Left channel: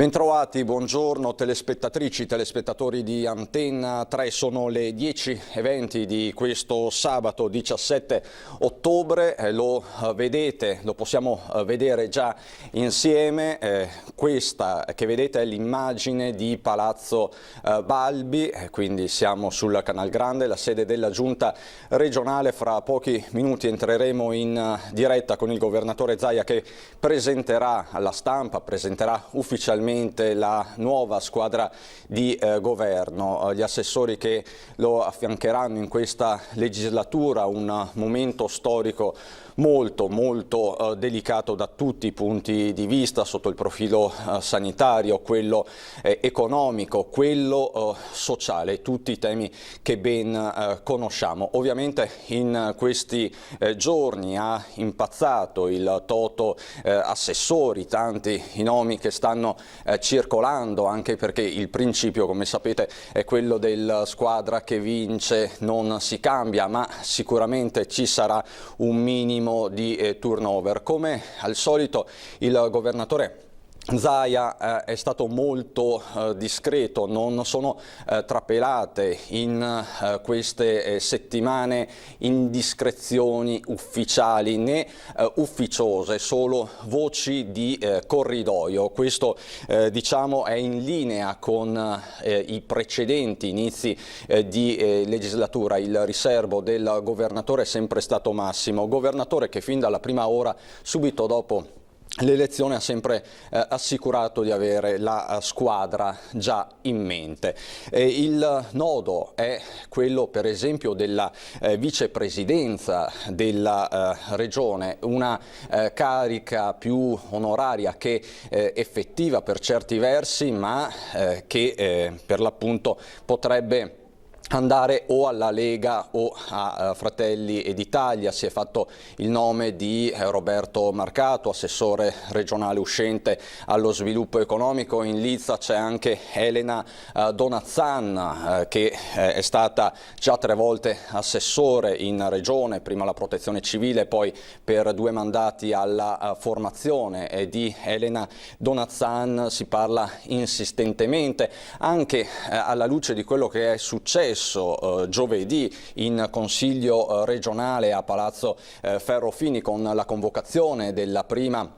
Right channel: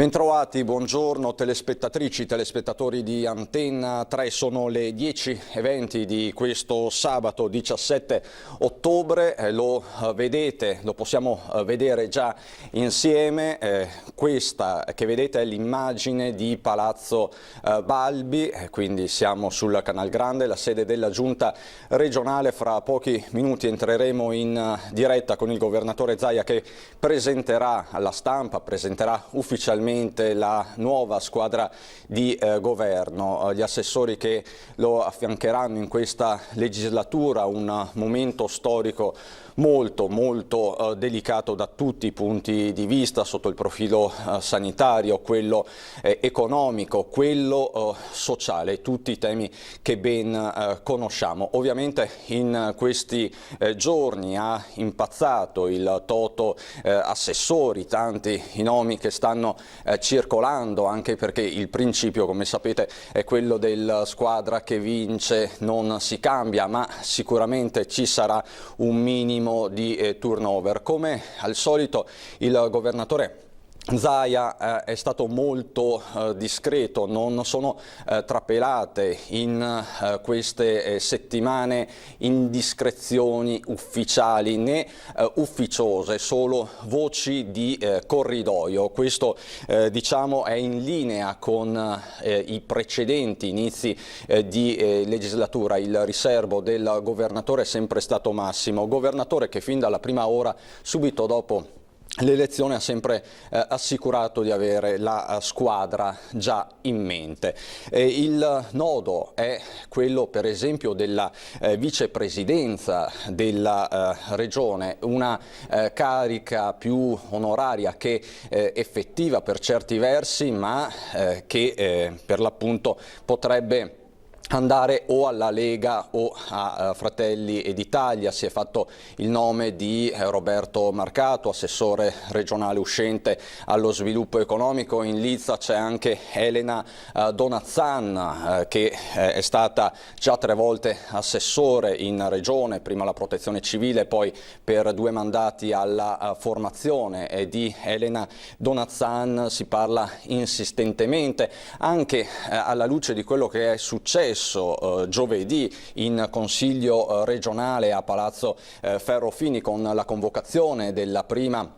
Bentrovati, buongiorno telespettatrici, telespettatori di Antenna 3, sono le 10:20 di questo sabato 17 ottobre, lo vedete, lo possiamo vedere già insieme, questa che vedete è l'immagine di Palazzo Balbi, quindi siamo sul Canal Grande, la sede della Giunta regionale. Fra pochi minuti entreremo in diretta con il governatore Zaia che presenterà alla stampa, presenterà ufficialmente la nuova squadra di governo, gli assessori che lo affiancheranno in questa legislatura, un momento storico molto delicato da tutti i punti di vista, sotto il profilo sanitario, quello economico, quello sociale, tutti i temi che ben conosciamo. Ovviamente in questi giorni ha impazzato il toto assessori, tanti i nomi che stanno circolando, anche perché il principio, come sapete, è quello del squadra che vince non si cambia, ma sicuramente ci sarà un minimo di turnover. Come al solito il governatore Zaia è stato molto discreto, non sono trapelate in queste settimane indiscrezioni ufficiali né ufficiose, solo voci di corridoio. Questo diciamo è in linea con i precedenti inizi di legislatura. Il riservo del governatore è sempre stato massimo, governatore che fin dalla prima ora, subito dopo l'elezione, ha sempre assicurato di avere la squadra già in mente. Il nodo è quello, per esempio, della vicepresidenza della regione, una carica più onoraria che effettiva per certi versi, ma che per l'appunto potrebbe andare o alla Lega o a Fratelli d'Italia. Si è fatto il nome di Roberto Marcato, assessore regionale uscente allo sviluppo economico. In lizza c'è anche Elena Donazzan, che è stata già 3 volte assessore in regione, prima alla protezione civile, poi per 2 mandati alla formazione. Di Elena Donazzan si parla insistentemente, anche alla luce di quello che è successo giovedì in Consiglio regionale a Palazzo Ferrofini, con la convocazione della prima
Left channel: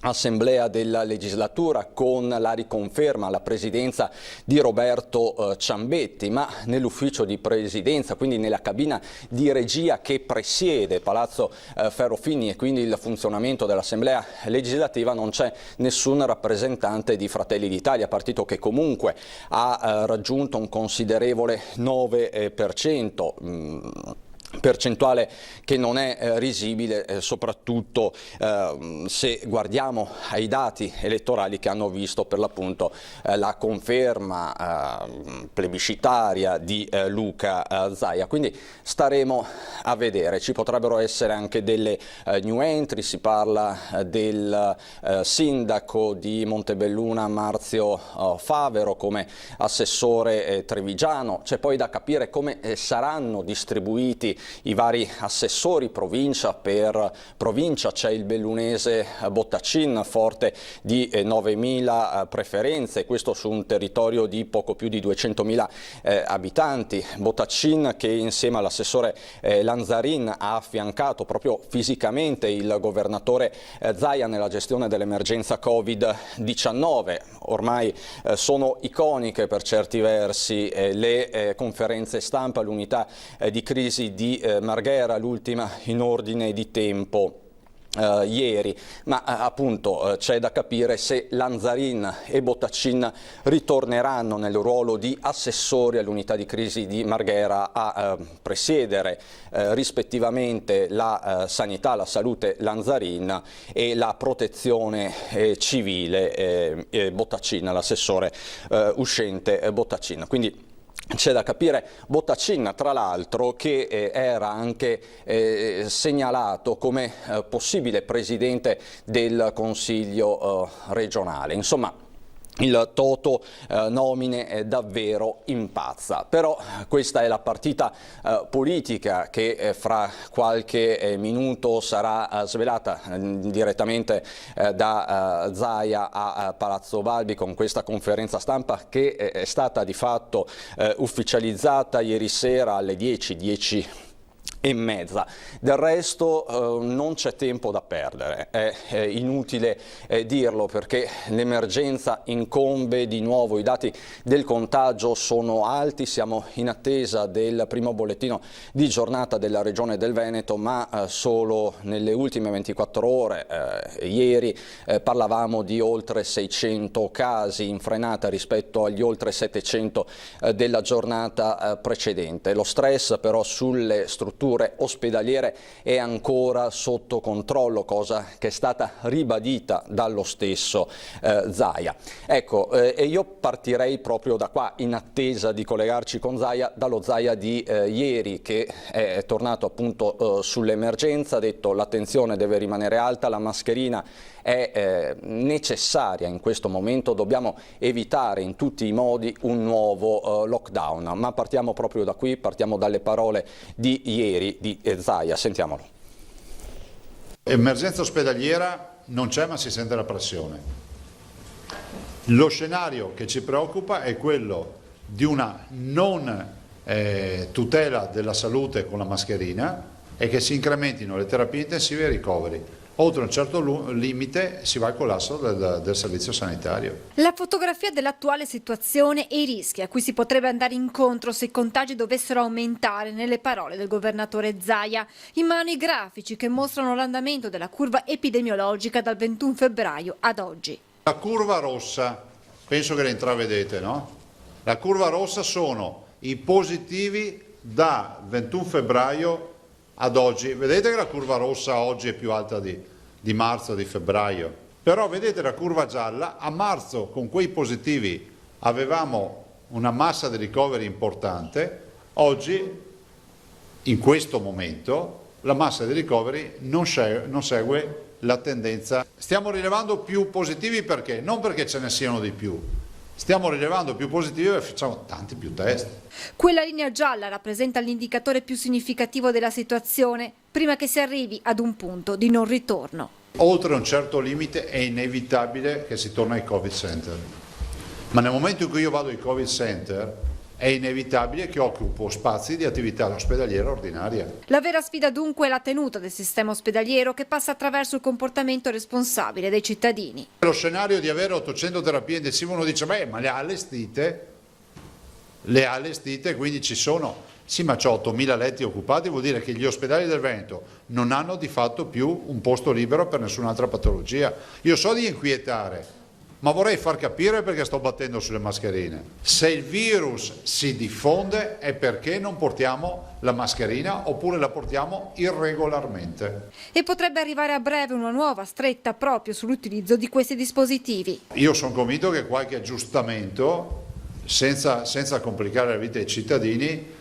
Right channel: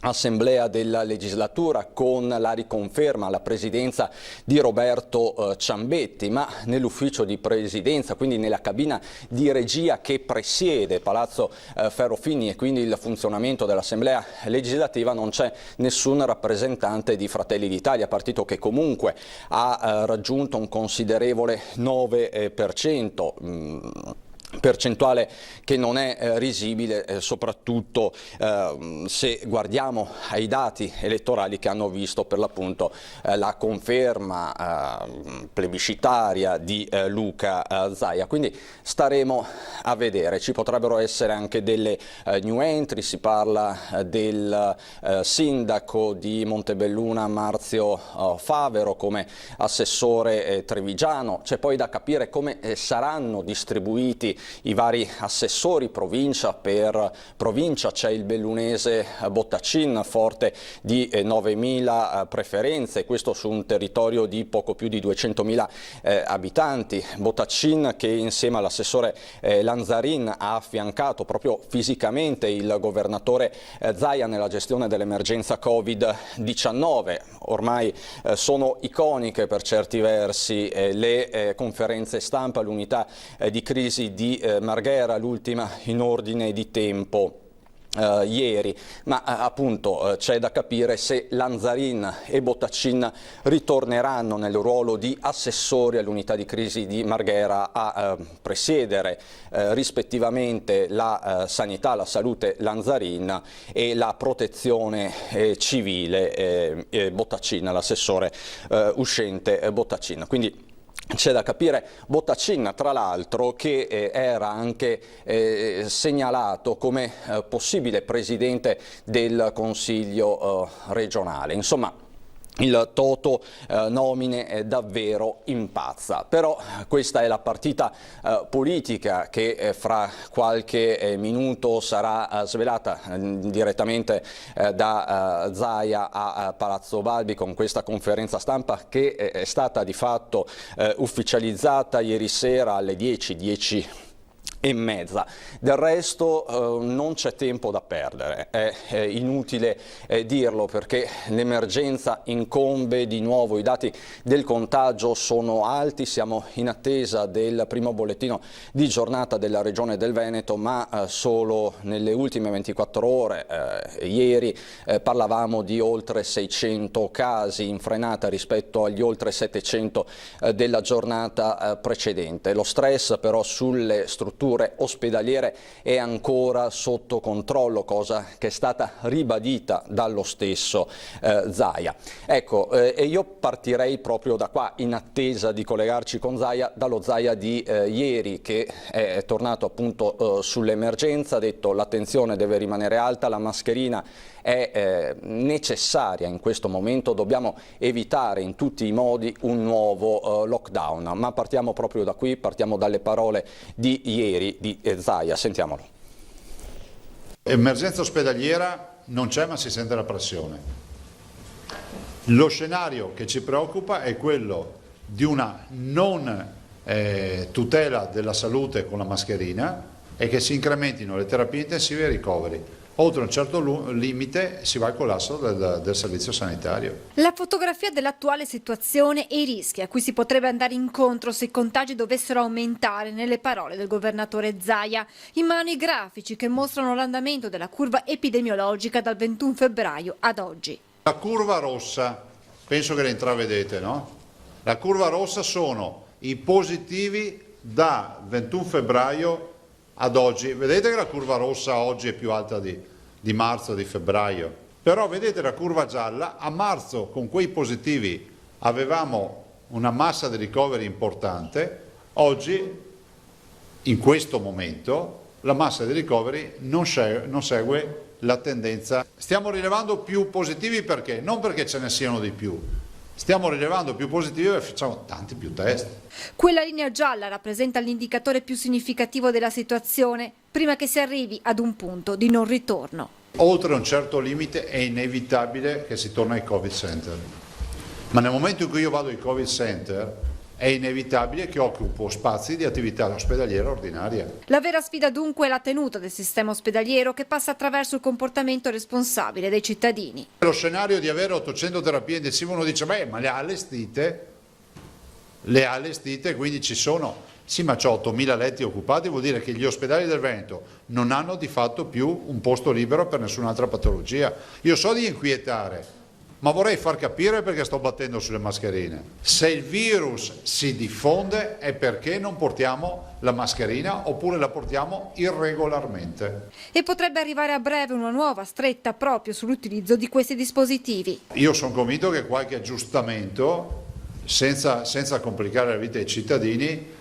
assemblea della legislatura, con la riconferma alla presidenza di Roberto Ciambetti, ma nell'ufficio di presidenza, quindi nella cabina di regia che presiede Palazzo Ferrofini e quindi il funzionamento dell'assemblea legislativa, non c'è nessun rappresentante di Fratelli d'Italia, partito che comunque ha raggiunto un considerevole 9%. Percentuale che non è risibile, soprattutto se guardiamo ai dati elettorali che hanno visto per l'appunto la conferma plebiscitaria di Luca Zaia. Quindi staremo a vedere, ci potrebbero essere anche delle new entry. Si parla del sindaco di Montebelluna Marzio Favero come assessore trevigiano. C'è poi da capire come saranno distribuiti i vari assessori provincia per provincia. C'è il bellunese Bottacin, forte di 9.000 preferenze, questo su un territorio di poco più di 200.000 abitanti. Bottacin che insieme all'assessore Lanzarin ha affiancato proprio fisicamente il governatore Zaia nella gestione dell'emergenza Covid-19. Ormai sono iconiche per certi versi le conferenze stampa, l'unità di crisi di Marghera, l'ultima in ordine di tempo ieri, ma appunto c'è da capire se Lanzarin e Bottacin ritorneranno nel ruolo di assessori all'unità di crisi di Marghera a presiedere rispettivamente la sanità, la salute Lanzarin e la protezione civile Bottacin, l'assessore uscente Bottacin. Quindi c'è da capire. Bottacin, tra l'altro, che era anche segnalato come possibile presidente del Consiglio regionale. Insomma, il toto nomine davvero impazza. Però questa è la partita politica che fra qualche minuto sarà svelata direttamente da Zaia a Palazzo Balbi, con questa conferenza stampa che è stata di fatto ufficializzata ieri sera alle 10:10 e mezza. Del resto non c'è tempo da perdere, è inutile dirlo, perché l'emergenza incombe di nuovo, i dati del contagio sono alti, siamo in attesa del primo bollettino di giornata della Regione del Veneto, ma solo nelle ultime 24 ore, ieri parlavamo di oltre 600 casi, in frenata rispetto agli oltre 700 della giornata precedente. Lo stress però sulle strutture ospedaliere è ancora sotto controllo, cosa che è stata ribadita dallo stesso Zaia. Ecco, e io partirei proprio da qua, in attesa di collegarci con Zaia, dallo Zaia di ieri, che è tornato appunto sull'emergenza, ha detto l'attenzione deve rimanere alta, la mascherina è necessaria in questo momento, dobbiamo evitare in tutti i modi un nuovo lockdown. Ma partiamo proprio da qui, partiamo dalle parole di ieri di Zaia, sentiamolo. Emergenza ospedaliera non c'è, ma si sente la pressione. Lo scenario che ci preoccupa è quello di una non tutela della salute con la mascherina e che si incrementino le terapie intensive e i ricoveri. Oltre un certo limite si va al collasso del servizio sanitario. La fotografia dell'attuale situazione e i rischi a cui si potrebbe andare incontro se i contagi dovessero aumentare, nelle parole del governatore Zaia, in mano i grafici che mostrano l'andamento della curva epidemiologica dal 21 febbraio ad oggi. La curva rossa, penso che la intravedete, no? La curva rossa sono i positivi da 21 febbraio ad oggi. Vedete che la curva rossa oggi è più alta di marzo, di febbraio, però vedete la curva gialla, a marzo con quei positivi avevamo una massa di ricoveri importante, oggi in questo momento la massa di ricoveri non segue la tendenza. Stiamo rilevando più positivi perché? Non perché ce ne siano di più. Stiamo rilevando più positivi e facciamo tanti più test. Quella linea gialla rappresenta l'indicatore più significativo della situazione, prima che si arrivi ad un punto di non ritorno. Oltre un certo limite è inevitabile che si torni ai Covid Center. Ma nel momento in cui io vado ai Covid Center è inevitabile che occupo spazi di attività ospedaliera ordinaria. La vera sfida dunque è la tenuta del sistema ospedaliero, che passa attraverso il comportamento responsabile dei cittadini. Lo scenario di avere 800 terapie intensive, uno dice beh, ma le ha allestite, quindi ci sono. Sì, ma c'ho 8.000 letti occupati, vuol dire che gli ospedali del Veneto non hanno di fatto più un posto libero per nessun'altra patologia. Io so di inquietare, ma vorrei far capire perché sto battendo sulle mascherine. Se il virus si diffonde è perché non portiamo la mascherina oppure la portiamo irregolarmente. E potrebbe arrivare a breve una nuova stretta proprio sull'utilizzo di questi dispositivi. Io sono convinto che qualche aggiustamento, senza complicare la vita ai cittadini,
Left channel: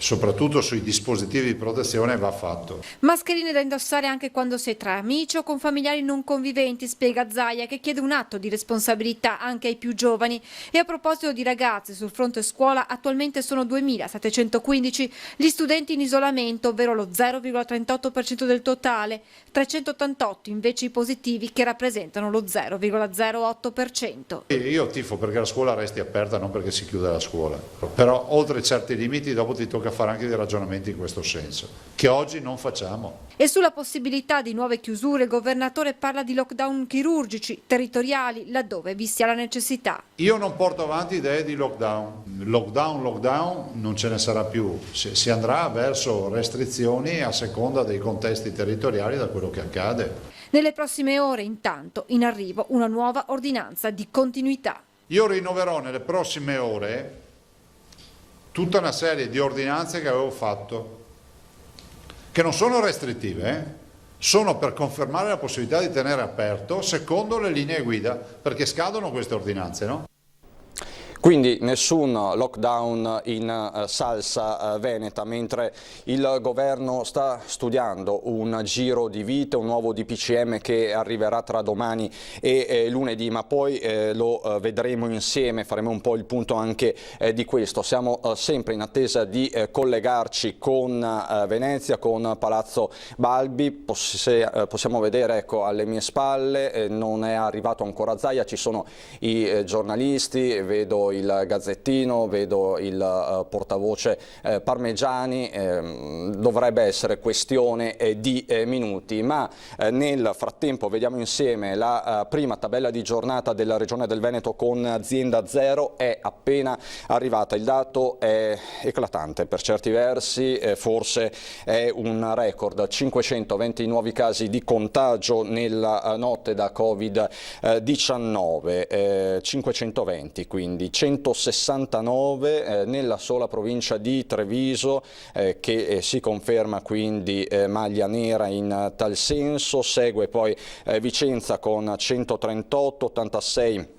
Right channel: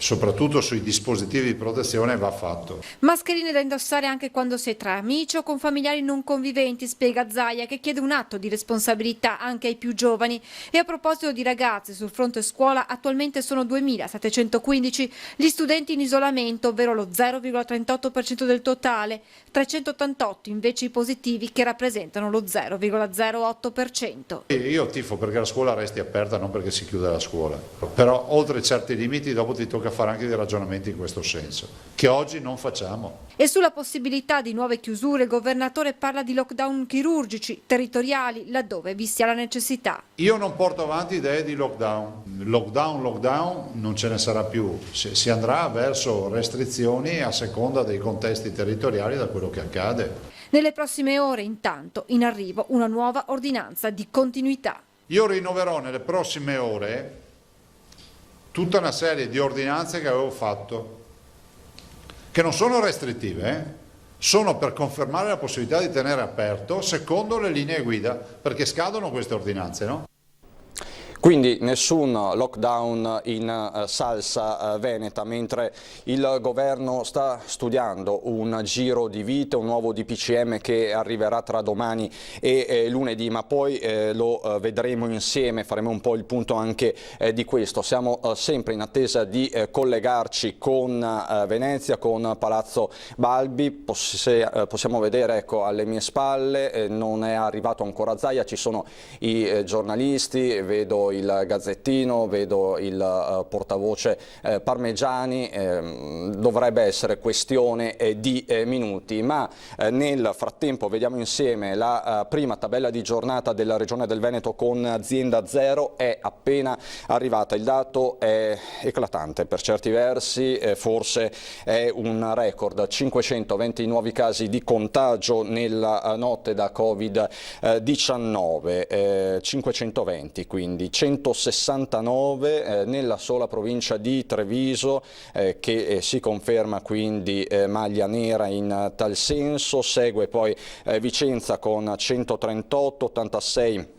soprattutto sui dispositivi di protezione, va fatto. Mascherine da indossare anche quando sei tra amici o con familiari non conviventi, spiega Zaia, che chiede un atto di responsabilità anche ai più giovani. E a proposito di ragazzi, sul fronte scuola attualmente sono 2.715 gli studenti in isolamento, ovvero lo 0,38% del totale, 388 invece i positivi, che rappresentano lo 0,08%. Io tifo perché la scuola resti aperta, non perché si chiuda la scuola. Però oltre certi limiti dopo ti tocca fare anche dei ragionamenti in questo senso, che oggi non facciamo. E sulla possibilità di nuove chiusure il governatore parla di lockdown chirurgici, territoriali, laddove vi sia la necessità. Io non porto avanti idee di lockdown. Lockdown non ce ne sarà più. Si andrà verso restrizioni a seconda dei contesti territoriali, da quello che accade. Nelle prossime ore, intanto, in arrivo una nuova ordinanza di continuità. Io rinnoverò nelle prossime ore tutta una serie di ordinanze che avevo fatto, che non sono restrittive, sono per confermare la possibilità di tenere aperto secondo le linee guida, perché scadono queste ordinanze, no? Quindi nessun lockdown in salsa veneta, mentre il governo sta studiando un giro di vite, un nuovo DPCM che arriverà tra domani e lunedì, ma poi lo vedremo insieme, faremo un po' il punto anche di questo. Siamo sempre in attesa di collegarci con Venezia, con Palazzo Balbi. Possiamo vedere, ecco, alle mie spalle, non è arrivato ancora Zaia, ci sono i giornalisti, vedo il Gazzettino, vedo il portavoce Parmegiani, dovrebbe essere questione di minuti, ma nel frattempo vediamo insieme la prima tabella di giornata della Regione del Veneto con azienda zero, è appena arrivata, il dato è eclatante per certi versi, forse è un record, 520 nuovi casi di contagio nella notte da Covid-19, 520 quindi, 169 nella sola provincia di Treviso, che si conferma quindi maglia nera in tal senso. Segue poi Vicenza con 138, 86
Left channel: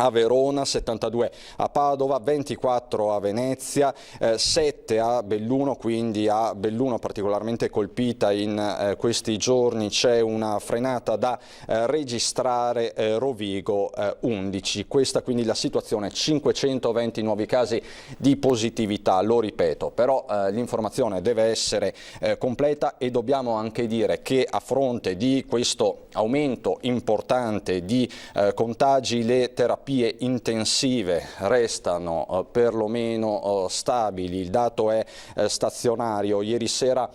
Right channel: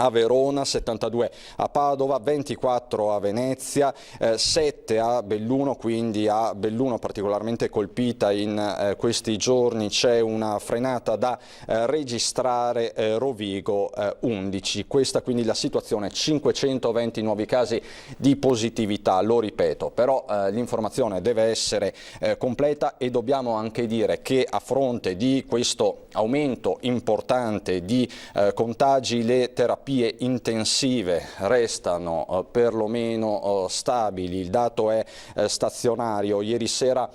a Verona, 72 a Padova, 24 a Venezia, 7 a Belluno, quindi a Belluno particolarmente colpita in questi giorni. C'è una frenata da registrare, Rovigo 11. Questa quindi la situazione, 520 nuovi casi di positività, lo ripeto, però l'informazione deve essere completa, e dobbiamo anche dire che a fronte di questo aumento importante di contagi, le terapie intensive restano perlomeno stabili, il dato è stazionario. Ieri sera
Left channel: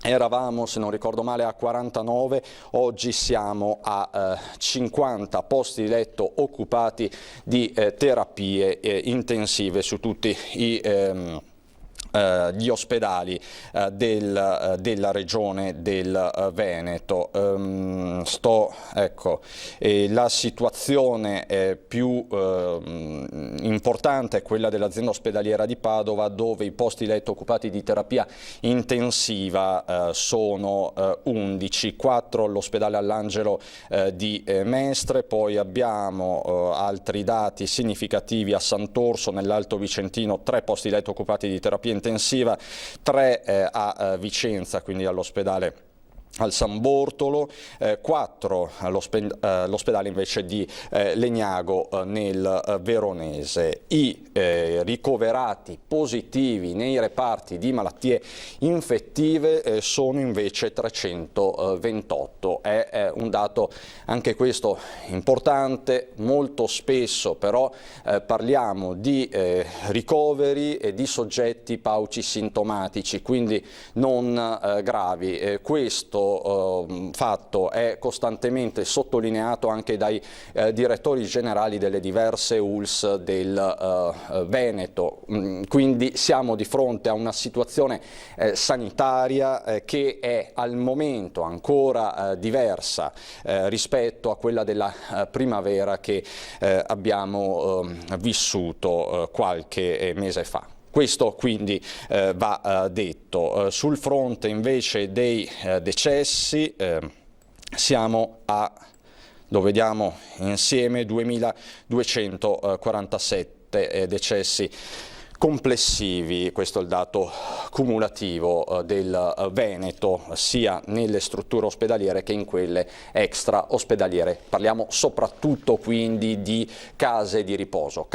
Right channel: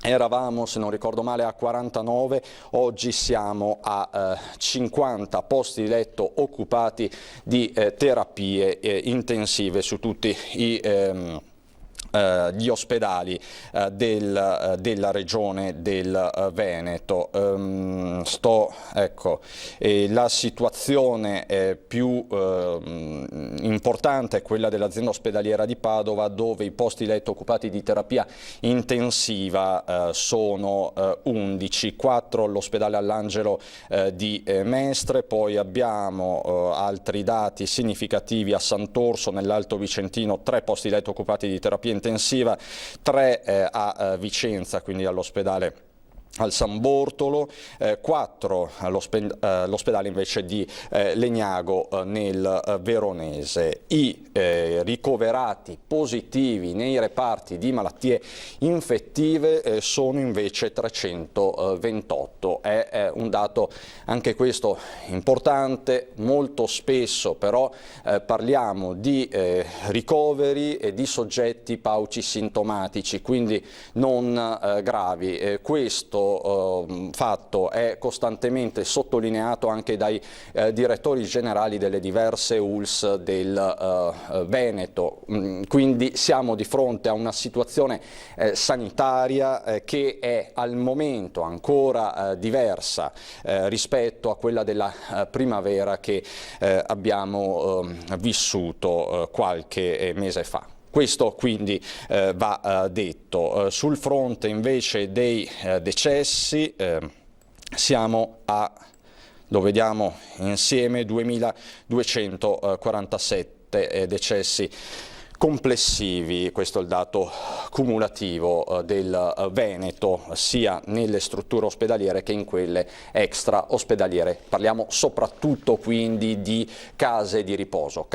eravamo, se non ricordo male, a 49, oggi siamo a 50 posti di letto occupati di terapie intensive su tutti gli ospedali della regione del Veneto. La situazione più importante è quella dell'azienda ospedaliera di Padova, dove i posti letto occupati di terapia intensiva sono 11, 4 all'ospedale All'Angelo di Mestre, poi abbiamo altri dati significativi a Sant'Orso nell'Alto Vicentino, 3 posti letto occupati di terapia intensiva, 3 a Vicenza, quindi all'ospedale al San Bortolo, 4 all'ospedale invece di Legnago nel Veronese. I ricoverati positivi nei reparti di malattie infettive sono invece 328. È un dato anche questo importante. Molto spesso però parliamo di ricoveri e di soggetti paucisintomatici, quindi non gravi. Questo fatto è costantemente sottolineato anche dai direttori generali delle diverse ULS del Veneto, quindi siamo di fronte a una situazione sanitaria che è al momento ancora diversa rispetto a quella della primavera che abbiamo vissuto qualche mese fa. Questo quindi va detto. Sul fronte invece dei decessi siamo a, lo vediamo insieme, 2247 decessi complessivi. Questo è il dato cumulativo del Veneto, sia nelle strutture ospedaliere che in quelle extra ospedaliere. Parliamo soprattutto quindi di case di riposo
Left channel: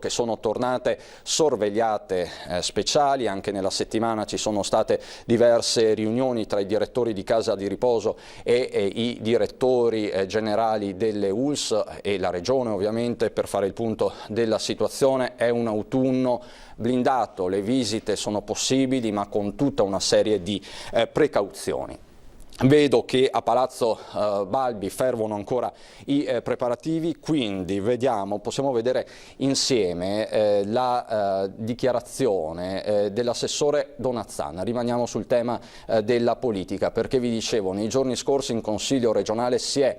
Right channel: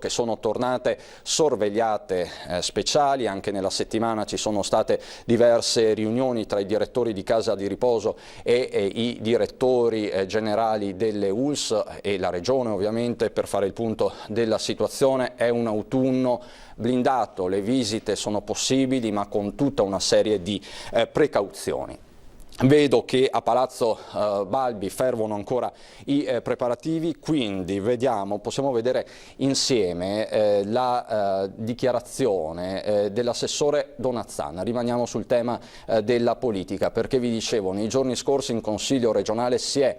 che sono tornate sorvegliate speciali. Anche nella settimana ci sono state diverse riunioni tra i direttori di casa di riposo e i direttori generali delle ULS e la regione, ovviamente, per fare il punto della situazione. È un autunno blindato, le visite sono possibili ma con tutta una serie di precauzioni. Vedo che a Palazzo Balbi fervono ancora i preparativi, quindi possiamo vedere insieme la dichiarazione dell'assessore Donazzan. Rimaniamo sul tema della politica, perché vi dicevo, nei giorni scorsi in Consiglio regionale c'è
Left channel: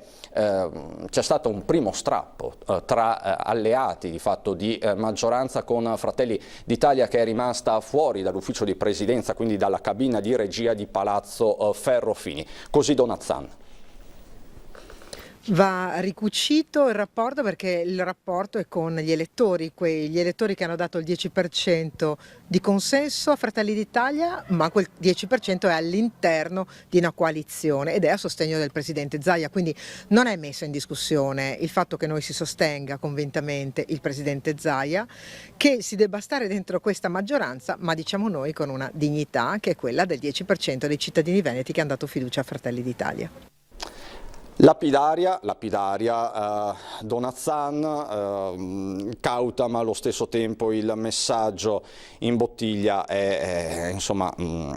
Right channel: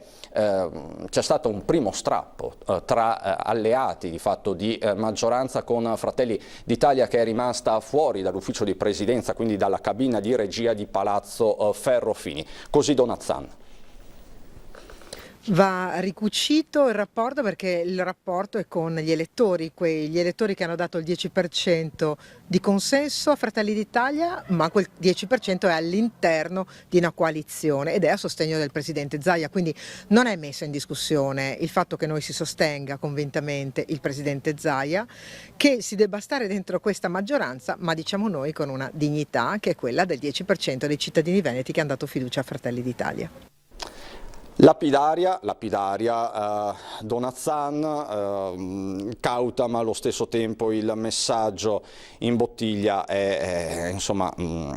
stato un primo strappo tra alleati di fatto di maggioranza, con Fratelli d'Italia che è rimasta fuori dall'ufficio di presidenza, quindi dalla cabina di regia di Palazzo Ferrofini. Così Donazzan. Va ricucito il rapporto, perché il rapporto è con gli elettori, quegli elettori che hanno dato il 10% di consenso a Fratelli d'Italia, ma quel 10% è all'interno di una coalizione ed è a sostegno del presidente Zaia, quindi non è messo in discussione il fatto che noi si sostenga convintamente il presidente Zaia, che si debba stare dentro questa maggioranza, ma diciamo noi con una dignità che è quella del 10% dei cittadini veneti che hanno dato fiducia a Fratelli d'Italia. Lapidaria, Donazzan, cauta ma allo stesso tempo il messaggio in bottiglia insomma,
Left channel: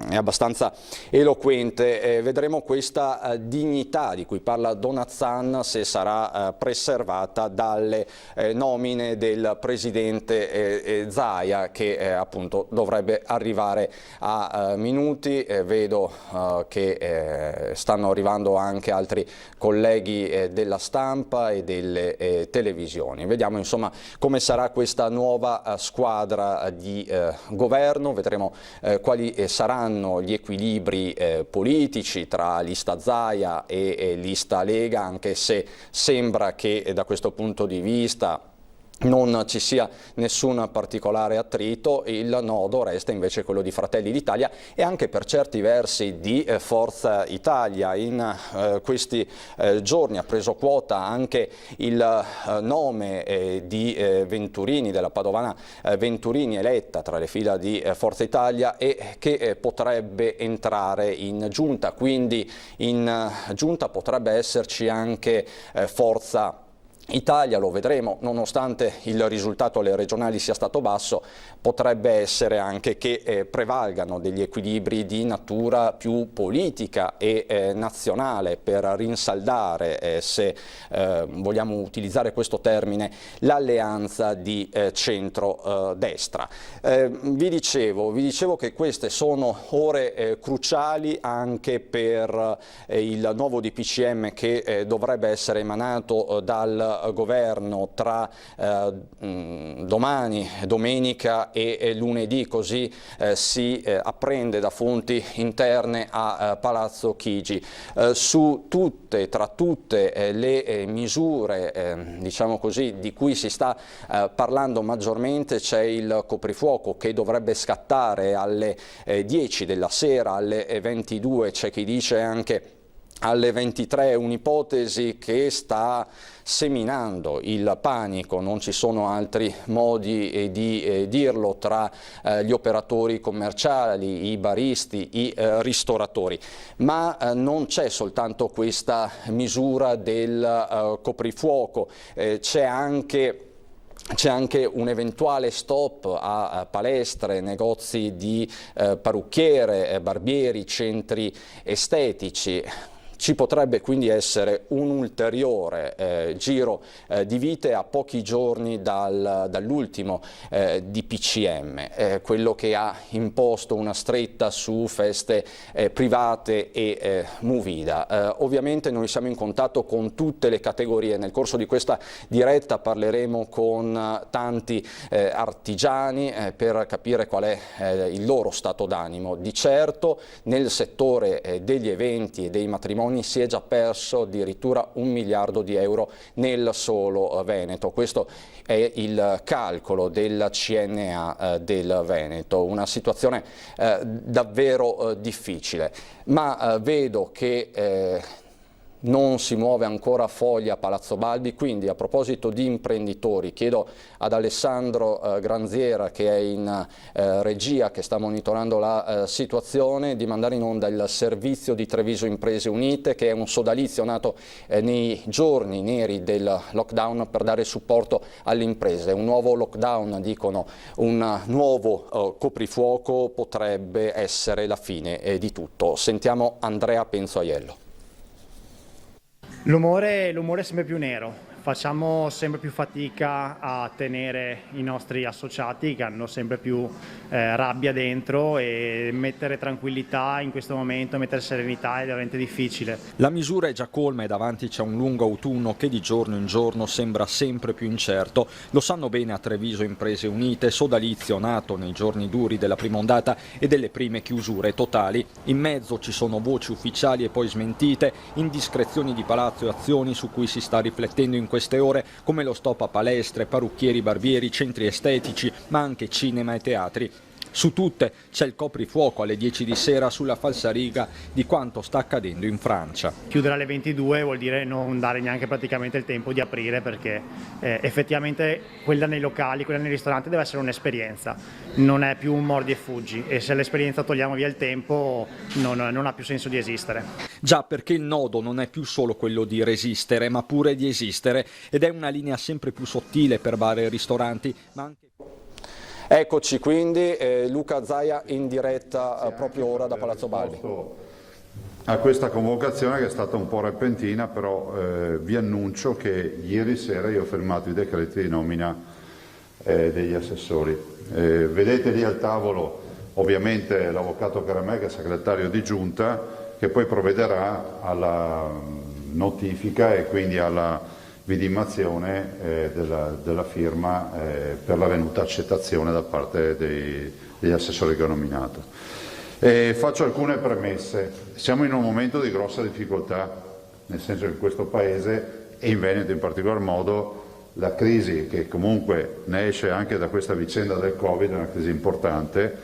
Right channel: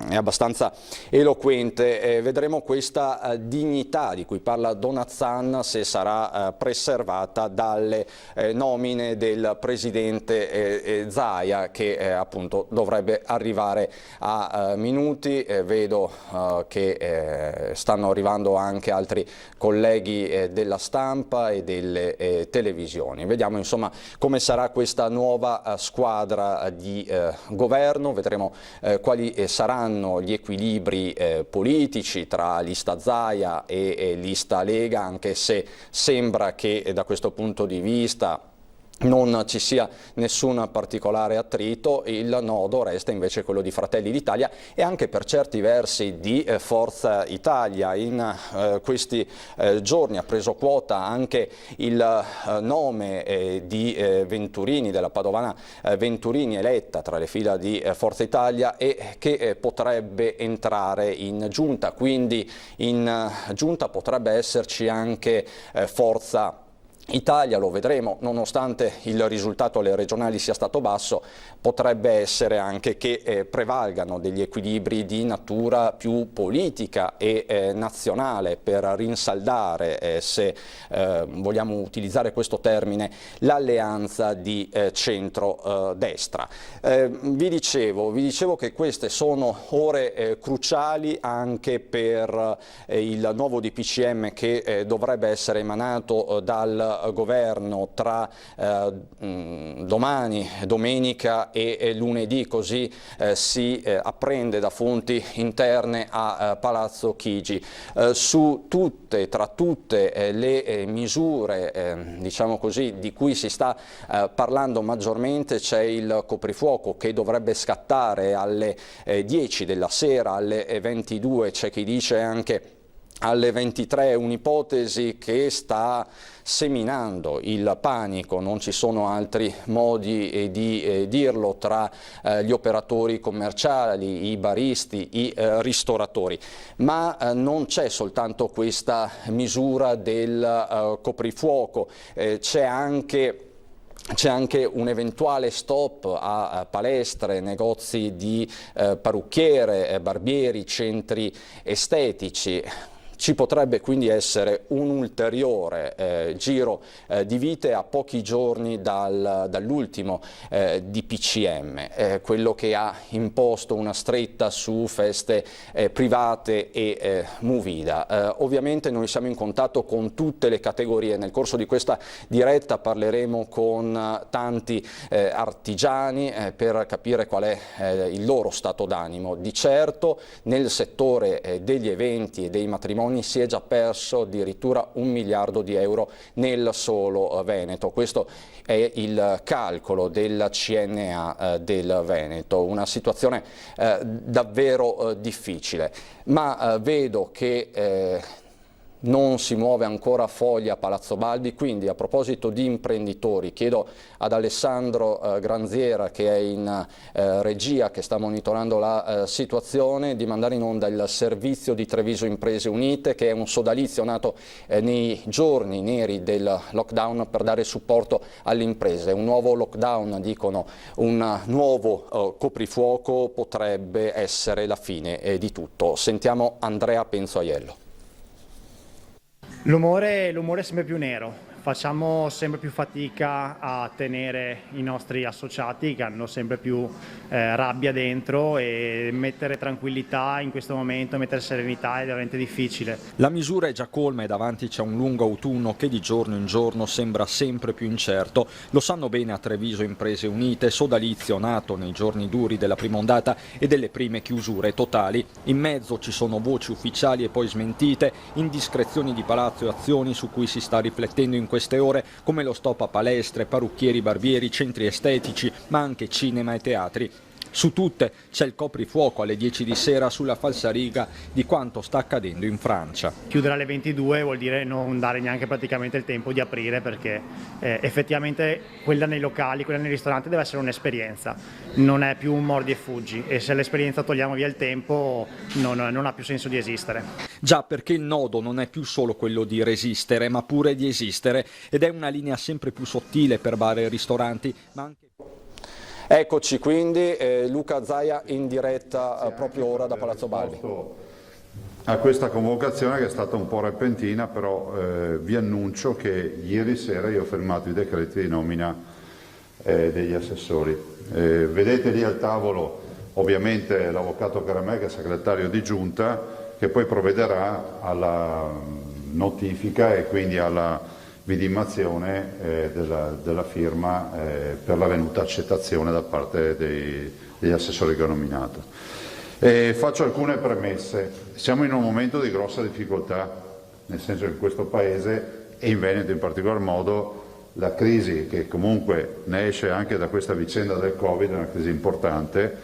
è abbastanza eloquente. Vedremo questa dignità di cui parla Donazzan se sarà preservata dalle nomine del presidente Zaia, che appunto dovrebbe arrivare a minuti. Vedo che stanno arrivando anche altri colleghi della stampa e delle televisioni. Vediamo insomma come sarà questa nuova squadra di governo, vedremo quali saranno gli equilibri politici tra lista Zaia e lista Lega, anche se sembra che da questo punto di vista non ci sia nessun particolare attrito. Il nodo resta invece quello di Fratelli d'Italia e anche per certi versi di Forza Italia. In questi giorni ha preso quota anche il nome di Venturini, della padovana Venturini, eletta tra le fila di Forza Italia e che potrebbe entrare in giunta, quindi in giunta potrebbe esserci anche Forza Italia, lo vedremo. Nonostante il risultato alle regionali sia stato basso, potrebbe essere anche che prevalgano degli equilibri di natura più politica e nazionale per rinsaldare, se vogliamo utilizzare questo termine, l'alleanza di centro-destra. Vi dicevo che queste sono ore cruciali anche per il nuovo DPCM che dovrebbe essere emanato dal governo tra domani, domenica e lunedì, così si apprende da fonti interne a Palazzo Chigi. Tra tutte le misure diciamo così, di cui si sta parlando maggiormente c'è il coprifuoco che dovrebbe scattare alle 10 della sera, alle 22, c'è chi dice anche alle 23, un'ipotesi che sta seminando il panico, non ci sono altri modi di dirlo, tra gli operatori commerciali, i baristi, i ristoratori. Ma non c'è soltanto questa misura del coprifuoco, c'è anche un eventuale stop a palestre, negozi di parrucchiere, barbieri, centri estetici. Ci potrebbe quindi essere un ulteriore giro di vite a pochi giorni dall'ultimo DPCM, quello che ha imposto una stretta su feste private e movida. Ovviamente noi siamo in contatto con tutte le categorie. Nel corso di questa diretta parleremo con tanti artigiani per capire qual è il loro stato d'animo. Di certo nel settore degli eventi e dei matrimoni si è già perso addirittura 1 miliardo di euro nel solo Veneto. Questo è il calcolo del CNA del Veneto, una situazione davvero difficile, ma vedo che non si muove ancora foglia a Palazzo Balbi, quindi a proposito di imprenditori chiedo ad Alessandro Granziera, che è in regia, che sta monitorando la situazione, di mandare in onda il servizio di Treviso Imprese Unite, che è un sodalizio nato nei giorni neri del lockdown per dare supporto alle imprese. Un nuovo lockdown, dicono, un nuovo coprifuoco potrebbe essere la fine di tutto. Sentiamo Andrea Penzoiello. L'umore è sempre più nero. facciamo sempre più fatica a tenere i nostri associati che hanno sempre più rabbia dentro, e mettere tranquillità in questo momento, mettere serenità è veramente difficile. La misura è già colma e davanti c'è un lungo autunno che di giorno in giorno sembra sempre più incerto. Lo sanno bene a Treviso Imprese Unite, sodalizio nato nei giorni duri della prima ondata e delle prime chiusure totali. In mezzo ci sono voci ufficiali e poi smentite, indiscrezioni di palazzo e azioni su cui si sta riflettendo in queste ore, come lo stop a palestre, parrucchieri, barbieri, centri estetici, ma anche cinema e teatri. Su tutte c'è il coprifuoco alle 10 di sera sulla falsariga di quanto sta accadendo in Francia. Chiudere alle 22 vuol dire non dare neanche praticamente il tempo di aprire, perché effettivamente quella nei locali, quella nei ristoranti deve essere un'esperienza, non è più un mordi e fuggi, e se l'esperienza togliamo via il tempo non ha più senso di esistere. Già, perché il nodo non è più solo quello di resistere, ma pure di esistere, ed è una linea sempre più sottile per bar e ristoranti, ma anche... Eccoci quindi, Luca Zaia in diretta proprio ora da Palazzo Balbi. A questa convocazione che è stata un po' repentina, però vi annuncio che ieri sera io ho firmato i decreti di nomina degli assessori. Vedete lì al tavolo ovviamente l'avvocato Caramè, che è segretario di giunta, che poi provvederà alla notifica e quindi alla vidimazione della firma per la venuta accettazione da parte degli assessori che ho nominato. Faccio alcune premesse. Siamo in un momento di grossa difficoltà, nel senso che in questo Paese e in Veneto in particolar modo la crisi, che comunque ne esce anche da questa vicenda del Covid, è una crisi importante,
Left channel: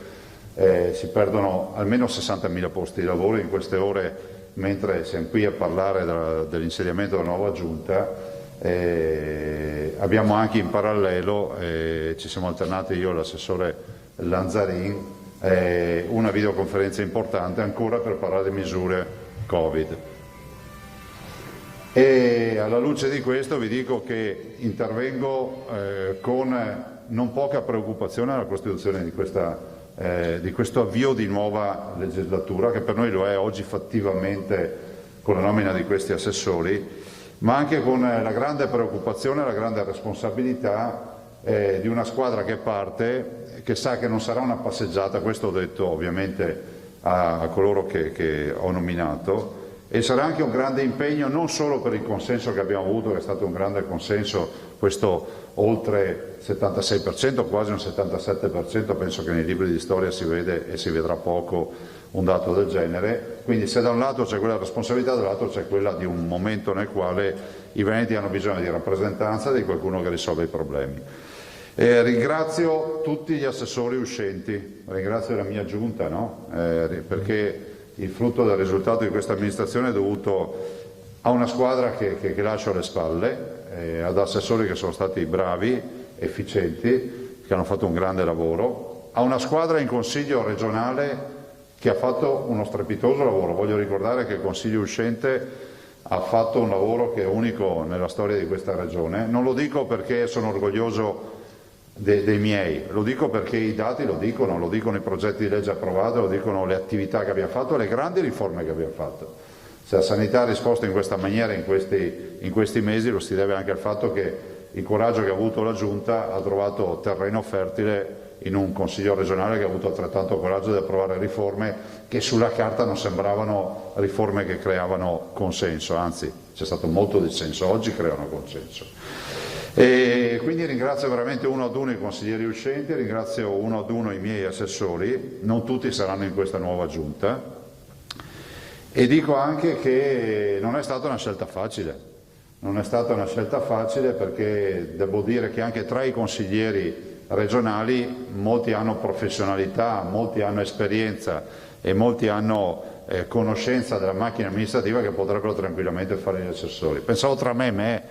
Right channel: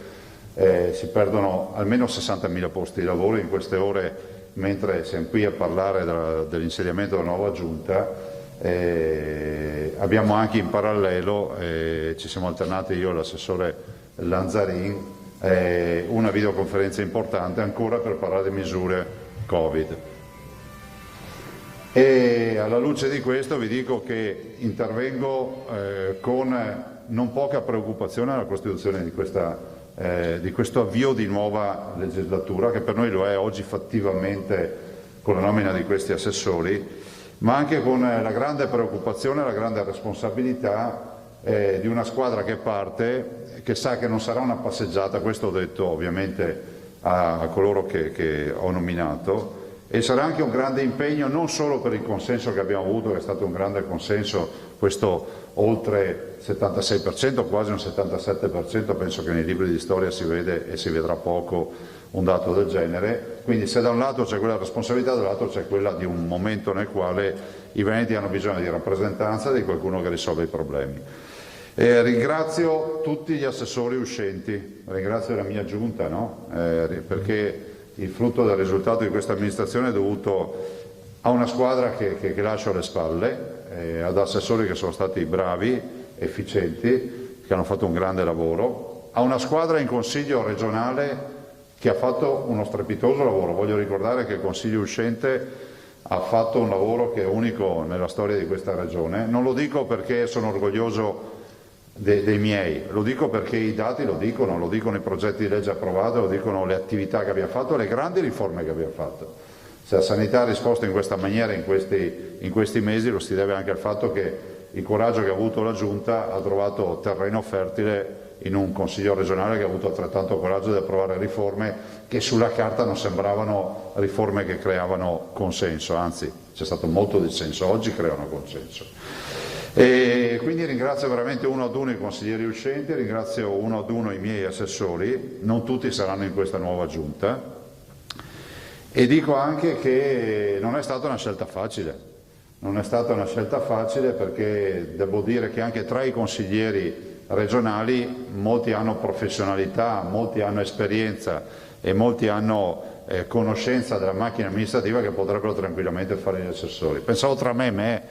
si perdono almeno 60.000 posti di lavoro in queste ore, mentre siamo qui a parlare dell'insediamento della nuova giunta. Abbiamo anche in parallelo, ci siamo alternati io e l'assessore Lanzarin, una videoconferenza importante ancora per parlare di misure Covid. E alla luce di questo vi dico che intervengo con non poca preoccupazione alla costituzione di questo avvio di nuova legislatura, che per noi lo è oggi fattivamente con la nomina di questi assessori, ma anche con la grande preoccupazione e la grande responsabilità di una squadra che parte, che sa che non sarà una passeggiata, questo ho detto ovviamente a coloro che ho nominato, e sarà anche un grande impegno non solo per il consenso che abbiamo avuto, che è stato un grande consenso, questo oltre 76%, quasi un 77%, penso che nei libri di storia si vede e si vedrà poco un dato del genere. Quindi se da un lato c'è quella responsabilità, dall'altro c'è quella di un momento nel quale i veneti hanno bisogno di rappresentanza, di qualcuno che risolve i problemi. Ringrazio tutti gli assessori uscenti, ringrazio la mia giunta, no? Perché il frutto del risultato di questa amministrazione è dovuto a una squadra che lascio alle spalle, ad assessori che sono stati bravi, efficienti, che hanno fatto un grande lavoro, a una squadra in consiglio regionale che ha fatto uno strepitoso lavoro. Voglio ricordare che il Consiglio uscente ha fatto un lavoro che è unico nella storia di questa regione. Non lo dico perché sono orgoglioso dei miei, lo dico perché i dati lo dicono i progetti di legge approvati, lo dicono le attività che abbiamo fatto, le grandi riforme che abbiamo fatto. Se la sanità ha risposto in questa maniera in questi mesi, lo si deve anche al fatto che il coraggio che ha avuto la Giunta ha trovato terreno fertile in un Consiglio regionale che ha avuto altrettanto coraggio di approvare riforme che sulla carta non sembravano riforme che creavano consenso, anzi c'è stato molto dissenso, oggi creano consenso. E quindi ringrazio veramente uno ad uno i consiglieri uscenti, ringrazio uno ad uno i miei assessori, non tutti saranno in questa nuova giunta, e dico anche che non è stata una scelta facile. Non è stata una scelta facile perché devo dire che anche tra i consiglieri regionali molti hanno professionalità, molti hanno esperienza e molti hanno conoscenza della macchina amministrativa che potrebbero tranquillamente fare gli assessori. Pensavo tra me e me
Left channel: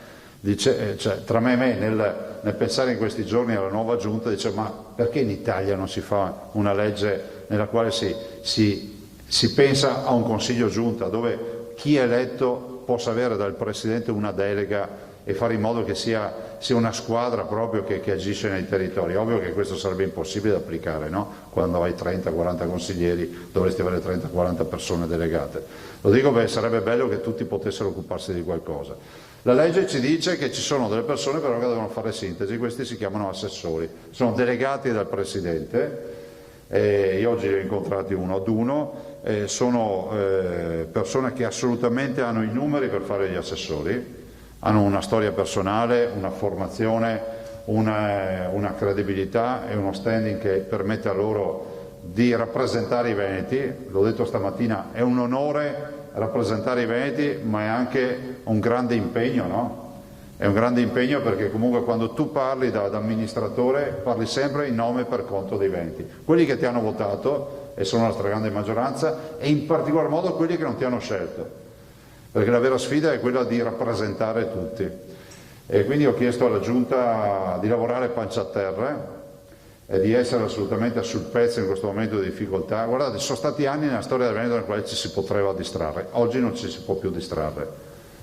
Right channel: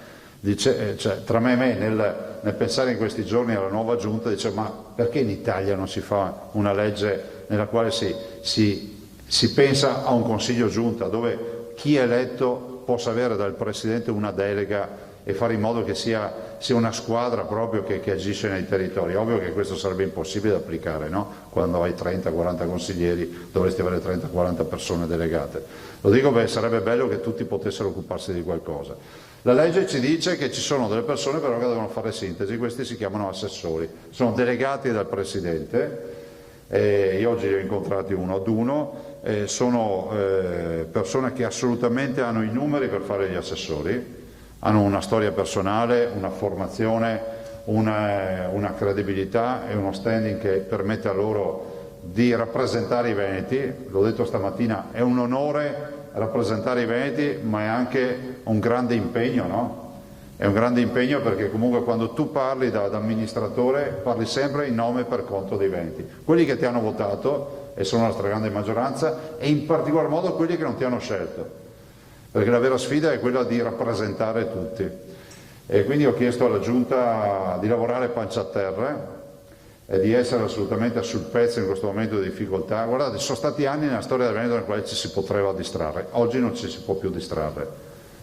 nel pensare in questi giorni alla nuova giunta, dicevo ma perché in Italia non si fa una legge nella quale si pensa a un consiglio giunta dove chi è eletto possa avere dal Presidente una delega e fare in modo che sia una squadra proprio che agisce nei territori. Ovvio che questo sarebbe impossibile da applicare, no? Quando hai 30-40 consiglieri dovresti avere 30-40 persone delegate. Lo dico perché sarebbe bello che tutti potessero occuparsi di qualcosa. La legge ci dice che ci sono delle persone però che devono fare sintesi, questi si chiamano assessori, sono delegati dal Presidente, io oggi li ho incontrati uno ad uno, sono persone che assolutamente hanno i numeri per fare gli assessori, hanno una storia personale, una formazione, una credibilità e uno standing che permette a loro di rappresentare i veneti. L'ho detto stamattina, è un onore rappresentare i veneti, ma è anche un grande impegno, no? È un grande impegno perché comunque quando tu parli da amministratore parli sempre in nome e per conto dei veneti, quelli che ti hanno votato, e sono la stragrande maggioranza, e in particolar modo quelli che non ti hanno scelto, perché la vera sfida è quella di rappresentare tutti. E quindi ho chiesto alla Giunta di lavorare pancia a terra e di essere assolutamente sul pezzo in questo momento di difficoltà. Guardate, sono stati anni nella storia del Veneto nel quale ci si poteva distrarre, oggi non ci si può più distrarre,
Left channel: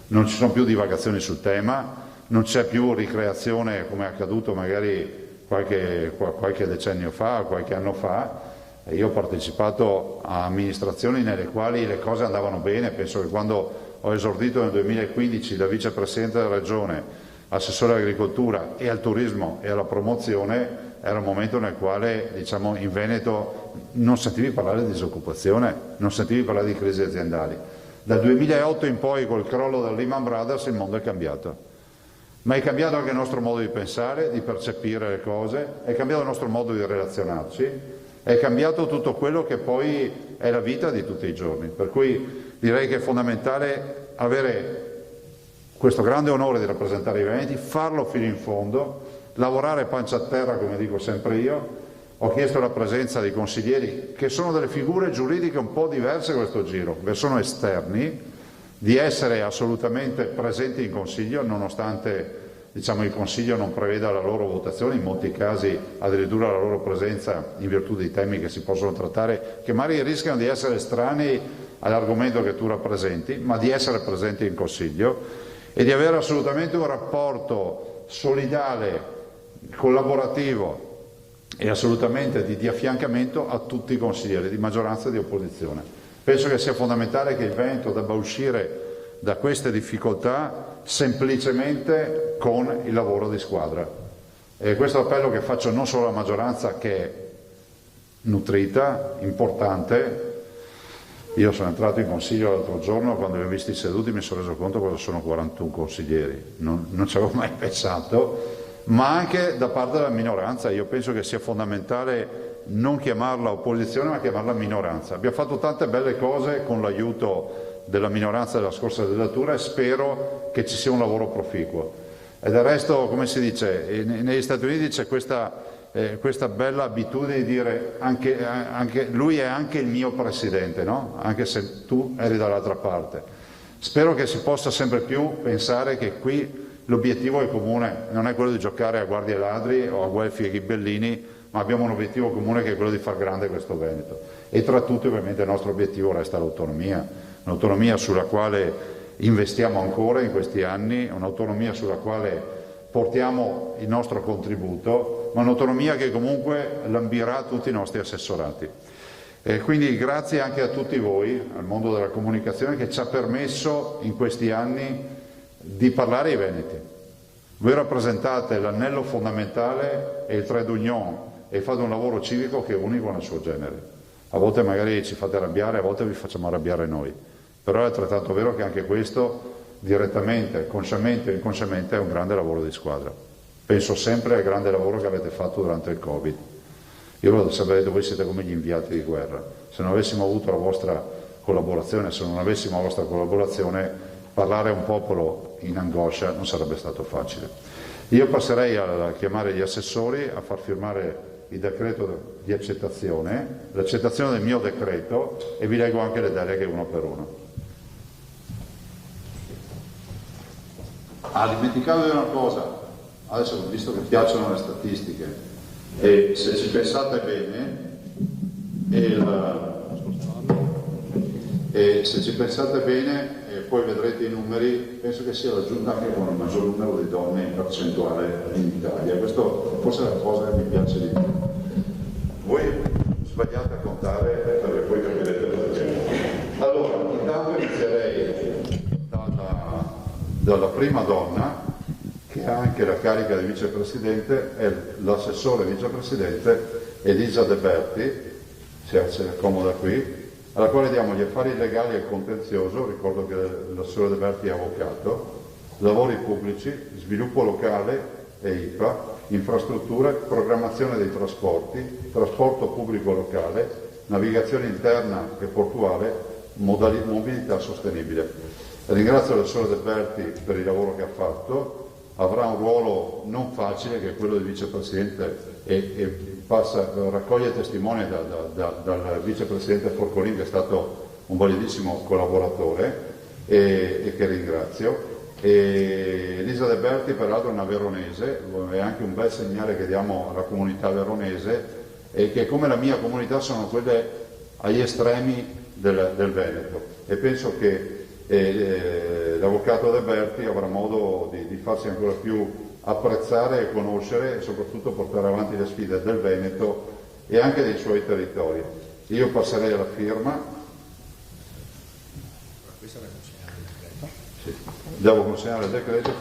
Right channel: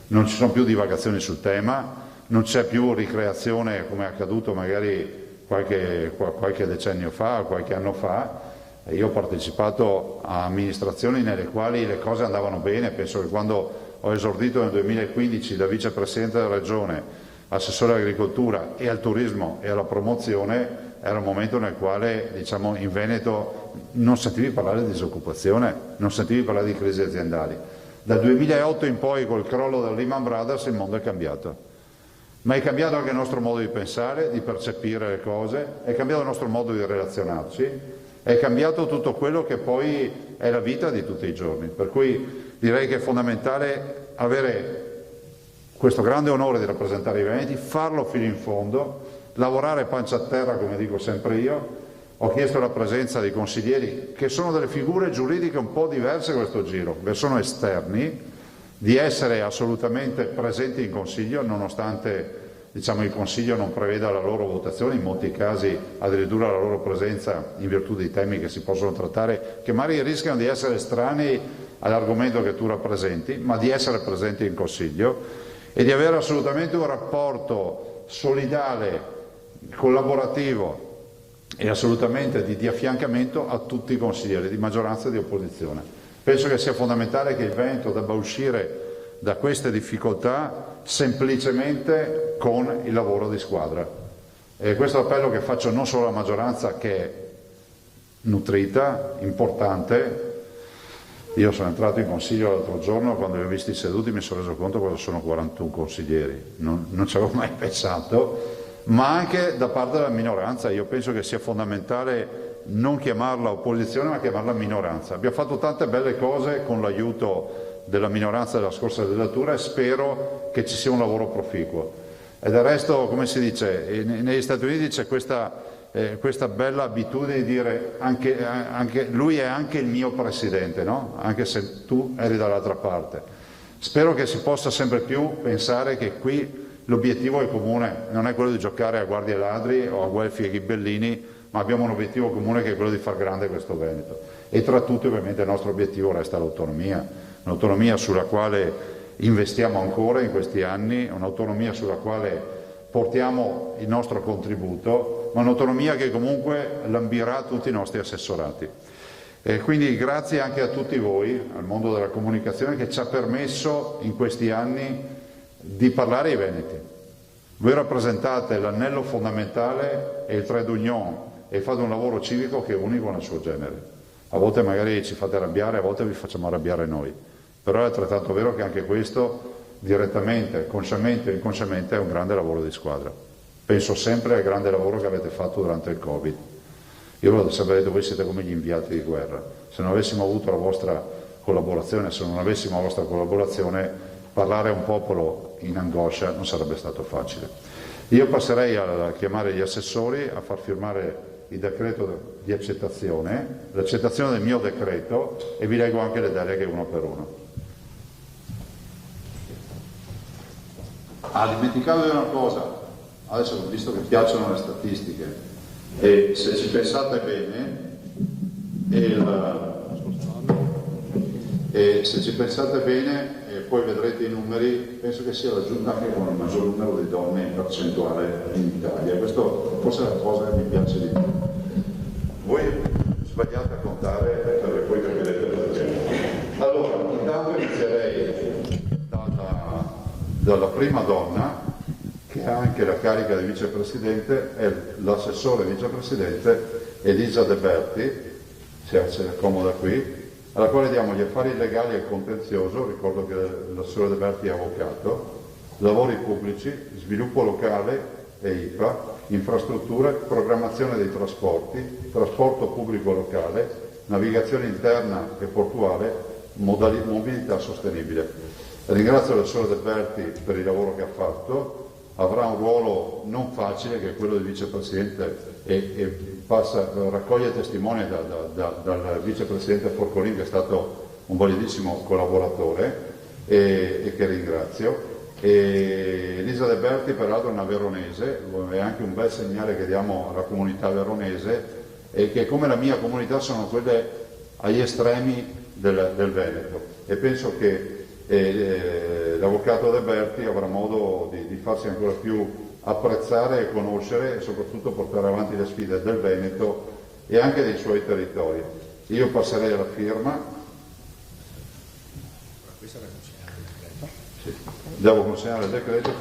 non ci sono più divagazioni sul tema, non c'è più ricreazione come è accaduto magari qualche decennio fa, qualche anno fa. Io ho partecipato a amministrazioni nelle quali le cose andavano bene, penso che quando ho esordito nel 2015 da vicepresidente della regione, assessore all'agricoltura e al turismo e alla promozione, era un momento nel quale, diciamo, in Veneto non sentivi parlare di disoccupazione, non sentivi parlare di crisi aziendali. Dal 2008 in poi, col crollo del Lehman Brothers, il mondo è cambiato. Ma è cambiato anche il nostro modo di pensare, di percepire le cose, è cambiato il nostro modo di relazionarci, è cambiato tutto quello che poi è la vita di tutti i giorni. Per cui direi che è fondamentale avere questo grande onore di rappresentare i veneti, farlo fino in fondo, lavorare pancia a terra, come dico sempre io. Ho chiesto la presenza dei consiglieri, che sono delle figure giuridiche un po' diverse questo giro, che sono esterni, di essere assolutamente presenti in Consiglio, nonostante, diciamo, il Consiglio non preveda la loro votazione, in molti casi addirittura la loro presenza in virtù dei temi che si possono trattare, che magari rischiano di essere estranei all'argomento che tu rappresenti, ma di essere presenti in Consiglio e di avere assolutamente un rapporto solidale, collaborativo e assolutamente di affiancamento a tutti i consiglieri di maggioranza e di opposizione. Penso che sia fondamentale che il Veneto debba uscire da queste difficoltà semplicemente con il lavoro di squadra. E questo è l'appello che faccio non solo alla maggioranza, che è nutrita, importante. Io sono entrato in consiglio l'altro giorno, quando li ho visti seduti mi sono reso conto cosa sono 41 consiglieri, non ci avevo mai pensato, ma anche da parte della minoranza. Io penso che sia fondamentale non chiamarla opposizione ma chiamarla minoranza. Abbiamo fatto tante belle cose con l'aiuto della minoranza della scorsa legislatura e spero che ci sia un lavoro proficuo. E del resto, come si dice, negli Stati Uniti c'è questa bella abitudine di dire anche lui è anche il mio presidente, no? Anche se tu eri dall'altra parte. Spero che si possa sempre più pensare che qui l'obiettivo è comune, non è quello di giocare a guardie ladri o a guelfi e ghibellini, ma abbiamo un obiettivo comune che è quello di far grande questo Veneto. E tra tutti ovviamente il nostro obiettivo resta l'autonomia, un'autonomia sulla quale investiamo ancora in questi anni, un'autonomia sulla quale portiamo il nostro contributo, ma un'autonomia che comunque lambirà tutti i nostri assessorati. E quindi grazie anche a tutti voi, al mondo della comunicazione, che ci ha permesso in questi anni di parlare ai veneti. Voi rappresentate l'anello fondamentale e il trait d'union e fate un lavoro civico che è unico nel suo genere. A volte magari ci fate arrabbiare, a volte vi facciamo arrabbiare noi, però è altrettanto vero che anche questo, direttamente, consciamente o inconsciamente, è un grande lavoro di squadra. Penso sempre al grande lavoro che avete fatto durante il Covid. Io l'ho sempre detto, voi siete come gli inviati di guerra. Se non avessimo avuto la vostra collaborazione, se non avessimo la vostra collaborazione, parlare a un popolo in angoscia non sarebbe stato facile. Io passerei a chiamare gli assessori, a far firmare il decreto di accettazione, l'accettazione del mio decreto, e vi leggo anche le deleghe uno per uno. Dimenticato di una cosa, adesso ho visto che piacciono le statistiche, e se ci pensate bene, poi vedrete i numeri, penso che sia la giunta anche con il maggior numero di donne in percentuale in Italia. Questo forse è la cosa che mi piace di più. Voi sbagliate a contare perché poi capirete cosa c'è. Allora, intanto inizierei dalla prima donna. carica di vicepresidente è l'assessore vicepresidente Elisa De Berti, si accomoda qui, alla quale diamo gli affari legali e contenzioso, ricordo che l'assessore De Berti è avvocato, lavori pubblici, sviluppo locale e IPA, infrastrutture, programmazione dei trasporti, trasporto pubblico locale, navigazione interna e portuale, mobilità sostenibile. Ringrazio l'assessore De Berti per il lavoro che ha fatto, avrà un ruolo non facile che è quello di vicepresidente e raccoglie testimoni dal vicepresidente Forcolin, che è stato un validissimo collaboratore e che ringrazio. E Elisa De Berti peraltro è una veronese, è anche un bel segnale che diamo alla comunità veronese, e che come la mia comunità sono quelle agli estremi del Veneto, e penso che l'avvocato De Berti avrà modo di farsi ancora più apprezzare e conoscere e soprattutto portare avanti le sfide del Veneto e anche dei suoi territori. Io passerei alla firma. Sì. Devo consegnare il decreto.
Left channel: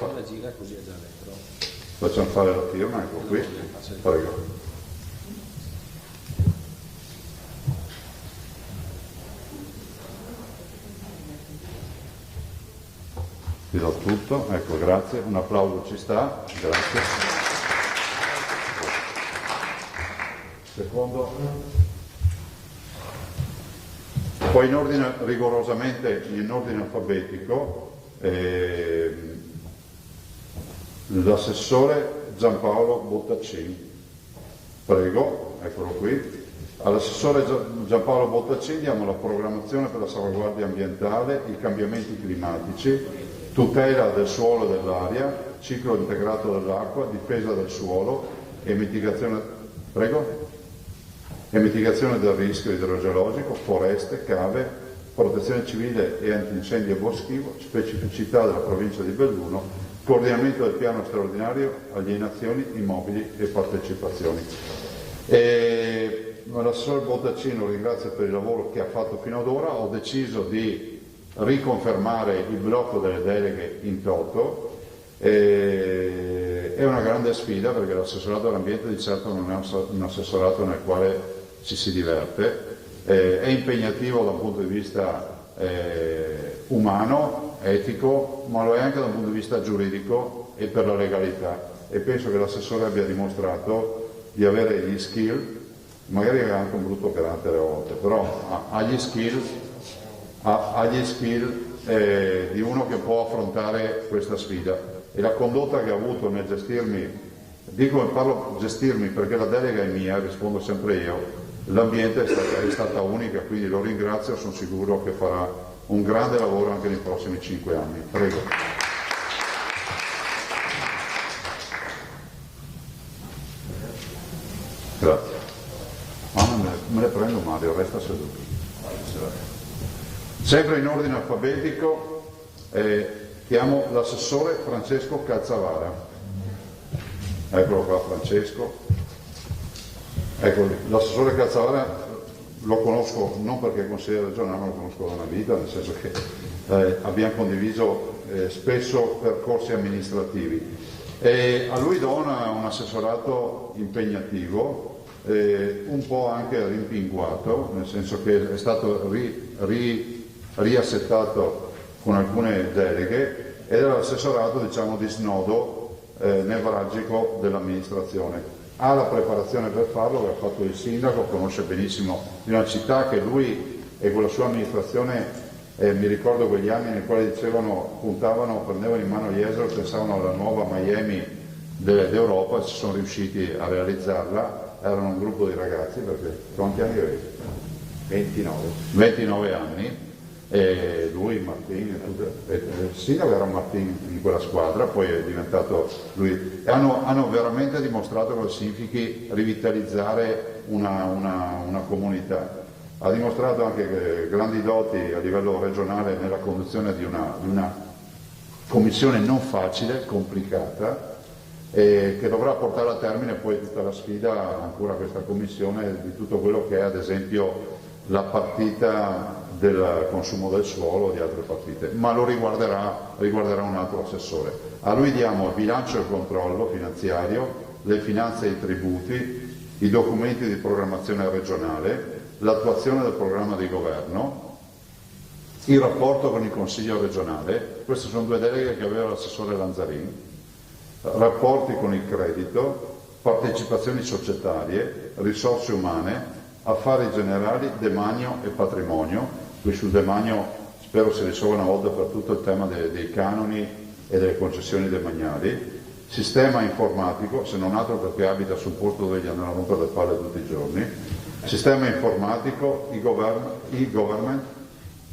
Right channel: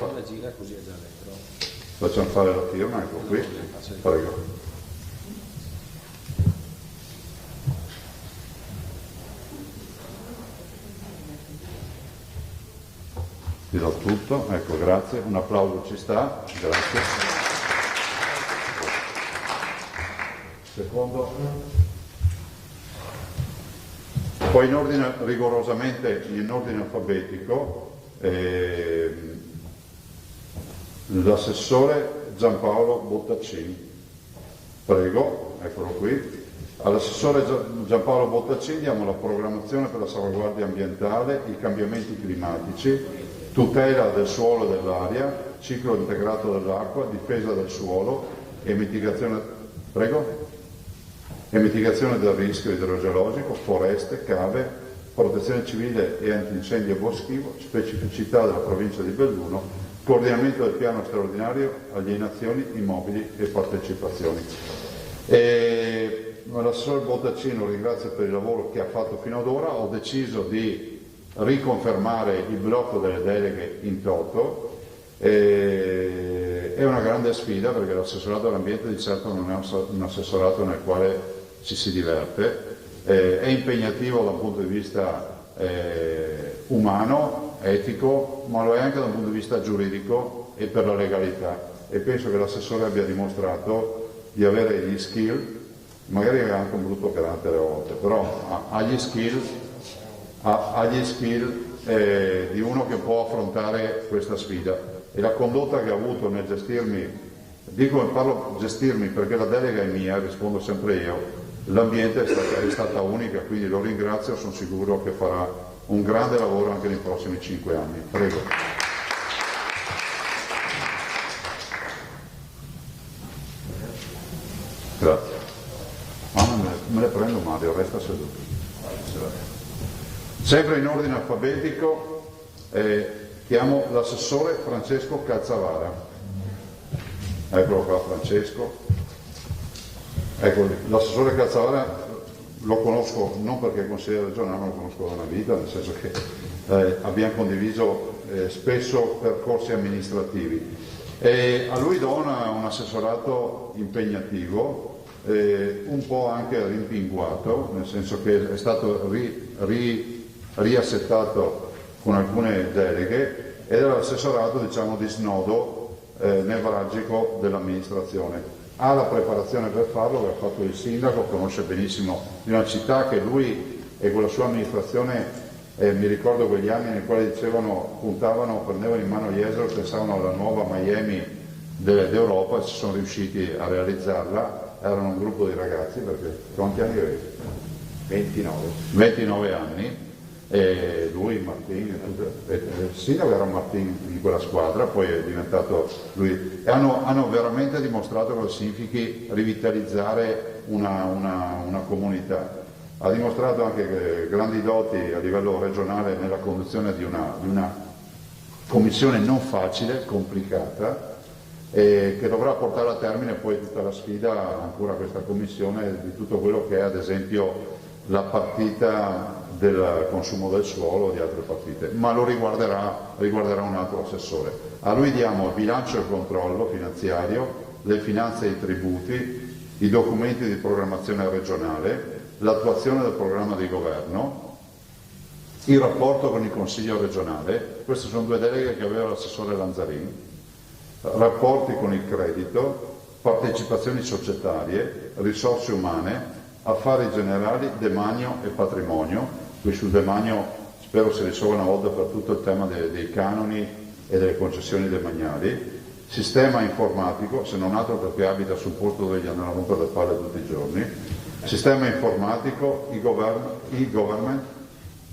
Facciamo fare la firma, ecco qui. Prego. Vi do tutto, ecco, grazie, un applauso ci sta, grazie. Secondo. Poi in ordine, rigorosamente in ordine alfabetico, l'assessore Giampaolo Bottaccini. Prego, eccolo qui. All'assessore Giampaolo Bottaccini diamo la programmazione per la salvaguardia ambientale, i cambiamenti climatici, tutela del suolo e dell'aria, ciclo integrato dell'acqua, difesa del suolo e mitigazione del rischio idrogeologico, foreste, cave, protezione civile e antincendio boschivo, specificità della provincia di Belluno, coordinamento del piano straordinario, alienazioni, immobili e partecipazioni. L'assessore Bottaccini lo ringrazio per il lavoro che ha fatto fino ad ora. Ho deciso di riconfermare il blocco delle deleghe in toto. È una grande sfida perché l'assessorato all'ambiente di certo non è un assessorato nel quale ci si diverte, è impegnativo da un punto di vista umano, etico, ma lo è anche da un punto di vista giuridico e per la legalità, e penso che l'assessore abbia dimostrato di avere gli skill, magari ha anche un brutto carattere a volte, però ha gli skill di uno che può affrontare questa sfida, e la condotta che ha avuto nel gestirmi, parlo gestirmi perché la delega è mia, rispondo sempre io, l'ambiente è stata unica, quindi lo ringrazio, sono sicuro che farà un grande lavoro anche nei prossimi 5 anni. Prego. Grazie. Me le prendo Mario, resta seduto. Sempre in ordine alfabetico chiamo l'assessore Francesco Calzavara. Eccolo qua Francesco. Ecco, l'assessore Calzavara lo conosco non perché è consigliere regionale, ma lo conosco da una vita, nel senso che abbiamo condiviso spesso percorsi amministrativi. A lui do un assessorato impegnativo, un po' anche rimpinguato, nel senso che è stato riassettato con alcune deleghe ed era l'assessorato, diciamo, di snodo nevralgico dell'amministrazione. Ha la preparazione per farlo, che ha fatto il sindaco, conosce benissimo di una città che lui e con la sua amministrazione, mi ricordo quegli anni nei quali puntavano, prendevano in mano gli eseri, pensavano alla nuova Miami d'Europa, ci sono riusciti a realizzarla, erano un gruppo di ragazzi, perché quanti anni avevi? 29 anni, e lui, Martini, il sindaco era Martini in quella squadra, poi è diventato lui, e hanno veramente dimostrato cosa significhi rivitalizzare una comunità. Ha dimostrato anche grandi doti a livello regionale nella conduzione di una commissione non facile, complicata, che dovrà portare a termine poi tutta la sfida, ancora questa commissione, di tutto quello che è ad esempio la partita del consumo del suolo o di altre partite, ma lo riguarderà un altro assessore. A lui diamo il bilancio e il controllo finanziario, le finanze e i tributi, i documenti di programmazione regionale, l'attuazione del programma di governo, il rapporto con il Consiglio regionale, queste sono 2 deleghe che aveva l'assessore Lanzarin, rapporti con il credito, partecipazioni societarie, risorse umane, affari generali, demanio e patrimonio. Qui sul demanio spero si risolva una volta per tutto il tema dei canoni e delle concessioni demaniali, sistema informatico, se non altro perché abita sul posto dove gli andranno a rompere le palle tutti i giorni, sistema informatico, e-government,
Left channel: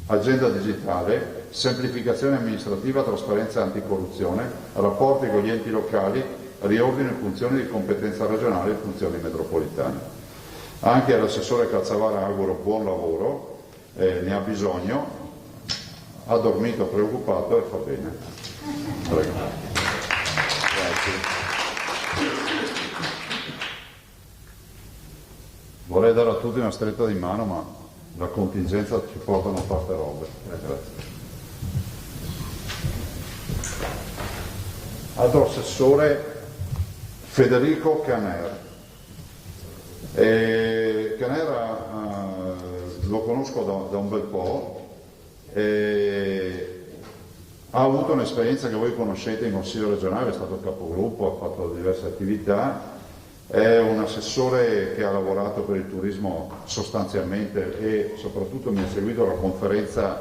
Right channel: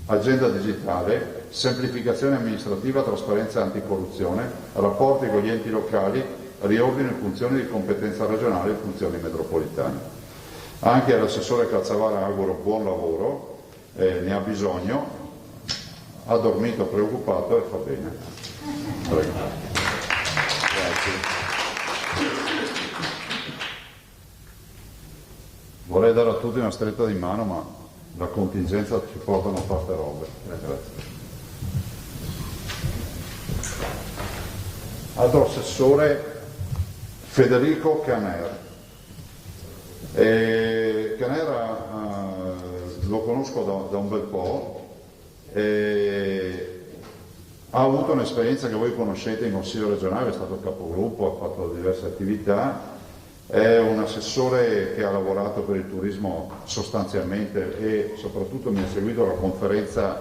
agenda digitale, semplificazione amministrativa, trasparenza e anticorruzione, rapporti con gli enti locali, riordino in funzione di competenza regionale e funzioni metropolitane. Anche all'assessore Calzavara auguro buon lavoro, ne ha bisogno, ha dormito preoccupato e fa bene. Prego. Vorrei dare a tutti una stretta di mano, ma la contingenza ci porta a non fare robe. Grazie. Altro assessore Federico Caner. Caner lo conosco da un bel po'. Ha avuto un'esperienza che voi conoscete in Consiglio regionale, è stato capogruppo, ha fatto diverse attività, è un assessore che ha lavorato per il turismo sostanzialmente e soprattutto mi ha seguito la conferenza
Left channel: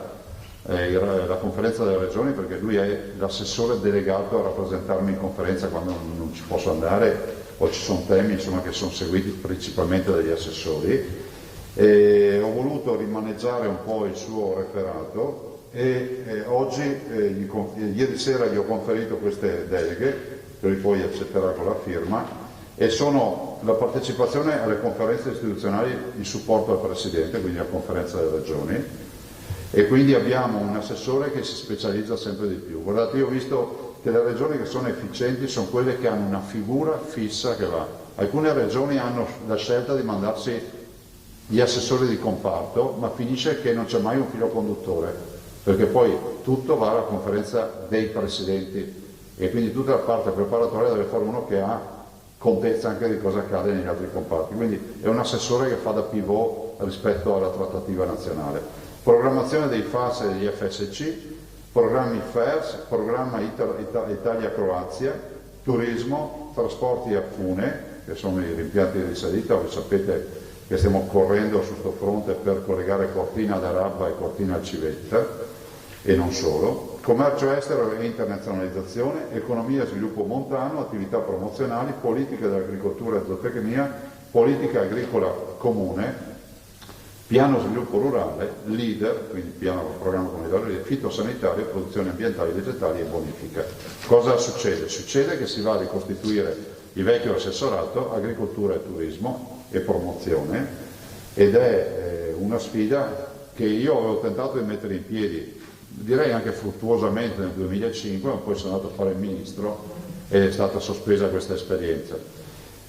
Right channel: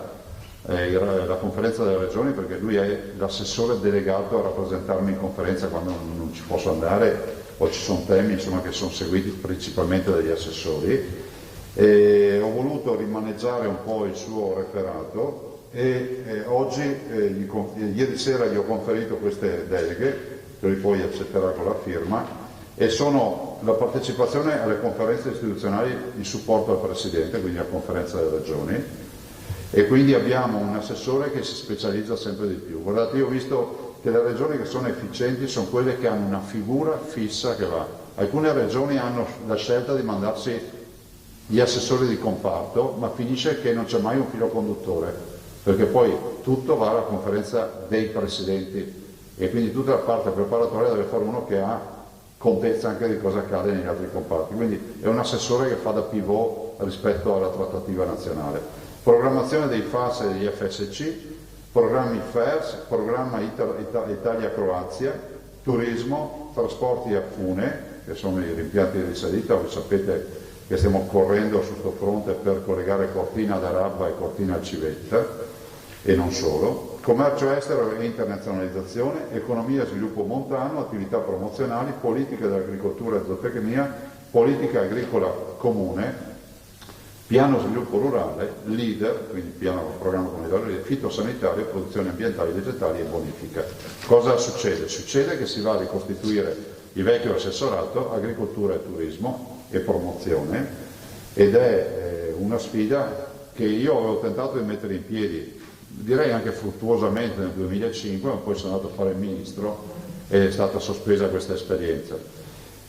delle regioni, perché lui è l'assessore delegato a rappresentarmi in conferenza quando non ci posso andare o ci sono temi insomma, che sono seguiti principalmente dagli assessori. Ho voluto rimaneggiare un po' il suo referato e oggi, ieri sera gli ho conferito queste deleghe, che lui poi accetterà con la firma, e sono la partecipazione alle conferenze istituzionali in supporto al Presidente, quindi alla conferenza delle regioni, e quindi abbiamo un assessore che si specializza sempre di più. Guardate, io ho visto che le regioni che sono efficienti sono quelle che hanno una figura fissa che va. Alcune regioni hanno la scelta di mandarsi gli assessori di comparto, ma finisce che non c'è mai un filo conduttore, perché poi tutto va alla conferenza dei presidenti e quindi tutta la parte preparatoria deve fare uno che ha contezza anche di cosa accade negli altri comparti. Quindi è un assessore che fa da pivot rispetto alla trattativa nazionale. Programmazione dei FAS e degli FSC, programmi FERS, programma Italia-Croazia, turismo, trasporti a Fune, che sono i rimpianti di risalita, voi sapete che stiamo correndo su questo fronte per collegare Cortina d'Arabba e Cortina Civetta e non solo, commercio estero e internazionalizzazione, economia e sviluppo montano, attività promozionali, politica dell'agricoltura e zootecnia, politica agricola comune, piano sviluppo rurale, leader, quindi piano programma comunitario, fitosanitario, produzione ambientale, vegetali e bonifica. Cosa succede? Succede che si va a ricostituire il vecchio assessorato, agricoltura e turismo e promozione, ed è una sfida che io avevo tentato di mettere in piedi, direi anche fruttuosamente nel 2005, ma poi sono andato a fare il ministro e è stata sospesa questa esperienza.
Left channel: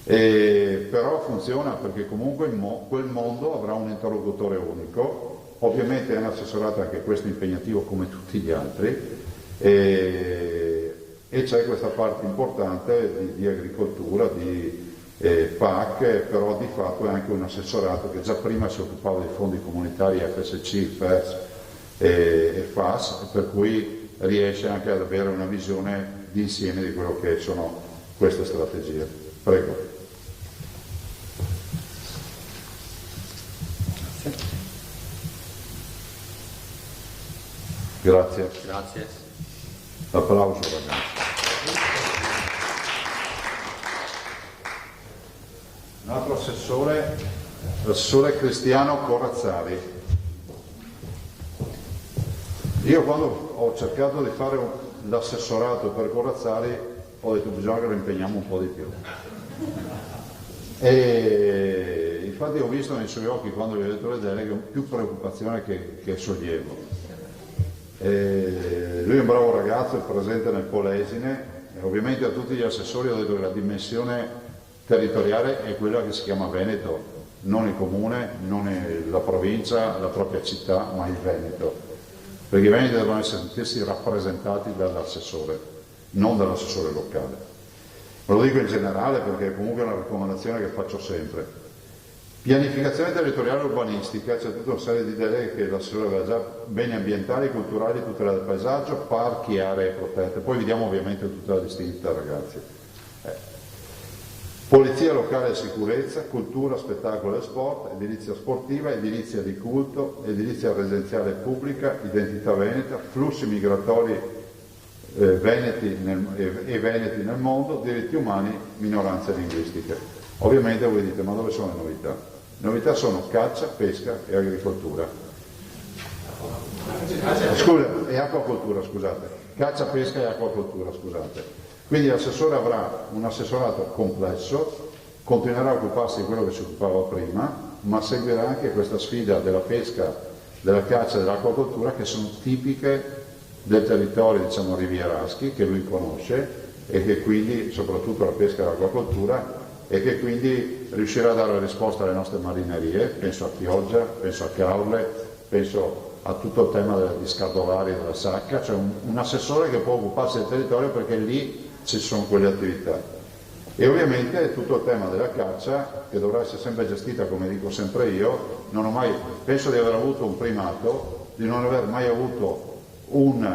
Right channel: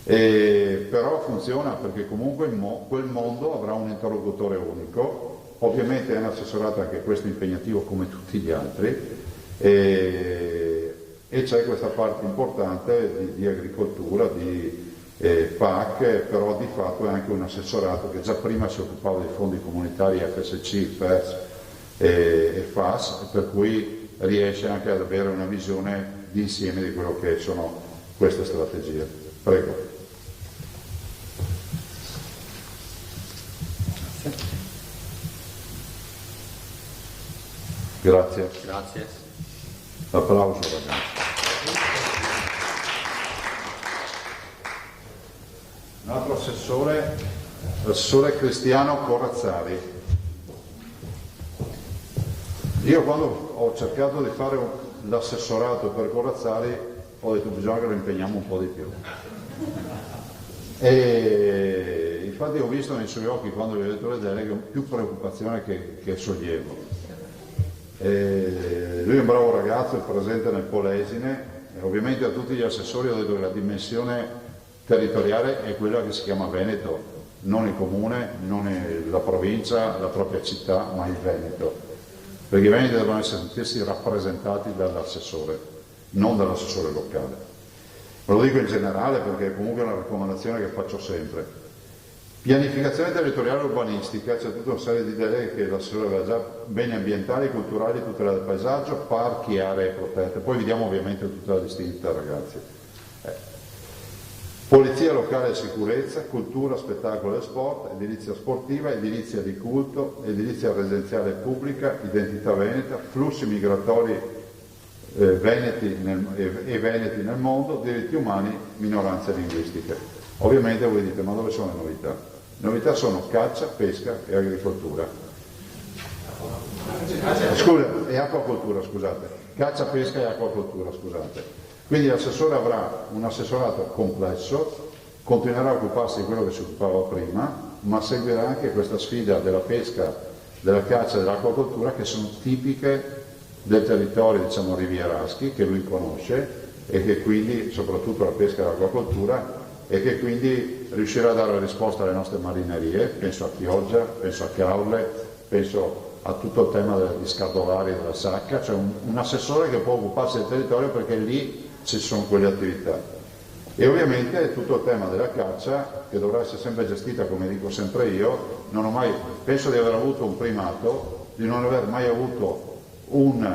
Però funziona perché comunque quel mondo avrà un interlocutore unico, ovviamente è un assessorato anche questo impegnativo come tutti gli altri, e c'è questa parte importante di agricoltura, di PAC, però di fatto è anche un assessorato che già prima si occupava dei fondi comunitari FSC, FERS e FAS, per cui riesce anche ad avere una visione d'insieme di quello che sono queste strategie. Prego. Grazie. Grazie. Applauso ragazzi. Un altro assessore, l'assessore Cristiano Corazzari. Io quando ho cercato di fare l'assessorato per Corazzari ho detto bisogna che lo impegniamo un po' di più. E infatti ho visto nei suoi occhi quando gli ho detto le deleghe più preoccupazione che sollievo. Lui è un bravo ragazzo, è presente nel Polesine, e ovviamente a tutti gli assessori ho detto che la dimensione territoriale è quella che si chiama Veneto, non il comune, non la provincia, la propria città, ma il Veneto, perché i Veneti devono sentirsi rappresentati dall'assessore. non dall'assessore locale. Ma lo dico in generale perché è comunque una raccomandazione che faccio sempre. Pianificazione territoriale urbanistica, c'è tutta una serie di idee che l'assessore aveva già, beni ambientali, culturali, tutela del paesaggio, parchi e aree protette, poi vediamo ovviamente tutta la distinta, ragazzi. Polizia locale e sicurezza, cultura, spettacolo e sport, edilizia sportiva, edilizia di culto, edilizia residenziale pubblica, identità veneta, flussi migratori veneti nel mondo, diritti umani, minoranze linguistiche. Ovviamente voi dite, ma dove sono le novità? Le novità sono caccia, pesca e agricoltura. E acquacoltura, scusate. Caccia, pesca e acquacoltura, scusate. Quindi l'assessore avrà un assessorato complesso, continuerà a occuparsi di quello che si occupava prima, ma seguirà anche questa sfida della pesca, della caccia e dell'acquacoltura, che sono tipiche del territorio, diciamo, rivieraschi, che lui conosce, e che quindi, soprattutto la pesca e l'acquacoltura, e che quindi riuscirà a dare risposta alle nostre marinerie, penso a Chioggia, penso a Caorle, penso a tutto il tema degli scatolari della sacca, cioè un assessore che può occuparsi del territorio perché lì ci sono quelle attività. E ovviamente tutto il tema della caccia, che dovrà essere sempre gestita, come dico sempre io, penso di aver avuto un primato, di non aver mai avuto un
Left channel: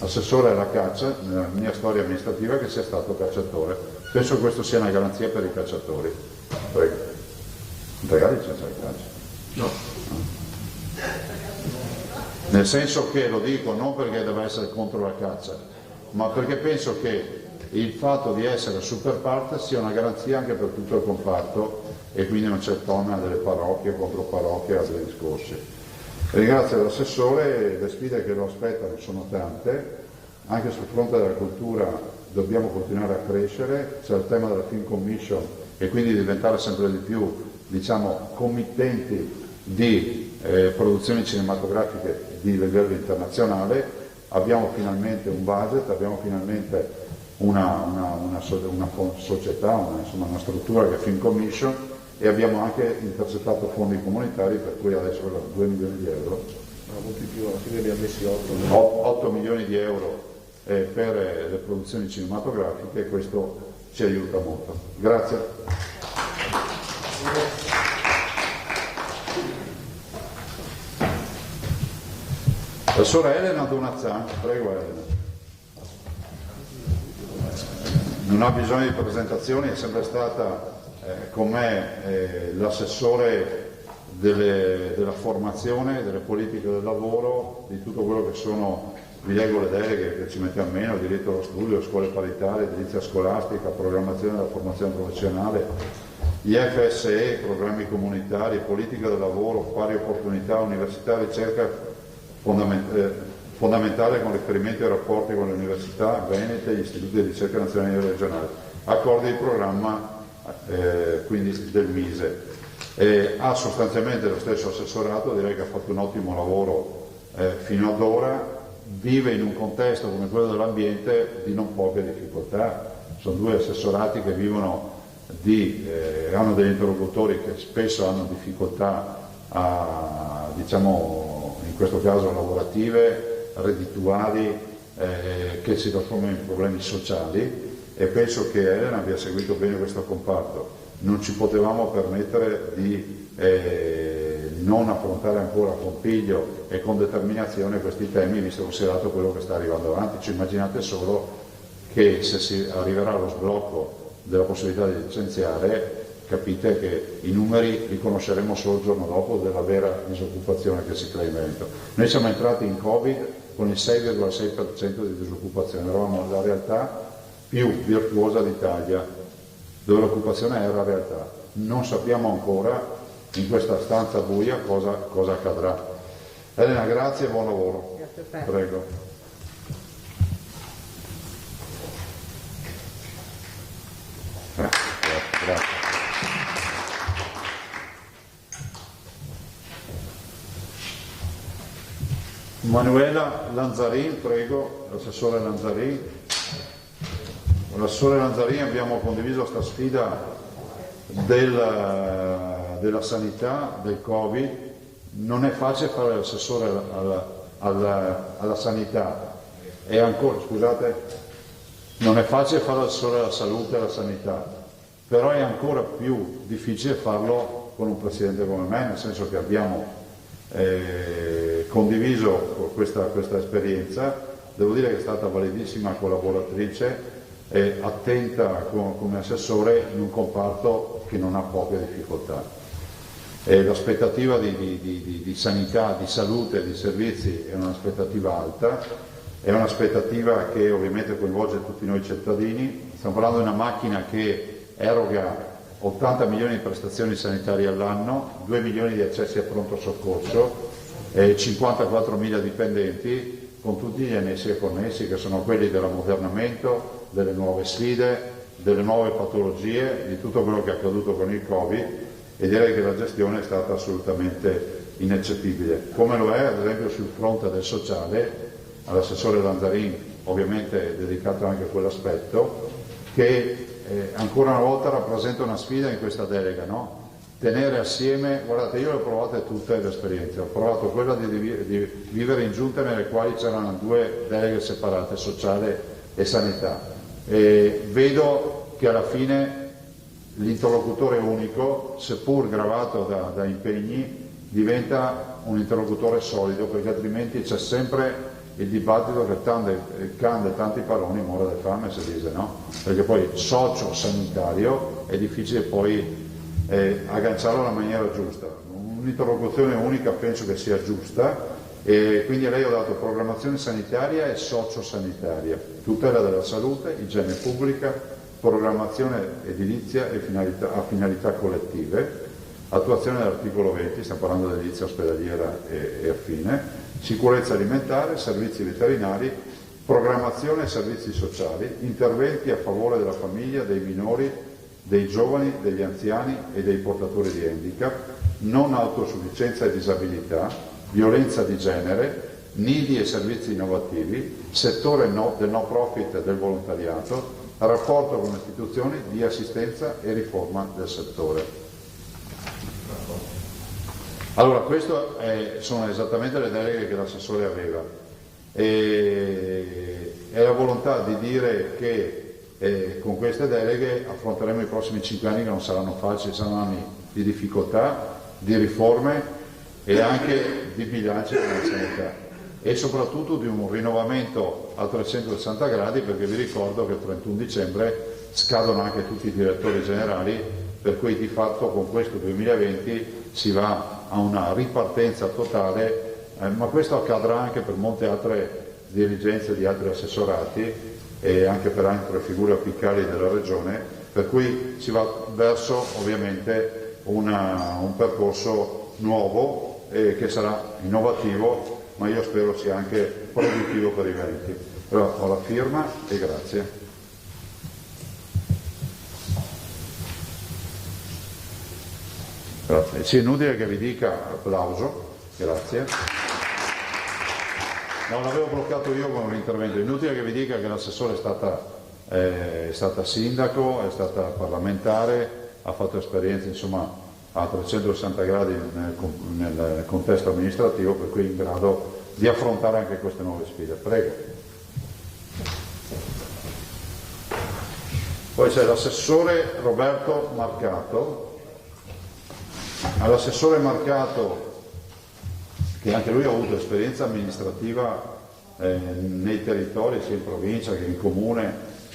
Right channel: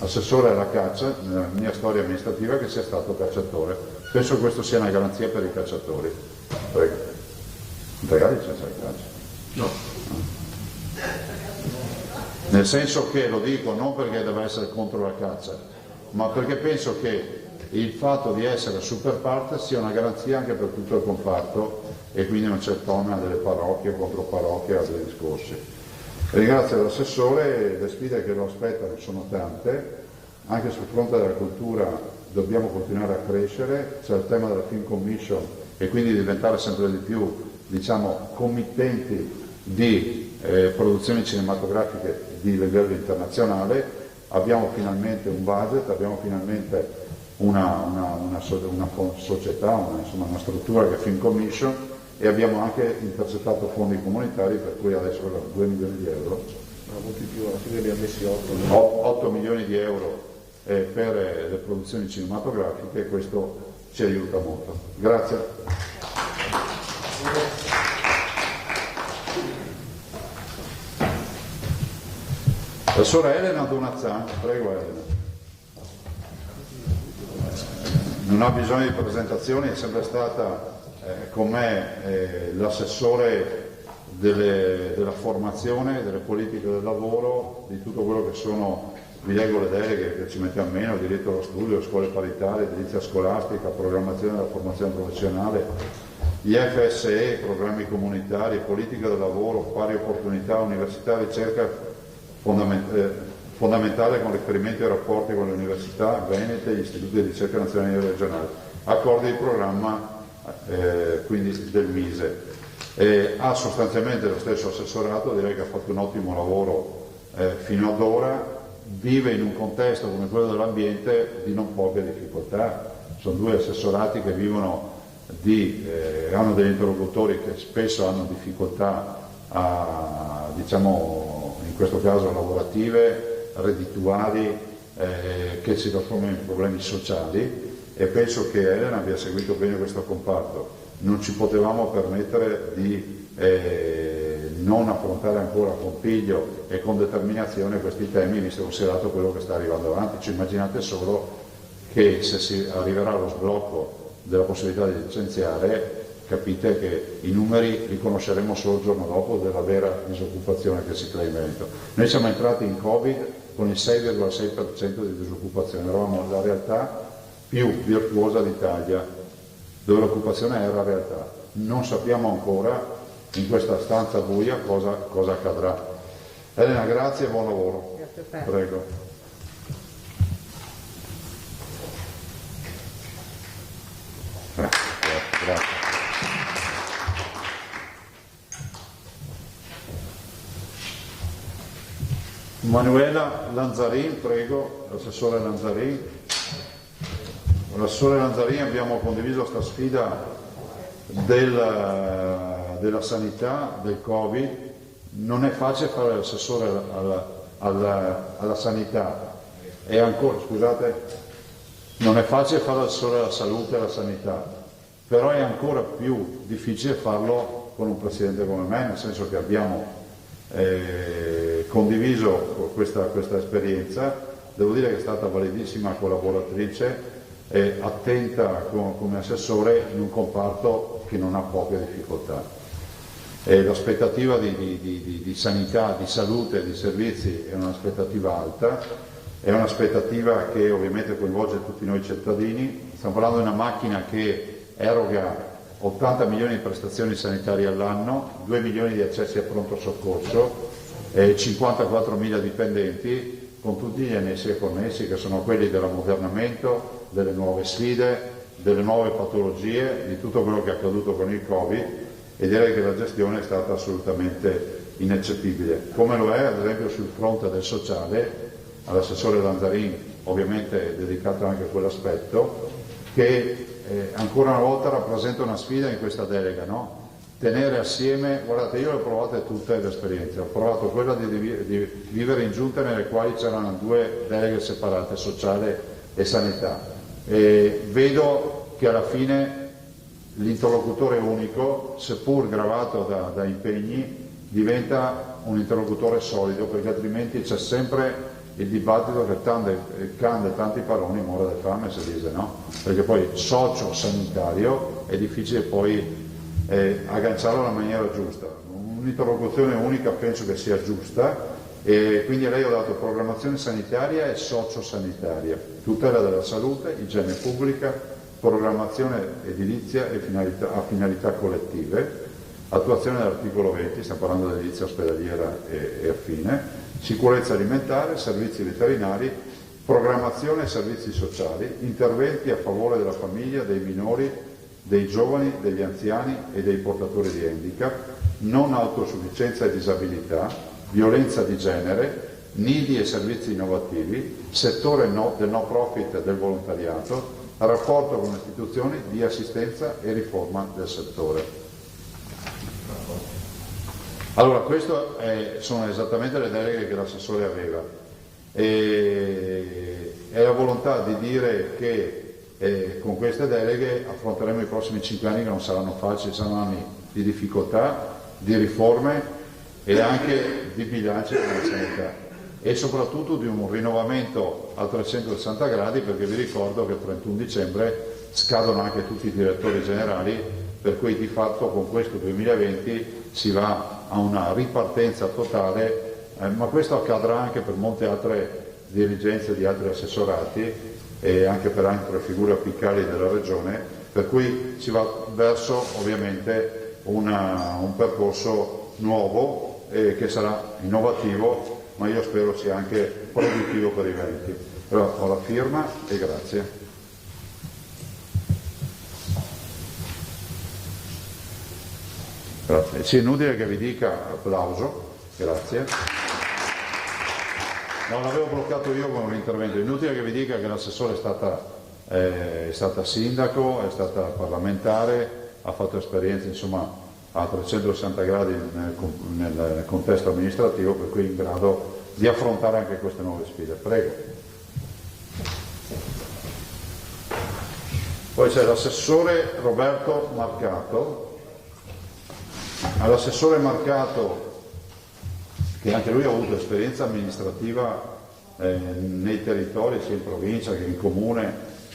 assessore alla caccia nella mia storia amministrativa che sia stato cacciatore. Penso che questo sia una garanzia per i cacciatori. Prego. Magari c'è la caccia. No. Nel senso che, lo dico non perché deve essere contro la caccia, ma perché penso che il fatto di essere super parte sia una garanzia anche per tutto il comparto e quindi non c'è il tema delle parrocchie contro parrocchie e altri discorsi. Ringrazio l'assessore, le sfide che lo aspettano sono tante, anche sul fronte della cultura dobbiamo continuare a crescere, c'è il tema della Film Commission e quindi diventare sempre di più, diciamo, committenti di produzioni cinematografiche di livello internazionale. Abbiamo finalmente un budget, abbiamo finalmente una società, una struttura che è Film Commission, e abbiamo anche intercettato fondi comunitari, per cui adesso 2 milioni di euro. Molti più, alla fine abbiamo messi 8 milioni di euro per le produzioni cinematografiche, e questo ci aiuta molto. Grazie. La sorella Elena Donazzan, prego Elena. Non ha bisogno di presentazioni, è sempre stata con me l'assessore della formazione, delle politiche del lavoro, di tutto quello che sono, vi leggo le deleghe che ci mettiamo meno, diritto allo studio, scuole paritarie, edilizia scolastica, programmazione della formazione professionale, gli FSE, programmi comunitari, politica del lavoro, pari opportunità, università, ricerca fondamentale con riferimento ai rapporti con le università venete, gli istituti di ricerca nazionali e regionali, accordi di programma quindi del Mise. Ha sostanzialmente lo stesso assessorato, direi che ha fatto un ottimo lavoro fino ad ora, vive in un contesto come quello dell'ambiente di non poche difficoltà. Sono 2 assessorati che vivono hanno degli interlocutori che spesso hanno difficoltà diciamo in questo caso lavorative, reddituali, che si trasformano in problemi sociali, e penso che Elena abbia seguito bene questo comparto. Non ci potevamo permettere di non affrontare ancora con piglio e con determinazione questi temi, visto considerato quello che sta arrivando avanti. Cioè, immaginate solo che se si arriverà allo sblocco della possibilità di licenziare, capite che i numeri li conosceremo solo il giorno dopo della vera disoccupazione che si crea in Veneto. Noi siamo entrati in Covid con il 6,6% di disoccupazione, eravamo la realtà più virtuosa d'Italia, dove l'occupazione era realtà. Non sappiamo ancora in questa stanza buia cosa accadrà. Elena, grazie e buon lavoro. Grazie a te. Prego. Grazie. Manuela Lanzarin, prego, l'assessore Lanzarin. Con l'assessore Lanzarin abbiamo condiviso questa sfida della sanità, del Covid. Non è facile fare l'assessore alla sanità, e ancora, scusate, Non è facile fare l'assessore alla salute e alla sanità, però è ancora più difficile farlo con un presidente come me, nel senso che abbiamo condiviso questa esperienza. Devo dire che è stata validissima collaboratrice e attenta come assessore in un comparto che non ha poche difficoltà. L'aspettativa di sanità, di salute, di servizi è un'aspettativa alta, è un'aspettativa che ovviamente coinvolge tutti noi cittadini. Stiamo parlando di una macchina che eroga 80 milioni di prestazioni sanitarie all'anno, 2 milioni di accessi a pronto soccorso, 54 mila dipendenti, con tutti gli annessi connessi che sono quelli dell'ammodernamento, delle nuove sfide, delle nuove patologie, di tutto quello che è accaduto con il Covid, e direi che la gestione è stata assolutamente ineccepibile. Come lo è ad esempio sul fronte del sociale, all'assessore Lanzarin ovviamente dedicato anche a quell'aspetto, che ancora una volta rappresenta una sfida in questa delega, no? Tenere assieme, guardate, io le ho provate tutte le esperienze, ho provato quella di vivere in giunte nelle quali c'erano 2 deleghe separate, sociale e sanità, e vedo che alla fine l'interlocutore unico, seppur gravato da impegni, diventa un interlocutore solido, perché altrimenti c'è sempre il dibattito che cande tanti paroni muore di fame, si dice, no? Perché poi socio sanitario è difficile poi agganciarlo alla maniera giusta. Un'interlocuzione unica penso che sia giusta, e quindi a lei ho dato programmazione sanitaria e sociosanitaria, tutela della salute, igiene pubblica, programmazione edilizia e a finalità collettive, attuazione dell'articolo 20, stiamo parlando di edilizia ospedaliera e affine, sicurezza alimentare, servizi veterinari, programmazione e servizi sociali, interventi a favore della famiglia, dei minori, dei giovani, degli anziani e dei portatori di handicap, non autosufficienza e disabilità, violenza di genere, nidi e servizi innovativi, settore del no profit e del volontariato, rapporto con istituzioni di assistenza e riforma del settore. Allora, queste sono esattamente le deleghe che l'assessore aveva, e la volontà di dire che con queste deleghe affronteremo i prossimi 5 anni che non saranno facili, saranno anni di difficoltà, di riforme e anche di bilancio e di sanità, e soprattutto di un rinnovamento a 360 gradi, perché vi ricordo che il 31 dicembre scadono anche tutti i direttori generali, per cui di fatto con questo 2020 si va a una ripartenza totale, ma questo accadrà anche per molte altre dirigenze di altri assessorati e anche per altre figure apicali della Regione, per cui si va verso ovviamente un percorso nuovo che sarà innovativo, ma io spero sia anche produttivo per i Veneti. Però ho la firma e grazie. Grazie. Sì, è inutile che vi dica applauso, grazie. No, l'avevo bloccato io con un intervento. È inutile che vi dica che l'assessore è stata sindaco, è stata parlamentare, ha fatto esperienze insomma a 360 gradi nel contesto amministrativo, per cui è in grado di affrontare anche queste nuove sfide. Prego. Poi c'è l'assessore Roberto Marcato. All'assessore Marcato, che anche lui ha avuto esperienza amministrativa nei territori, sia in provincia che in comune,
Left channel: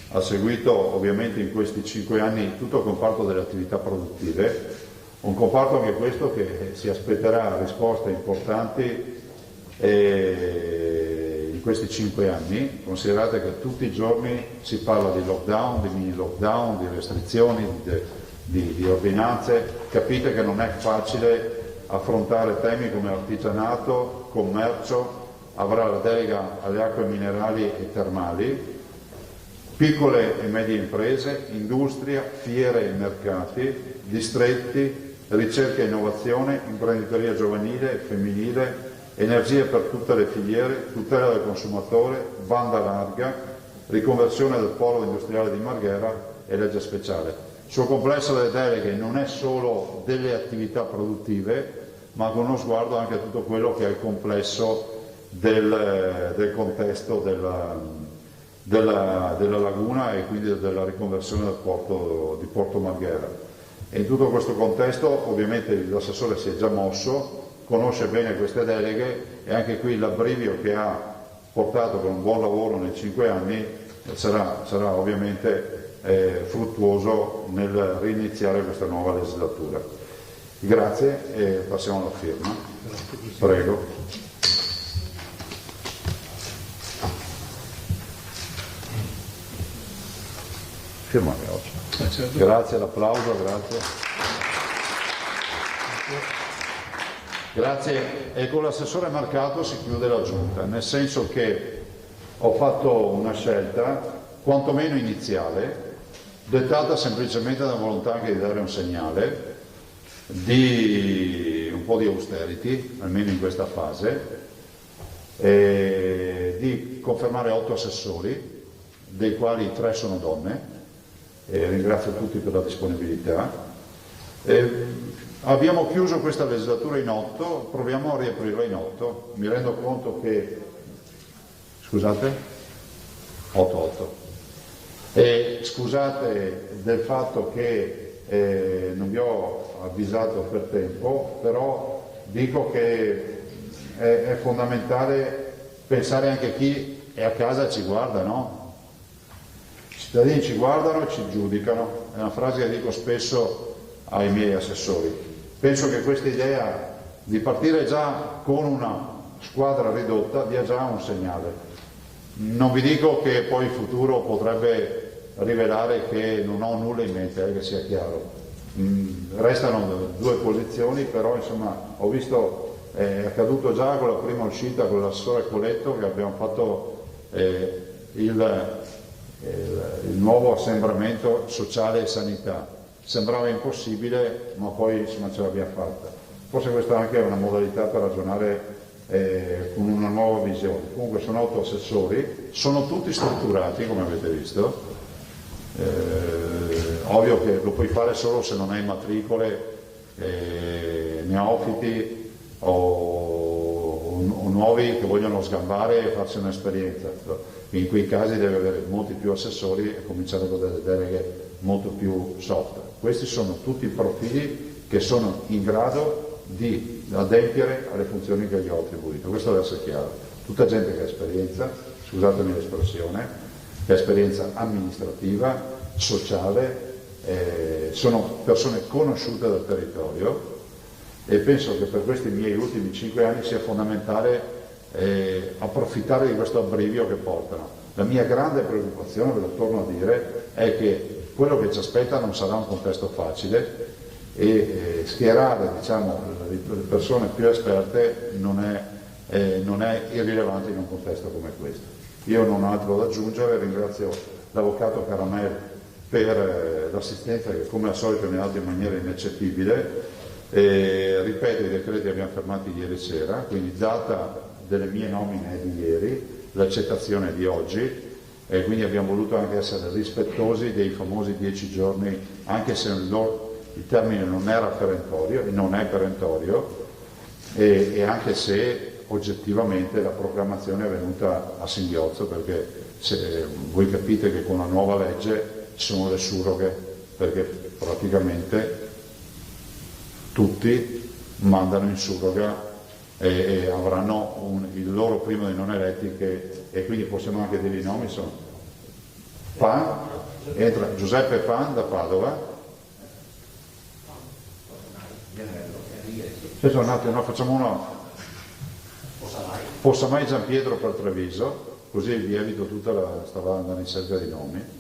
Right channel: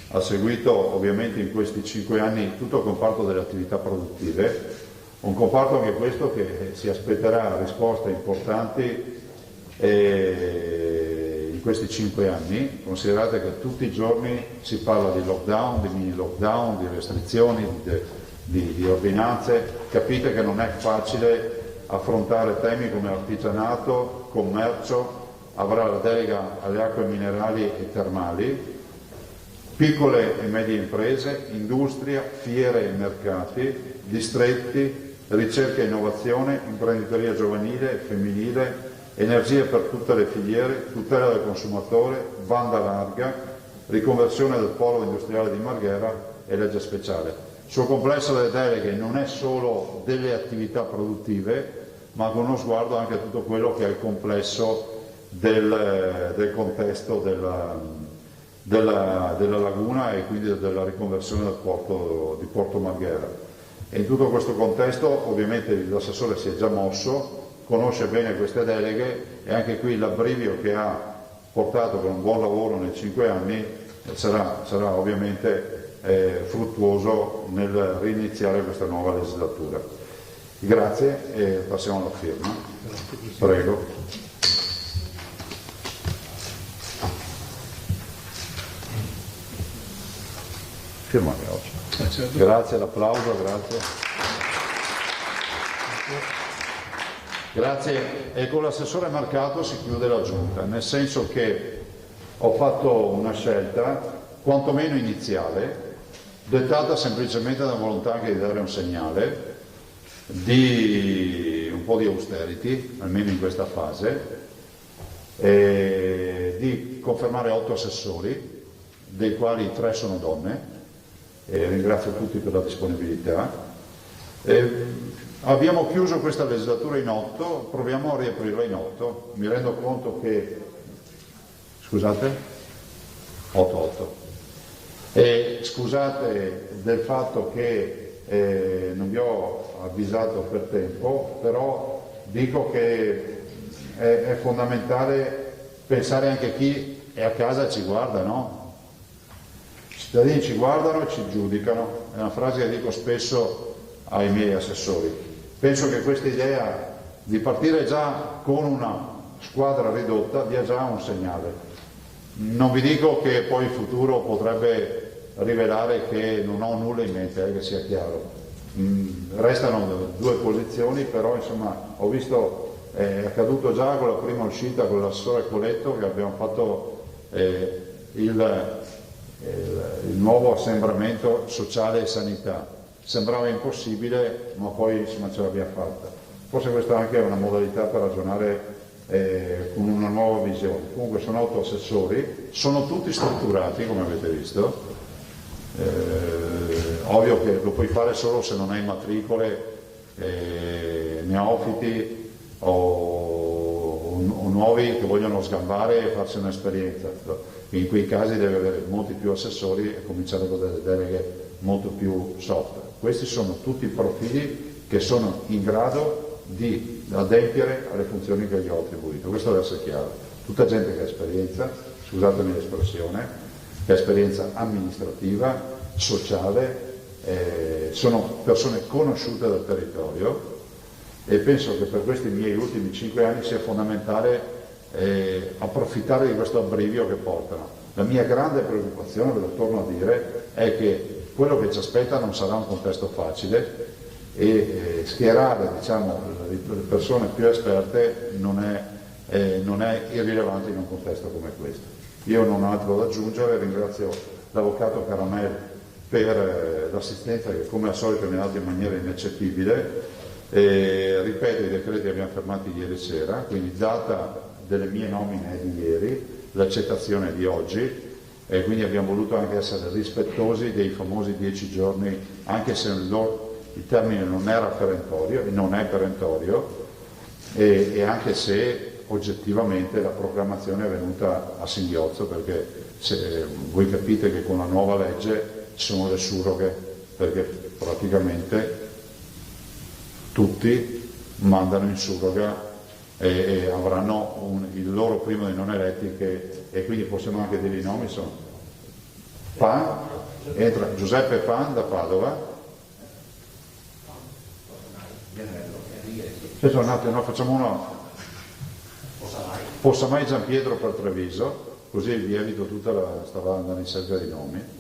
ha seguito ovviamente in questi 5 anni tutto il comparto delle attività produttive, un comparto anche questo che si aspetterà risposte importanti in questi 5 anni. Considerate che tutti i giorni si parla di lockdown, di mini lockdown, di restrizioni, di ordinanze. Capite che non è facile affrontare temi come artigianato, commercio, avrà la delega alle acque minerali e termali, piccole e medie imprese, industria, fiere e mercati, distretti, ricerca e innovazione, imprenditoria giovanile e femminile, energia per tutte le filiere, tutela del consumatore, banda larga, riconversione del polo industriale di Marghera e legge speciale. Il suo complesso delle deleghe non è solo delle attività produttive, ma con uno sguardo anche a tutto quello che è il complesso del contesto della laguna e quindi della riconversione del porto di Porto Marghera. E in tutto questo contesto ovviamente l'assessore si è già mosso, conosce bene queste deleghe e anche qui l'abbrivio che ha portato con un buon lavoro nei 5 anni sarà ovviamente fruttuoso nel riniziare questa nuova legislatura. Grazie e passiamo alla firma. Prego. Firma anche oggi. Grazie, l'applauso, grazie. Grazie, e con l'assessore Marcato si chiude la giunta, nel senso che ho fatto una scelta quantomeno iniziale, dettata semplicemente dalla volontà anche di dare un segnale di un po' di austerity, almeno in questa fase, e di confermare 8 assessori, dei quali 3 sono donne, e ringrazio tutti per la disponibilità. Abbiamo chiuso questa legislatura in 8, proviamo a riaprirla in 8. Mi rendo conto che, scusate, 8. E scusate del fatto che non vi ho avvisato per tempo, però dico che è fondamentale pensare anche a chi è a casa e ci guarda, no? I cittadini ci guardano e ci giudicano, è una frase che dico spesso ai miei assessori. Penso che questa idea di partire già con una squadra ridotta dia già un segnale. Non vi dico che poi il futuro potrebbe rivelare che non ho nulla in mente, che sia chiaro. Restano 2 posizioni, però insomma ho visto, è accaduto già con la prima uscita con l'assessore Coletto che abbiamo fatto il nuovo assembramento sociale e sanità. Sembrava impossibile, ma poi insomma ce l'abbiamo fatta. Forse questa anche è una modalità per ragionare con una nuova visione. Comunque sono 8 assessori, sono tutti strutturati come avete visto. Ovvio che lo puoi fare solo se non hai matricole, neofiti o nuovi che vogliono sgambare e farsi un'esperienza. In quei casi deve avere molti più assessori e cominciare da delle deleghe molto più soft. Questi sono tutti profili che sono in grado di adempiere alle funzioni che gli ho attribuito. Questo deve essere chiaro. Tutta gente che ha esperienza, scusatemi l'espressione, che ha esperienza amministrativa, sociale, sono persone conosciute dal territorio e penso che per questi miei ultimi 5 anni sia fondamentale approfittare di questo abbrivio che portano. La mia grande preoccupazione, ve lo torno a dire, è che quello che ci aspetta non sarà un contesto facile e schierare diciamo, le persone più esperte non è irrilevante in un contesto come questo. Io non ho altro da aggiungere, ringrazio l'avvocato Caramel per l'assistenza che come al solito mi ha dato in maniera ineccepibile. Ripeto, i decreti li abbiamo fermati ieri sera, quindi data delle mie nomine è di ieri, l'accettazione è di oggi e quindi abbiamo voluto anche essere rispettosi dei famosi 10 giorni, anche se il termine non era perentorio, non è perentorio e anche se oggettivamente la programmazione è venuta a singhiozzo, perché voi capite che con la nuova legge ci sono le surroghe, perché praticamente tutti mandano in surroga e avranno il loro primo dei non eletti e quindi possiamo anche dire i nomi, sono Pan, entra Giuseppe Pan da Padova, facciamo una Possamai Giampietro per Treviso, così vi evito tutta la stavanda in cerca dei nomi.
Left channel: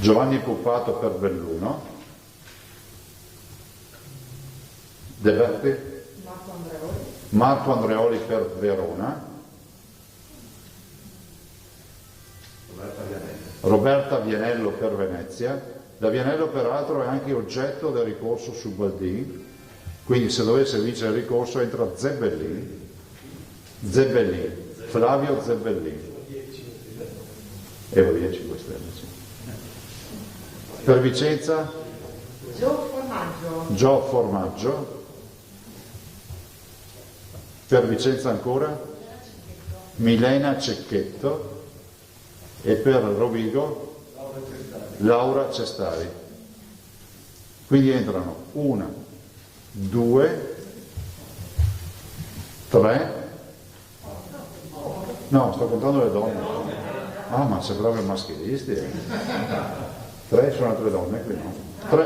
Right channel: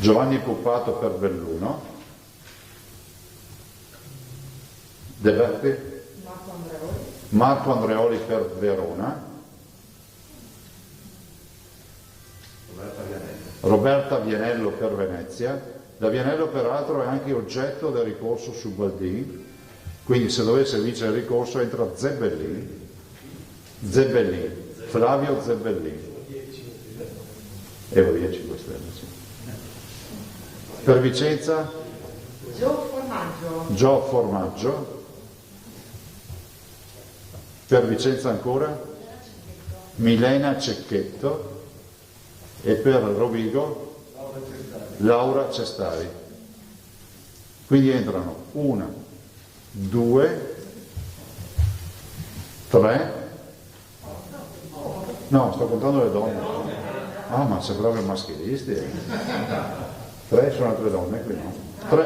Giovanni Puppato per Belluno. De Berti? Marco Andreoli per Verona. Roberta Vianello per Venezia. La Vianello peraltro è anche oggetto del ricorso su Baldin, quindi se dovesse vincere il ricorso entra Zebellin, Flavio Zebellin. E via 5 Stelle. Sì. Per Vicenza? Gio Formaggio. Per Vicenza ancora? Milena Cecchetto. e per Rovigo Laura Cestari. Quindi entrano 1, 2, 3, no, sto contando le donne. Ah, ma c'è proprio maschilisti. 3 sono altre donne qui, no?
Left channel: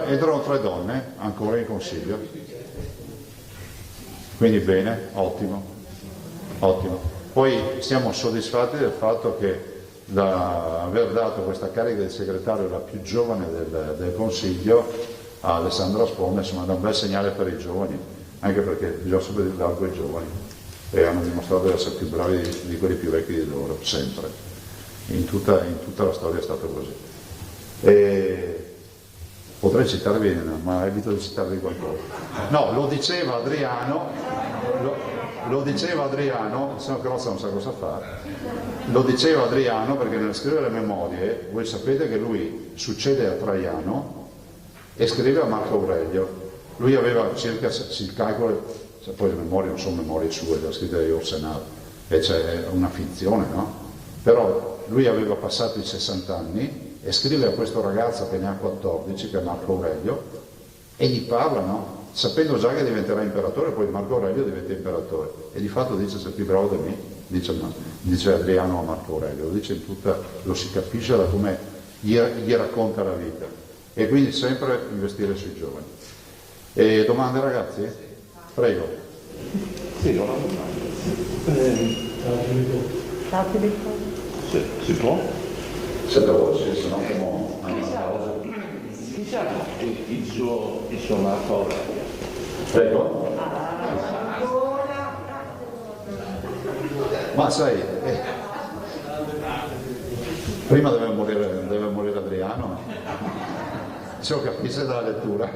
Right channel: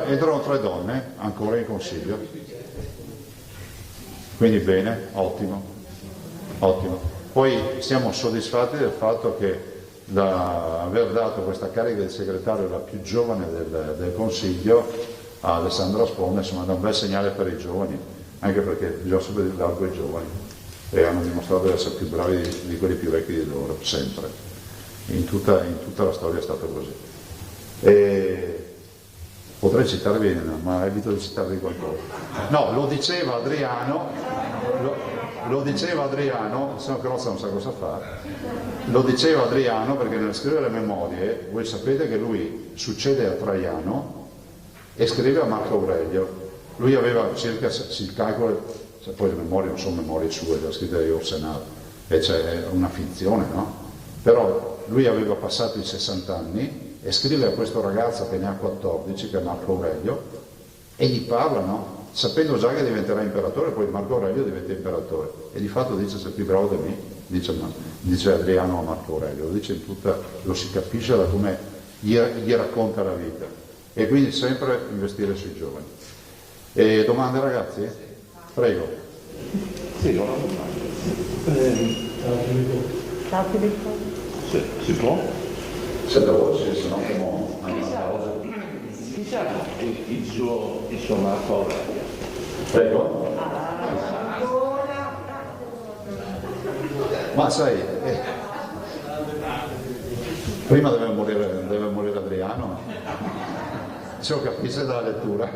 Entrano 3 donne ancora in consiglio. Quindi bene, ottimo, ottimo. Poi siamo soddisfatti del fatto che aver dato questa carica di segretario la più giovane del Consiglio a Alessandra Sponda, insomma, è un bel segnale per i giovani, anche perché bisogna sempre dare quei giovani e hanno dimostrato di essere più bravi di quelli più vecchi di loro, sempre. In tutta la storia è stato così. E potrei citarvi, ma evito di citarvi qualcosa. No, lo diceva Adriano, se no Crozza non sa cosa fa, lo diceva Adriano perché nel scrivere le memorie, voi sapete che lui succede a Traiano e scrive a Marco Aurelio. Lui aveva circa, si calcola, poi le memorie non sono memorie sue, le ha scritte io al Senato, e c'è una finzione, no? Però lui aveva passato i 60 anni e scrive a questo ragazzo che ne ha 14, che è Marco Aurelio, e gli parla, no? Sapendo già che diventerà imperatore, poi Marco Aurelio diventa imperatore, e di fatto dice sei più bravo di me, dice Adriano a Marco Aurelio, lo si capisce da come gli racconta la vita, e quindi sempre investire sui giovani. E domande ragazzi? Prego. Sì, no, si può? Se la voce, se no Il suo Marco Aurelio. Prego. Ma sai, prima deve morire Adriano, se lo capisce dalla lettura,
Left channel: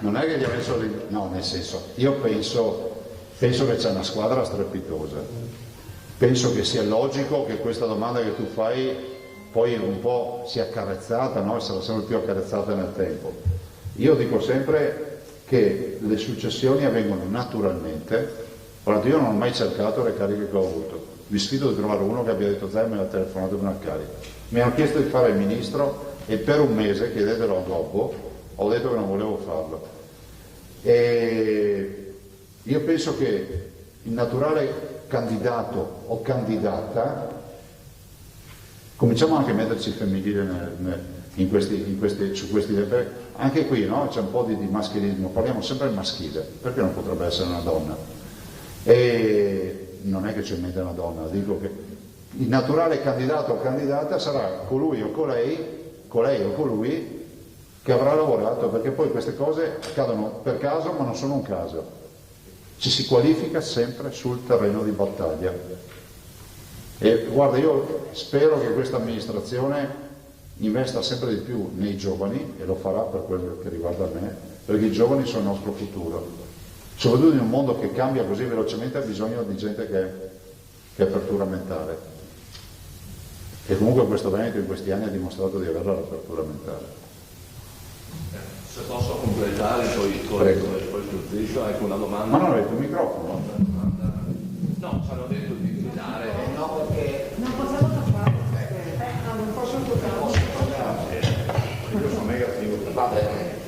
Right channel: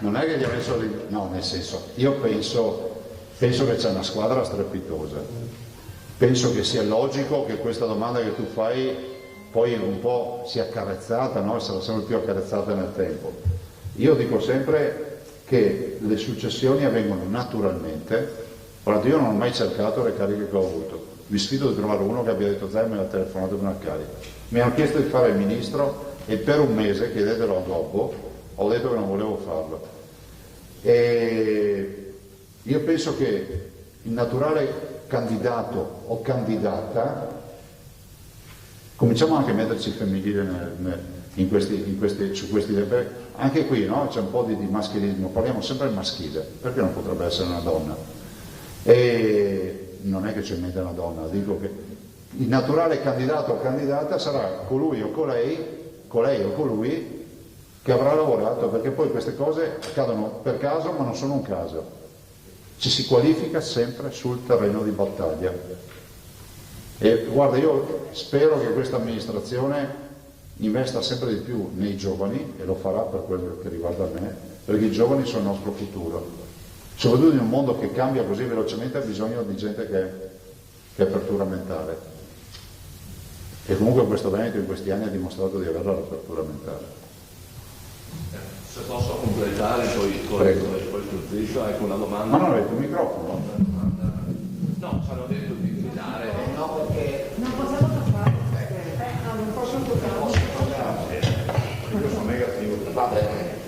non è che gli ha messo lì, no, nel senso, io penso che c'è una squadra strepitosa, penso che sia logico che questa domanda che tu fai poi un po' sia accarezzata, no? Sarà sempre più accarezzata nel tempo. Io dico sempre che le successioni avvengono naturalmente. Guarda, io non ho mai cercato le cariche che ho avuto, vi sfido di trovare uno che abbia detto Zai me l'ha telefonato con una carica. Mi hanno chiesto di fare il ministro e per un mese, chiedetelo a Gobbo, ho detto che non volevo farlo. E io penso che il naturale candidato o candidata, cominciamo anche a metterci femminile su questi tempi, anche qui no? C'è un po' di maschilismo, parliamo sempre del maschile, perché non potrebbe essere una donna? E non è che c'è in mente una donna, dico che il naturale candidato o candidata sarà colui o colei o colui che avrà lavorato, perché poi queste cose accadono per caso ma non sono un caso, ci si qualifica sempre sul terreno di battaglia. E guarda, io spero che questa amministrazione investa sempre di più nei giovani, e lo farà per quello che riguarda me, perché i giovani sono il nostro futuro. Soprattutto in un mondo che cambia così velocemente ha bisogno di gente che ha apertura mentale. E comunque questo Veneto in questi anni ha dimostrato di avere l'apertura mentale. Se posso completare poi striscio, ecco una domanda. Ma non avete il microfono? No, ci hanno detto di gridare. No, perché non possono fare. Non possono Va bene.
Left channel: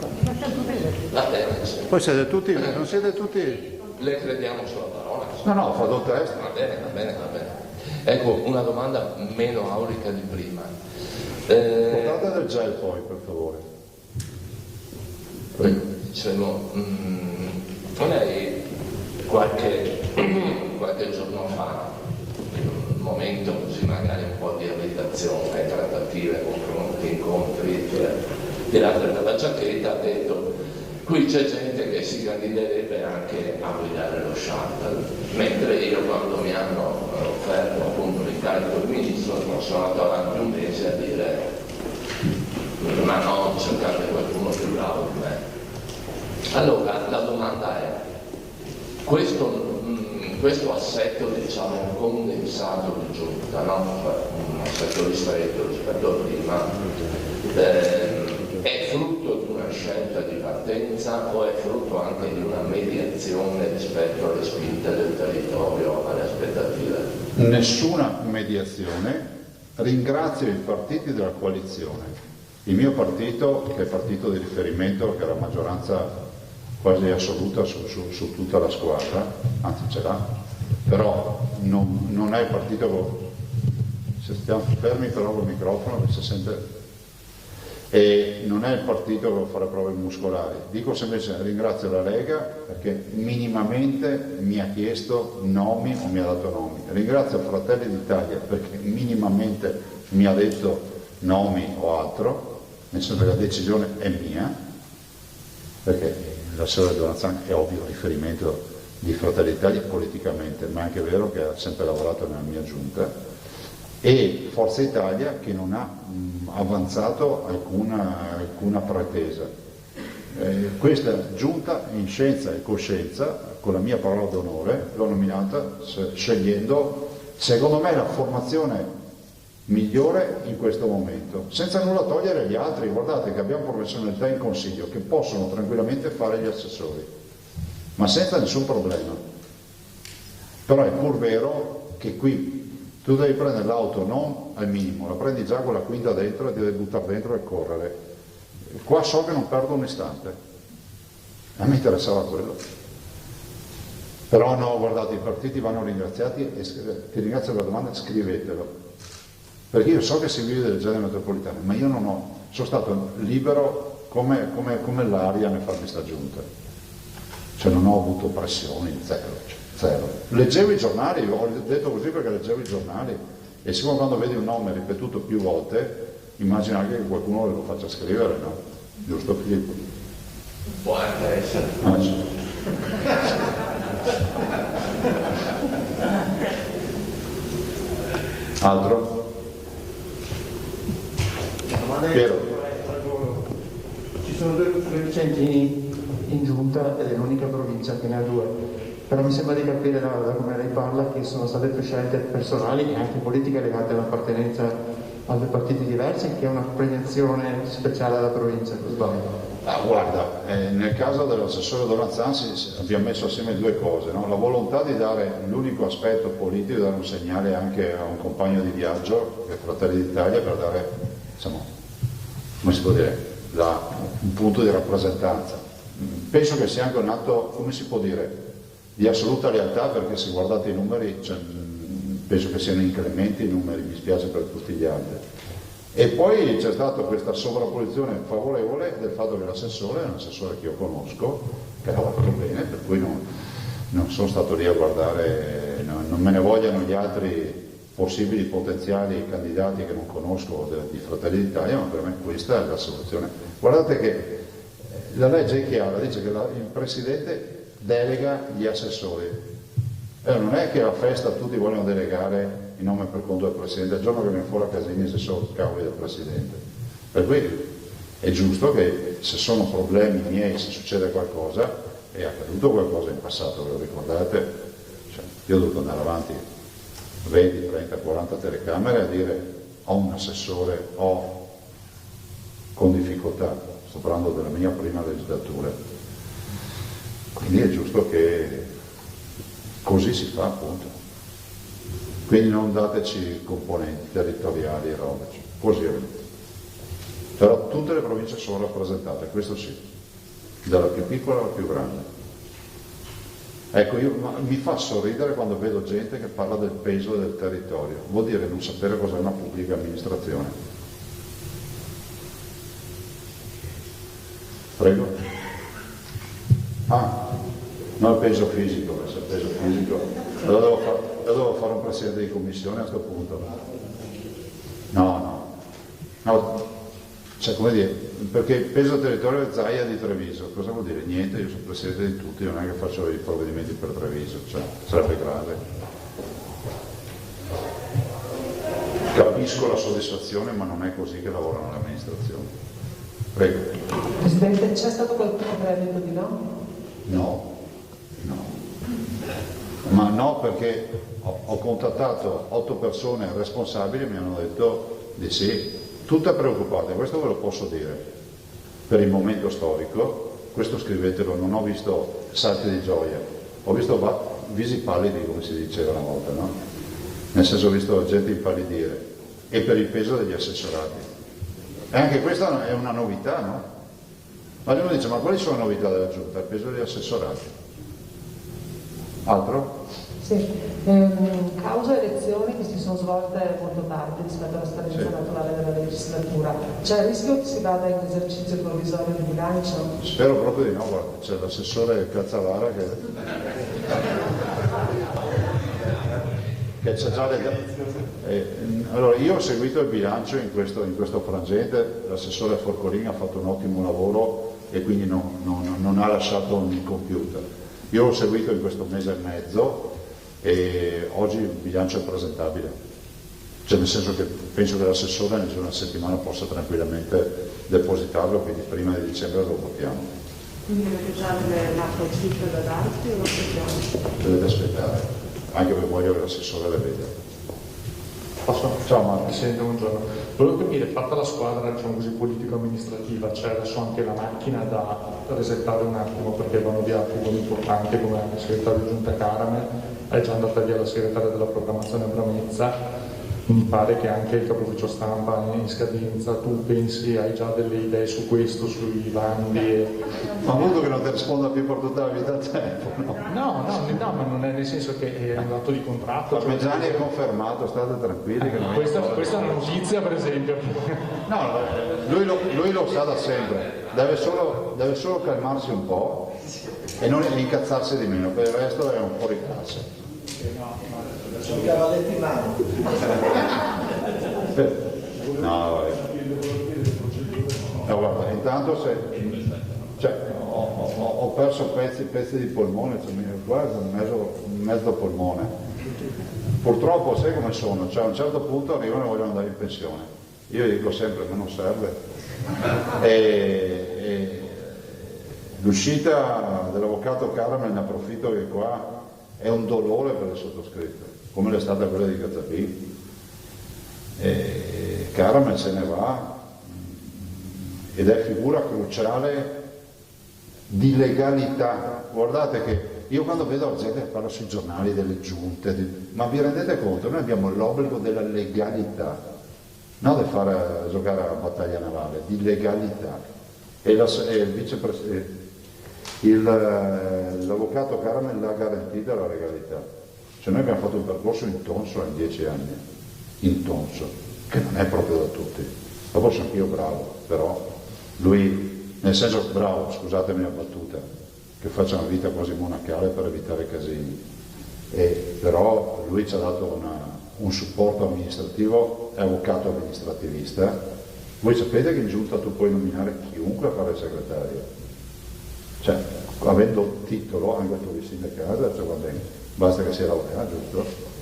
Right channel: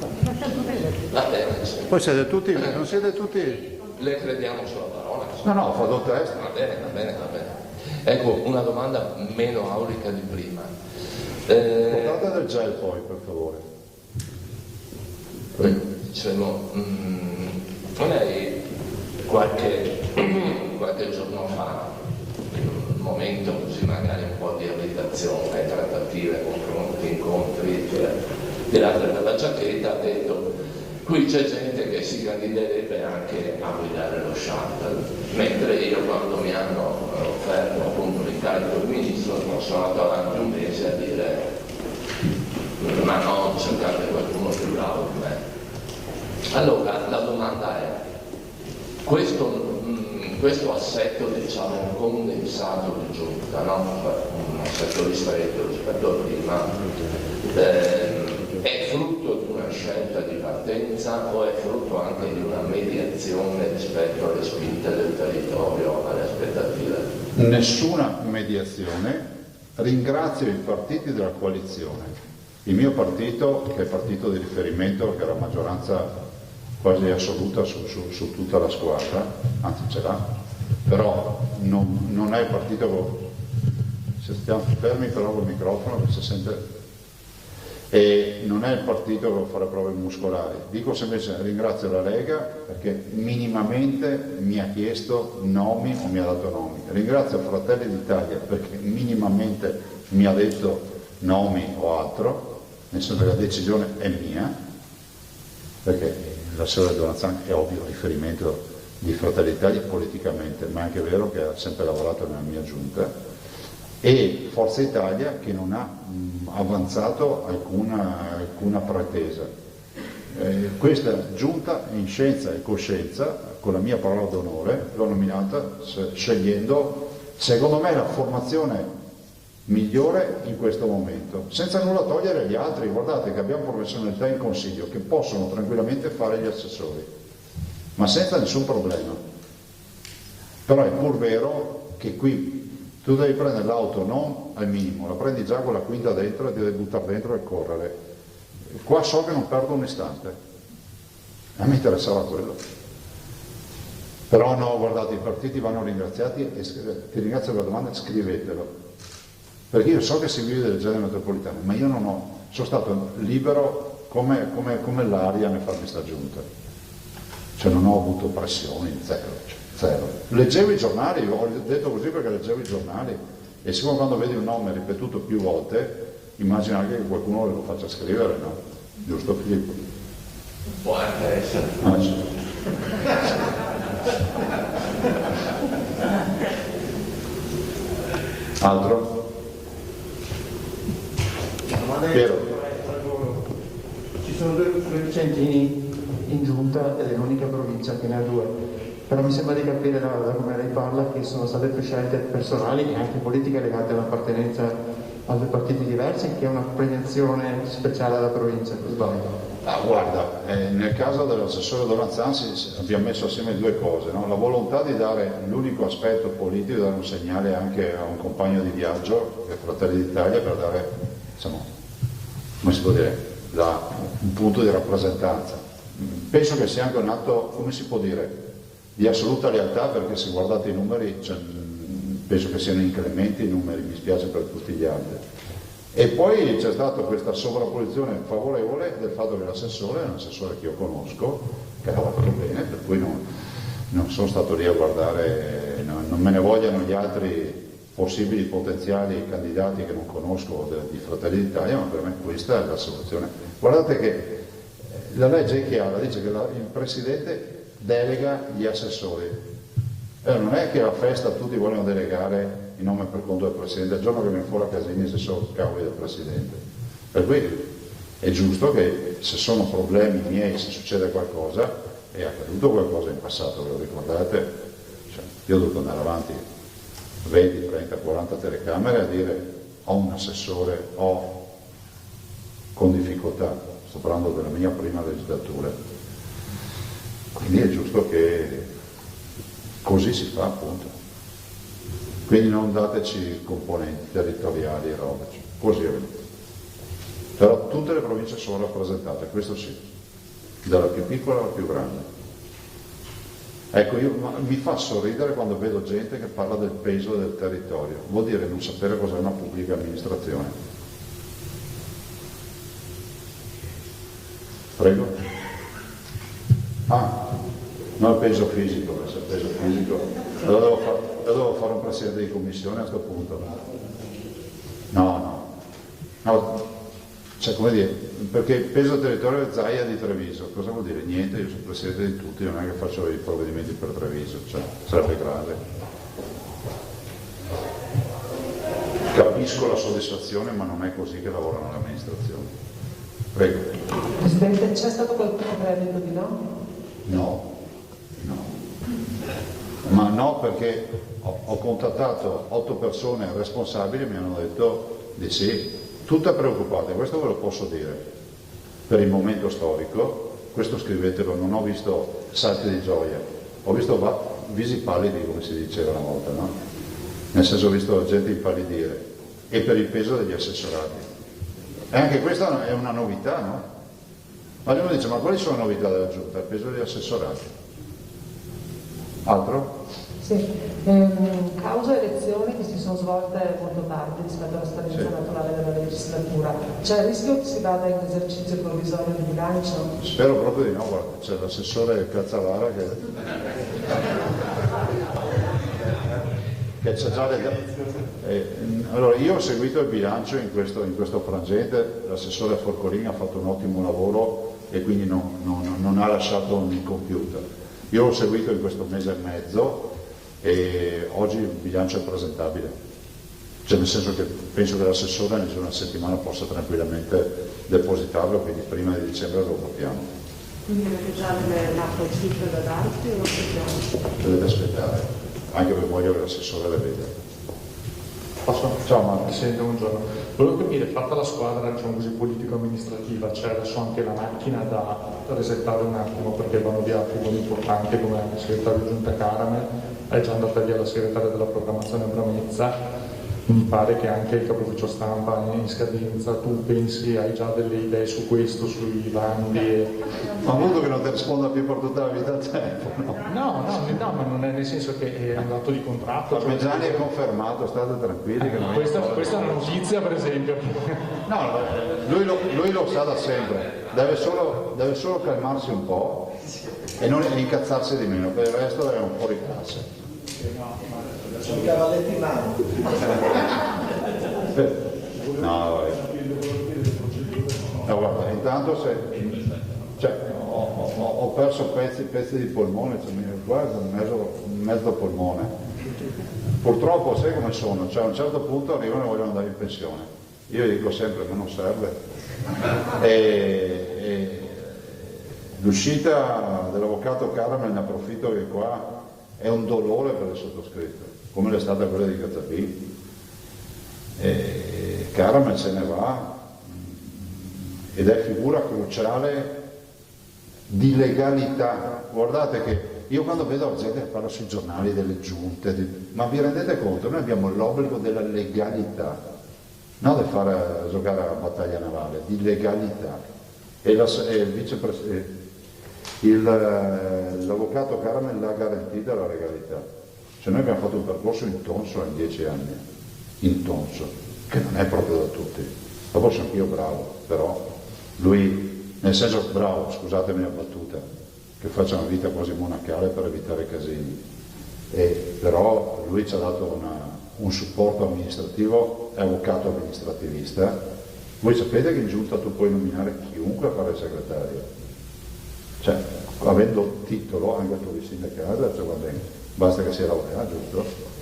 Va bene. Poi siete tutti, non siete tutti... Le crediamo sulla parola. No, fa do testa. Va bene. Ecco, una domanda meno aulica di prima. Portate del gel poi, per favore. Dicevo, lei qualche giorno fa, in un momento così magari un po' di abitazione, trattative, confronti, incontri, tirate dalla giacchetta, ha detto qui c'è gente che si candiderebbe anche a guidare lo shuttle, mentre io quando mi hanno offerto appunto l'incarico di ministro non sono andato avanti un mese a dire ma no, cercate qualcuno più bravo di me. Allora la domanda è, questo assetto diciamo condensato di giunta, no? Un assetto ristretto rispetto a prima, è frutto di una scelta di partenza o è frutto anche di una mediazione rispetto alle spinte del territorio, alle aspettative? Nessuna mediazione, ringrazio i partiti della coalizione, il mio partito, che è il partito di riferimento, che ha la maggioranza quasi assoluta su tutta la squadra, anzi ce l'ha, però non è il partito, se stiamo fermi però col microfono che si sente, e non è il partito che vuole fare prove muscolari. Dico semplicemente ringrazio la Lega perché minimamente mi ha chiesto nomi o mi ha dato nomi. Ringrazio Fratelli d'Italia perché minimamente mi ha detto nomi o altro, nel senso che la decisione è mia, perché l'assessore Donanzan è ovvio riferimento di Fratelli d'Italia politicamente, ma è anche vero che ha sempre lavorato nella mia giunta, e Forza Italia che non ha avanzato alcuna pretesa. Questa giunta in scienza e coscienza, con la mia parola d'onore, l'ho nominata scegliendo, secondo me, la formazione migliore in questo momento, senza nulla togliere agli altri. Guardate che abbiamo professionalità in consiglio che possono tranquillamente fare gli assessori, ma senza nessun problema. Però è pur vero che qui tu devi prendere l'auto non al minimo, la prendi già con la quinta dentro e devi buttare dentro e correre. Qua so che non perdo un istante, a me interessava quello. Però no, guardate, i partiti vanno ringraziati e ti ringrazio per la domanda, scrivetelo. Perché io so che si vive del genere metropolitano, ma io non ho, sono stato libero come l'aria nel farmi sta giunta. Cioè non ho avuto pressioni, zero. Leggevo i giornali, ho detto così perché leggevo i giornali, e siccome quando vedi un nome ripetuto più volte, immagina anche che qualcuno lo faccia scrivere, no? Giusto Filippo? Può anche essere. Sì. Altro? Piero. Ci sono due coefficienti in giunta ed è l'unica provincia che ne ha due. Però mi sembra di capire da come lei parla che sono state più scelte personali e anche politiche legate all'appartenenza a due partiti diversi, che è una premiazione speciale alla provincia, sbaglio. Guarda, nel caso dell'assessore Donanzan abbiamo messo assieme due cose, no? La volontà di dare l'unico aspetto politico, dare un segnale anche a un compagno di viaggio, che è Fratelli d'Italia, per dare, insomma, come si può dire, un punto di rappresentanza. Penso che sia anche un atto, come si può dire, di assoluta lealtà, perché se guardate i numeri, penso che siano incrementi i numeri, mi spiace per tutti gli altri. E poi c'è stata questa sovrapposizione favorevole del fatto che l'assessore è un assessore che io conosco, che ha lavorato bene, per cui non sono stato lì a guardare, non me ne vogliano gli altri possibili potenziali candidati che non conosco di Fratelli d'Italia, ma per me questa è la soluzione. Guardate che la legge è chiara, dice che il Presidente delega gli assessori. Non è che alla festa tutti vogliono delegare il nome per conto del Presidente, il giorno che viene fuori a casa mia sono cavoli del Presidente. Per cui è giusto che se sono problemi miei, se succede qualcosa, è accaduto qualcosa in passato, ve lo ricordate? Io ho dovuto andare avanti 20, 30, 40 telecamere a dire ho un assessore, ho con difficoltà, sto parlando della mia prima legislatura. Quindi è giusto che così si fa, appunto. Quindi non dateci componenti territoriali e robe, così è. Però tutte le province sono rappresentate, questo sì, dalla più piccola alla più grande. Ecco, mi fa sorridere quando vedo gente che parla del peso del territorio, vuol dire non sapere cos'è una pubblica amministrazione. Prego? Non il peso fisico, perché il peso fisico lo devo fare un presidente di commissione a questo punto. No, cioè come dire, perché il peso territorio è Zaia di Treviso, cosa vuol dire? Niente, io sono presidente di tutti, non è che faccio i provvedimenti per Treviso, cioè sarebbe grave. Capisco la soddisfazione, ma non è così che lavorano l'amministrazione. Prego. Presidente, c'è stato qualcuno che ha detto di no? No. Ma no, perché ho contattato 8 persone responsabili e mi hanno detto di sì, tutte preoccupate, questo ve lo posso dire, per il momento storico, questo scrivetelo, non ho visto salti di gioia, ho visto visi pallidi, come si diceva una volta, no? Nel senso ho visto la gente impallidire, e per il peso degli assessorati. E anche questa è una novità, no? Ma uno dice, ma quali sono le novità della Giunta? Il peso degli assessorati. Altro? Sì, causa elezioni che si sono svolte molto tardi rispetto alla scadenza naturale della legislatura, c'è il rischio che si vada in esercizio provvisorio di bilancio? Spero proprio di no, guarda, c'è l'assessore Cazzalara che c'è già allora io ho seguito il bilancio in questo frangente, l'assessore Forcolini ha fatto un ottimo lavoro e quindi non ha lasciato un incompiuto. Io l'ho seguito in questo mese e mezzo e oggi il bilancio è presentabile, cioè nel senso che penso che l'assessore nel giro di una settimana possa tranquillamente depositarlo, quindi prima di dicembre lo votiamo. Quindi dovete già l'atto cifre da darsi o lo sappiamo? Dovete aspettare, anche perché voglio che l'assessore le veda. Ciao Marco, sento, buongiorno. Volevo capire, fatta la squadra, diciamo così, politico-amministrativa, c'è adesso anche la macchina da resettare un attimo perché vanno via figure importanti come anche il segretario di Giunta Caramel, è già andata via la segretaria della programmazione Bramezza, mi pare che anche il capo ufficio stampa è in scadenza, tu pensi, hai già delle idee su questo, sui bandi? Ma modo che non ti risponda più per tutta la vita a tempo, no? No, ma non è nel senso che è un dato di contratto. Ma Gianni è confermato, state tranquilli. Che Questa è una notizia, per esempio. No, lui lo sa da sempre, deve solo calmarsi un po' e non incazzarsi di meno, per il resto è un fuori classe. Sono i cavalletti in mano. No, guarda, intanto ho perso pezzi di polmone, cioè, mi guarda, mezzo polmone. Purtroppo sai come sono, cioè a un certo punto arrivano e vogliono andare in pensione. Io dico sempre che non serve. L'uscita dell'avvocato Caramel, ne approfitto che qua è un dolore per il sottoscritto, come l'è stata quella di Gazzapin. Caramel se ne va ed è figura cruciale di legalità. Guardate che io quando vedo la gente che parla sui giornali delle giunte, ma vi rendete conto? Noi abbiamo l'obbligo della legalità, non di fare giocare alla battaglia navale, di legalità. E l'avvocato Caramel l'ha garantita la legalità. Cioè noi abbiamo fatto un percorso in tonso in 10 anni, in tonso, che non è proprio da tutti. Dopo sono anch'io bravo, però lui, nel senso bravo, scusatemi la battuta, che faccia una vita quasi monacale per evitare casini. Però lui ci ha dato un supporto amministrativo, è avvocato amministrativista. Voi sapete che in giunta tu puoi nominare chiunque a fare il segretario. Cioè, avendo titolo, anche tu di sindacato, cioè va bene, basta che sia laureato, giusto?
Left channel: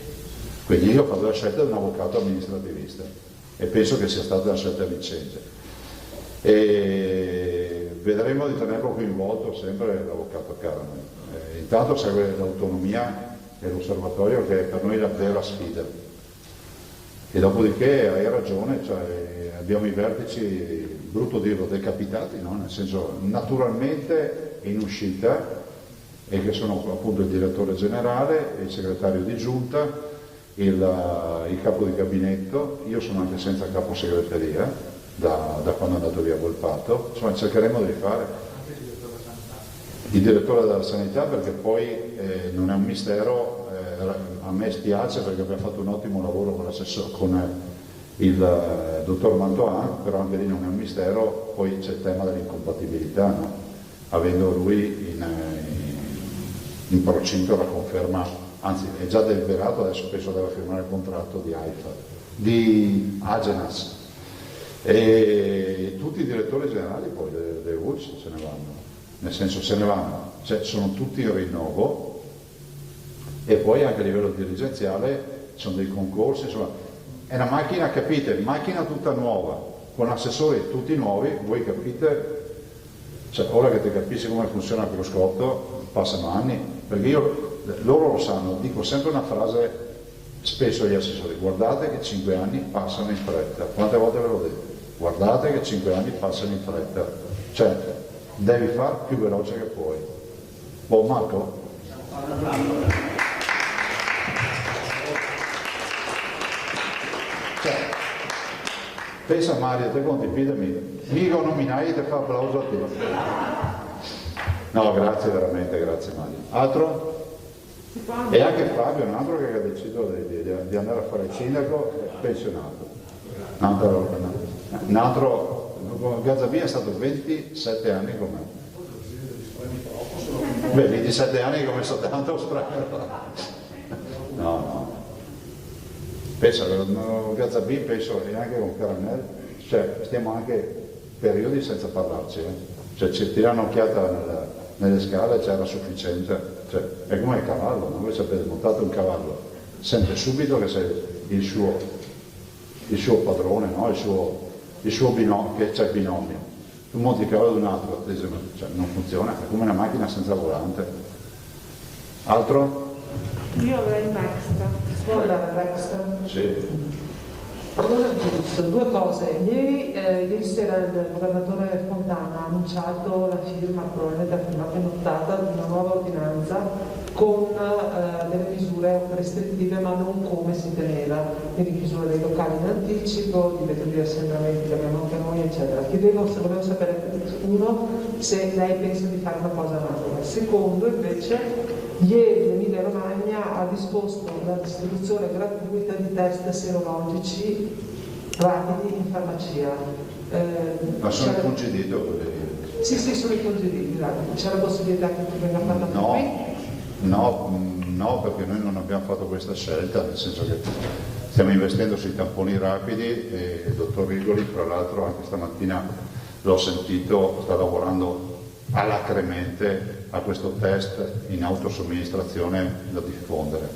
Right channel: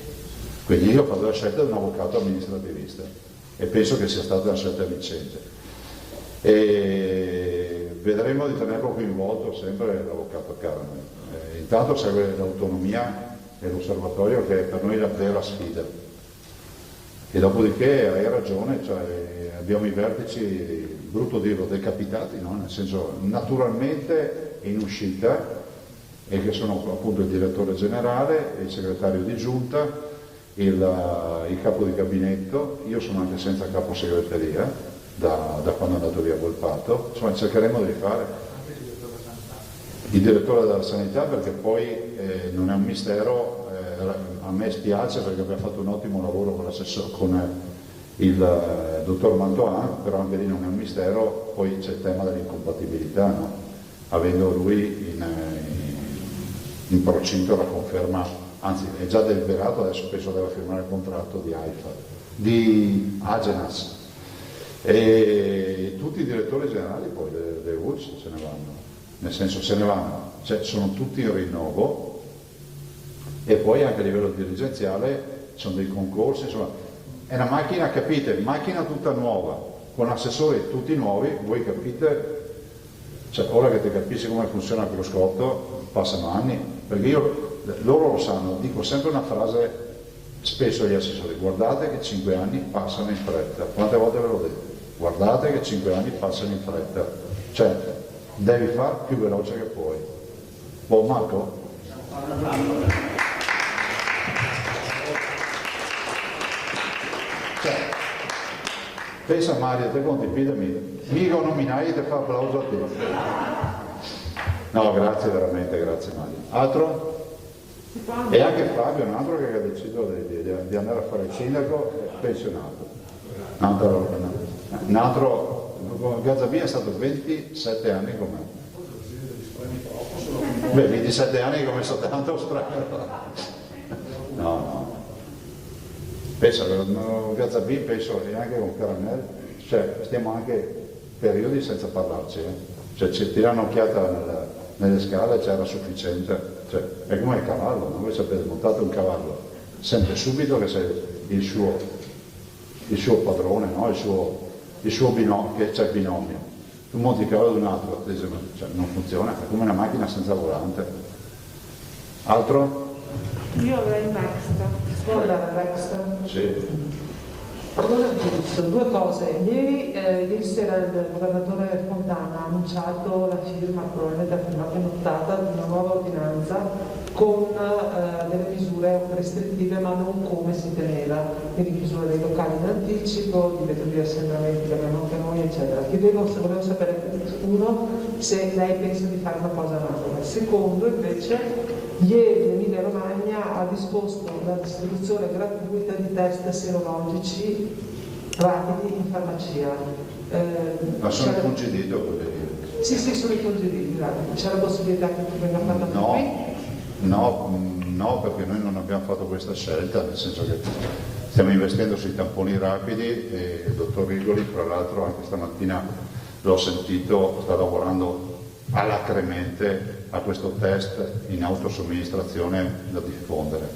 Quindi io ho fatto la scelta di un avvocato amministrativista e penso che sia stata una scelta vincente. E vedremo di tenerlo coinvolto sempre l'avvocato Caramel. Intanto serve l'autonomia e l'osservatorio, che è per noi la vera sfida. E dopodiché hai ragione, cioè, abbiamo i vertici, brutto dirlo, decapitati, no? Nel senso naturalmente in uscita, e che sono appunto il direttore generale, il segretario di giunta, il capo di gabinetto, io sono anche senza capo segreteria da quando è andato via Volpato, insomma cercheremo di rifare il direttore della sanità, perché poi non è un mistero, a me spiace perché abbiamo fatto un ottimo lavoro con il dottor Mantoan, però anche lì non è un mistero, poi c'è il tema dell'incompatibilità, no? Avendo lui in procinto la conferma, anzi è già deliberato, adesso penso deve firmare il contratto di AIFA, di Agenas, e tutti i direttori generali poi delle ULS se ne vanno, nel senso se ne vanno, cioè sono tutti in rinnovo, e poi anche a livello dirigenziale ci sono dei concorsi, insomma è una macchina, capite, macchina tutta nuova, con assessori tutti nuovi, voi capite, cioè ora che ti capisci come funziona quello scotto, passano anni, perché loro lo sanno, dico sempre una frase spesso agli assessori: guardate che 5 anni passano in fretta. Quante volte ve l'ho detto? Guardate che 5 anni passano in fretta, cioè devi fare più veloce che puoi. Buon Marco? Cioè, Pensa Mario, te condividimi, mica un nominai ti fa applauso a te. No, grazie veramente, grazie Mario. Altro? E anche Fabio, un altro che ha deciso di andare a fare il sindaco, pensionato. Un altro, Gazzabia è stato 27 anni con me. Beh, 27 anni come sono tanto strano. No. Penso che Gazzabia, penso e anche con Caramel, cioè stiamo anche periodi senza parlarci. Cioè ci tira un'occhiata nelle scale, c'era sufficiente. Cioè, è come il cavallo, no? Voi sapete, montato un cavallo, sente subito che sei il suo padrone, no? il suo binomio, che c'è il binomio. Tu monti il cavallo di un altro, cioè, non funziona, è come una macchina senza volante. Altro? Io avrei Next. Sì. Allora, due cose. Ieri sera il governatore Fontana ha annunciato la firma, probabilmente ha firmato in nottata, di una nuova ordinanza con delle misure restrittive, ma non come si teneva, quindi chiusura dei locali in anticipo, divieto di assembramenti che abbiamo anche noi, eccetera. Volevo sapere, uno, se lei pensa di fare una cosa analoga. Secondo, invece, ieri l'Emilia Romagna ha disposto la distribuzione gratuita di test serologici rapidi in farmacia. Ma sono incongedito quelli? Sì, sono incongediti, c'è la possibilità che tu venga fatta qui? No, perché noi non abbiamo fatto questa scelta, nel senso che stiamo investendo sui tamponi rapidi e il dottor Rigoli, tra l'altro anche stamattina l'ho sentito, sta lavorando alacremente a questo test in autosomministrazione da diffondere.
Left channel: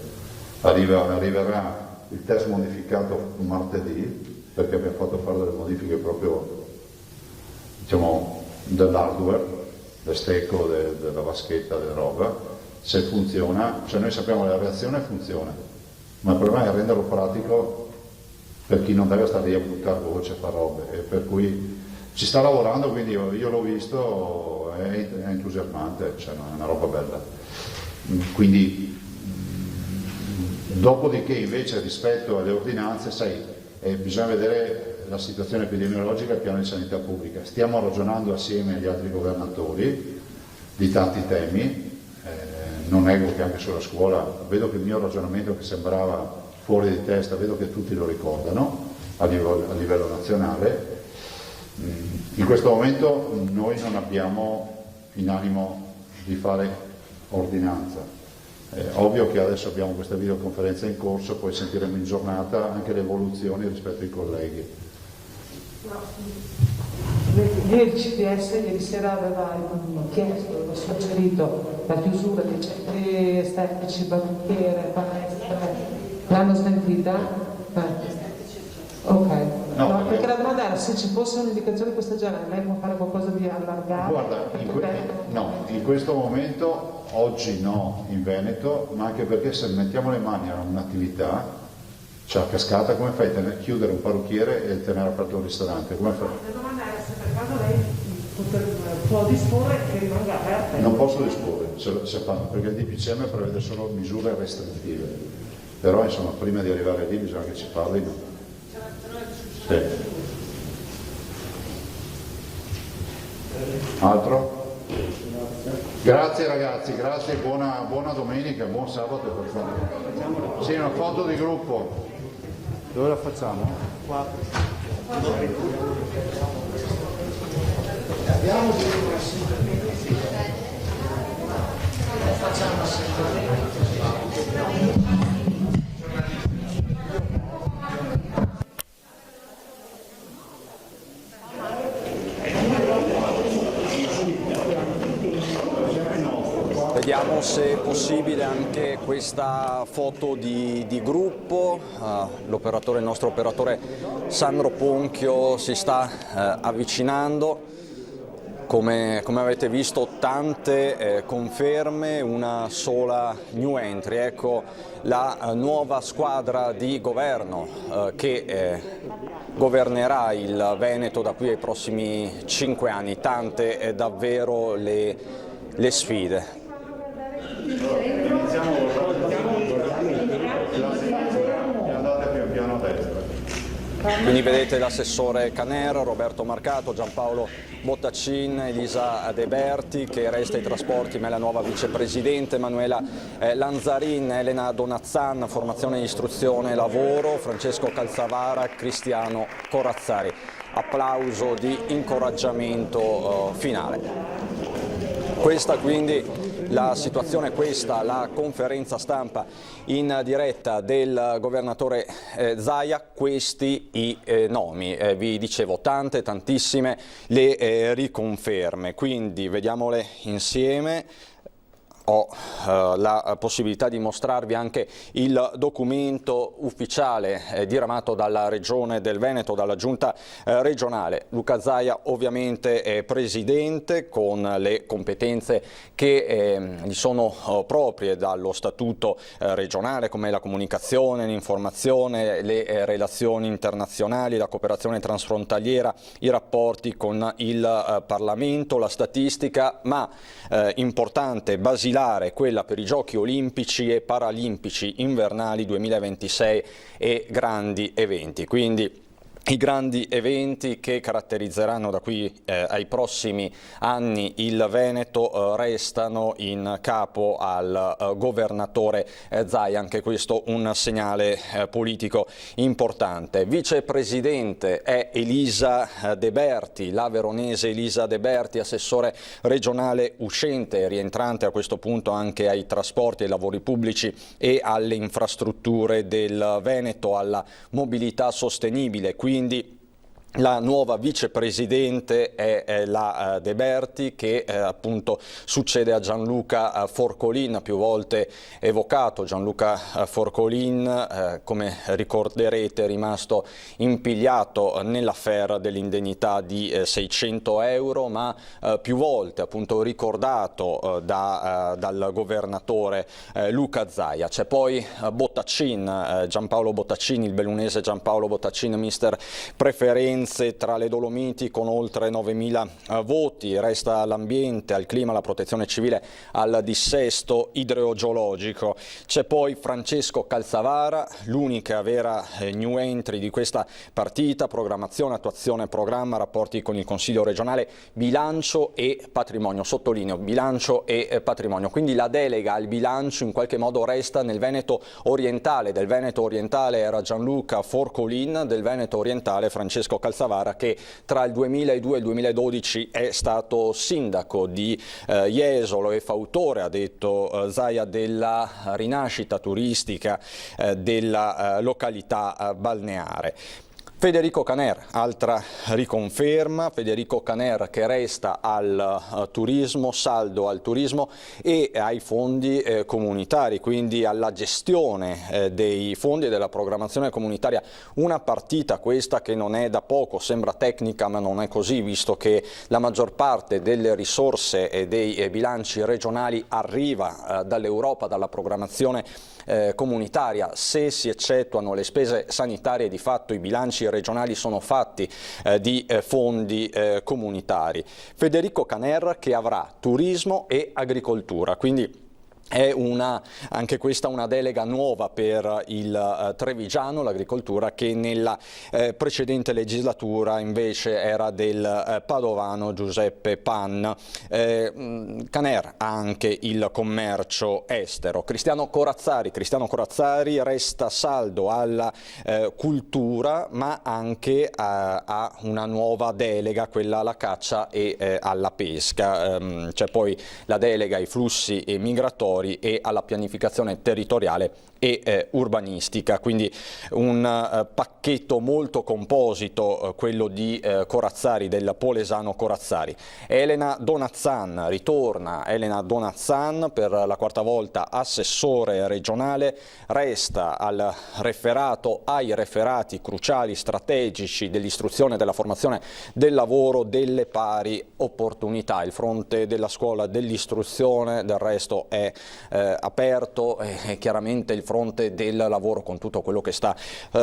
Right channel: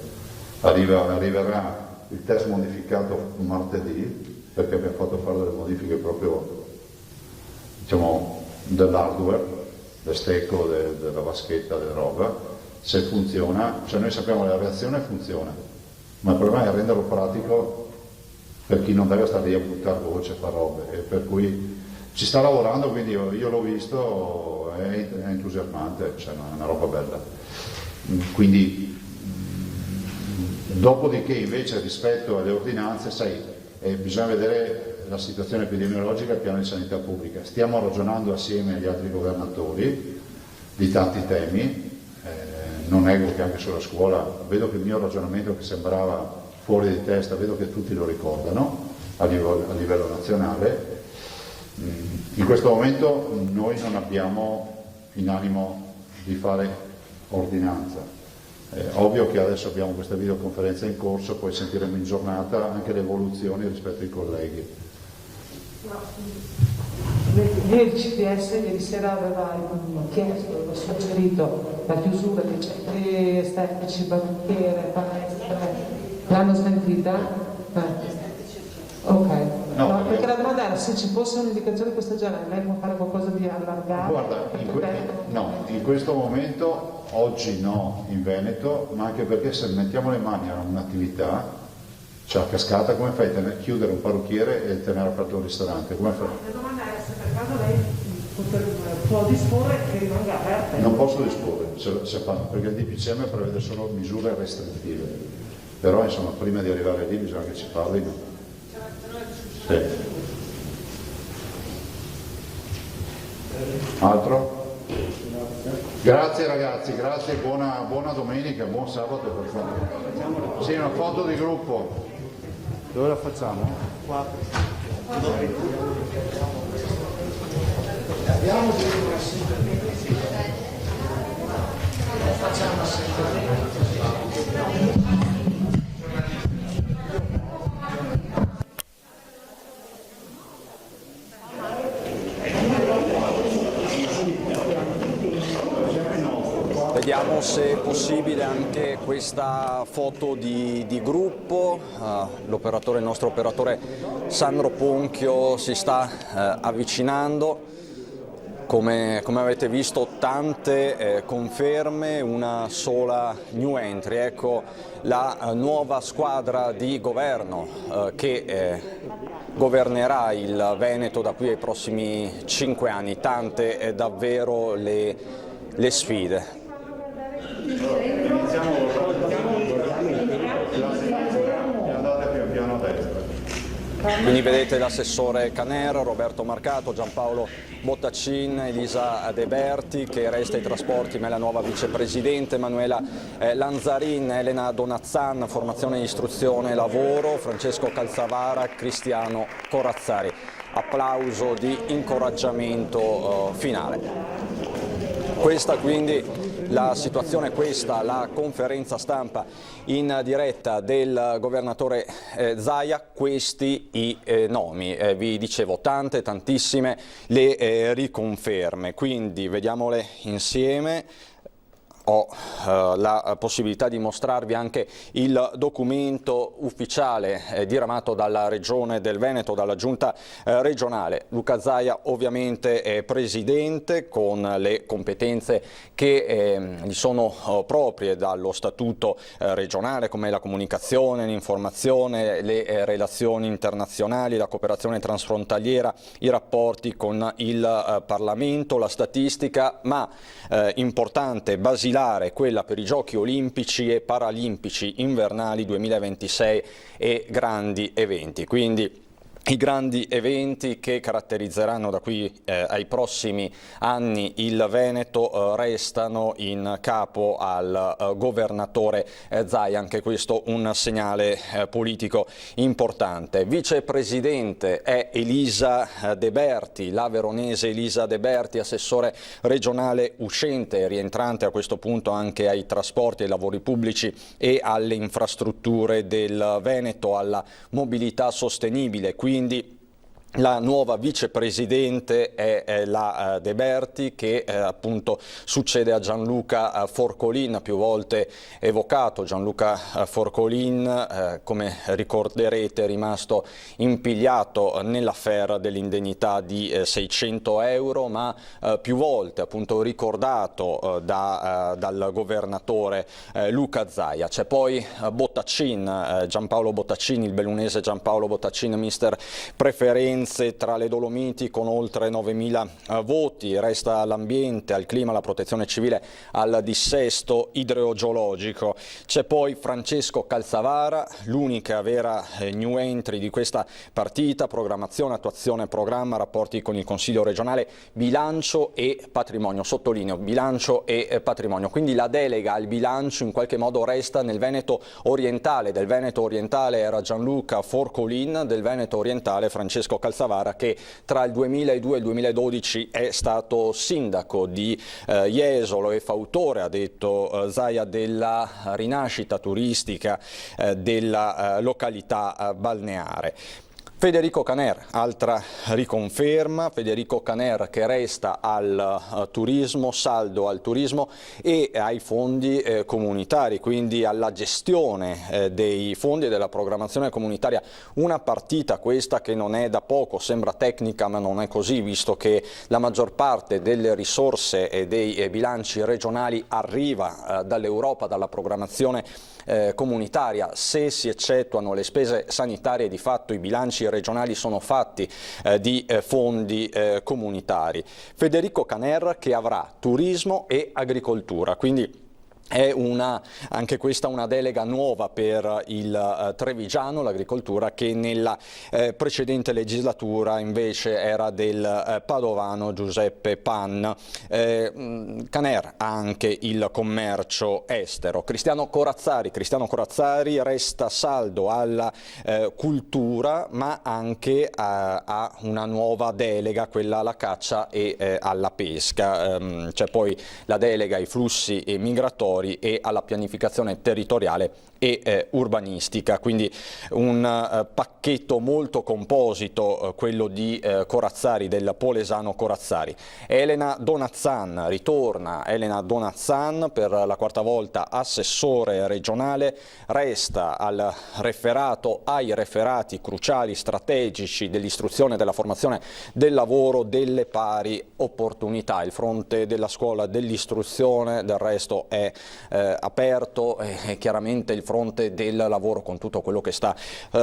Arriverà il test modificato martedì, perché abbiamo fatto fare delle modifiche proprio, diciamo, dell'hardware, del stecco, della vaschetta, della roba. Se funziona, cioè noi sappiamo che la reazione funziona, ma il problema è renderlo pratico per chi non deve stare lì a buttare voce, a fare robe, e per cui ci sta lavorando, quindi io l'ho visto, è entusiasmante, cioè è una roba bella. Quindi, dopodiché invece rispetto alle ordinanze, sai, bisogna vedere la situazione epidemiologica al piano di sanità pubblica. Stiamo ragionando assieme agli altri governatori di tanti temi. Non nego che anche sulla scuola, vedo che il mio ragionamento che sembrava fuori di testa, vedo che tutti lo ricordano a livello nazionale. In questo momento noi non abbiamo in animo di fare ordinanza. Ovvio che adesso abbiamo questa videoconferenza in corso, poi sentiremo in giornata anche le evoluzioni rispetto ai colleghi. Il CDS ieri sera aveva chiesto, aveva suggerito la chiusura dei centri estetici, banchiere, palestre, l'hanno smentita? Ok. No, perché la domanda era se ci fosse un'indicazione di questo genere, lei può fare qualcosa di allargato? Guarda, in questo momento, oggi no in Veneto, ma anche perché se mettiamo le mani a un'attività, cioè a cascata, come fai a chiudere un parrucchiere e tenere aperto un ristorante? Come fai? La domanda era se per caso lei può disporre che rimanga aperta. Non posso disporre, perché il DPCM prevede solo misure restrittive, però insomma prima di arrivare lì bisogna che ci parlino. Sì. Altro? Grazie ragazzi, grazie, buona domenica, buon sabato. Sì, una foto di gruppo. Dove la facciamo? Vediamo se è possibile anche questa foto di gruppo. Il nostro operatore Sandro Ponchio si sta avvicinando. Come avete visto, tante conferme, una sola new entry. Ecco la nuova squadra di governo che governerà il Veneto da qui ai prossimi 5 anni. Tante davvero le sfide. Andate pian piano a destra. Quindi vedete l'assessore Caner, Roberto Marcato, Giampaolo Bottacin, Elisa De Berti, che resta ai trasporti ma è la nuova vicepresidente, Manuela Lanzarin, Elena Donazzan, formazione, istruzione, lavoro, Francesco Calzavara, Cristiano Corazzari. Applauso di incoraggiamento finale. Questa quindi la situazione, questa la conferenza stampa in diretta del governatore Zaia, questi i nomi, vi dicevo tantissime le riconferme, quindi vediamole insieme. Ho la possibilità di mostrarvi anche il documento ufficiale diramato dalla Regione del Veneto, dalla Giunta regionale. Luca Zaia ovviamente è presidente con le competenze che gli sono proprie dallo statuto regionale, come la comunicazione, l'informazione, le relazioni internazionali, la cooperazione transfrontaliera, i rapporti con il Parlamento, la statistica, ma importante, basilare, quella per i Giochi Olimpici e Paralimpici invernali 2026 e grandi eventi. Quindi i grandi eventi che caratterizzeranno da qui ai prossimi anni il Veneto restano in capo al governatore Zaia, anche questo un segnale politico importante. Vicepresidente è Elisa De Berti, la veronese Elisa De Berti, assessore regionale uscente, rientrante a questo punto anche ai trasporti, ai lavori pubblici e alle infrastrutture del Veneto, alla mobilità sostenibile. Quindi la nuova vicepresidente è la De Berti, che appunto succede a Gianluca Forcolin, più volte evocato. Gianluca Forcolin, come ricorderete, è rimasto impigliato nell'affaire dell'indennità di 600 euro, ma più volte appunto ricordato dal governatore Luca Zaia. C'è poi Bottacin, Giampaolo Bottacin, il bellunese Giampaolo Bottacin, mister preferenza tra le Dolomiti con oltre 9.000 voti. Resta l'ambiente, al clima, alla protezione civile, al dissesto idrogeologico. C'è poi Francesco Calzavara, l'unica vera new entry di questa partita: programmazione, attuazione, programma, rapporti con il Consiglio regionale, bilancio e patrimonio. Sottolineo bilancio e patrimonio. Quindi la delega al bilancio in qualche modo resta nel Veneto orientale. Del Veneto orientale era Gianluca Forcolin, del Veneto orientale Francesco Calzavara, che tra il 2002 e il 2012 è stato sindaco di Jesolo e fautore, ha detto Zaia, della rinascita turistica della località balneare. Federico Caner, altra riconferma, Federico Caner che resta al turismo, saldo al turismo e ai fondi comunitari, quindi alla gestione dei fondi e della programmazione comunitaria. Una partita questa che non è da poco, sembra tecnica ma non è così, visto che la maggior parte delle risorse e dei bilanci regionali arriva dall'Europa, dalla programmazione comunitaria. Se si eccettuano le spese sanitarie, di fatto i bilanci regionali sono fatti di fondi comunitari. Federico Caner che avrà turismo e agricoltura, quindi è anche questa una delega nuova per il trevigiano, l'agricoltura, che nella precedente legislatura invece era del padovano Giuseppe Pan. Caner ha anche il commercio estero. Cristiano Corazzari resta saldo alla cultura, ma anche a una nuova delega, quella alla caccia e alla pesca. C'è poi la delega ai flussi migratori e alla pianificazione territoriale e urbanistica, quindi un pacchetto molto composito, quello di Corazzari, del polesano Corazzari. Elena Donazzan ritorna, Elena Donazzan per la quarta volta assessore regionale, resta al referato, ai referati cruciali, strategici dell'istruzione, della formazione, del lavoro, delle pari opportunità. Il fronte della scuola, dell'istruzione del resto è aperto chiaramente il fronte del lavoro con tutto quello che sta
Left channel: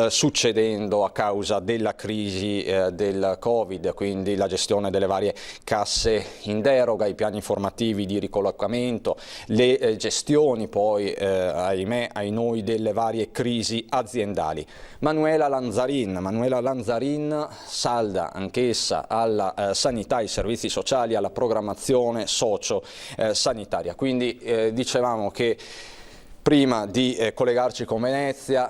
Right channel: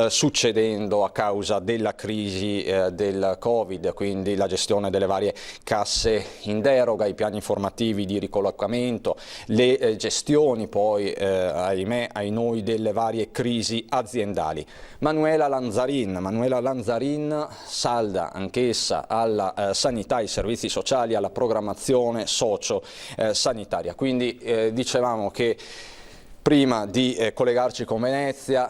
succedendo a causa della crisi del Covid, quindi la gestione delle varie casse in deroga, i piani formativi di ricollocamento, le gestioni poi ahimè ai noi delle varie crisi aziendali. Manuela Lanzarin salda anch'essa alla sanità, ai servizi sociali, alla programmazione socio-sanitaria. Quindi dicevamo che prima di collegarci con Venezia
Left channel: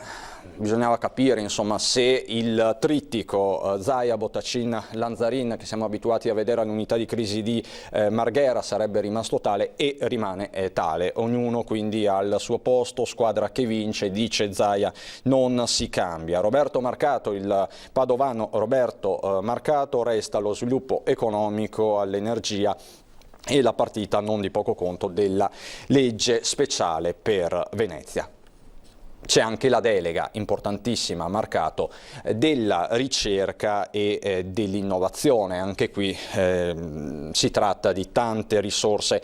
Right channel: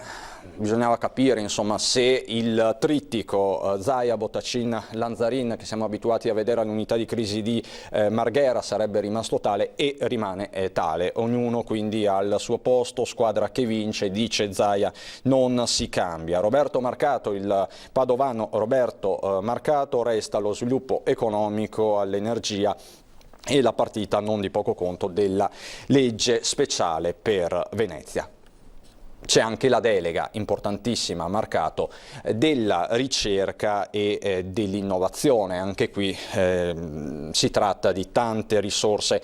bisognava capire insomma se il trittico Zaia, Bottacin, Lanzarin che siamo abituati a vedere all'unità di crisi di Marghera sarebbe rimasto tale, e rimane tale, ognuno quindi al suo posto, squadra che vince, dice Zaia, non si cambia. Roberto Marcato, il padovano Roberto Marcato, resta allo sviluppo economico, all'energia e la partita non di poco conto della legge speciale per Venezia. C'è anche la delega importantissima, Marcato, della ricerca e dell'innovazione. Anche qui si tratta di tante risorse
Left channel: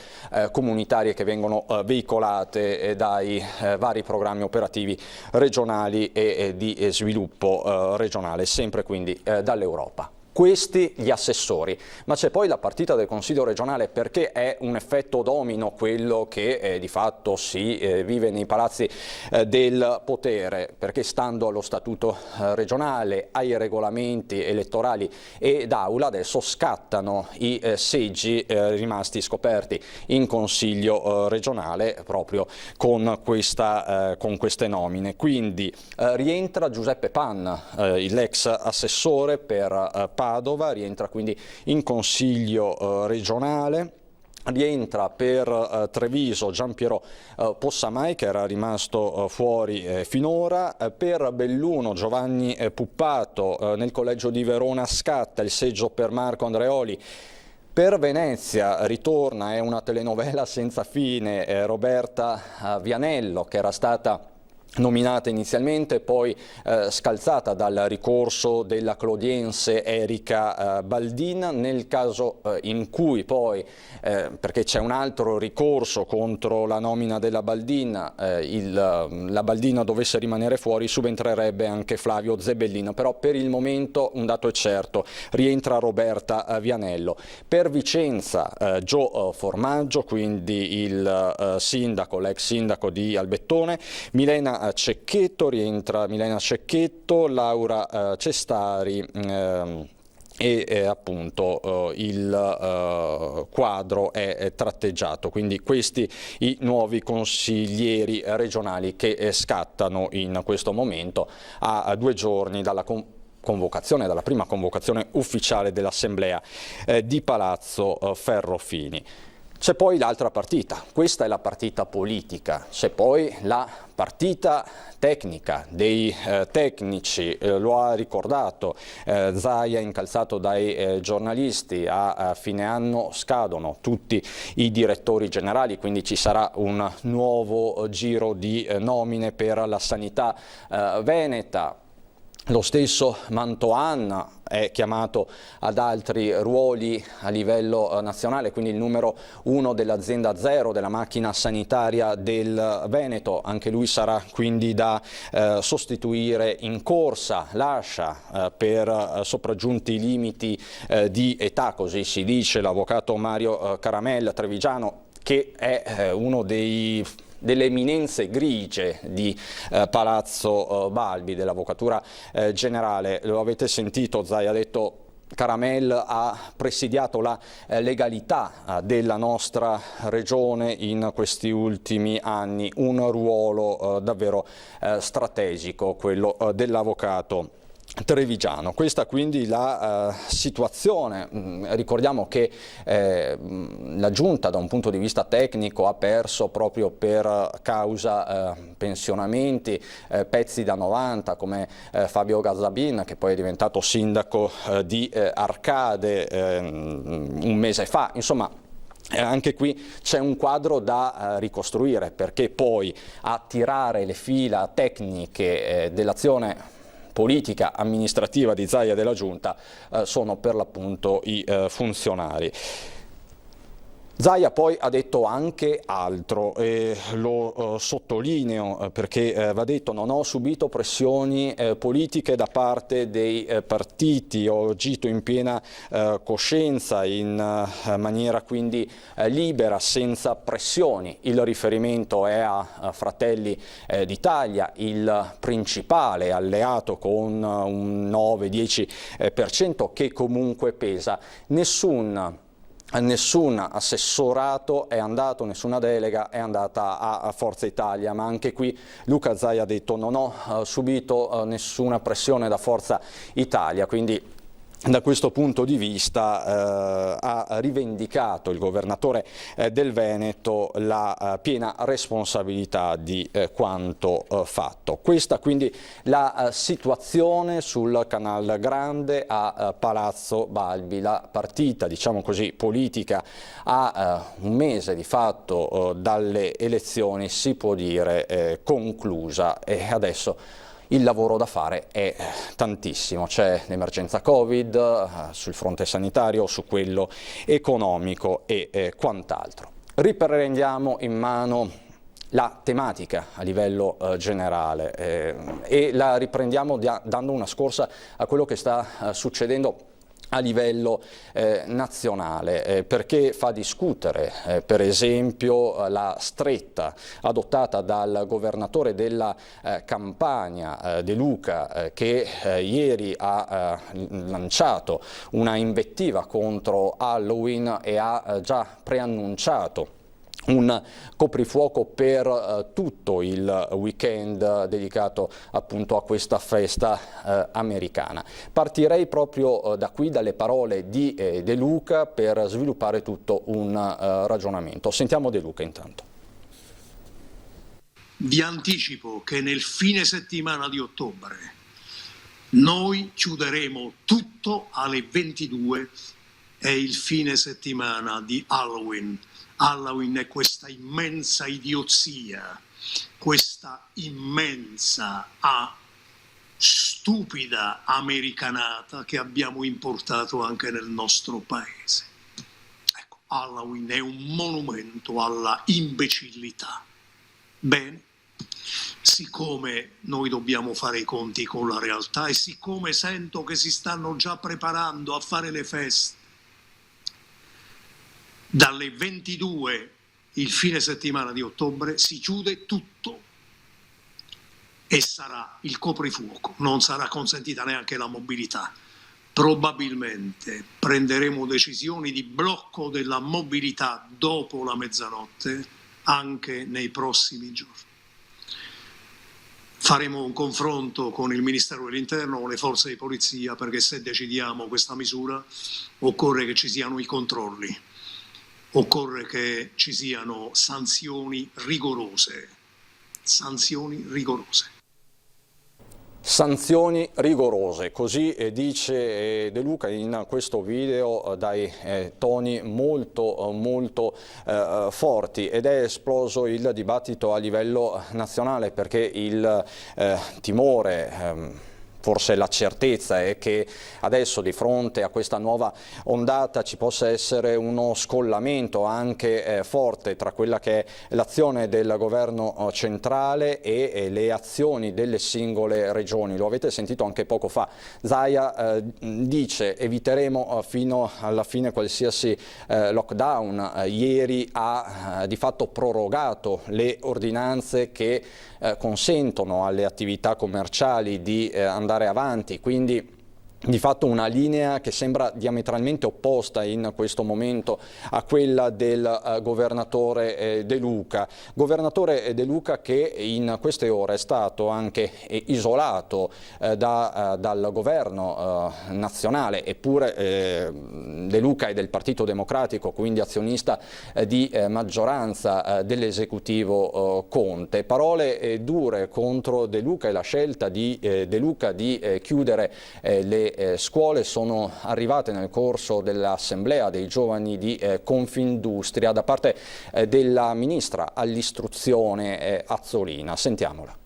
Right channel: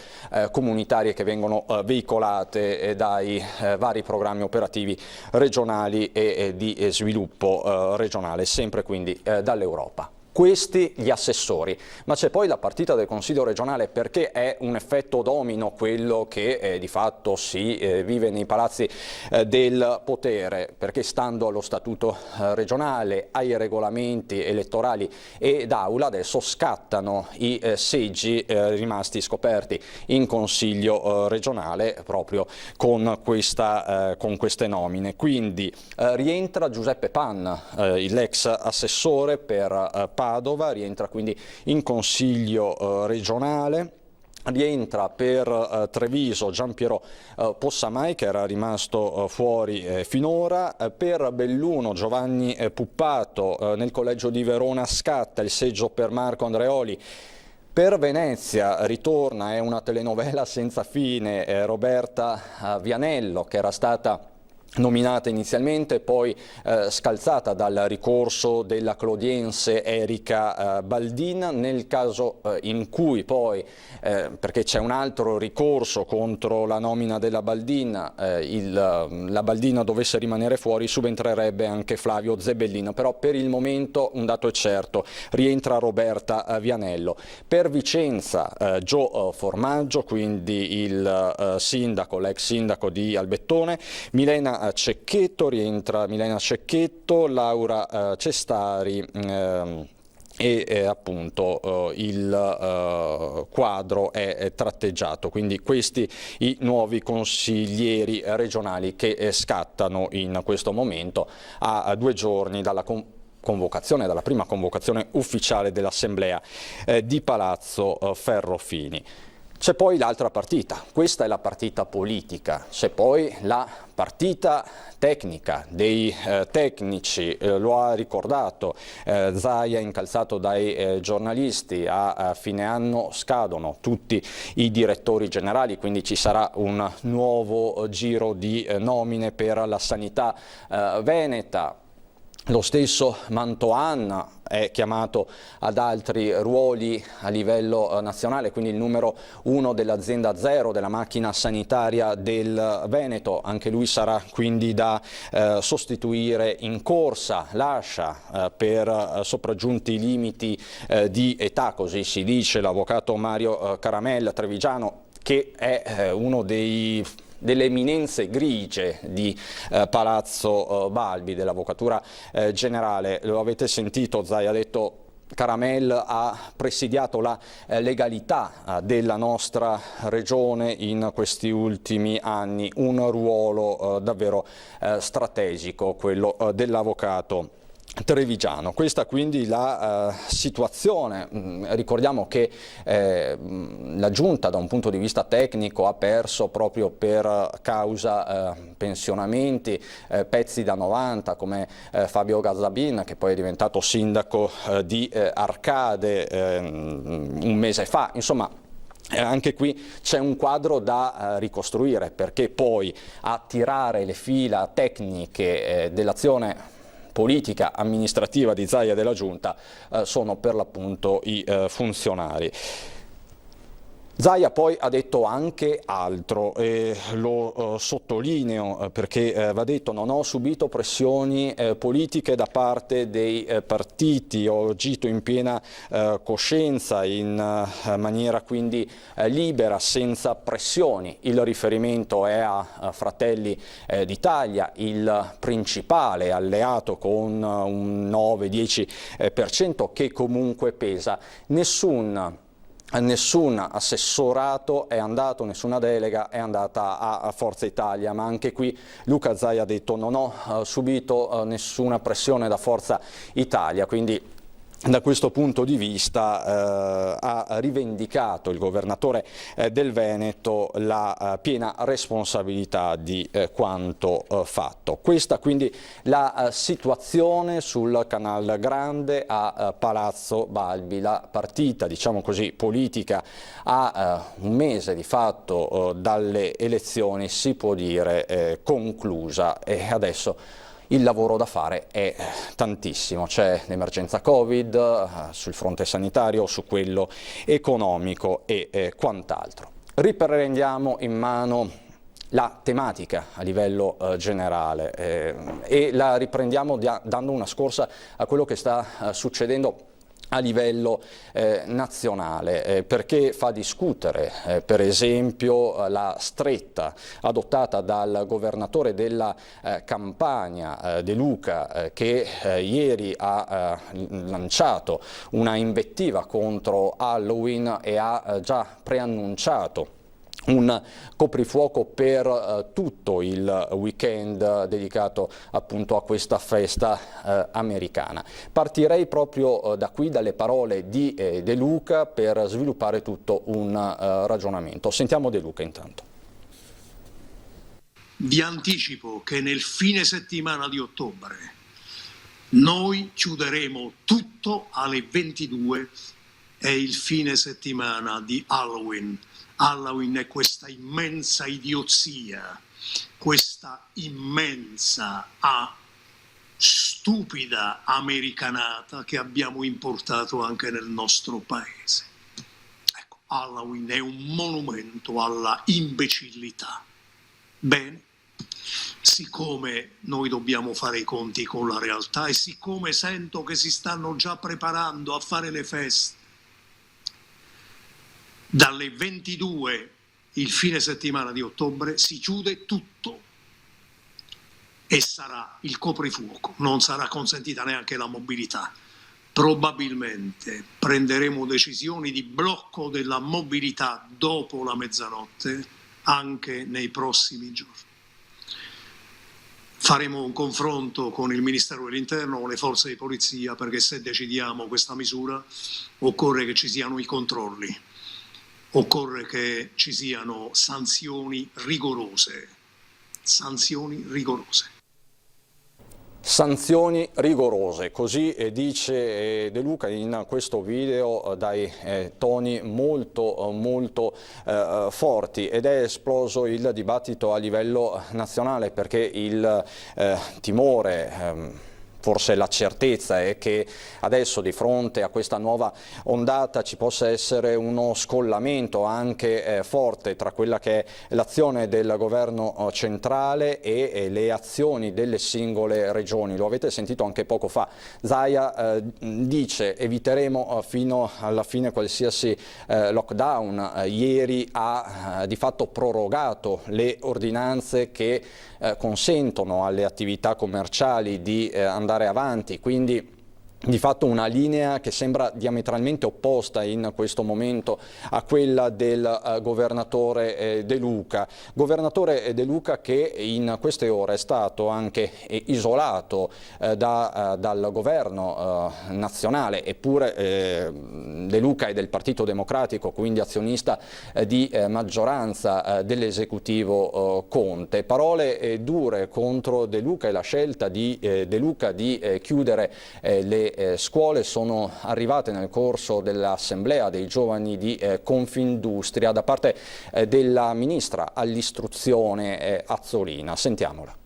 comunitarie che vengono veicolate dai vari programmi operativi regionali e di sviluppo regionale, sempre quindi dall'Europa. Questi gli assessori, ma c'è poi la partita del Consiglio regionale, perché è un effetto domino quello che di fatto si vive nei palazzi del potere, perché stando allo statuto regionale, ai regolamenti elettorali e d'aula, adesso scattano i seggi rimasti scoperti in Consiglio regionale proprio con queste nomine. Quindi rientra Giuseppe Pan, l'ex assessore per Padova, rientra quindi in Consiglio regionale. Rientra per Treviso Giampiero Possamai, che era rimasto fuori finora. Per Belluno Giovanni Puppato, nel collegio di Verona scatta il seggio per Marco Andreoli. Per Venezia ritorna, è una telenovela senza fine, Roberta Vianello, che era stata nominata inizialmente, poi scalzata dal ricorso della clodiense Erika Baldin. Nel caso in cui poi, perché c'è un altro ricorso contro la nomina della Baldin, la Baldin dovesse rimanere fuori, subentrerebbe anche Flavio Zebellin, però per il momento un dato è certo, rientra Roberta Vianello. Per Vicenza Gio Formaggio, quindi il sindaco, l'ex sindaco di Albettone. Milena Cecchetto, rientra Milena Cecchetto, Laura Cestari e appunto il quadro è tratteggiato. Quindi questi i nuovi consiglieri regionali che scattano in questo momento a 2 giorni dalla dalla prima convocazione ufficiale dell'Assemblea di Palazzo Ferrofini. C'è poi l'altra partita, questa è la partita politica, c'è poi la partita tecnica dei tecnici, lo ha ricordato Zaia, incalzato dai giornalisti. A fine anno scadono tutti i direttori generali, quindi ci sarà un nuovo giro di nomine per la sanità veneta. Lo stesso Mantoan è chiamato ad altri ruoli a livello nazionale, quindi il numero 1 dell'azienda Zero, della macchina sanitaria del Veneto. Anche lui sarà quindi da sostituire in corsa. Lascia per sopraggiunti limiti di età, così si dice, l'avvocato Mario Caramel, trevigiano, che è uno delle eminenze grigie di Palazzo Balbi, dell'Avvocatura Generale. Lo avete sentito, Zaia ha detto: Caramel ha presidiato la legalità della nostra regione in questi ultimi anni, un ruolo davvero strategico, quello dell'avvocato trevigiano. Questa quindi la situazione. Ricordiamo che la Giunta, da un punto di vista tecnico, ha perso proprio per causa pensionamenti pezzi da 90 come Fabio Gazzabin, che poi è diventato sindaco di Arcade un mese fa. Insomma, anche qui c'è un quadro da ricostruire, perché poi a tirare le fila tecniche dell'azione politica amministrativa di Zaia della Giunta sono per l'appunto i funzionari. Zaia poi ha detto anche altro, e lo sottolineo perché va detto: non ho subito pressioni politiche da parte dei partiti, ho agito in piena coscienza, in maniera quindi libera, senza pressioni. Il riferimento è a Fratelli d'Italia, il principale alleato con un 9-10% che comunque pesa. Nessun assessorato è andato, nessuna delega è andata a Forza Italia, ma anche qui Luca Zaia ha detto: non ho subito nessuna pressione da Forza Italia, quindi da questo punto di vista ha rivendicato il governatore del Veneto la piena responsabilità di quanto fatto. Questa quindi la situazione sul Canal Grande a Palazzo Balbi, la partita, diciamo così, politica a un mese di fatto dalle elezioni, si può dire conclusa, e adesso il lavoro da fare è tantissimo. C'è l'emergenza Covid sul fronte sanitario, su quello economico e quant'altro. Riprendiamo in mano la tematica a livello generale e la riprendiamo dando una scorsa a quello che sta succedendo a livello nazionale, perché fa discutere per esempio la stretta adottata dal governatore della Campania, De Luca, che ieri ha lanciato una invettiva contro Halloween e ha già preannunciato un coprifuoco per tutto il weekend dedicato appunto a questa festa americana. Partirei proprio da qui, dalle parole di De Luca, per sviluppare tutto un ragionamento. Sentiamo De Luca intanto. Vi anticipo che nel fine settimana di ottobre noi chiuderemo tutto alle 22, è il fine settimana di Halloween. Halloween è questa immensa idiozia, questa immensa, stupida americanata che abbiamo importato anche nel nostro paese. Ecco, Halloween è un monumento alla imbecillità. Bene, siccome noi dobbiamo fare i conti con la realtà e siccome sento che si stanno già preparando a fare le feste, dalle 22 il fine settimana di ottobre si chiude tutto e sarà il coprifuoco, non sarà consentita neanche la mobilità. Probabilmente prenderemo decisioni di blocco della mobilità dopo la mezzanotte anche nei prossimi giorni. Faremo un confronto con il Ministero dell'Interno, con le forze di polizia, perché se decidiamo questa misura occorre che ci siano i controlli. Occorre che ci siano sanzioni rigorose. Sanzioni rigorose. Sanzioni rigorose, così dice De Luca in questo video dai toni molto forti, ed è esploso il dibattito a livello nazionale perché il timore, forse la certezza è che adesso di fronte a questa nuova ondata ci possa essere uno scollamento anche forte tra quella che è l'azione del governo centrale e le azioni delle singole regioni. Lo avete sentito anche poco fa. Zaia dice: eviteremo fino alla fine qualsiasi lockdown. Ieri ha di fatto prorogato le ordinanze che consentono alle attività commerciali di andare avanti, quindi di fatto una linea che sembra diametralmente opposta in questo momento a quella del governatore De Luca. Governatore De Luca che in queste ore è stato anche isolato dal governo nazionale, eppure De Luca è del Partito Democratico, quindi azionista di maggioranza dell'esecutivo Conte. Parole dure contro De Luca e la scelta di De Luca di chiudere le scuole sono arrivate nel corso dell'assemblea dei giovani di Confindustria da parte della ministra all'istruzione Azzolina. Sentiamola.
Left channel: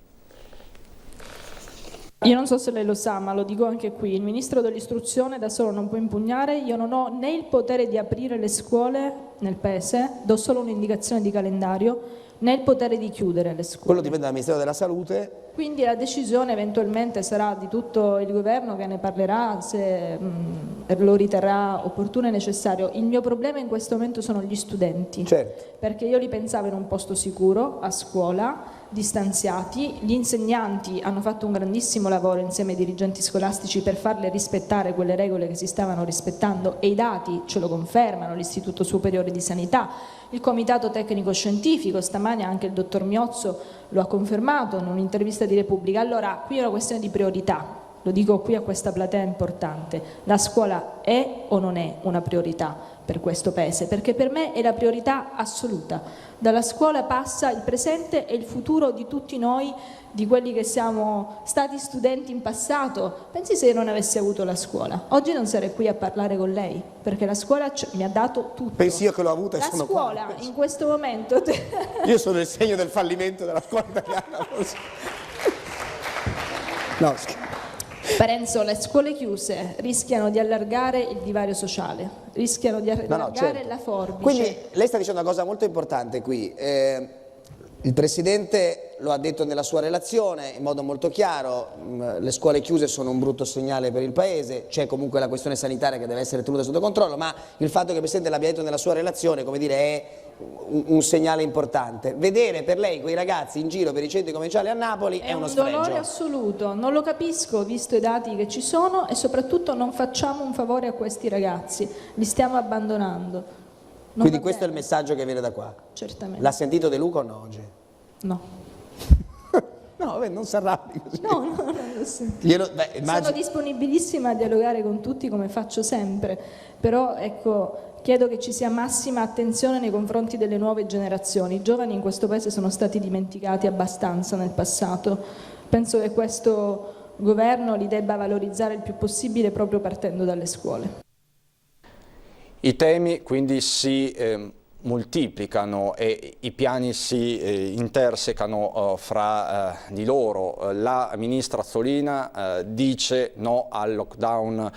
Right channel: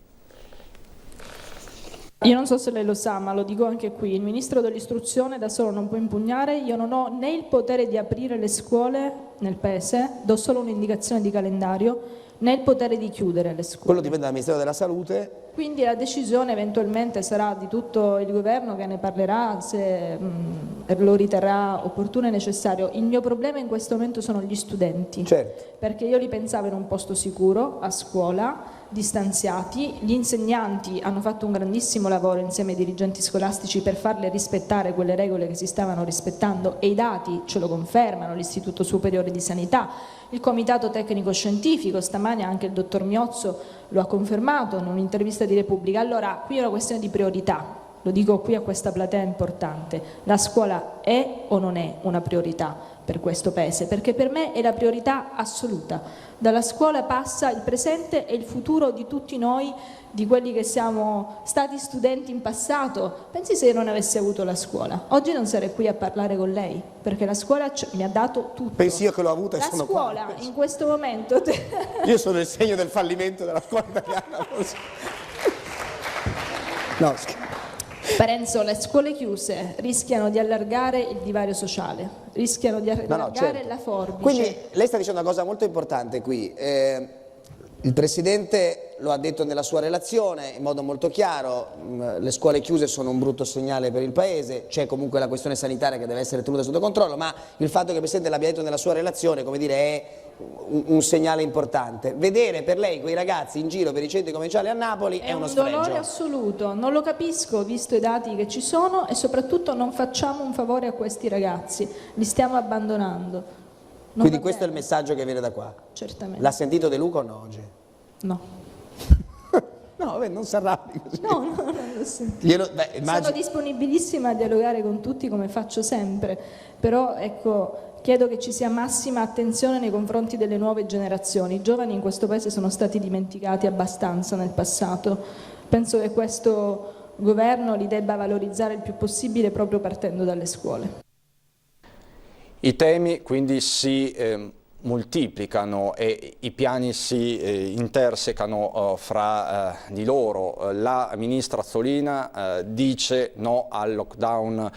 Io non so se lei lo sa, ma lo dico anche qui, il ministro dell'istruzione da solo non può impugnare, io non ho né il potere di aprire le scuole nel PESE, do solo un'indicazione di calendario, né il potere di chiudere le scuole. Quello dipende dal Ministero della Salute. Quindi la decisione eventualmente sarà di tutto il governo che ne parlerà se lo riterrà opportuno e necessario. Il mio problema in questo momento sono gli studenti, certo, perché io li pensavo in un posto sicuro, a scuola, distanziati. Gli insegnanti hanno fatto un grandissimo lavoro insieme ai dirigenti scolastici per farle rispettare quelle regole che si stavano rispettando e i dati ce lo confermano, l'Istituto Superiore di Sanità, il Comitato Tecnico Scientifico, stamane anche il dottor Miozzo lo ha confermato in un'intervista di Repubblica. Allora, qui è una questione di priorità, lo dico qui a questa platea importante, la scuola è o non è una priorità per questo Paese? Perché per me è la priorità assoluta. Dalla scuola passa il presente e il futuro di tutti noi, di quelli che siamo stati studenti in passato. Pensi se io non avessi avuto la scuola? Oggi non sarei qui a parlare con lei, perché la scuola mi ha dato tutto. Pensi io che l'ho avuta? La scuola in questo momento... Io sono il segno del fallimento della scuola italiana. No, Parenzo, le scuole chiuse rischiano di allargare il divario sociale, rischiano di allargare certo. la forbice. Quindi lei sta dicendo una cosa molto importante qui. Il Presidente lo ha detto nella sua relazione in modo molto chiaro, le scuole chiuse sono un brutto segnale per il Paese, c'è comunque la questione sanitaria che deve essere tenuta sotto controllo, ma il fatto che il Presidente l'abbia detto nella sua relazione, come dire, è un segnale importante. Vedere per lei quei ragazzi in giro per i centri commerciali a Napoli è uno sfregio. È un dolore assoluto, non lo capisco visto i dati che ci sono e soprattutto non facciamo un favore a questi ragazzi, li stiamo abbandonando. Quindi questo è il messaggio che viene da qua? Certamente. L'ha sentito De Luca o no oggi? No. No, non si arrabbi così. No, non lo sento. Sono disponibilissima a dialogare con tutti come faccio sempre, però ecco, chiedo che ci sia massima attenzione nei confronti delle nuove generazioni. I giovani in questo Paese sono stati dimenticati abbastanza nel passato. Penso che questo governo li debba valorizzare il più possibile proprio partendo dalle scuole. I temi quindi si moltiplicano e i piani si intersecano fra di loro. La ministra Azzolina dice no al lockdown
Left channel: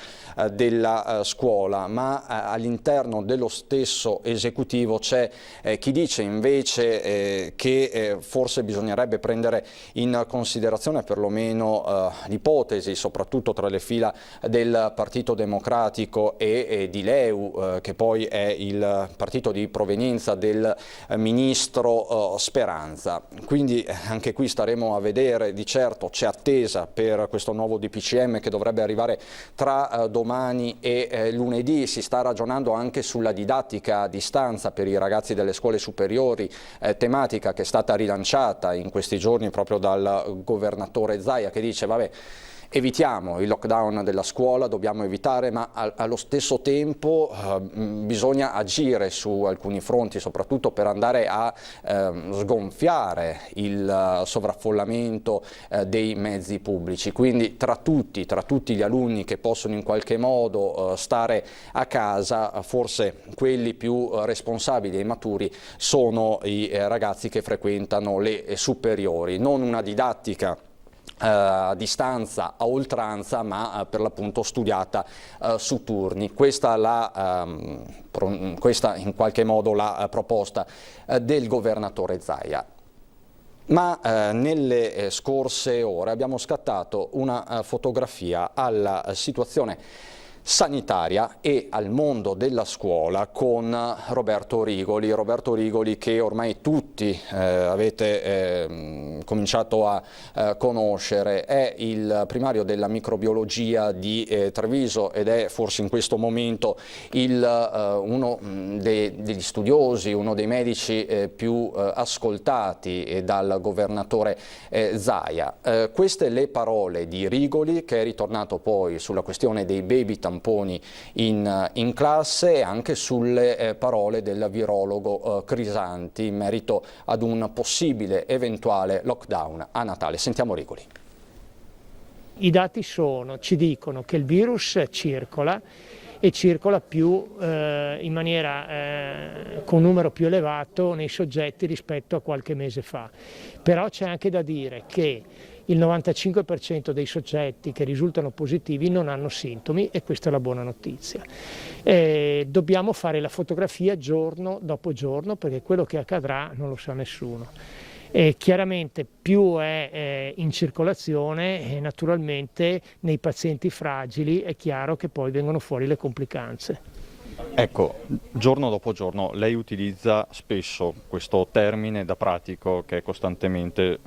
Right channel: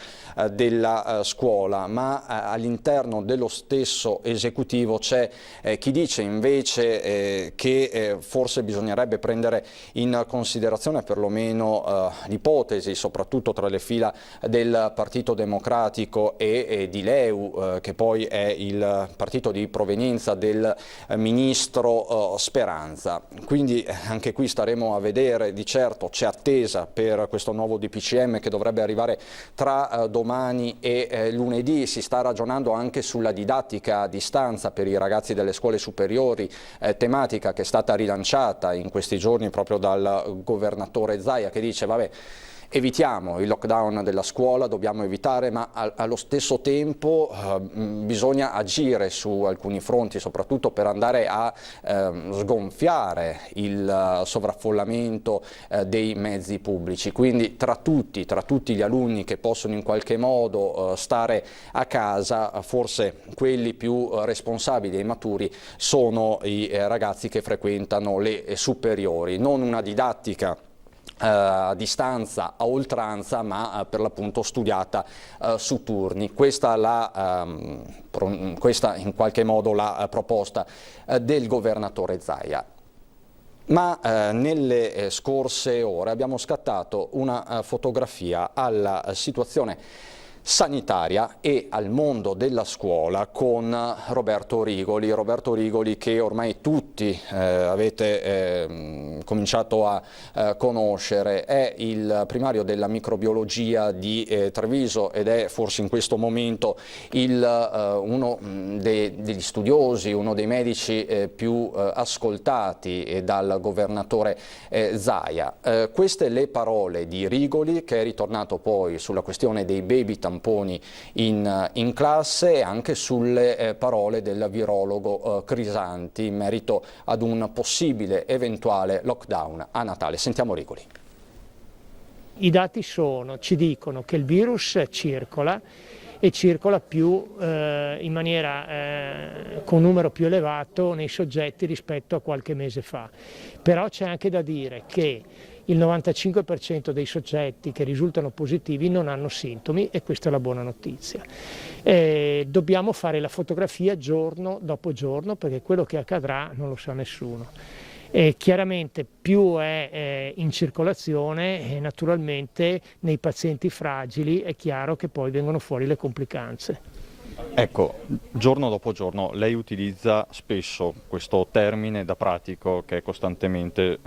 della scuola, ma all'interno dello stesso esecutivo c'è chi dice invece che forse bisognerebbe prendere in considerazione perlomeno l'ipotesi, soprattutto tra le fila del Partito Democratico e di LeU, che poi è il partito di provenienza del ministro Speranza. Quindi anche qui staremo a vedere. Di certo c'è attesa per questo nuovo DPCM che dovrebbe arrivare tra domani e lunedì. Si sta ragionando anche sulla didattica a distanza per i ragazzi delle scuole superiori, tematica che è stata rilanciata in questi giorni proprio dal governatore Zaia, che dice vabbè, evitiamo il lockdown della scuola, dobbiamo evitare, ma allo stesso tempo bisogna agire su alcuni fronti, soprattutto per andare a sgonfiare il sovraffollamento dei mezzi pubblici. Quindi tra tutti gli alunni che possono in qualche modo stare a casa, forse quelli più responsabili e maturi sono i ragazzi che frequentano le superiori. Non una didattica a distanza a oltranza, ma per l'appunto studiata su turni. Questa in qualche modo la proposta del governatore Zaia. Ma nelle scorse ore abbiamo scattato una fotografia alla situazione sanitaria e al mondo della scuola con Roberto Rigoli che ormai tutti avete cominciato a conoscere. È il primario della microbiologia di Treviso ed è forse in questo momento uno degli studiosi, uno dei medici più ascoltati dal governatore Zaia. Queste le parole di Rigoli, che è ritornato poi sulla questione dei baby tamponi in classe, e anche sulle parole del virologo Crisanti in merito ad un possibile eventuale lockdown a Natale. Sentiamo Rigoli. I dati ci dicono che il virus circola e circola più in maniera con numero più elevato nei soggetti rispetto a qualche mese fa. Però c'è anche da dire che il 95% dei soggetti che risultano positivi non hanno sintomi e questa è la buona notizia. Dobbiamo fare la fotografia giorno dopo giorno perché quello che accadrà non lo sa nessuno. Chiaramente più è in circolazione, naturalmente nei pazienti fragili è chiaro che poi vengono fuori le complicanze. Ecco, giorno dopo giorno lei utilizza spesso questo termine da pratico che è costantemente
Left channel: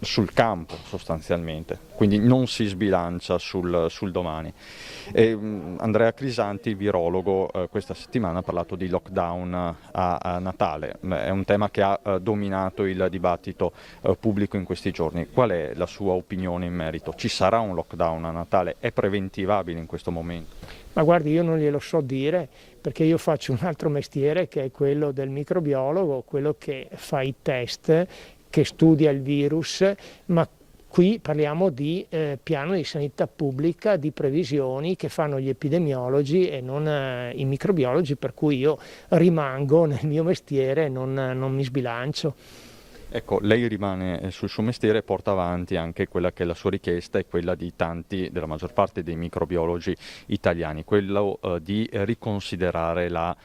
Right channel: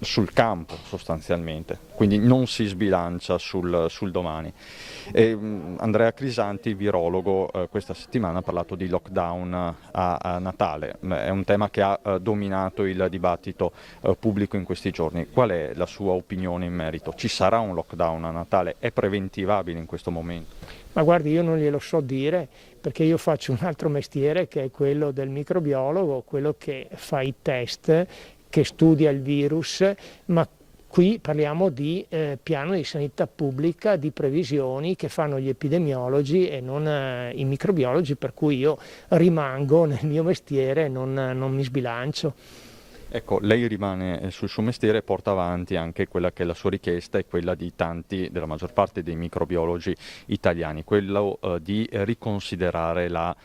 sul campo sostanzialmente, quindi non si sbilancia sul domani. Andrea Crisanti, virologo, questa settimana ha parlato di lockdown a Natale, è un tema che ha dominato il dibattito pubblico in questi giorni. Qual è la sua opinione in merito? Ci sarà un lockdown a Natale? È preventivabile in questo momento? Ma guardi, io non glielo so dire perché io faccio un altro mestiere che è quello del microbiologo, quello che fa i test, che studia il virus, ma qui parliamo di piano di sanità pubblica, di previsioni che fanno gli epidemiologi e non i microbiologi, per cui io rimango nel mio mestiere e non mi sbilancio. Ecco, lei rimane sul suo mestiere e porta avanti anche quella che è la sua richiesta e quella di tanti, della maggior parte dei microbiologi italiani, quello di riconsiderare la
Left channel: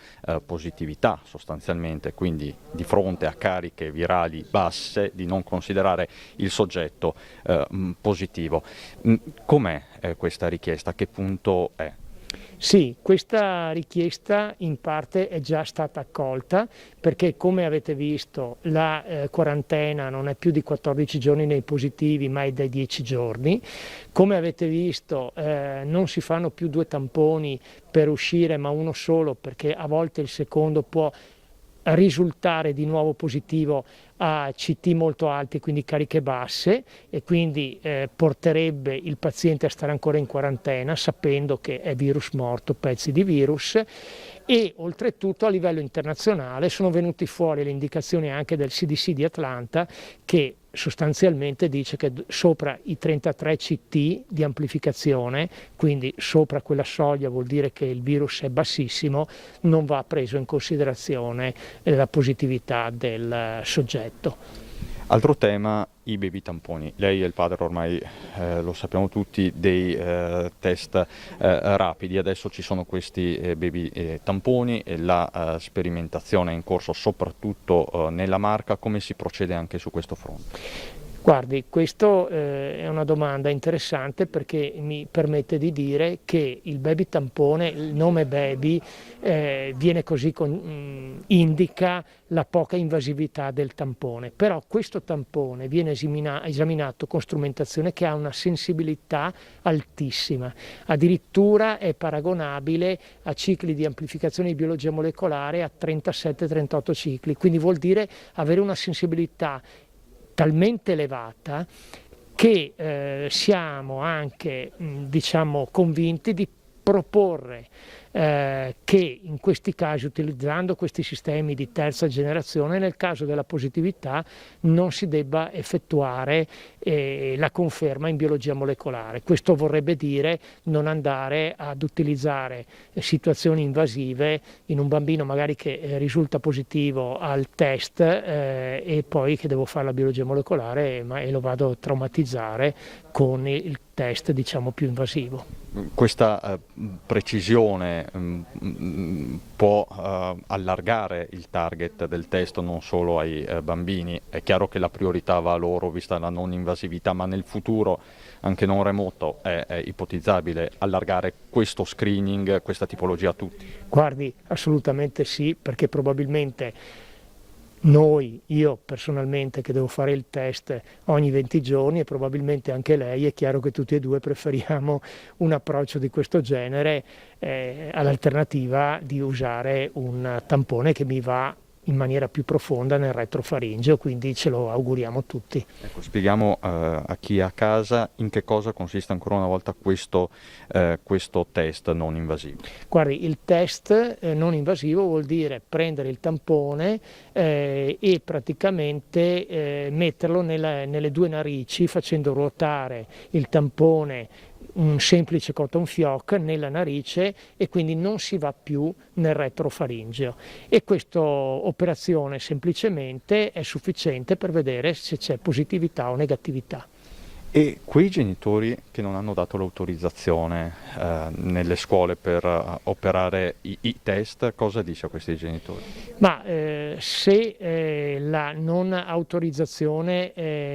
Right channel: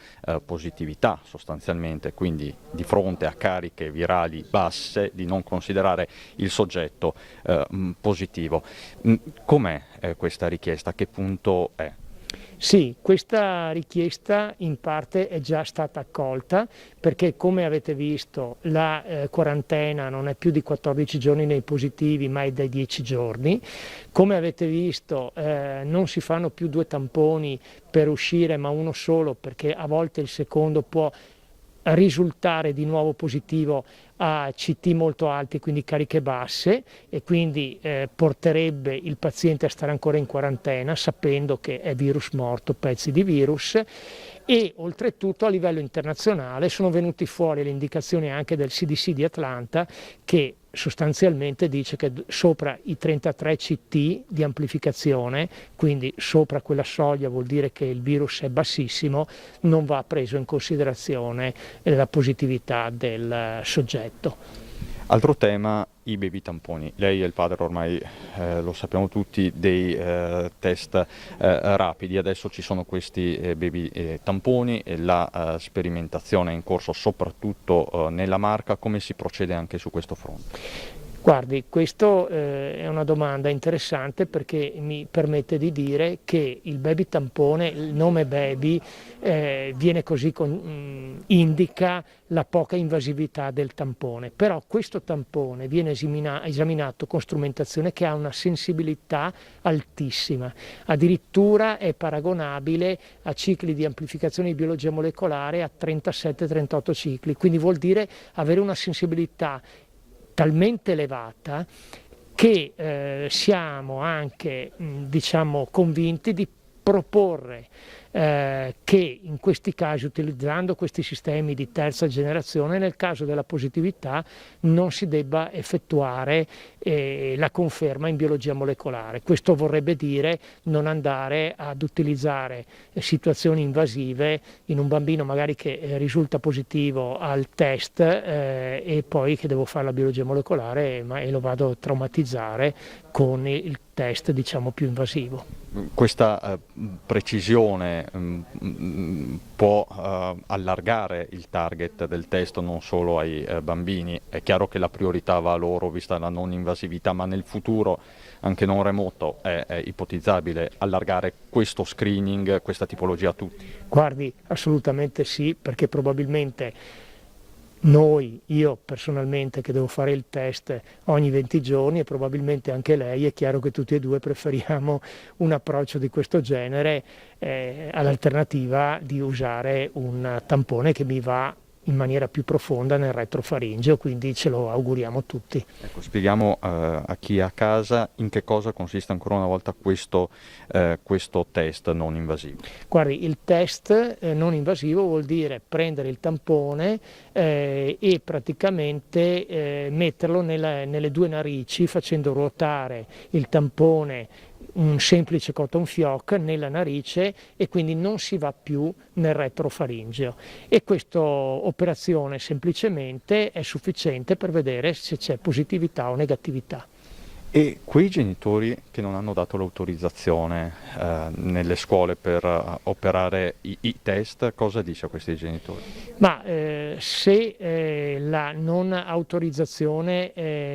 positività sostanzialmente, quindi di fronte a cariche virali basse di non considerare il soggetto positivo. Com'è questa richiesta? A che punto è? Sì, questa richiesta in parte è già stata accolta perché come avete visto la quarantena non è più di 14 giorni nei positivi ma è dai 10 giorni. Come avete visto non si fanno più 2 tamponi per uscire ma uno solo perché a volte il secondo può risultare di nuovo positivo a CT molto alti, quindi cariche basse e quindi porterebbe il paziente a stare ancora in quarantena sapendo che è virus morto, pezzi di virus. E oltretutto a livello internazionale sono venuti fuori le indicazioni anche del CDC di Atlanta che sostanzialmente dice che sopra i 33 CT di amplificazione, quindi sopra quella soglia vuol dire che il virus è bassissimo, non va preso in considerazione la positività del soggetto. Altro tema, i baby tamponi. Lei è il padre, ormai lo sappiamo tutti, dei test rapidi. Adesso ci sono questi baby tamponi e la sperimentazione è in corso soprattutto nella Marca. Come si procede anche su questo fronte? Guardi, questa è una domanda interessante perché mi permette di dire che il baby tampone, il nome baby, viene così indica la poca invasività del tampone, però questo tampone viene esaminato con strumentazione che ha una sensibilità altissima, addirittura è paragonabile a cicli di amplificazione di biologia molecolare a 37-38 cicli, quindi vuol dire avere una sensibilità talmente elevata che siamo anche convinti di proporre che in questi casi, utilizzando questi sistemi di terza generazione, nel caso della positività non si debba effettuare la conferma in biologia molecolare. Questo vorrebbe dire non andare ad utilizzare situazioni invasive in un bambino magari che risulta positivo al test e poi che devo fare la biologia molecolare e lo vado a traumatizzare con il test più invasivo. Questa precisione può allargare il target del test non solo ai bambini. È chiaro che la priorità va a loro vista la non invasività, ma nel futuro anche non remoto è ipotizzabile allargare questo screening, questa tipologia a tutti? Guardi, assolutamente sì, perché probabilmente io personalmente che devo fare il test ogni 20 giorni e probabilmente anche lei, è chiaro che tutti e due preferiamo un approccio di questo genere all'alternativa di usare un tampone che mi va in maniera più profonda nel retrofaringeo, quindi ce lo auguriamo tutti. Ecco, spieghiamo a chi è a casa in che cosa consiste ancora una volta questo test non invasivo. Guardi, il test non invasivo vuol dire prendere il tampone e praticamente metterlo nelle 2 narici facendo ruotare il tampone un semplice cotton fioc nella narice e quindi non si va più nel retrofaringeo, e questa operazione semplicemente è sufficiente per vedere se c'è positività o negatività. E quei genitori che non hanno dato l'autorizzazione nelle scuole per operare i test, cosa dice a questi genitori? Ma se la non autorizzazione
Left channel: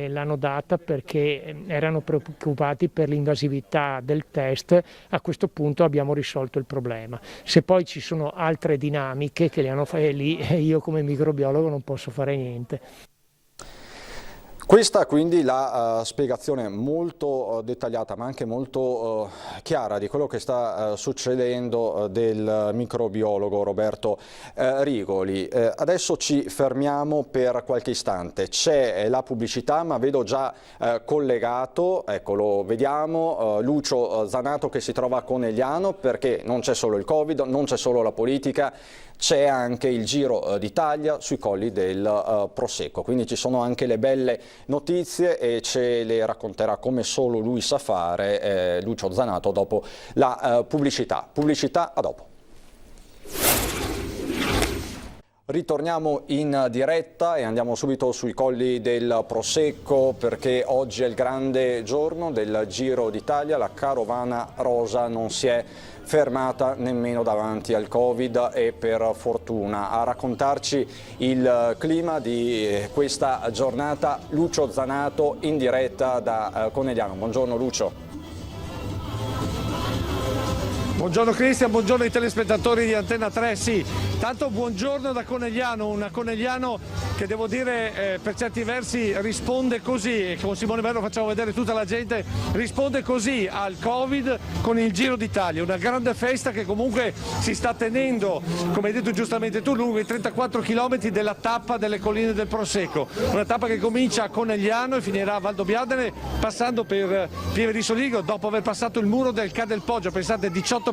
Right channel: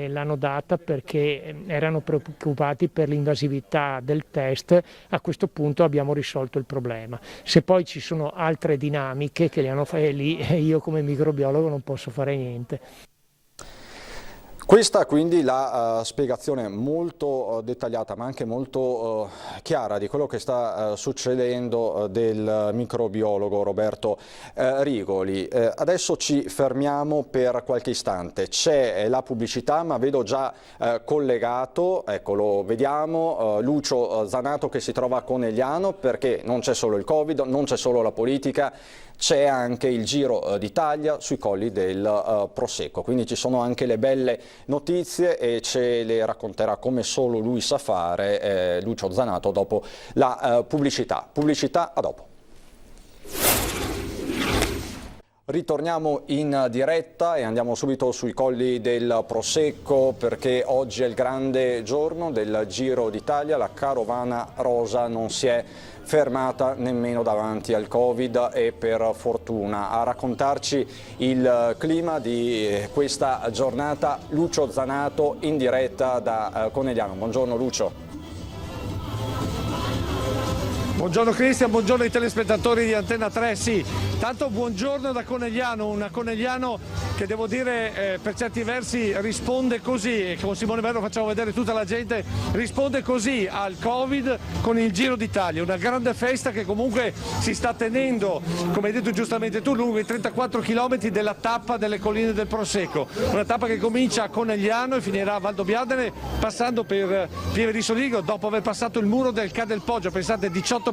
l'hanno data perché erano preoccupati per l'invasività del test, a questo punto abbiamo risolto il problema. Se poi ci sono altre dinamiche che le hanno fatte lì, io come microbiologo non posso fare niente. Questa quindi la spiegazione molto dettagliata ma anche molto chiara di quello che sta succedendo del microbiologo Roberto Rigoli. Adesso ci fermiamo per qualche istante, c'è la pubblicità, ma vedo già collegato, eccolo, vediamo Lucio Zanato che si trova a Conegliano, perché non c'è solo il Covid, non c'è solo la politica, c'è anche il Giro d'Italia sui colli del Prosecco, quindi ci sono anche le belle notizie e ce le racconterà come solo lui sa fare Lucio Zanato dopo la pubblicità. Pubblicità, a dopo. Ritorniamo in diretta e andiamo subito sui colli del Prosecco, perché oggi è il grande giorno del Giro d'Italia. La carovana rosa non si è fermata nemmeno davanti al Covid, e per fortuna. A raccontarci il clima di questa giornata Lucio Zanato in diretta da Conegliano. Buongiorno Lucio. Buongiorno Cristian, buongiorno ai telespettatori di Antenna 3, sì, tanto buongiorno da Conegliano, una Conegliano che devo dire per certi versi risponde così, con Simone Verno facciamo vedere tutta la gente, risponde così al Covid con il Giro d'Italia, una grande festa che comunque si sta tenendo, come hai detto giustamente tu, lungo i 34 km della tappa delle colline del Prosecco, una tappa che comincia a Conegliano e finirà a Valdobbiadene passando per Pieve di Soligo, dopo aver passato il muro del Ca del Poggio, pensate 18%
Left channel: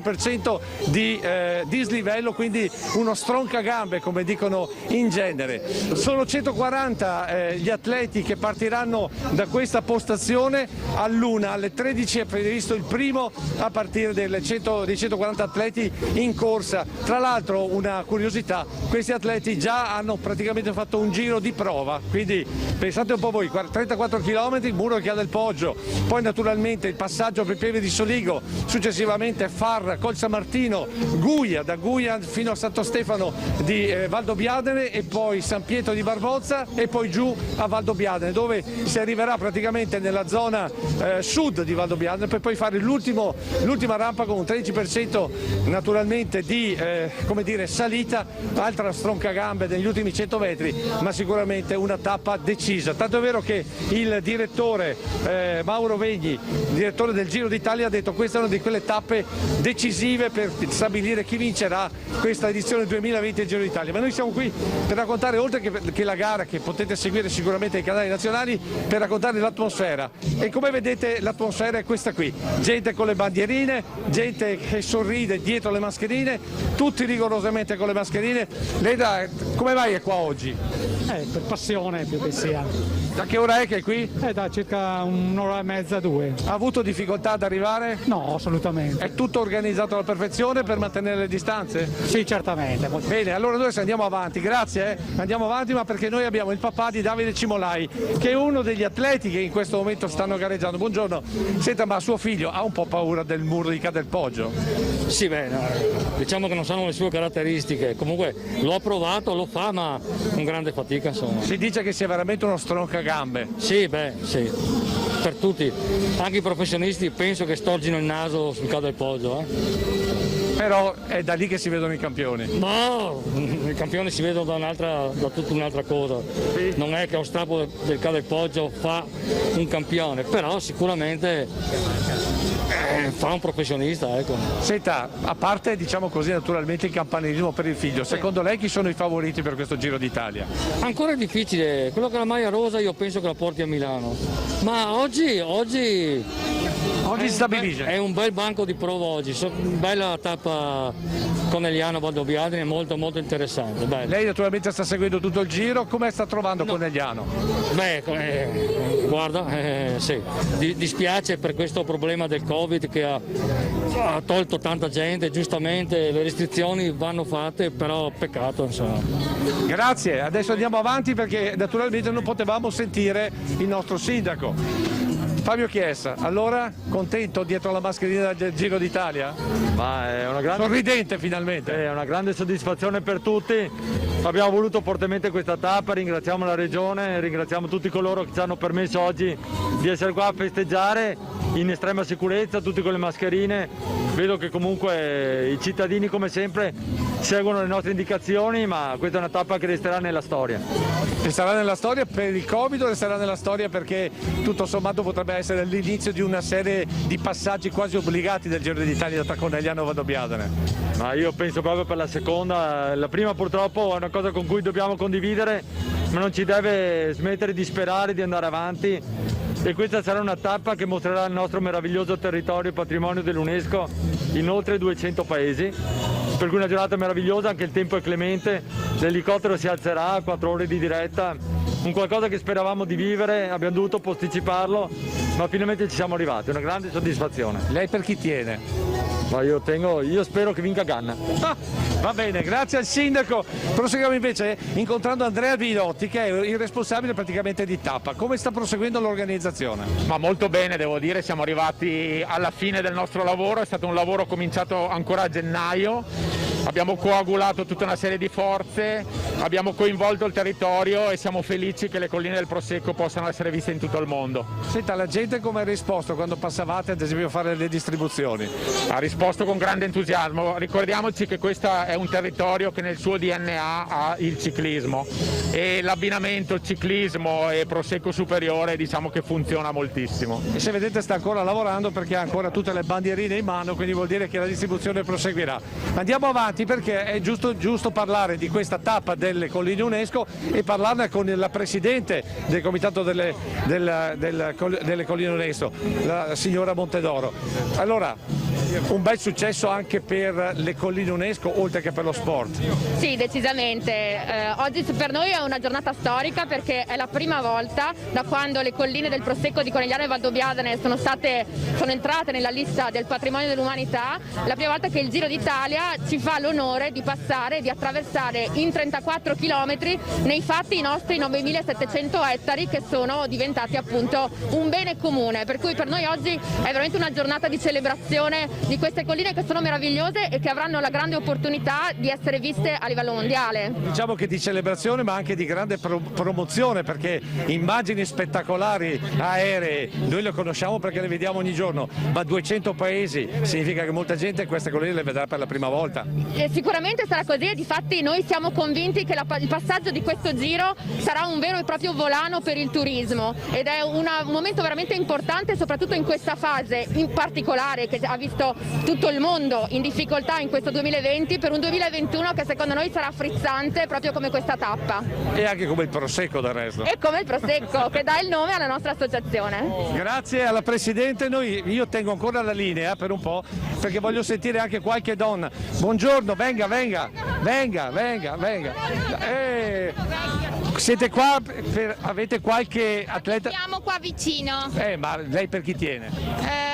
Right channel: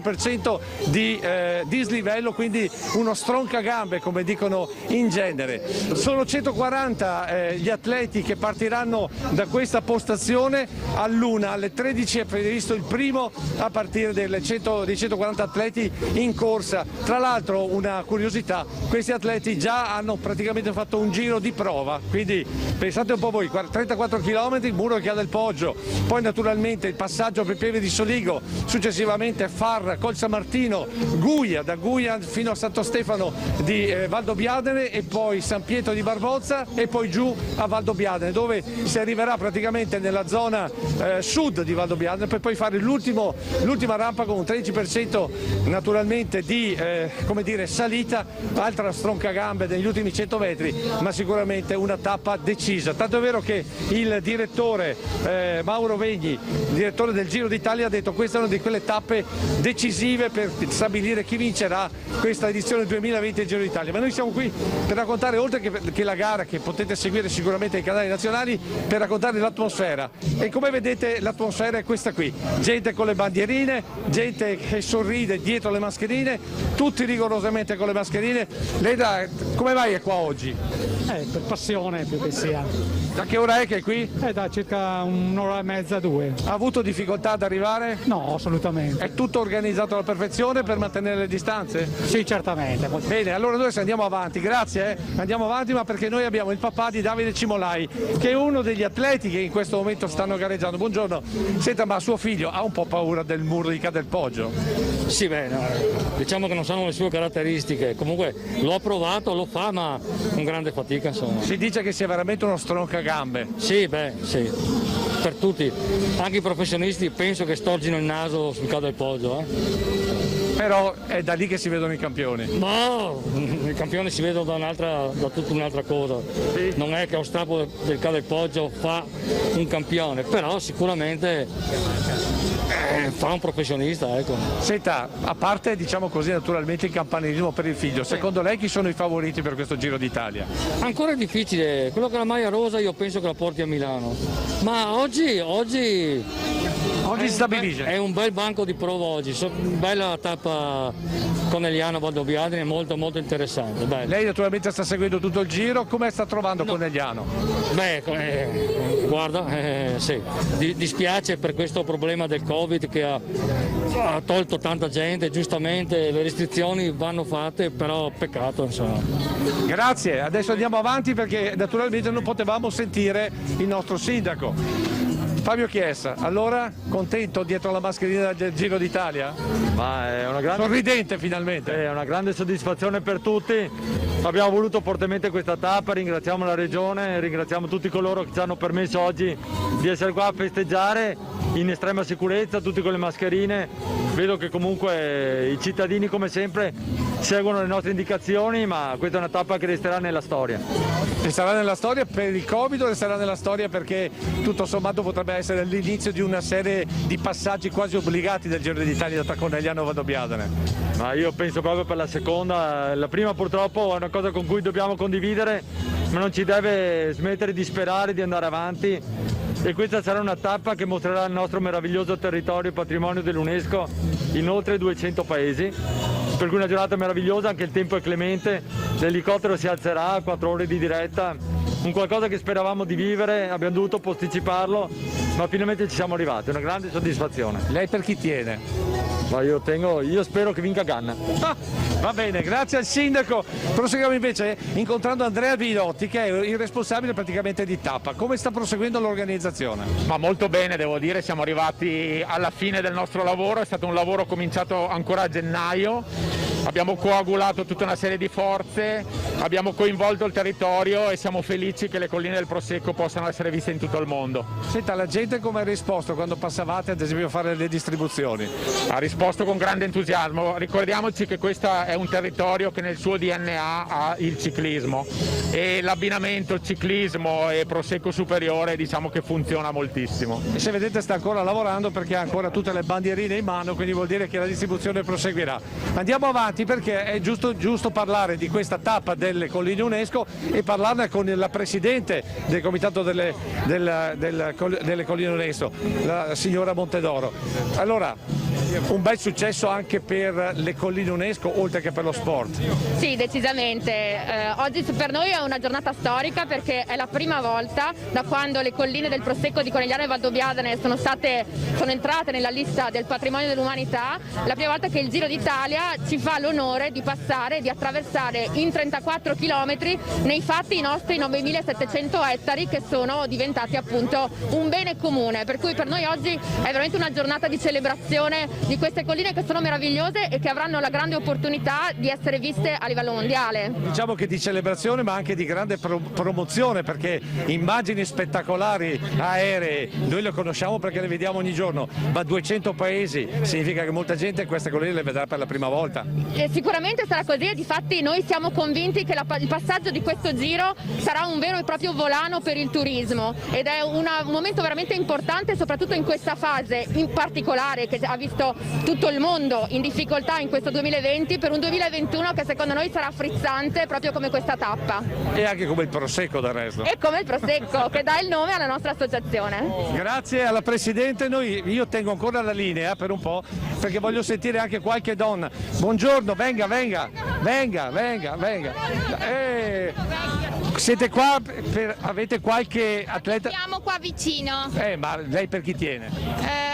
di dislivello, quindi uno stroncagambe come dicono in genere. Sono 140 gli atleti che partiranno da questa postazione, all'una, alle 13 è previsto il primo a partire dei 140 atleti in corsa. Tra l'altro una curiosità, questi atleti già hanno praticamente fatto un giro di prova, quindi pensate un po' voi, 34 km, muro del Ca del Poggio, poi naturalmente il passaggio per Pieve di Soligo, successivamente Farra, Col San Martino, Guia, da Guia fino a Santo Stefano di Valdobbiadene, e poi San Pietro di Barbozza e poi giù a Valdobbiadene, dove si arriverà praticamente nella zona sud di Valdobbiadene, per poi fare l'ultima rampa con un 13% naturalmente di come dire, salita, altra stroncagambe degli ultimi 100 metri, ma sicuramente una tappa decisa. Tanto è vero che il direttore Mauro Vegni, direttore del Giro d'Italia, ha detto queste sono di quelle tappe decisive per stabilire chi vincerà questa edizione 2020 del Giro d'Italia. Ma noi siamo qui per raccontare, oltre che la gara che potete seguire sicuramente ai canali nazionali, per raccontare l'atmosfera. E come vedete l'atmosfera è questa qui, gente con le bandierine, gente che sorride dietro le mascherine, tutti rigorosamente con le mascherine. Lei come mai è qua oggi? Per passione più che sia. Da che ora è che è qui? Da circa un'ora e mezza, 2. Ha avuto difficoltà ad arrivare? No, assolutamente. È tutto organizzato alla perfezione per mantenere le distanze? Sì, certamente. Bene, allora noi andiamo avanti, grazie. Andiamo avanti, ma perché noi abbiamo il papà di Davide Cimolai, che è uno degli atleti che in questo momento stanno gareggiando. Buongiorno. Senta, ma suo figlio ha un po' paura del muro di Ca del Poggio? Sì, diciamo che non sono le sue caratteristiche. Comunque l'ho provato, lo fa, ma con grande fatica, insomma. Si dice che sia veramente uno stroncagambe. Sì, sì. Per tutti, anche i professionisti penso che storgino il naso sul Ca del Poggio. Però è da lì che si vedono i campioni. No, i campioni si vedono da tutta un'altra cosa. Non è che lo strappo del Ca del Poggio fa un campione, però sicuramente fa un professionista, ecco. Senta, a parte diciamo così naturalmente il campanilismo per il figlio, secondo lei chi sono i favoriti per questo Giro d'Italia? Ancora è difficile, quello che ha la maglia rosa io penso che la porti a Milano, ma oggi si stabilisce. È un bel banco di prova oggi, bella tappa Conegliano Valdobbiadene, molto molto interessante. Bello. Lei naturalmente sta seguendo tutto il giro, come sta trovando Conegliano? Guarda, sì, dispiace per questo problema del Covid, Covid che ha tolto tanta gente, giustamente le restrizioni vanno fatte, però peccato insomma. Grazie, adesso andiamo avanti perché naturalmente non potevamo sentire il nostro sindaco. Fabio Chiesa, allora contento dietro la mascherina del Giro d'Italia? Ma è una grande... Sorridente finalmente. È una grande soddisfazione per tutti, abbiamo voluto fortemente questa tappa, ringraziamo la Regione, ringraziamo tutti coloro che ci hanno permesso oggi di essere qua a festeggiare in estrema sicurezza, tutti con le mascherine. Vedo che comunque i cittadini come sempre seguono le nostre indicazioni, ma questa è una tappa che resterà nella storia. E sarà nella storia per il Covid o resterà nella storia perché tutto sommato potrebbe essere l'inizio di una serie di passaggi quasi obbligati del Giro d'Italia tra Conegliano e Valdobbiadene? Ma io penso proprio per la seconda, la prima purtroppo è una cosa con cui dobbiamo condividere, ma non ci deve smettere di sperare di andare avanti, e questa sarà una tappa che mostrerà il nostro meraviglioso territorio patrimonio dell'UNESCO in oltre 200 paesi, per cui una giornata meravigliosa, anche il tempo è clemente, l'elicottero si alzerà a 4 ore di diretta, un qualcosa che speravamo di vivere, abbiamo dovuto posticiparlo, ma finalmente ci siamo arrivati, una grande soddisfazione. Lei per chi tiene? Ma io spero che vinca Ganna. Va bene, grazie al sindaco. Proseguiamo invece incontrando Andrea Vinotti, che è il responsabile praticamente di tappa. Come sta proseguendo l'organizzazione? Ma molto bene, devo dire, siamo arrivati alla fine del nostro lavoro, è stato un lavoro cominciato ancora a gennaio, abbiamo coagulato tutta una serie di forze, abbiamo coinvolto il territorio e siamo felici che le colline del Prosecco possano essere viste in tutto il mondo. Senta, la gente come ha risposto quando passavate ad esempio a fare le distribuzioni? Ha risposto con grande entusiasmo, ricordiamoci che questo è un territorio che nel suo DNA ha il ciclismo e l'abbinamento ciclismo e Prosecco superiore diciamo che funziona moltissimo. E se vedete sta ancora lavorando perché ha ancora tutte le bandierine in mano, quindi vuol dire che la distribuzione proseguirà. Andiamo avanti perché è giusto parlare di questa tappa delle colline UNESCO e parlarne con la presidente del comitato delle colline UNESCO, la signora Montedoro. Allora, un bel successo anche per le colline UNESCO oltre che per lo sport. Sì, decisamente. Oggi per noi è una giornata storica perché è la prima volta da quando le colline del Prosecco di Conegliano e Valdobbiadene sono entrate nella lista del patrimonio dell'umanità, la prima volta che il Giro d'Italia ci fa l'onore di passare, di attraversare in 34 km nei fatti i nostri 9.700 ettari che sono diventati appunto un bene comune, per cui per noi oggi è veramente una giornata di celebrazione di queste colline che sono meravigliose e che avranno la grande opportunità di essere viste a livello mondiale. Diciamo che di celebrazione ma anche di grande promozione, perché immagini spettacolari aeree, noi le conosciamo perché le vediamo ogni giorno, ma 200 paesi significa che molta gente queste colline le vedrà per la prima volta. E sicuramente sarà così e difatti noi siamo convinti che il passaggio di questo giro sarà un vero e proprio volano per il turismo ed è un momento veramente importante soprattutto in questa fase in particolare che ha visto tutto il mondo in difficoltà in questo 2020 per un 2021 che secondo noi sarà frizzante proprio come questa tappa. E anche come il Prosecco del resto. E come il Prosecco che dà il nome alla nostra associazione. Grazie alla Presidente, io tengo ancora la linea per un po' perché voglio sentire anche qualche donna. Buongiorno, venga. Siete qua, avete qualche atleta? Siamo qua vicino. Ma lei per chi tiene?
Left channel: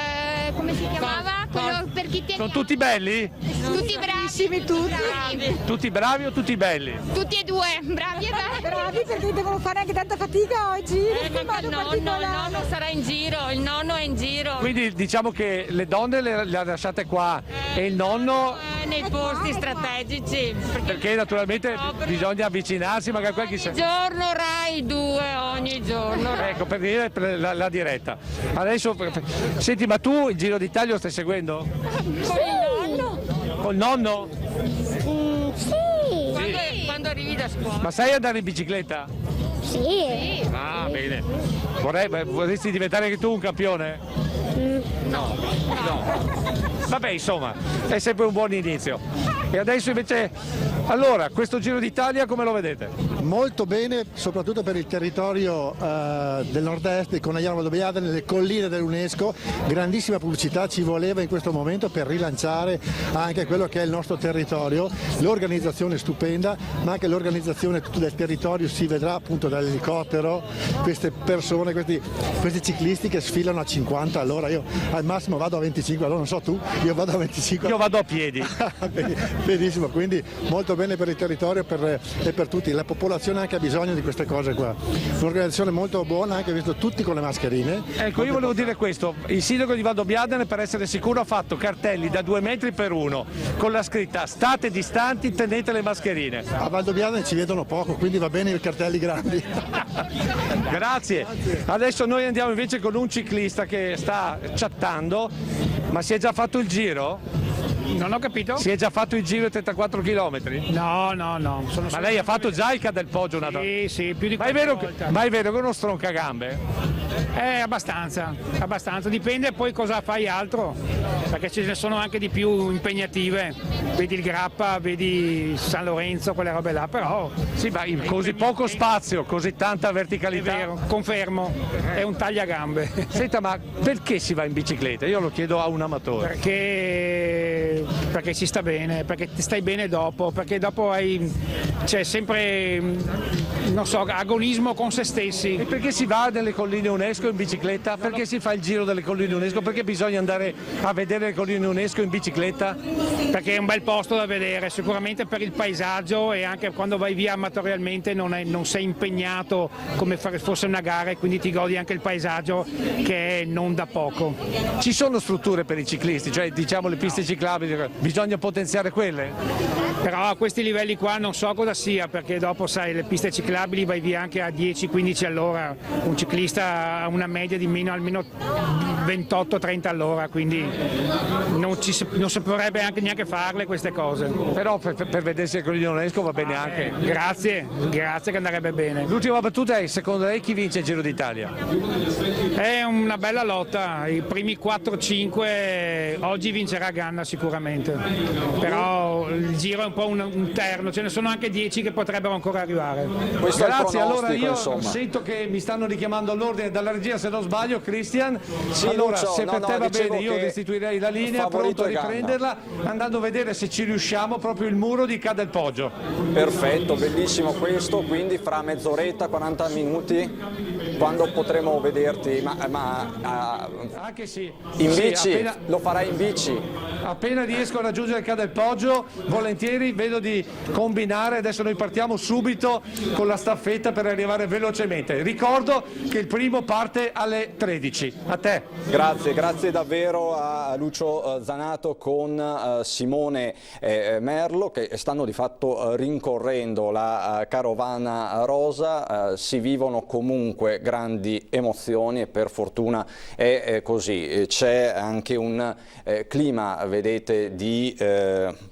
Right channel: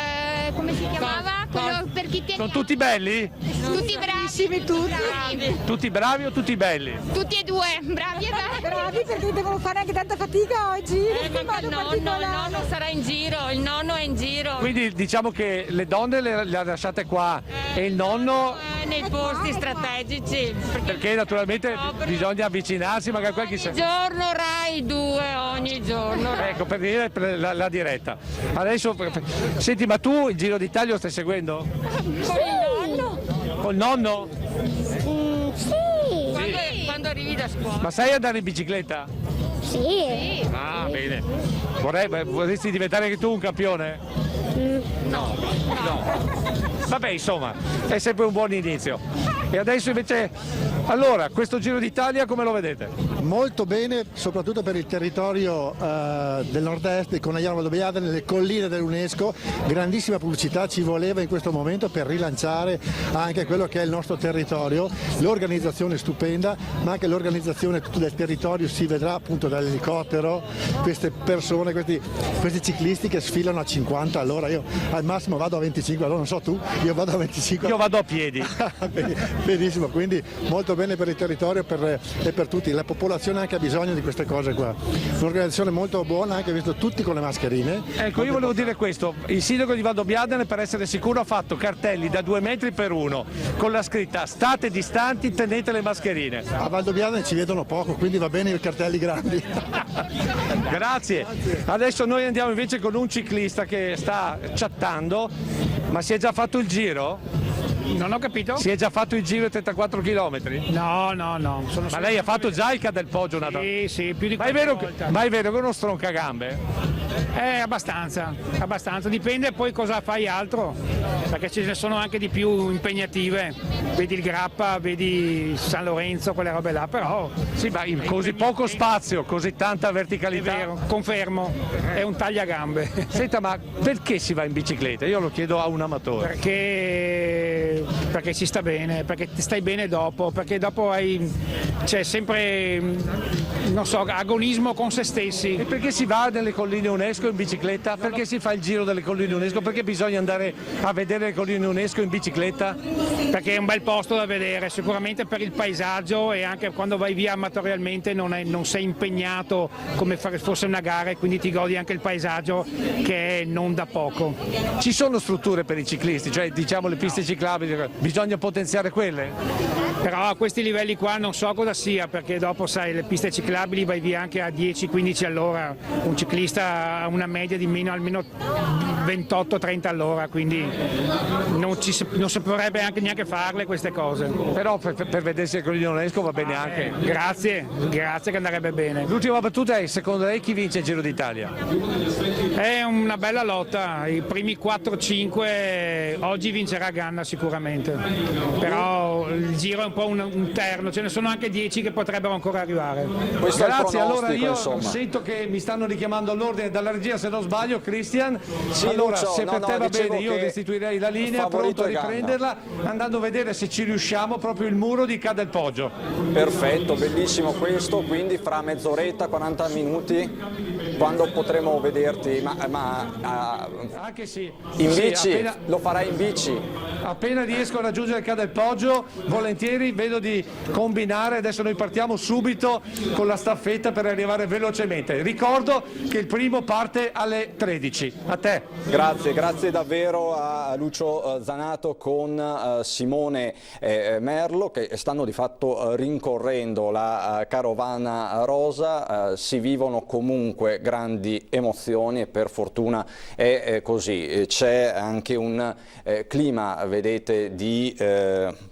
Come si chiamava? Quello per chi tiene. Sono tutti belli? Tutti bravissimi, tutti. Tutti bravi o tutti belli? Tutti e due, bravi. Bravi perché devono fare anche tanta fatica oggi. Il nonno sarà in giro, il nonno è in giro. Quindi diciamo che le donne le lasciate qua e il nonno nei posti strategici. Perché naturalmente bisogna avvicinarsi, magari qualche giorno Rai 2, ogni giorno. Ecco, per dire la diretta. Adesso, senti, ma tu il Giro d'Italia lo stai seguendo? Con il nonno. Col nonno? Sì. Quando arrivi da scuola. Ma sai andare in bicicletta? Sì. Ah, bene. Vorresti diventare anche tu un campione? No. Vabbè, insomma, è sempre un buon inizio. E adesso invece, allora, questo Giro d'Italia come lo vedete? Molto bene, soprattutto per il territorio del nord-est, di Conegliano Valdobbiadene, nelle colline dell'UNESCO. Grandissima pubblicità ci voleva in questo momento per rilanciare anche quello che è il nostro territorio. L'organizzazione è stupenda, ma anche l'organizzazione del territorio si vedrà appunto dall'elicottero, queste persone, questi ciclisti che sfilano a 50 all'ora. Io al massimo vado a 25, allora non so tu, io vado a 25. Io vado a piedi. Benissimo, quindi molto bene per il territorio e per tutti. La popolazione anche ha bisogno di queste cose qua. Un'organizzazione molto buona, anche visto tutti con le mascherine. Ecco, io volevo dire questo, il sindaco di Valdobbiadene, per essere sicuro, ha fatto cartelli da 2 metri per 1 con la scritta state distanti, tenete le mascherine. A Valdobbiadene ci vedono poco, quindi va bene i cartelli grandi. Grazie. Adesso noi andiamo invece con un ciclista che sta chattando, ma si è già fatto il giro? Non ho capito? Si è già fatto il giro di 34 km? No. Ma lei ha fatto già il Ca del Poggio? Sì, più di 4 volte. Ma è vero che è uno stroncagambe? Abbastanza, dipende poi cosa fai altro, perché ce ne sono anche di più impegnative, vedi il Grappa, vedi San Lorenzo, quelle robe là, però... Sì, ma in così poco spazio, così tanta verticalità... È vero, confermo, è un tagliagambe. Senta, ma perché si va in bicicletta? Io lo chiedo a un amatore. Perché si sta bene, perché stai bene dopo, perché dopo c'è sempre, non so, agonismo con se stessi. E perché si va nelle colline UNESCO in bicicletta? Perché si fa il giro delle colline UNESCO? Perché bisogna andare a vedere le colline UNESCO in bicicletta? Perché è un bel posto da vedere, sicuramente per il paesaggio, e anche quando vai via amatorialmente non sei impegnato come fosse una gara, e quindi ti godi anche il paesaggio, che è non da poco. Ci sono strutture per i ciclisti, cioè diciamo le piste ciclabili, bisogna potenziare quelle? Però a questi livelli qua non so cosa sia, perché dopo sai, le piste ciclabili vai via anche a 10-15 all'ora, un ciclista ha una media di almeno 28-30 all'ora, quindi non si potrebbe anche neanche farle queste cose. Però per vedersi il Colline UNESCO va bene anche. Grazie che andrebbe bene. L'ultima battuta è, secondo lei chi vince il Giro d'Italia? È una bella lotta, i primi 4-5 oggi vincerà Ganna sicuramente, però il Giro è un po' un terno, ce ne sono anche 10 che potrebbero ancora arrivare. Grazie, allora io sento che mi stanno richiamando all'ordine dalla regia, se non sbaglio, Christian. Sì, allora, Lucio, se per te va bene, io che restituirei la linea, pronto a riprenderla, andando a vedere se ci riusciamo proprio il muro di Ca del Poggio. Perfetto, bellissimo questo, quindi fra mezz'oretta, 40 minuti, quando potremo vederti, anche sì. In bici? Appena, lo farai in bici? Appena riesco a raggiungere il Ca del Poggio, volentieri, vedo di combinare. Adesso noi partiamo subito con la staffetta per arrivare velocemente. Ricordo che il primo parte alle 13. A te. Grazie davvero a Lucio Zanato con Simone Merlo, che stanno di fatto rincorrendo la carovana rosa. Si vivono comunque grandi emozioni e per fortuna è così. C'è anche un clima, vedete, di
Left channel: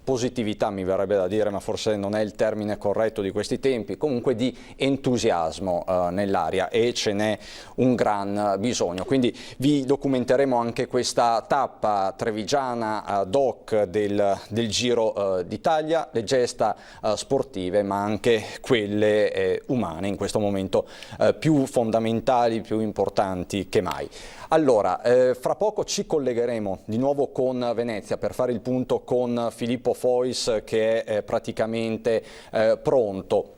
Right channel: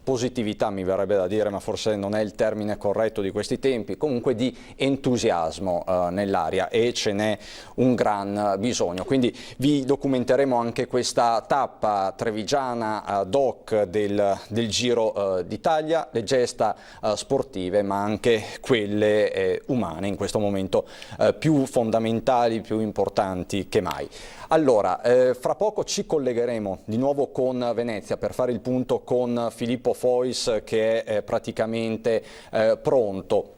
positività, mi verrebbe da dire, ma forse non è il termine corretto di questi tempi, comunque di entusiasmo nell'aria, e ce n'è un gran bisogno. Quindi vi documenteremo anche questa tappa trevigiana ad hoc del Giro d'Italia, le gesta sportive ma anche quelle umane, in questo momento più fondamentali, più importanti che mai. Allora, fra poco ci collegheremo di nuovo con Venezia per fare il punto con Filippo Fois, che è praticamente pronto.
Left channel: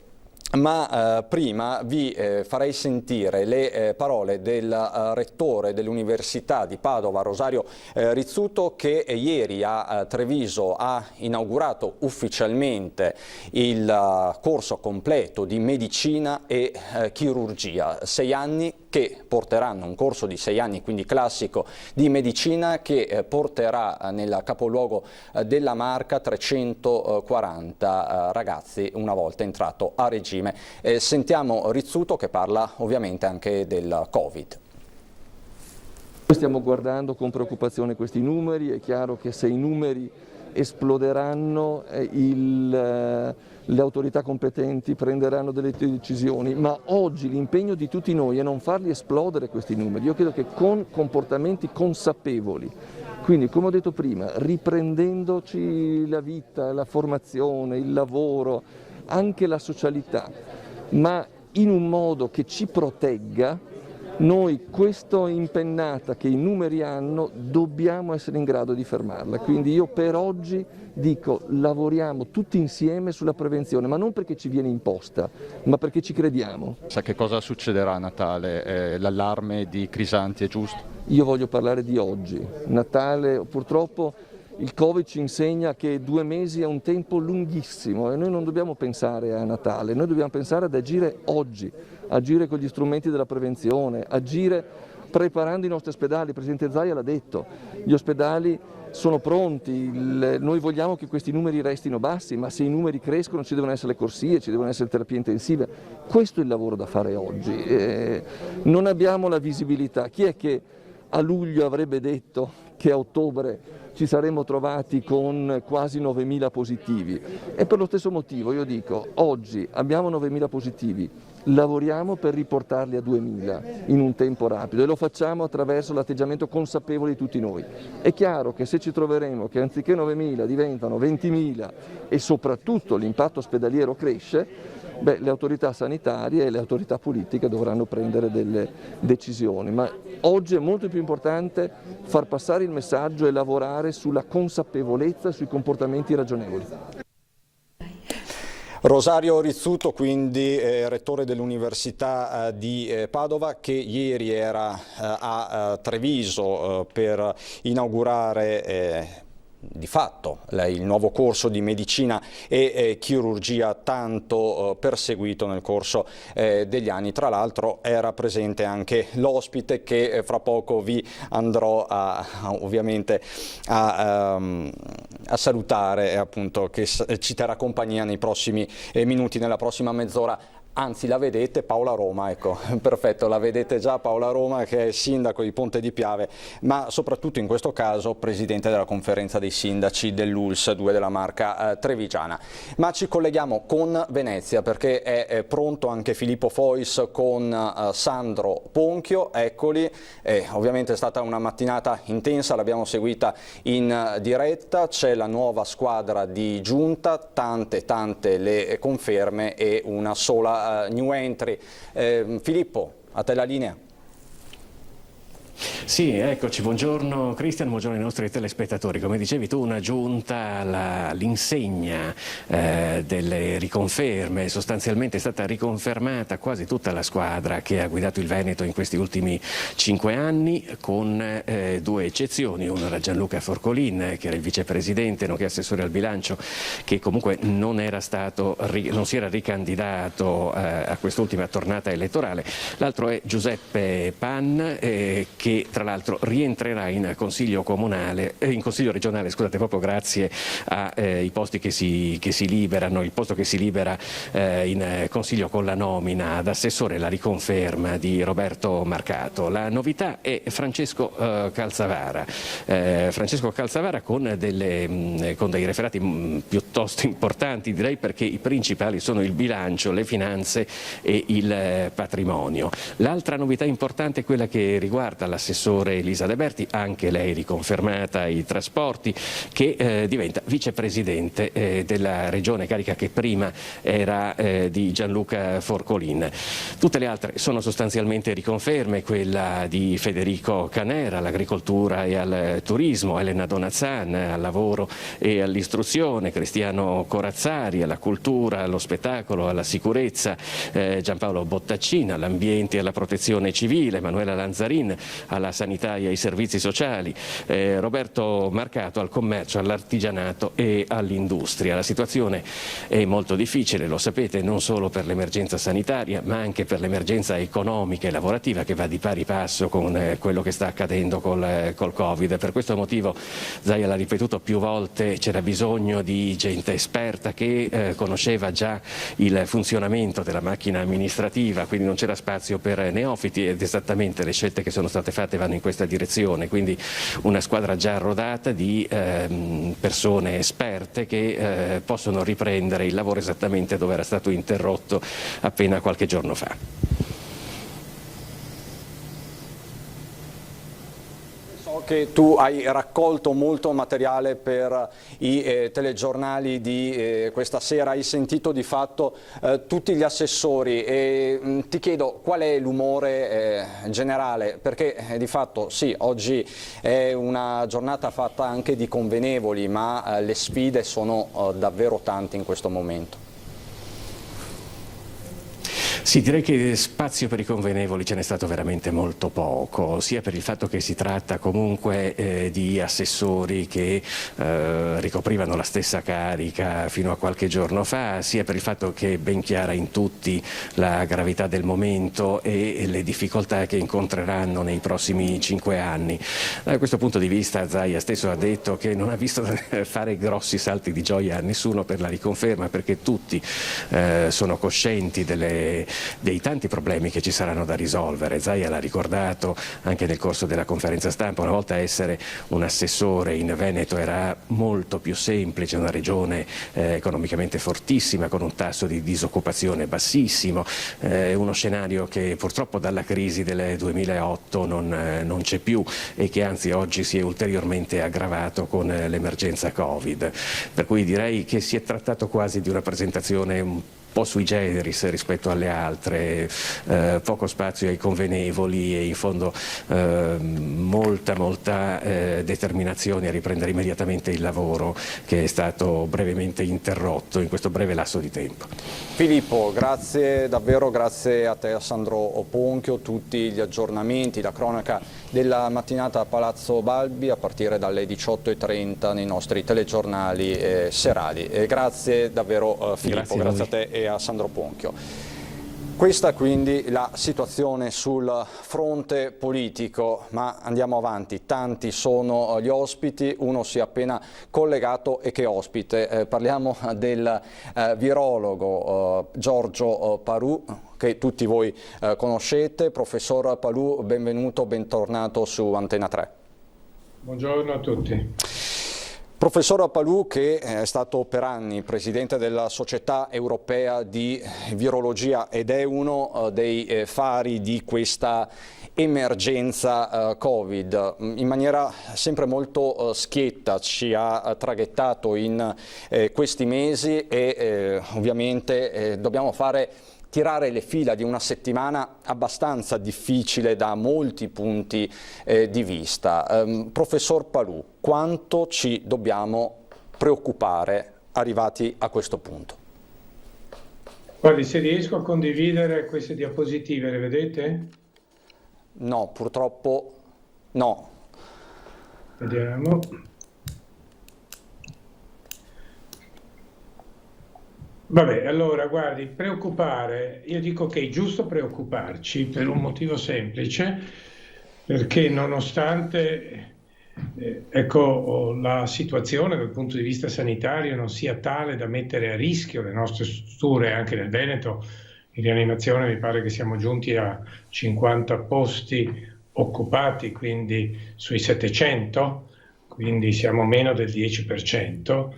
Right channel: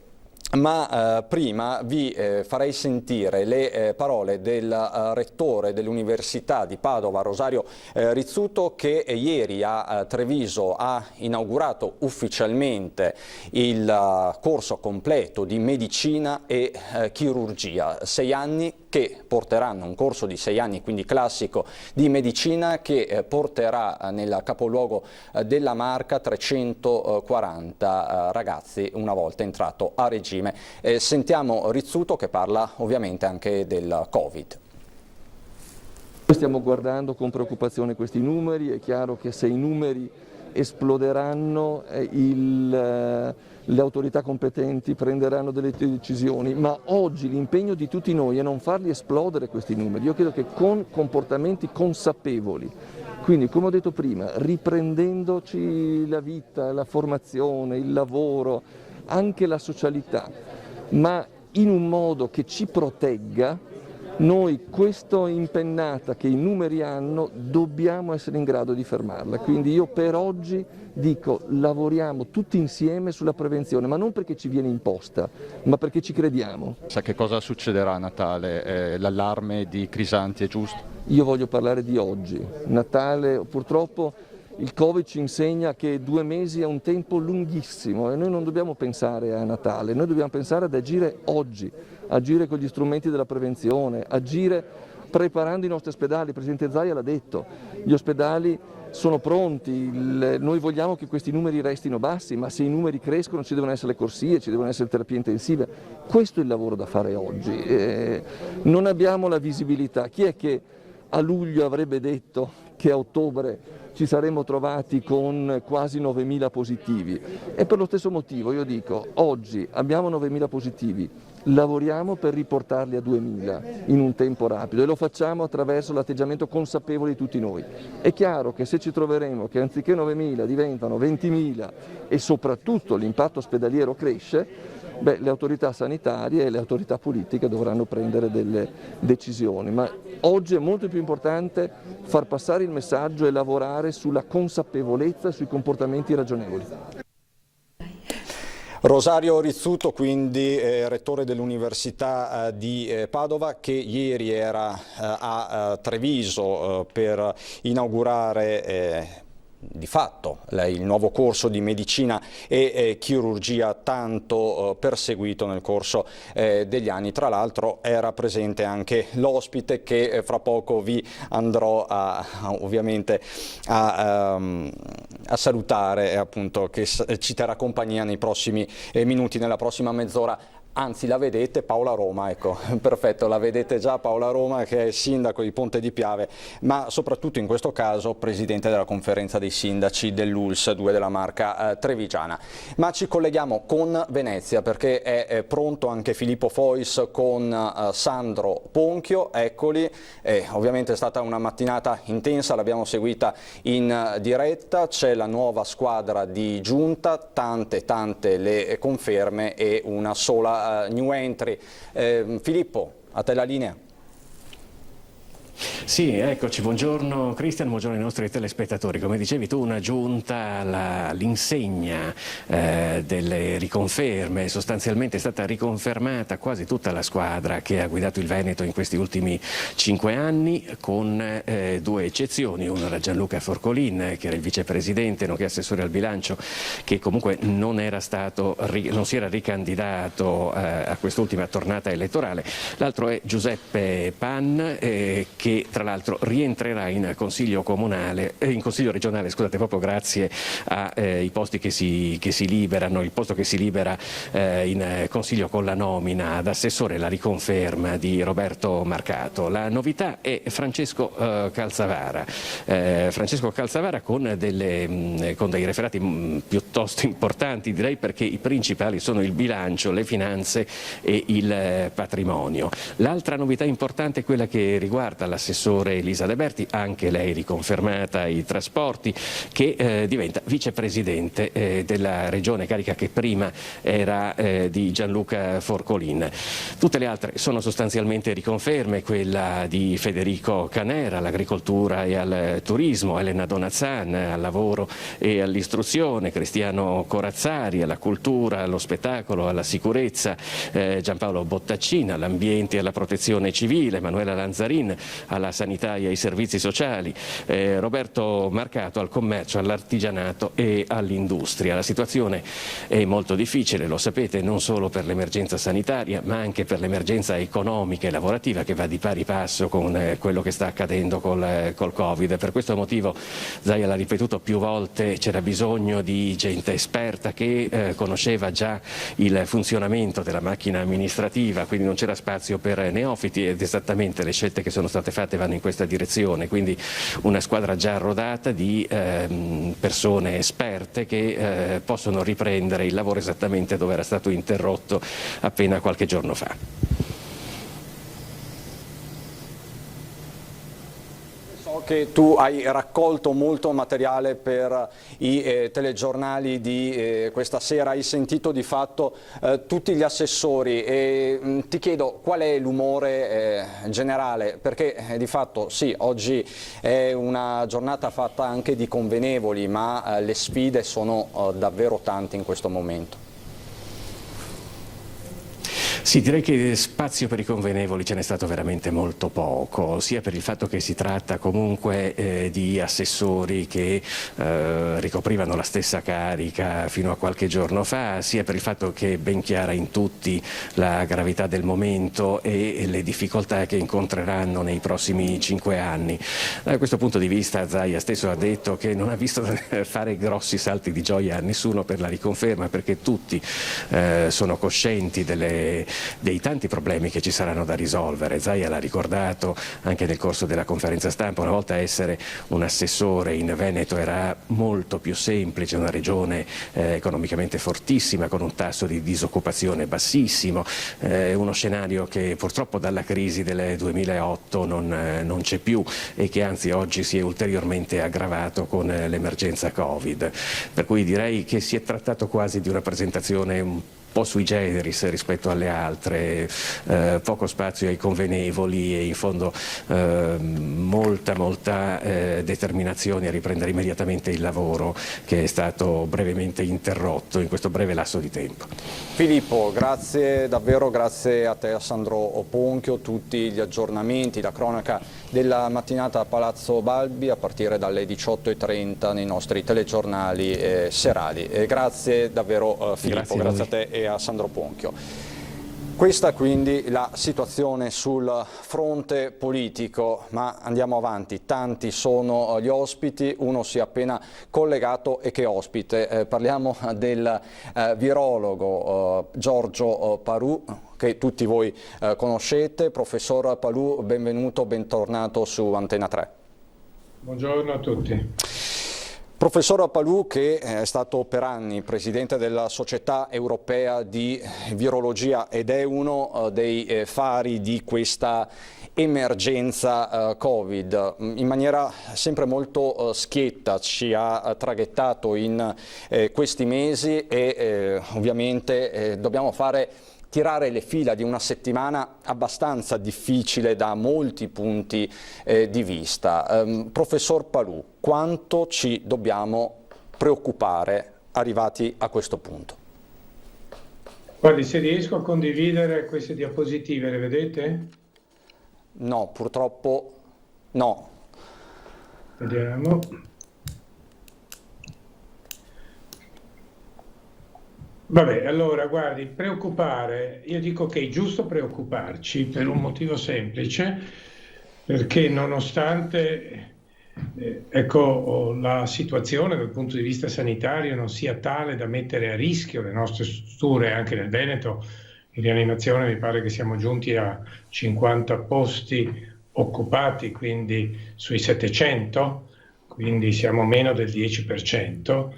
Ma prima vi farei sentire le parole del rettore dell'Università di Padova, Rosario Rizzuto, che ieri a Treviso ha inaugurato ufficialmente il corso completo di medicina e chirurgia. 6 anni che porteranno, un corso di 6 anni, quindi classico, di medicina, che porterà nel capoluogo della Marca 340 ragazzi una volta entrato a regime. Sentiamo Rizzuto che parla ovviamente anche del Covid. Stiamo guardando con preoccupazione questi numeri, è chiaro che se i numeri esploderanno le autorità competenti prenderanno delle decisioni, ma oggi l'impegno di tutti noi è non farli esplodere questi numeri. Io credo che con comportamenti consapevoli, Quindi, come ho detto prima, riprendendoci la vita, la formazione, il lavoro, anche la socialità, ma in un modo che ci protegga, noi questa impennata che i numeri hanno dobbiamo essere in grado di fermarla. Quindi io per oggi dico lavoriamo tutti insieme sulla prevenzione, ma non perché ci viene imposta, ma perché ci crediamo. Sa che cosa succederà a Natale? L'allarme di Crisanti è giusto? Io voglio parlare di oggi. Natale, purtroppo il Covid ci insegna che 2 mesi è un tempo lunghissimo e noi non dobbiamo pensare a Natale, noi dobbiamo pensare ad agire oggi, agire con gli strumenti della prevenzione, agire preparando i nostri ospedali. Il Presidente Zaia l'ha detto, gli ospedali sono pronti, noi vogliamo che questi numeri restino bassi, ma se i numeri crescono ci devono essere le corsie, ci devono essere terapie intensive. Questo è il lavoro da fare oggi. Non abbiamo la visibilità. Chi è che a luglio avrebbe detto che a ottobre ci saremmo trovati con quasi 9.000 positivi? E per lo stesso motivo io dico, oggi abbiamo 9.000 positivi, lavoriamo per riportarli a 2.000 in un tempo rapido e lo facciamo attraverso l'atteggiamento consapevole di tutti noi. È chiaro che se ci troveremo che anziché 9.000 diventano 20.000 e soprattutto l'impatto ospedaliero cresce, le autorità sanitarie e le autorità politiche dovranno prendere delle decisioni, ma oggi è molto più importante far passare il messaggio e lavorare sulla consapevolezza e sui comportamenti ragionevoli. Rosario Rizzuto, quindi rettore dell'Università di Padova, che ieri era a Treviso per inaugurare di fatto il nuovo corso di medicina e chirurgia tanto perseguito nel corso degli anni. Tra l'altro era presente anche l'ospite che fra poco vi andrò ovviamente a salutare, appunto, che ci terrà compagnia nei prossimi minuti, nella prossima mezz'ora. Anzi, la vedete, Paola Roma, ecco, perfetto, la vedete già Paola Roma, che è sindaco di Ponte di Piave, ma soprattutto in questo caso presidente della conferenza dei sindaci dell'ULSS 2 della Marca trevigiana. Ma ci colleghiamo con Venezia perché è pronto anche Filippo Fois con Sandro Ponchio, eccoli. Ovviamente è stata una mattinata intensa, l'abbiamo seguita in diretta, c'è la nuova squadra di giunta, tante le conferme e una sola new entry. Filippo, a te la linea. Sì, eccoci, buongiorno Cristian, buongiorno ai nostri telespettatori. Come dicevi tu, una giunta all'insegna delle riconferme, sostanzialmente è stata riconfermata quasi tutta la squadra che ha guidato il Veneto in questi ultimi 5 anni, con 2 eccezioni. Uno era Gianluca Forcolin, che era il vicepresidente, nonché assessore al bilancio, che comunque non si era ricandidato a quest'ultima tornata elettorale. L'altro è Giuseppe Pan, che tra l'altro rientrerà in consiglio regionale, scusate, proprio grazie ai posti che si liberano, il posto che si libera in consiglio con la nomina ad assessore, la riconferma di Roberto Marcato. La novità è Francesco Calzavara. Francesco Calzavara con dei referati piuttosto importanti, direi, perché i principali sono il bilancio, le finanze e il patrimonio. L'altra novità importante è quella che riguarda l'assessore Elisa De Berti, anche lei riconfermata ai trasporti, che diventa vicepresidente della regione, carica che prima era di Gianluca Forcolin. Tutte le altre sono sostanzialmente riconferme, quella di Federico Canera all'agricoltura e al turismo, Elena Donazzan al lavoro e all'istruzione, Cristiano Corazzari alla cultura, allo spettacolo, alla sicurezza, Giampaolo Bottaccina all'ambiente e alla protezione civile, Manuela Lanzarin alla sanità e ai servizi sociali, Roberto Marcato al commercio, all'artigianato e all'industria. La situazione è molto difficile, lo sapete, non solo per l'emergenza sanitaria ma anche per l'emergenza economica e lavorativa, che va di pari passo con quello che sta accadendo col Covid. Per questo motivo Zaia l'ha ripetuto più volte, c'era bisogno di gente esperta che conosceva già il funzionamento della macchina amministrativa, quindi non c'era spazio per neofiti, ed esattamente le scelte che sono state fatte vanno in questa direzione, quindi una squadra già rodata di persone esperte che possono riprendere il lavoro esattamente dove era stato interrotto appena qualche giorno fa. So che tu hai raccolto molto materiale per i telegiornali di questa sera, hai sentito di fatto tutti gli assessori e ti chiedo qual è l'umore generale, perché di fatto sì, oggi è una giornata fatta anche di convenevoli, ma le sfide sono davvero tante in questo momento. Sì, direi che spazio per i convenevoli ce n'è stato veramente molto poco, sia per il fatto che si tratta comunque di assessori che ricoprivano la stessa carica fino a qualche giorno fa, sia per il fatto che è ben chiara in tutti la gravità del momento e le difficoltà che incontreranno nei prossimi 5 anni. Da questo punto di vista Zaia stesso ha detto che non ha visto fare grossi salti di gioia a nessuno per la riconferma, perché tutti sono coscienti dei tanti problemi che ci saranno da risolvere. Zaia l'ha ricordato anche nel corso della conferenza stampa, una volta essere un assessore in Veneto era molto più semplice, una regione economicamente fortissima con un tasso di disoccupazione bassissimo, uno scenario che purtroppo dalla crisi del 2008 non c'è più e che anzi oggi si è ulteriormente aggravato con l'emergenza Covid, per cui direi che si è trattato quasi di una presentazione un po' sui generis rispetto alle altre, poco spazio ai convenevoli e in fondo molta determinazione a riprendere immediatamente il lavoro che è stato brevemente interrotto in questo breve lasso di tempo. Filippo, grazie davvero, grazie a te, a Sandro Ponchio, tutti gli aggiornamenti, la cronaca della mattinata a Palazzo Balbi a partire dalle 18:30 nei nostri telegiornali serali. Grazie davvero Filippo, grazie a te e a Sandro Ponchio. Questa quindi la situazione sul fronte politico, ma andiamo avanti, tanti sono gli ospiti, uno si è appena collegato e che ospite, parliamo del virologo Giorgio Parù, che tutti voi conoscete. Professor Parù, benvenuto, bentornato su Antena 3. Buongiorno a tutti. Professor Parù, che è stato per anni presidente della Società Europea di Virologia ed è uno dei fari di questa emergenza Covid, in maniera sempre molto schietta ci ha traghettato in questi mesi e ovviamente dobbiamo tirare le fila di una settimana abbastanza difficile da molti punti di vista. Professor Parù, quanto ci dobbiamo preoccupare arrivati a questo punto? Guardi, se riesco a condividere queste diapositive, le vedete? No, purtroppo no. Vediamo. Vabbè, allora guardi, preoccupare, io dico che è giusto preoccuparci per un motivo semplice, perché nonostante la situazione dal punto di vista sanitario non sia tale da mettere a rischio le nostre strutture, anche nel Veneto in rianimazione mi pare che siamo giunti a 50 posti occupati, quindi sui 700, quindi siamo meno del 10%,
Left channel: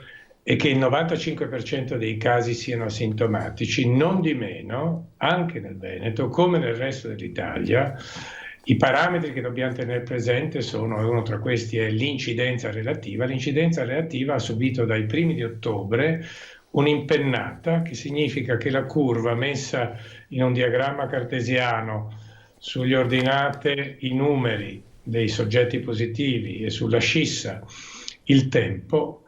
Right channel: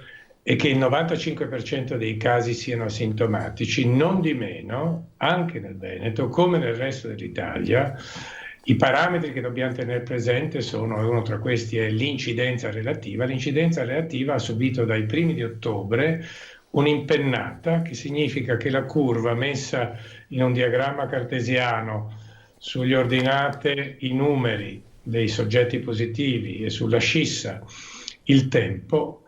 e che il 95% dei casi siano asintomatici. Non di meno, anche nel Veneto, come nel resto dell'Italia, i parametri che dobbiamo tenere presente sono, uno tra questi è l'incidenza relativa. L'incidenza relativa ha subito dai primi di ottobre un'impennata, che significa che la curva messa in un diagramma cartesiano sugli ordinate i numeri dei soggetti positivi e sulla scissa il tempo,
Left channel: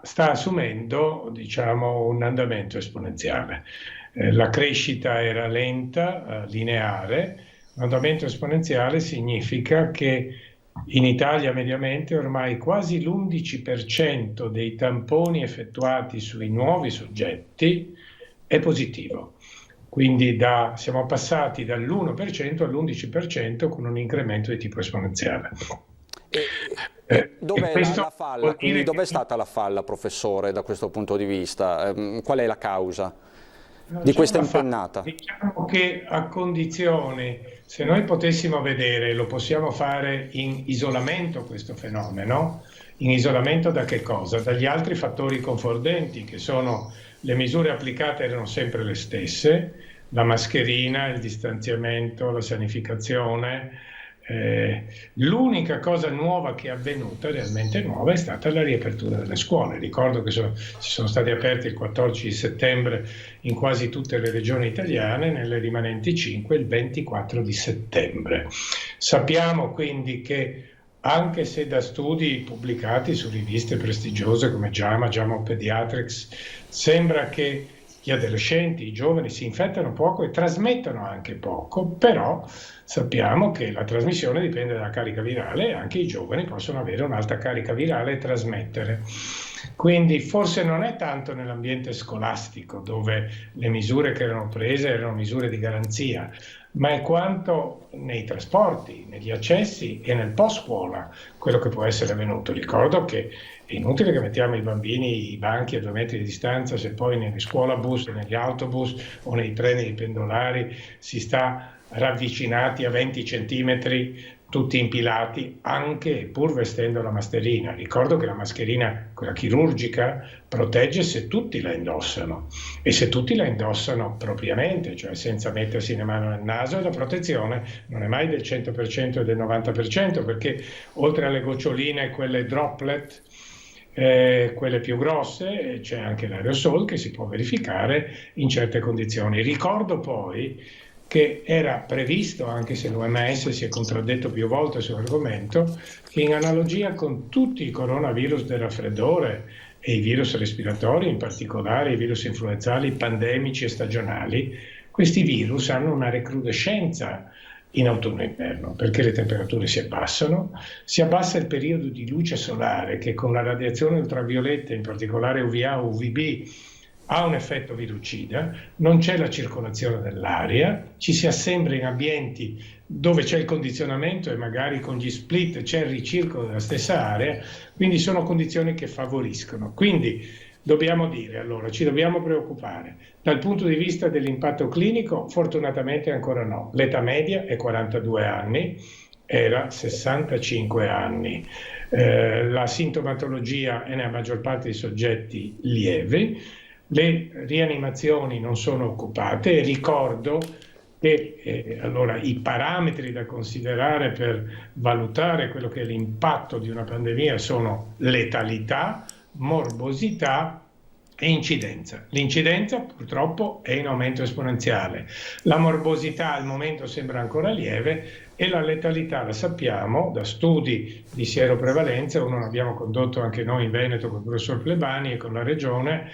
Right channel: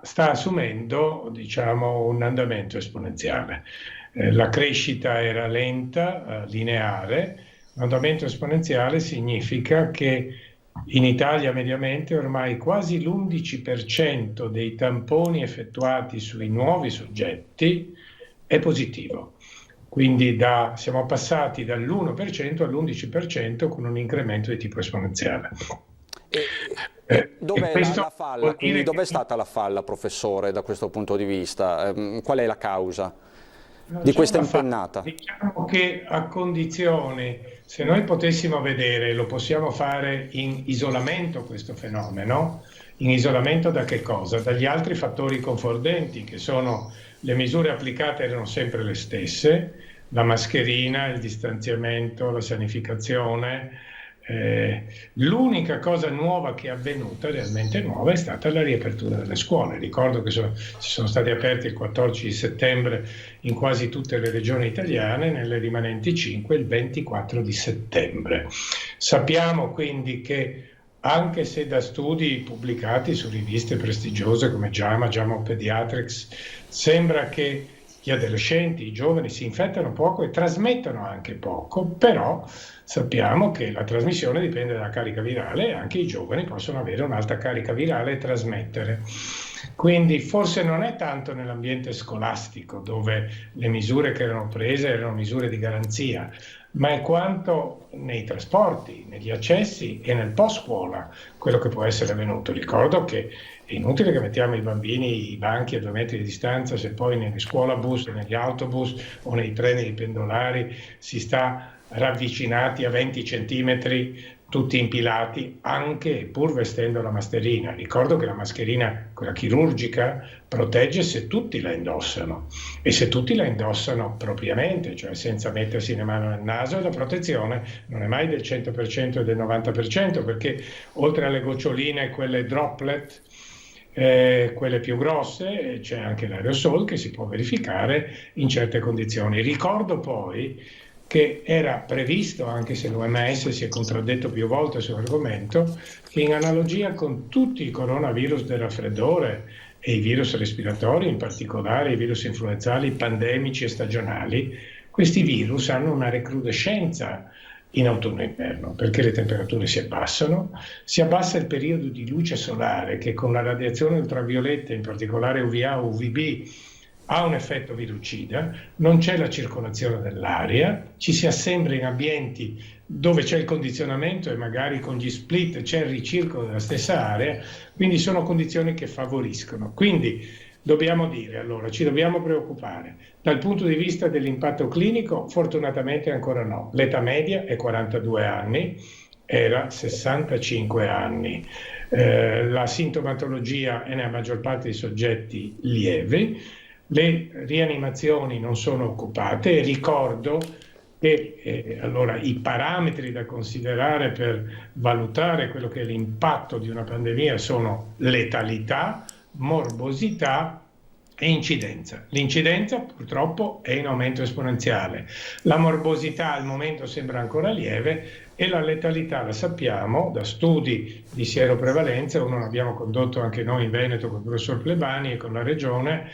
sta assumendo, diciamo, un andamento esponenziale. La crescita era lenta, lineare. L'andamento esponenziale significa che in Italia mediamente ormai quasi l'11% dei tamponi effettuati sui nuovi soggetti è positivo. Quindi siamo passati dall'1% all'11% con un incremento di tipo esponenziale. Dov'è la falla? Quindi dov'è stata la falla, professore, da questo punto di vista? Qual è la causa di questa impennata? Diciamo che a condizioni, se noi potessimo vedere, lo possiamo fare in isolamento questo fenomeno, in isolamento da che cosa? Dagli altri fattori confondenti, che sono le misure applicate erano sempre le stesse, la mascherina, il distanziamento, la sanificazione, L'unica cosa nuova che è avvenuta, realmente nuova, è stata la riapertura delle scuole. Ricordo che sono state aperte il 14 settembre in quasi tutte le regioni italiane, nelle rimanenti 5 il 24 di settembre. Sappiamo quindi che, anche se da studi pubblicati su riviste prestigiose come JAMA Pediatrics, sembra che gli adolescenti, i giovani si infettano poco e trasmettono anche poco, però sappiamo che la trasmissione dipende dalla carica virale e anche i giovani possono avere un'alta carica virale e trasmettere. Quindi forse non è tanto nell'ambiente scolastico, dove le misure che erano prese erano misure di garanzia, ma è quanto nei trasporti, negli accessi e nel post scuola quello che può essere avvenuto. Ricordo che è inutile che mettiamo i bambini, i banchi a 2 metri di distanza, se poi negli scuolabus, negli autobus o nei treni pendolari si sta ravvicinati a 20 centimetri, tutti impilati, anche pur vestendo la mascherina. Ricordo che la mascherina, quella chirurgica, protegge se tutti la indossano, e se tutti la indossano propriamente, cioè senza mettersi le mani nel naso, e la protezione non è mai del 100% e del 90%, perché oltre alle goccioline, quelle droplet, quelle più grosse, c'è anche l'aerosol che si può verificare in certe condizioni. Ricordo poi che era previsto, anche se l'OMS si è contraddetto più volte sull'argomento, che in analogia con tutti i coronavirus del raffreddore e i virus respiratori, in particolare i virus influenzali, pandemici e stagionali, questi virus hanno una recrudescenza in autunno e inverno, perché le temperature si abbassa il periodo di luce solare, che con la radiazione ultravioletta, in particolare UVA, UVB, ha un effetto virucida, non c'è la circolazione dell'aria, ci si assembra in ambienti dove c'è il condizionamento e magari con gli split c'è il ricircolo della stessa area, quindi sono condizioni che favoriscono. Quindi dobbiamo dire, allora, ci dobbiamo preoccupare. Dal punto di vista dell'impatto clinico, fortunatamente ancora no. L'età media è 42 anni, era 65 anni. La sintomatologia è nella maggior parte dei soggetti lieve. Le rianimazioni non sono occupate, e ricordo che allora, i parametri da considerare per valutare quello che è l'impatto di una pandemia sono letalità, morbosità e incidenza. L'incidenza purtroppo è in aumento esponenziale, la morbosità al momento sembra ancora lieve e la letalità la sappiamo da studi di sieroprevalenza, uno l'abbiamo condotto anche noi in Veneto con il professor Plebani e con la regione.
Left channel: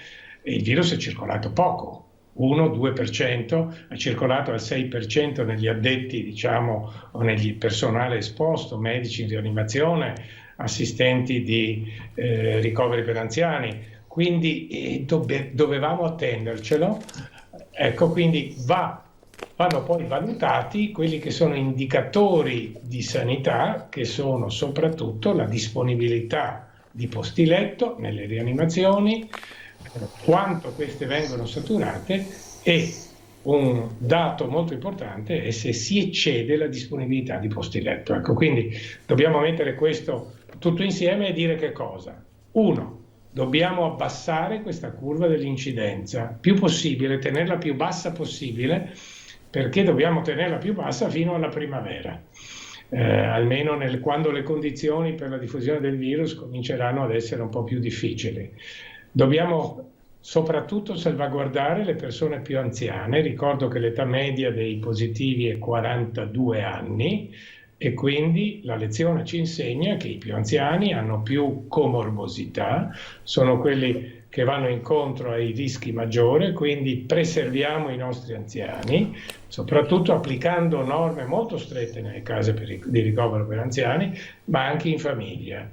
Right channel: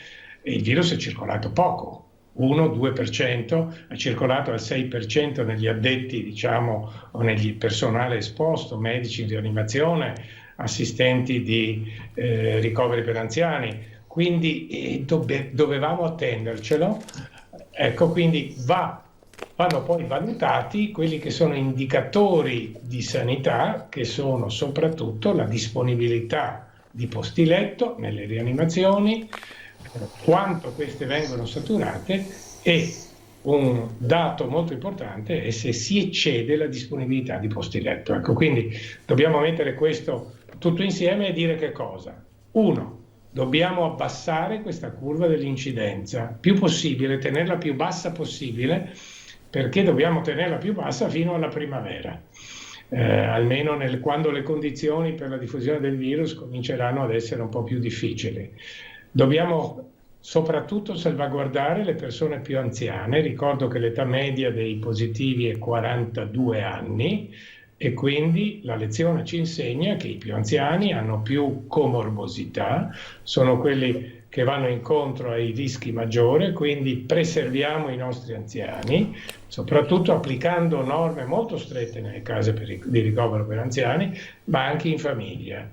Il virus è circolato poco, 1-2%, è circolato al 6% negli addetti, diciamo, o nel personale esposto, medici di rianimazione, assistenti di ricoveri per anziani, quindi dovevamo attendercelo. Ecco, quindi vanno poi valutati quelli che sono indicatori di sanità, che sono soprattutto la disponibilità di posti letto nelle rianimazioni, quanto queste vengono saturate, e un dato molto importante è se si eccede la disponibilità di posti letto. Ecco, quindi dobbiamo mettere questo tutto insieme e dire che cosa? 1. Dobbiamo abbassare questa curva dell'incidenza più possibile, tenerla più bassa possibile, perché dobbiamo tenerla più bassa fino alla primavera, almeno quando le condizioni per la diffusione del virus cominceranno ad essere un po' più difficili. Dobbiamo soprattutto salvaguardare le persone più anziane. Ricordo che l'età media dei positivi è 42 anni e quindi la lezione ci insegna che i più anziani hanno più comorbosità, sono quelli che vanno incontro ai rischi maggiori, quindi preserviamo i nostri anziani, soprattutto applicando norme molto strette nelle case di ricovero per anziani, ma anche in famiglia.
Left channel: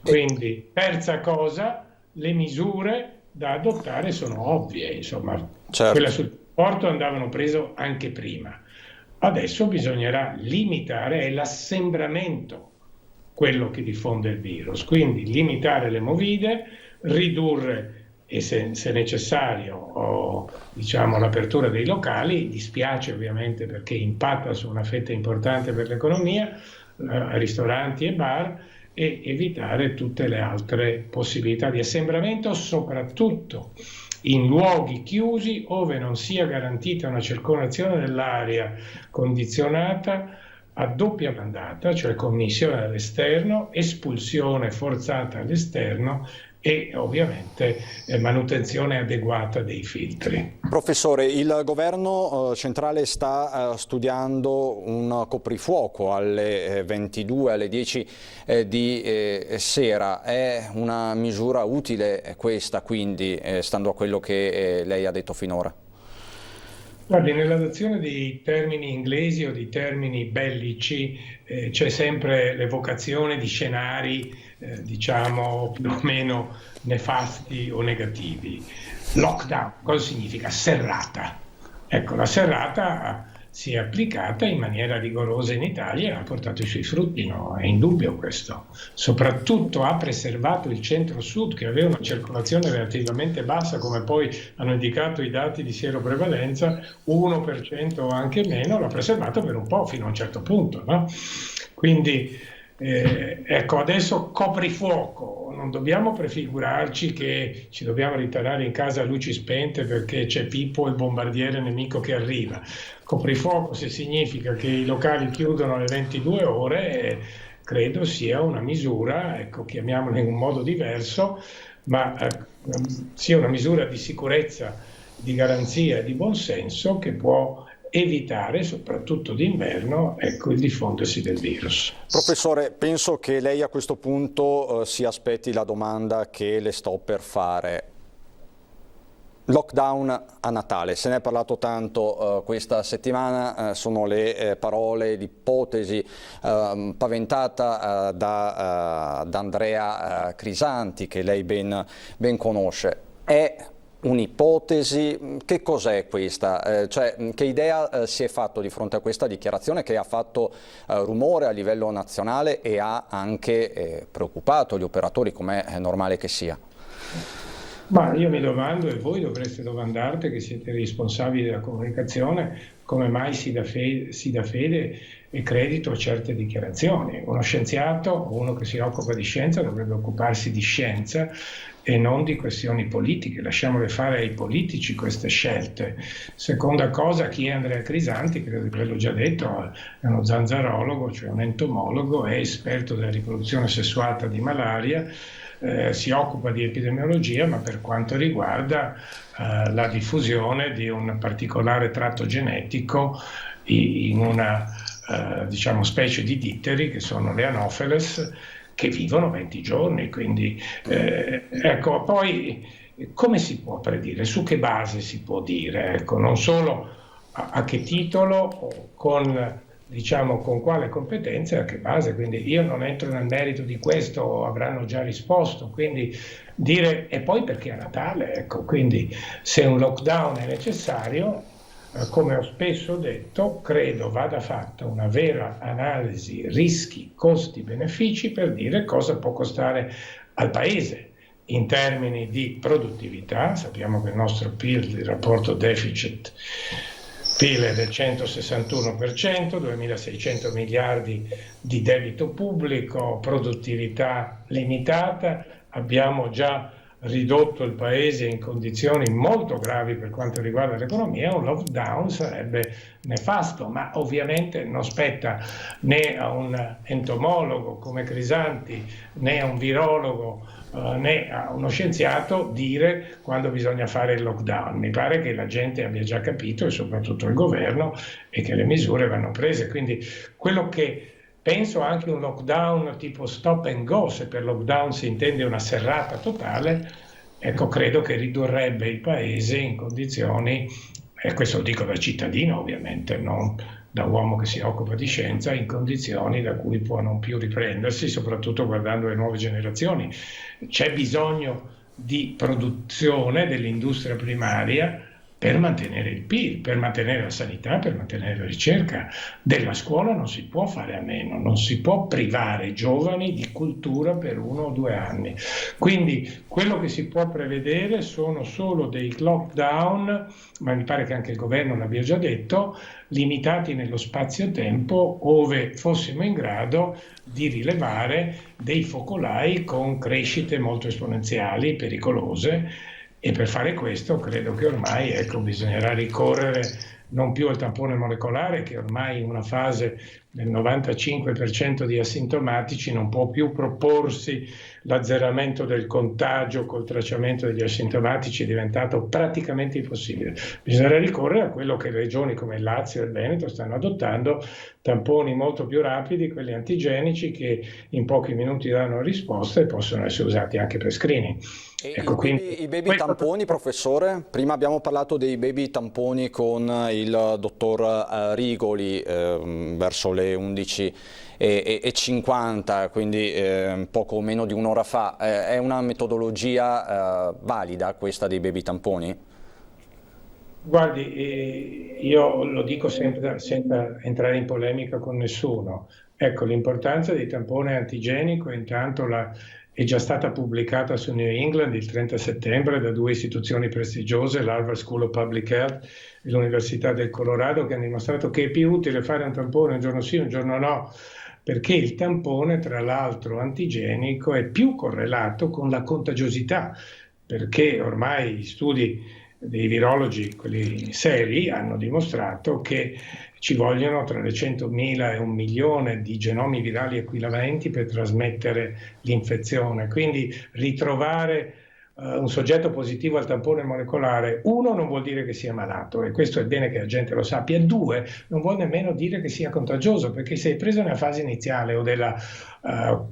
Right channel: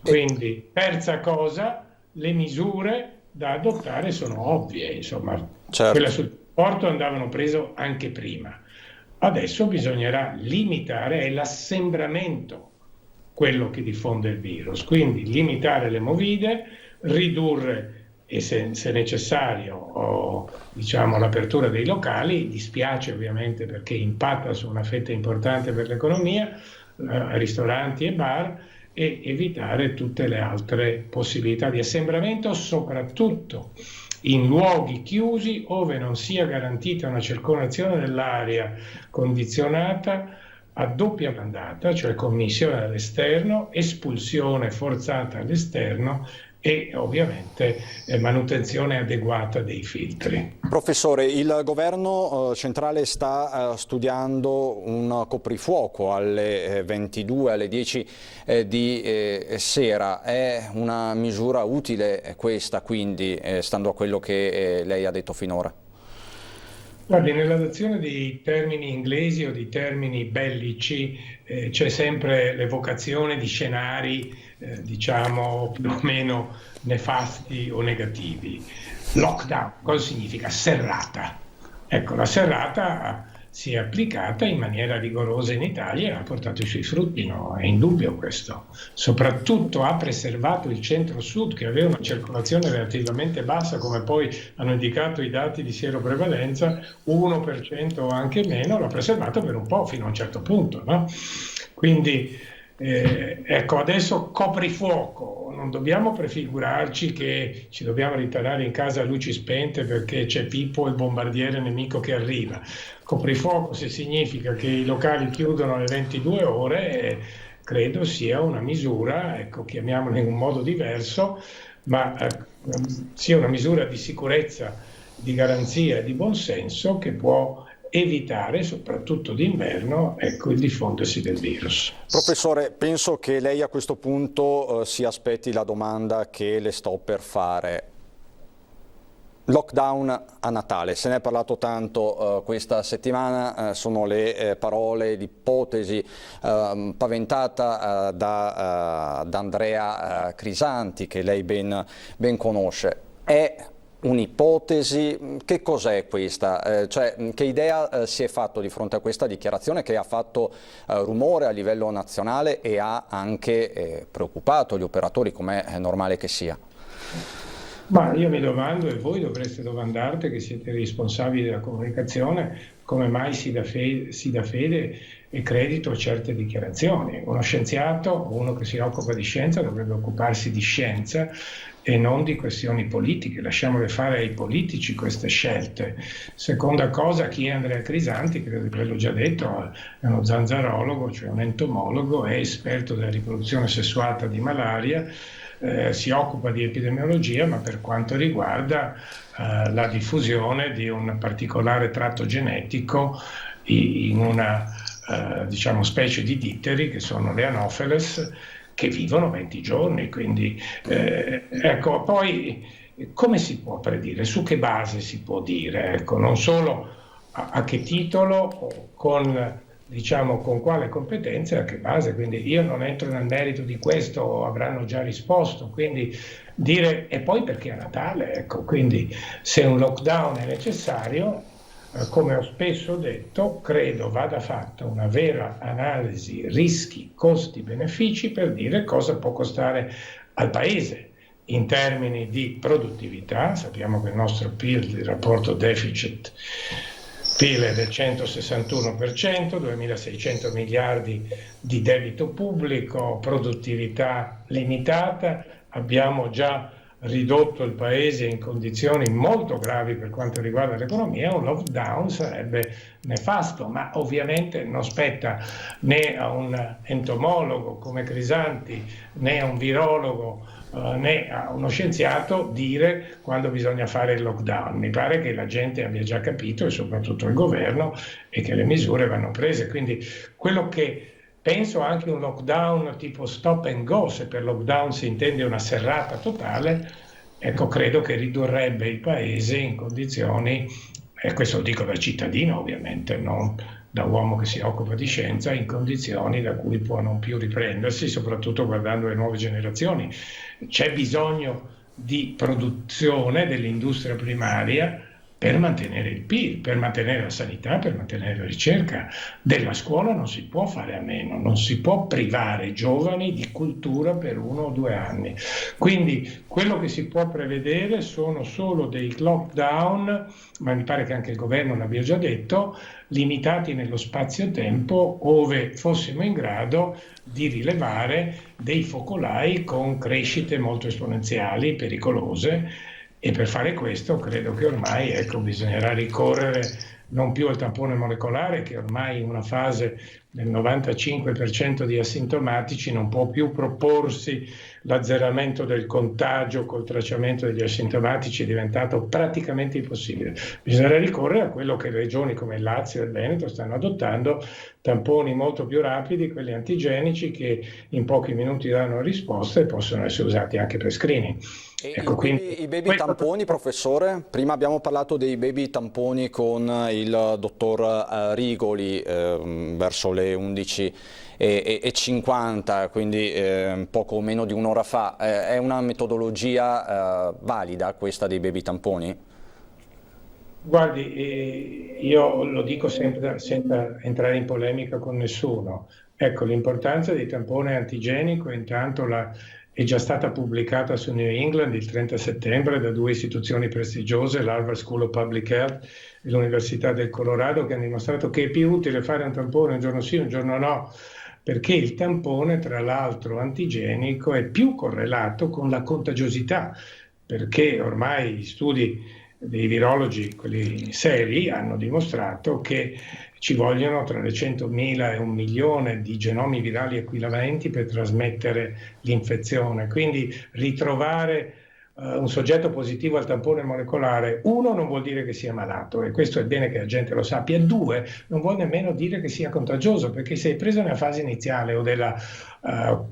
Quindi, terza cosa, le misure da adottare sono ovvie, insomma, certo. Quella sul trasporto andavano preso anche prima. Adesso bisognerà limitare, è l'assembramento quello che diffonde il virus, quindi limitare le movide, ridurre, e se necessario, diciamo, l'apertura dei locali. Dispiace ovviamente perché impatta su una fetta importante per l'economia, ristoranti e bar, e evitare tutte le altre possibilità di assembramento, soprattutto in luoghi chiusi ove non sia garantita una circolazione dell'aria condizionata a doppia mandata, cioè commissione all'esterno, espulsione forzata all'esterno e ovviamente manutenzione adeguata dei filtri. Professore, il governo centrale sta studiando un coprifuoco alle 22, alle 10 di sera. È una misura utile questa, quindi, stando a quello che lei ha detto finora? Guardi, nell'adozione di termini inglesi o di termini bellici c'è sempre l'evocazione di scenari diciamo più o meno nefasti o negativi. Lockdown, cosa significa? Serrata. Ecco, la serrata si è applicata in maniera rigorosa in Italia e ha portato i suoi frutti, no? È indubbio questo. Soprattutto ha preservato il centro-sud, che aveva una circolazione relativamente bassa, come poi hanno indicato i dati di sieroprevalenza, 1% o anche meno, l'ha preservato per un po' fino a un certo punto, no? Quindi ecco, adesso coprifuoco, non dobbiamo prefigurarci che ci dobbiamo ritirare in casa a luci spente perché c'è Pippo, il bombardiere nemico che arriva. Coprifuoco, se significa che i locali chiudono alle 22 ore, credo sia una misura, ecco, chiamiamola in un modo diverso, ma sia una misura di sicurezza, di garanzia, di buonsenso che può evitare, soprattutto d'inverno, ecco, il diffondersi del virus. Professore, penso che lei a questo punto si aspetti la domanda che le sto per fare. Lockdown a Natale, se ne è parlato tanto questa settimana, sono le parole, l'ipotesi paventata da Andrea Crisanti, che lei ben conosce. È un'ipotesi? Che cos'è questa? Cioè, che idea si è fatto di fronte a questa dichiarazione che ha fatto rumore a livello nazionale e ha anche preoccupato gli operatori, come è normale che sia? Ma io mi domando, e voi dovreste domandarti, che siete responsabili della comunicazione, come mai si dà fede e credito a certe dichiarazioni. Uno scienziato, uno che si occupa di scienza, dovrebbe occuparsi di scienza e non di questioni politiche. Lasciamole fare ai politici queste scelte. Seconda cosa, chi è Andrea Crisanti? Credo che l'ho già detto, è uno zanzarologo, cioè un entomologo, è esperto della riproduzione sessuata di malaria, si occupa di epidemiologia, ma per quanto riguarda la diffusione di un particolare tratto genetico in una diciamo specie di ditteri che sono le Anopheles, che vivono 20 giorni, quindi ecco, poi come si può predire, su che base si può dire, ecco, non solo a che titolo, con quale competenza e a che base, quindi io non entro nel merito di questo, avranno già risposto, quindi dire, e poi perché a Natale, ecco, quindi se un lockdown è necessario, come ho spesso detto, credo vada fatta una vera analisi rischi, costi, benefici per dire cosa può costare al Paese in termini di produttività. Sappiamo che il nostro PIL, il rapporto deficit-PIL è del 161%, 2.600 miliardi di debito pubblico, produttività limitata, abbiamo già ridotto il Paese in condizioni molto gravi per quanto riguarda l'economia. Un lockdown sarebbe nefasto, ma ovviamente non spetta né a un entomologo come Crisanti, né a un virologo, né a uno scienziato dire quando bisogna fare il lockdown. Mi pare che la gente abbia già capito, e soprattutto il governo, e che le misure vanno prese. Quindi quello che penso, anche un lockdown tipo stop and go, se per lockdown si intende una serrata totale, ecco, credo che ridurrebbe il Paese in condizioni, e questo lo dico da cittadino ovviamente, non da uomo che si occupa di scienza, in condizioni da cui può non più riprendersi, soprattutto guardando le nuove generazioni. C'è bisogno di produzione dell'industria primaria per mantenere il PIL, per mantenere la sanità, per mantenere la ricerca. Della scuola non si può fare a meno, non si può privare i giovani di cultura per 1 o 2 anni. Quindi quello che si può prevedere sono solo dei lockdown, ma mi pare che anche il governo l'abbia già detto, limitati nello spazio-tempo, ove fossimo in grado di rilevare dei focolai con crescite molto esponenziali, pericolose. E per fare questo credo che ormai, ecco, bisognerà ricorrere non più al tampone molecolare, che ormai in una fase del 95% di asintomatici non può più proporsi l'azzeramento del contagio col tracciamento degli asintomatici, è diventato praticamente impossibile. Bisognerà ricorrere a quello che regioni come il Lazio e il Veneto stanno adottando, tamponi molto più rapidi, quelli antigenici, che in pochi minuti danno risposta e possono essere usati anche per screening. Ecco, I baby tamponi, professore? Prima abbiamo parlato dei baby tamponi con il dottor Rigoli verso le 11:50, quindi poco meno di un'ora fa. È una metodologia valida questa dei baby tamponi? Guardi, io lo dico sempre senza entrare in polemica con nessuno. Ecco, l'importanza dei tamponi antigenico intanto è già stata pubblicata su New England il 30 settembre da 2 istituzioni prestigiose, l'Harvard School of Public Health e l'Università del Colorado, che hanno dimostrato che è più utile fare un tampone un giorno sì, un giorno no, perché il tampone, tra l'altro antigenico, è più correlato con la contagiosità, perché ormai gli studi dei virologi, quelli seri, hanno dimostrato che ci vogliono tra le 100.000 e 1 milione di genomi virali equivalenti per trasmettere l'infezione. Quindi ritrovare un soggetto positivo al tampone molecolare, 1, non vuol dire che sia malato, e questo è bene che la gente lo sappia, 2, non vuol nemmeno dire che sia contagioso, perché se è preso nella fase iniziale o della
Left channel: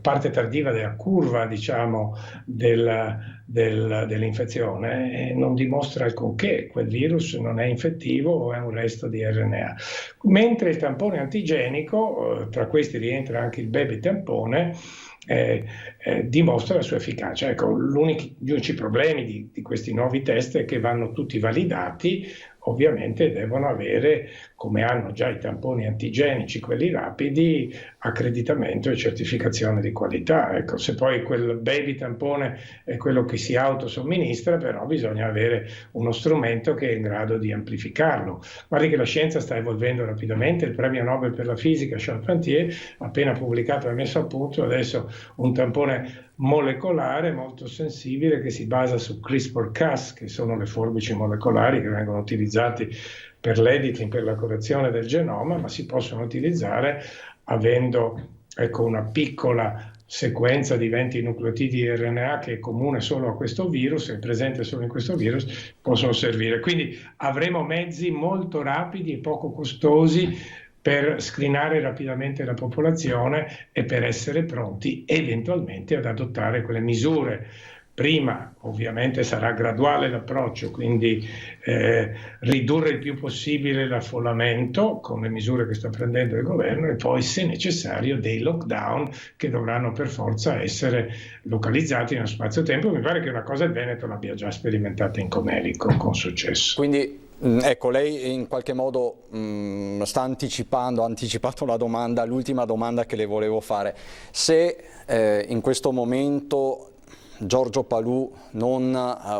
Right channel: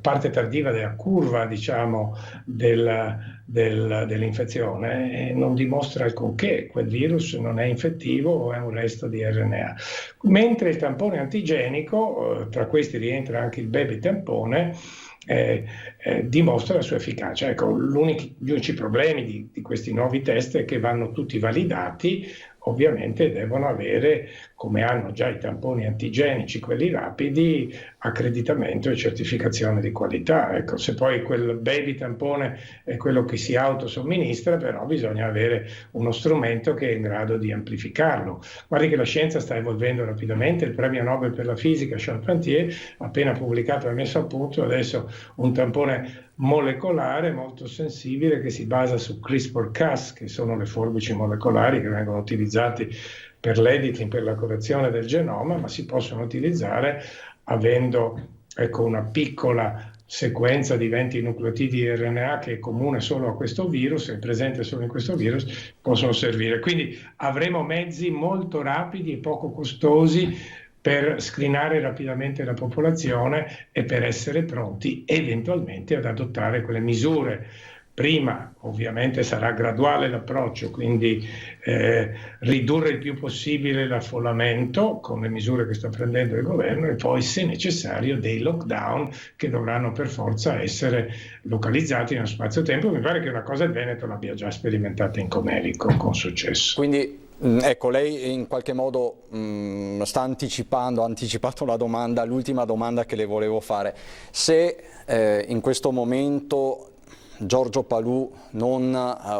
parte tardiva della curva, diciamo, dell'infezione, non dimostra alcunché, quel virus non è infettivo o è un resto di RNA. Mentre il tampone antigenico, tra questi rientra anche il baby tampone, dimostra la sua efficacia. Ecco, gli unici problemi di questi nuovi test è che vanno tutti validati, ovviamente devono avere, come hanno già i tamponi antigenici, quelli rapidi, accreditamento e certificazione di qualità. Ecco, se poi quel baby tampone è quello che si autosomministra, però bisogna avere uno strumento che è in grado di amplificarlo. Guardi che la scienza sta evolvendo rapidamente, il premio Nobel per la fisica Charpentier ha appena pubblicato e messo a punto adesso un tampone molecolare molto sensibile che si basa su CRISPR-Cas, che sono le forbici molecolari che vengono utilizzati per l'editing, per la correzione del genoma, ma si possono utilizzare avendo, ecco, una piccola sequenza di 20 nucleotidi RNA che è comune solo a questo virus, è presente solo in questo virus, possono servire. Quindi avremo mezzi molto rapidi e poco costosi per screenare rapidamente la popolazione e per essere pronti eventualmente ad adottare quelle misure. Prima ovviamente sarà graduale l'approccio, quindi ridurre il più possibile l'affollamento con le misure che sta prendendo il governo e poi, se necessario, dei lockdown che dovranno per forza essere localizzati in uno spazio-tempo. Mi pare che una cosa il Veneto l'abbia già sperimentata in Comelico con successo. Quindi ecco, lei in qualche modo sta ha anticipato la domanda, l'ultima domanda che le volevo fare. Se in questo momento Giorgio Palù non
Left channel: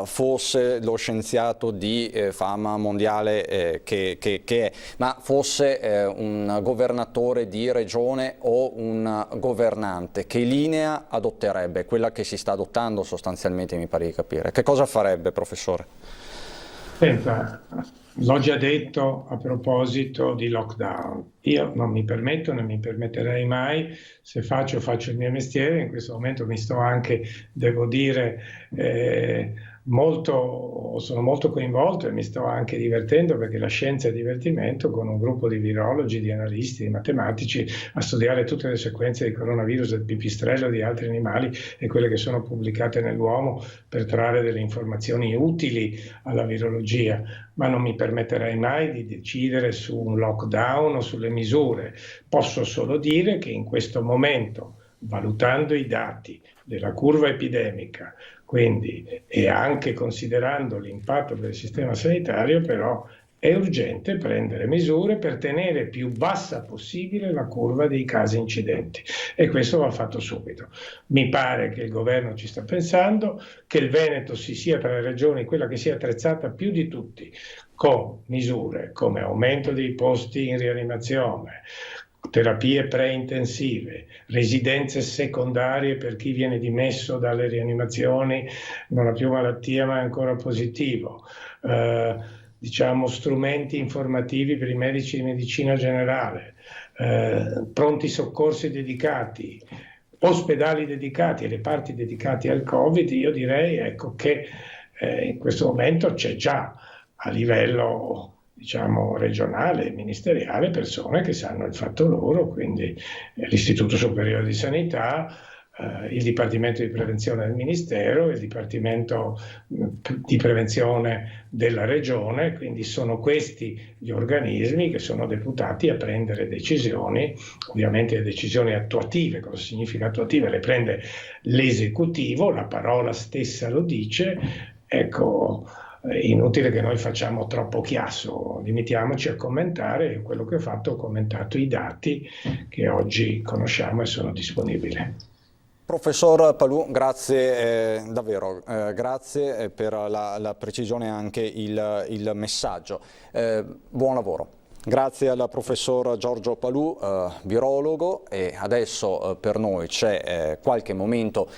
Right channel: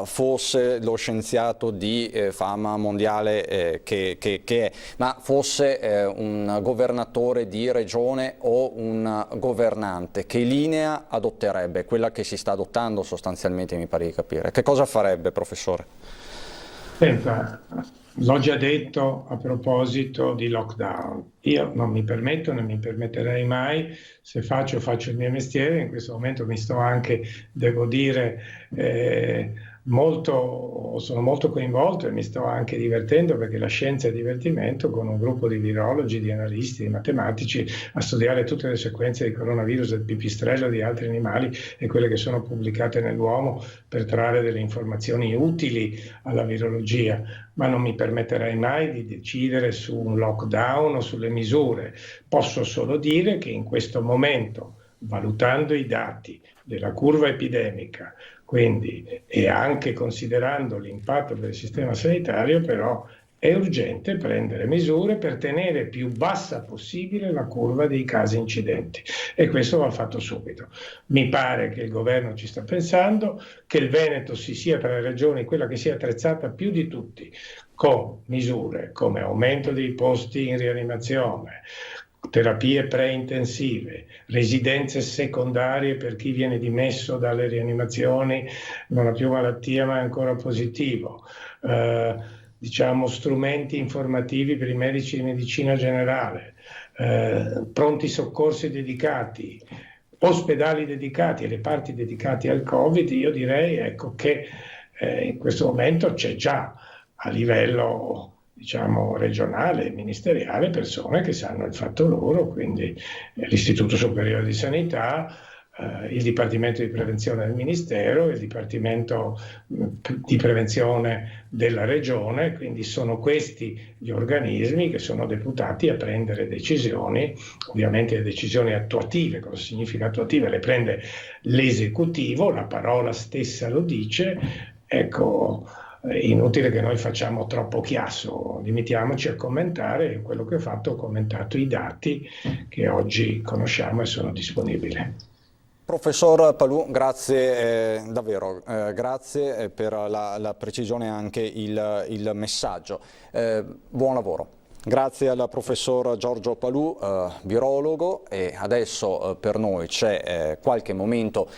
fosse lo scienziato di fama mondiale che è, ma fosse un governatore di regione o un governante, che linea adotterebbe? Quella che si sta adottando sostanzialmente, mi pare di capire. Che cosa farebbe, professore? Senta, l'ho già detto a proposito di lockdown. Io non mi permetto, non mi permetterei mai, se faccio il mio mestiere. In questo momento mi sto anche, devo dire, sono molto coinvolto e mi sto anche divertendo, perché la scienza è divertimento, con un gruppo di virologi, di analisti, di matematici a studiare tutte le sequenze di coronavirus, del pipistrello, di altri animali e quelle che sono pubblicate nell'uomo per trarre delle informazioni utili alla virologia. Ma non mi permetterei mai di decidere su un lockdown o sulle misure. Posso solo dire che in questo momento, valutando i dati della curva epidemica, quindi, e anche considerando l'impatto del sistema sanitario, però è urgente prendere misure per tenere più bassa possibile la curva dei casi incidenti, e questo va fatto subito. Mi pare che il governo ci sta pensando, che il Veneto sia tra le regioni quella che si è attrezzata più di tutti con misure come aumento dei posti in rianimazione, terapie preintensive, residenze secondarie per chi viene dimesso dalle rianimazioni, non ha più malattia ma è ancora positivo, diciamo, strumenti informativi per i medici di medicina generale, pronti soccorsi dedicati, ospedali dedicati e reparti dedicati al Covid, io direi, ecco, che in questo momento c'è già a livello, diciamo, regionale e ministeriale persone che sanno il fatto loro, quindi l'Istituto Superiore di Sanità, il Dipartimento di Prevenzione del Ministero, il Dipartimento di Prevenzione della Regione, quindi sono questi gli organismi che sono deputati a prendere decisioni, ovviamente le decisioni attuative. Cosa significa attuative? Le prende l'esecutivo, la parola stessa lo dice, ecco. È inutile che noi facciamo troppo chiasso, limitiamoci a commentare. Quello che ho fatto, ho commentato i dati che oggi conosciamo e sono disponibili. Professor Palù, grazie davvero, grazie per la precisione e anche il messaggio. Buon lavoro. Grazie al professor Giorgio Palù, virologo, e adesso per noi c'è qualche momento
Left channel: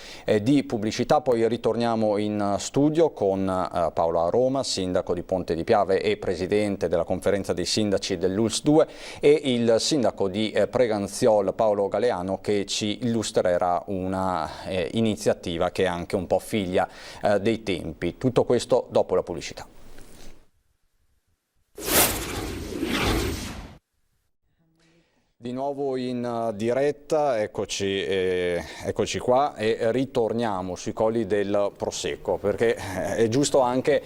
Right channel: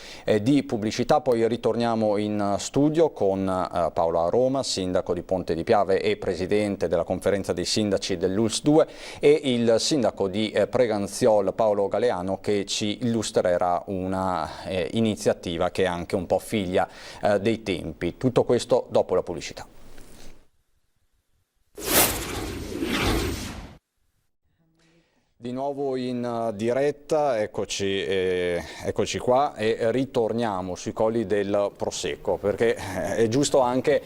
di pubblicità, poi ritorniamo in studio con Paola Roma, sindaco di Ponte di Piave e presidente della conferenza dei sindaci dell'ULSS 2, e il sindaco di Preganziol Paolo Galeano, che ci illustrerà una iniziativa che è anche un po' figlia dei tempi. Tutto questo dopo la pubblicità. Di nuovo in diretta, eccoci qua, e ritorniamo sui colli del Prosecco, perché è giusto anche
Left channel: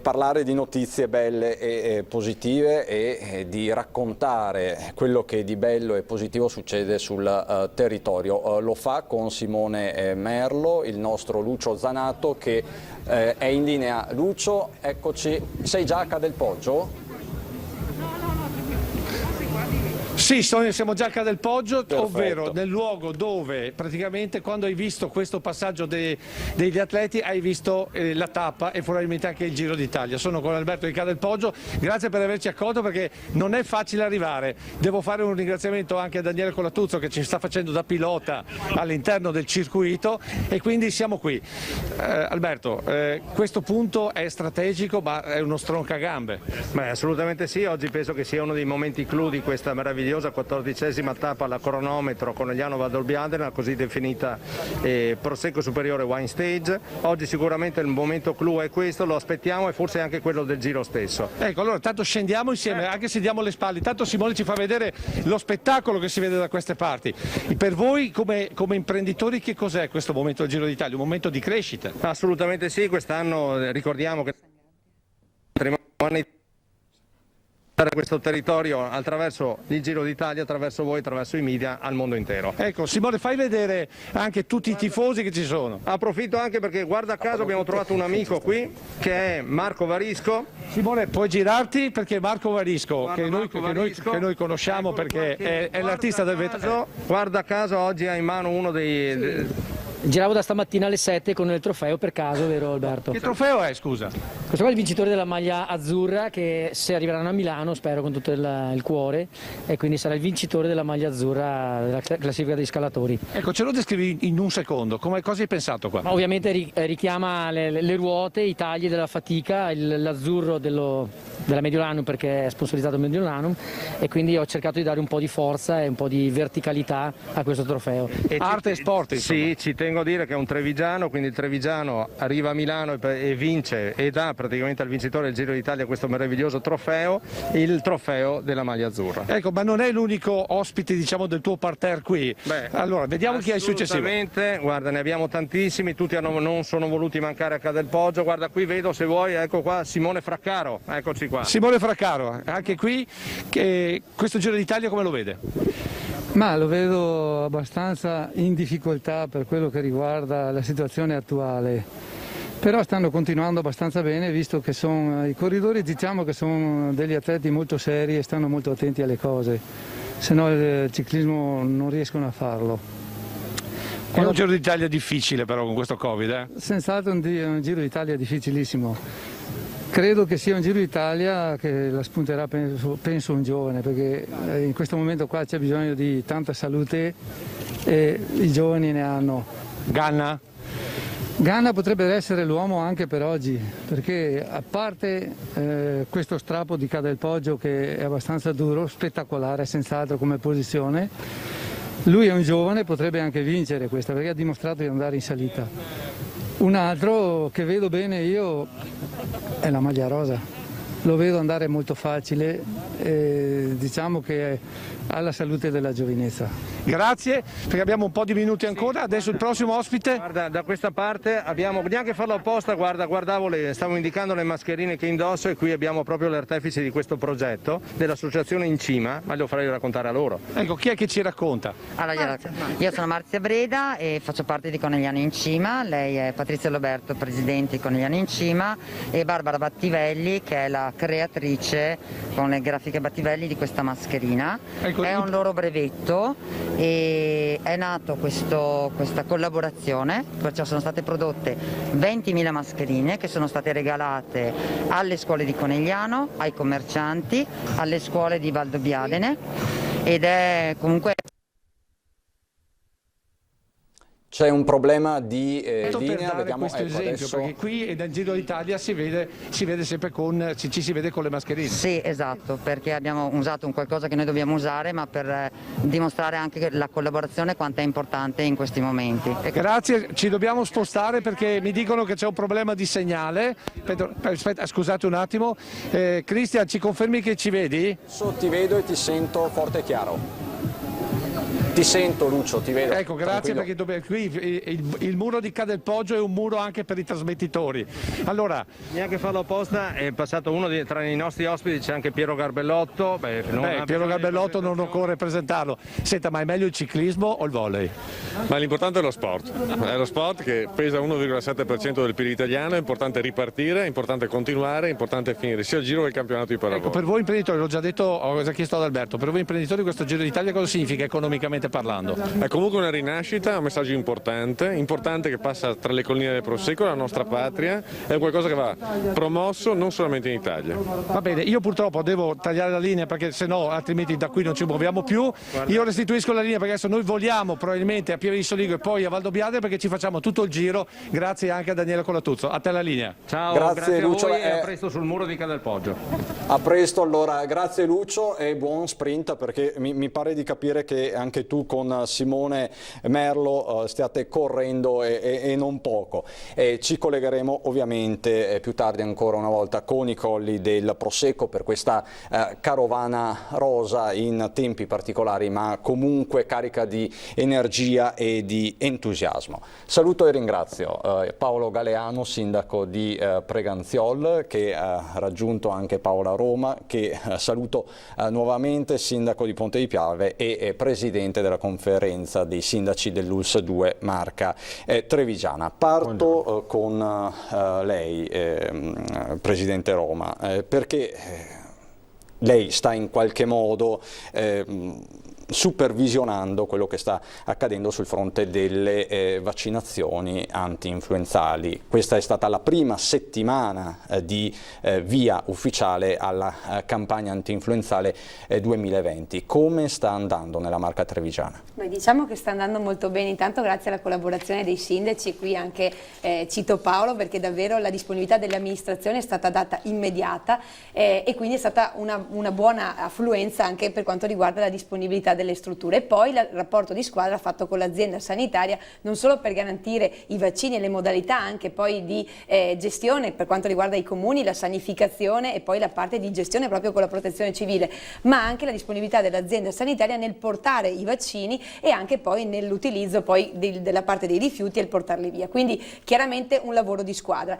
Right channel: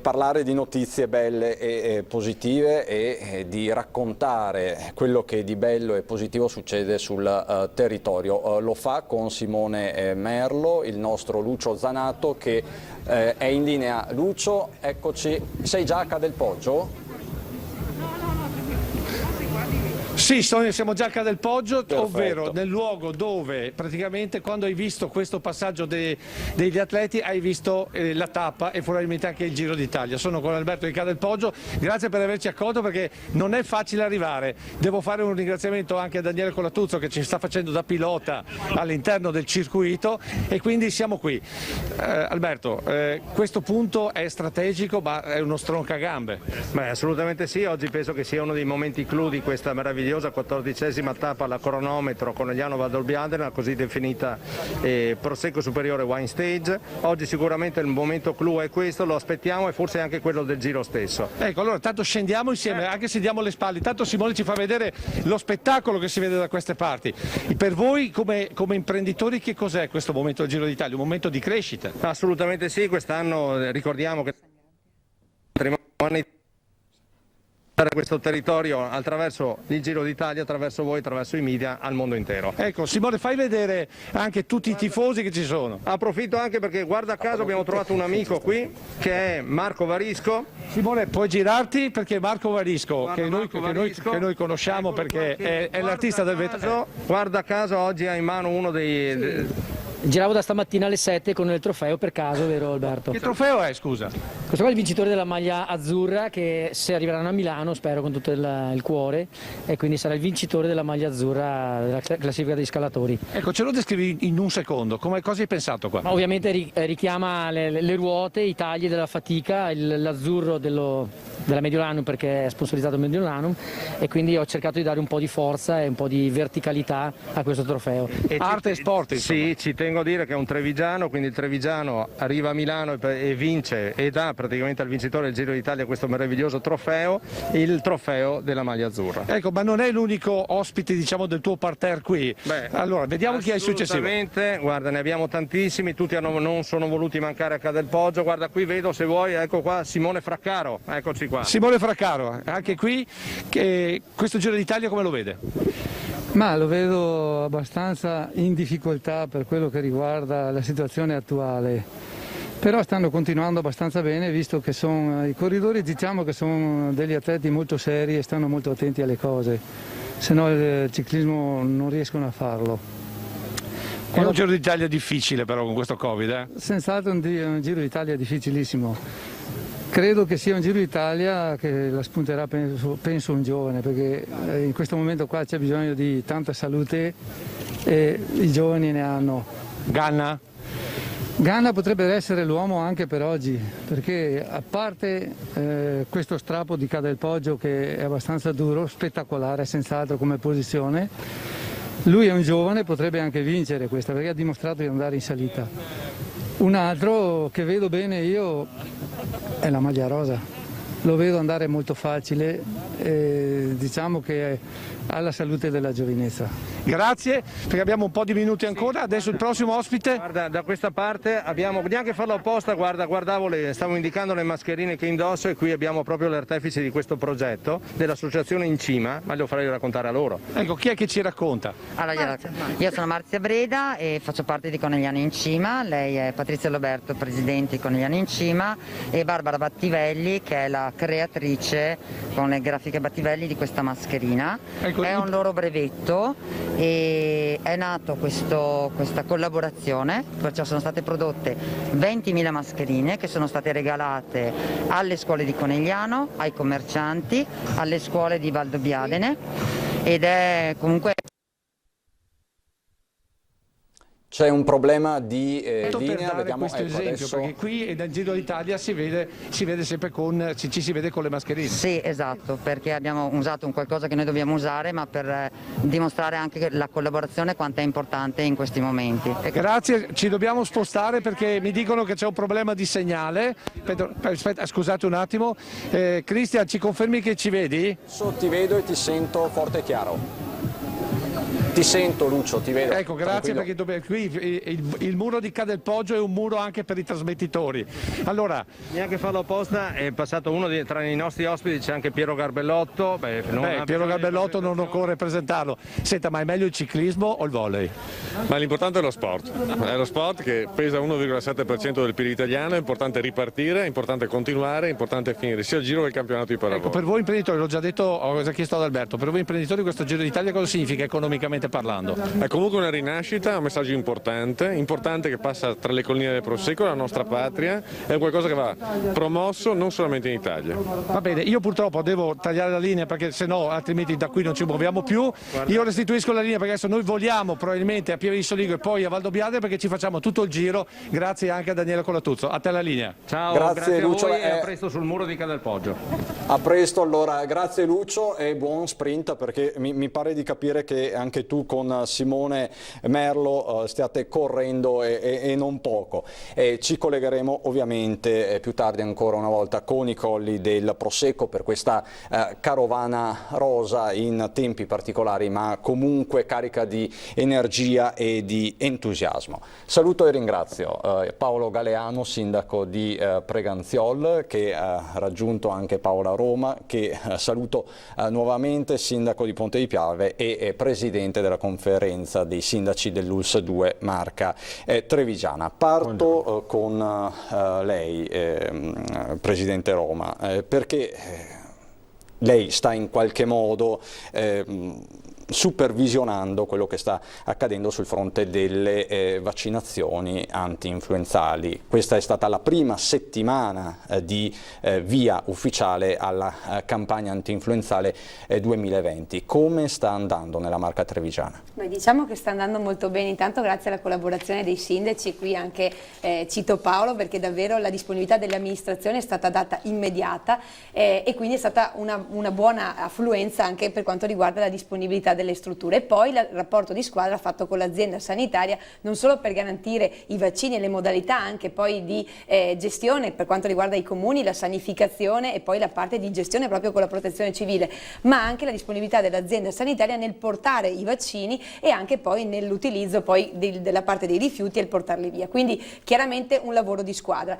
parlare di notizie belle e positive e di raccontare quello che di bello e positivo succede sul territorio. Lo fa con Simone Merlo, il nostro Lucio Zanato, che è in linea. Lucio, eccoci, sei già a Cadelpoggio? Sì, siamo già a Cadelpoggio, ovvero nel luogo dove praticamente quando hai visto questo passaggio degli atleti hai visto la tappa e probabilmente anche il Giro d'Italia. Sono con Alberto di Cadelpoggio, grazie per averci accolto perché non è facile arrivare. Devo fare un ringraziamento anche a Daniele Colatuzzo che ci sta facendo da pilota all'interno del circuito e quindi siamo qui. Alberto, questo punto è strategico ma è uno stroncagambe. Beh, assolutamente sì, oggi penso che sia uno dei momenti clou di questa meravigliosa 14ª tappa alla cronometro Conegliano Valdobbiadene, la così definita Prosecco Superiore Wine Stage. Oggi sicuramente il momento clou è questo, lo aspettiamo, e forse anche quello del giro stesso. Ecco, allora tanto scendiamo insieme, anche se diamo le spalle, tanto Simone ci fa vedere lo spettacolo che si vede da queste parti. Per voi come imprenditori che cos'è questo momento del Giro d'Italia? Un momento di crescita? Assolutamente sì, quest'anno ricordiamo che questo territorio attraverso il Giro d'Italia, attraverso voi, attraverso i media al mondo intero. Ecco Simone, fai vedere anche tutti i tifosi che ci sono. Approfitto anche perché guarda caso abbiamo trovato un amico qui che è Marco Varisco. Simone, puoi girarti perché Marco Varisco, che noi conosciamo, ecco, perché è l'artista del vetro. Guarda caso oggi ha in mano uno dei... Giravo da stamattina alle 7 con il trofeo per caso, vero Alberto? Che trofeo è, scusa? Questo qua è il vincitore della maglia azzurra, che se arriveranno a Milano, spero con tutto il cuore, e quindi sarà il vincitore della maglia azzurra della classifica dei scalatori. Ecco, ce lo descrivi in un secondo, cosa hai pensato qua? Ma ovviamente richiama le ruote, i tagli della fatica, l'azzurro della Mediolanum perché è sponsorizzato Mediolanum, e quindi ho cercato di dare un po' di forza e un po' di verticalità a questo trofeo. Arte e sport, insomma. Sì, ci tengo a dire che è un trevigiano, quindi il trevigiano arriva a Milano e vince e dà praticamente al vincitore del Giro d'Italia questo meraviglioso trofeo, il trofeo della maglia azzurra. Ecco, ma non è l'unico ospite, diciamo, del tuo parterre qui. Beh, allora, vediamo chi è il successivo. Assolutamente, guarda, ne abbiamo tantissimi, tutti non sono voluti mancare a Cadelpoggio. Guarda, qui vedo, se vuoi, ecco qua Simone Fraccaro, eccoci qua. Simone Fraccaro, anche qui, che questo Giro d'Italia come lo vede? Ma lo vedo abbastanza in difficoltà per quello che riguarda la situazione attuale, però stanno continuando abbastanza bene, visto che i corridori, diciamo che sono degli atleti molto seri e stanno molto attenti alle cose, se no il ciclismo non riescono a farlo. È un Giro d'Italia difficile però con questo Covid, eh? Senz'altro un Giro d'Italia difficilissimo. Credo che sia un Giro d'Italia che la spunterà, penso un giovane, perché in questo momento qua c'è bisogno di tanta salute e i giovani ne hanno. Ganna? Ganna potrebbe essere l'uomo anche per oggi, perché a parte questo strappo di Cadelpoggio che è abbastanza duro, spettacolare senz'altro come posizione, lui è un giovane, potrebbe anche vincere questa perché ha dimostrato di andare in salita. Un altro che vedo bene io è la maglia rosa, lo vedo andare molto facile, diciamo che ha la salute della giovinezza. Grazie, perché abbiamo un po' di minuti ancora. Adesso il prossimo ospite. Guarda, da questa parte abbiamo, neanche farlo apposta, guardavo, stavo indicando le mascherine che indosso e qui abbiamo proprio l'artefice di questo progetto dell'associazione In Cima, ma lo farei raccontare a loro. Ecco, chi è che ci racconta? Allora, io sono Marzia Breda e faccio parte di Conegliano In Cima, lei è Patrizia Loberto, presidente di Conegliano In Cima, e Barbara Battivelli che è la creatrice con le grafiche Battivelli di questa mascherina. È un loro brevetto e è nato questa collaborazione, perciò sono state prodotte 20.000 mascherine che sono state regalate alle scuole di Conegliano, ai commercianti, alle scuole di Valdobbiadene ed è comunque... C'è un problema di linea, per vediamo questo esempio, adesso. perché qui e nel Giro d'Italia si vede sempre ci si vede con le mascherine. Sì, esatto, perché abbiamo usato un qualcosa che noi dobbiamo usare, ma per dimostrare anche la collaborazione quanto è importante in questi momenti. Grazie, ci dobbiamo spostare perché mi dicono che c'è un problema di segnale. Aspetta, scusate un attimo. Cristian, ci confermi che ci vedi? Ti vedo e ti sento forte e chiaro. Ti sento Lucio, ti vedo. Ecco, grazie, tranquillo. perché qui il muro di Cadelpoggio è un muro anche per i trasmettitori. Allora, neanche farlo apposta, è passato uno tra i nostri ospiti, c'è anche Piero Garbellotto. Piero Garbellotto non occorre presentarlo. Senta, ma è meglio il ciclismo o il volley? Ma l'importante è lo sport. È lo sport che pesa 1,7% del PIL italiano, è importante ripartire, è importante continuare, è importante finire sia il giro che il campionato di pallavolo. Per voi imprenditori, l'ho già detto, ho già chiesto ad Alberto, per voi imprenditori questo Giro d'Italia cosa significa economicamente parlando? È comunque una rinascita, un messaggio importante che passa tra le colline del Prosecco, la nostra patria, è qualcosa che va promosso non solamente in Italia. Va bene, io purtroppo devo tagliare la linea perché sennò altrimenti da qui non ci muoviamo più. Io restituisco la linea perché adesso noi voliamo probabilmente a Pieve di Soligo e poi a Valdobbiadene perché ci facciamo tutto il giro, grazie anche a Daniele Colatuzzo. A te la linea. Ciao, grazie Lucio, a voi e a presto sul muro di Cadelpoggio. A presto, allora, grazie Lucio e buon sprint perché mi pare di capire che anche tu con Simone Merlo stiate correndo e non poco. Ci collegheremo ovviamente più tardi ancora una volta con i colli del Prosecco per questa carovana rosa in tempi particolari ma comunque carica di energia e di entusiasmo. Saluto e ringrazio Paolo Galeano, sindaco di Preganziol, che ha raggiunto anche Paola Roma, che saluto nuovamente, sindaco di Ponte di Piave e presidente della conferenza dei sindaci dell'ULSS 2 Marca Trevigiana. Parto con lei, presidente Roma, perché lei sta in qualche modo supervisionando quello che sta accadendo sul fronte delle vaccinazioni anti-influenzali. Questa è stata la prima settimana di via ufficiale alla campagna anti-influenzale 2020. Come sta andando nella Marca Trevigiana? Beh, diciamo che sta andando molto bene, intanto grazie alla collaborazione dei sindaci, qui anche cito Paolo perché davvero la disponibilità dell'amministrazione è stata data immediata e quindi è stata una buona affluenza anche per quanto riguarda la disponibilità delle strutture. E poi il rapporto di squadra fatto con l'azienda sanitaria non solo per garantire i vaccini e le modalità anche poi di gestione per quanto riguarda i comuni, la sanificazione e poi la parte di gestione proprio con la protezione civile, ma anche la disponibilità dell'azienda sanitaria nel portare i vaccini e anche poi nell'utilizzo poi della parte dei rifiuti e il portarli via. Quindi chiaramente un lavoro di squadra.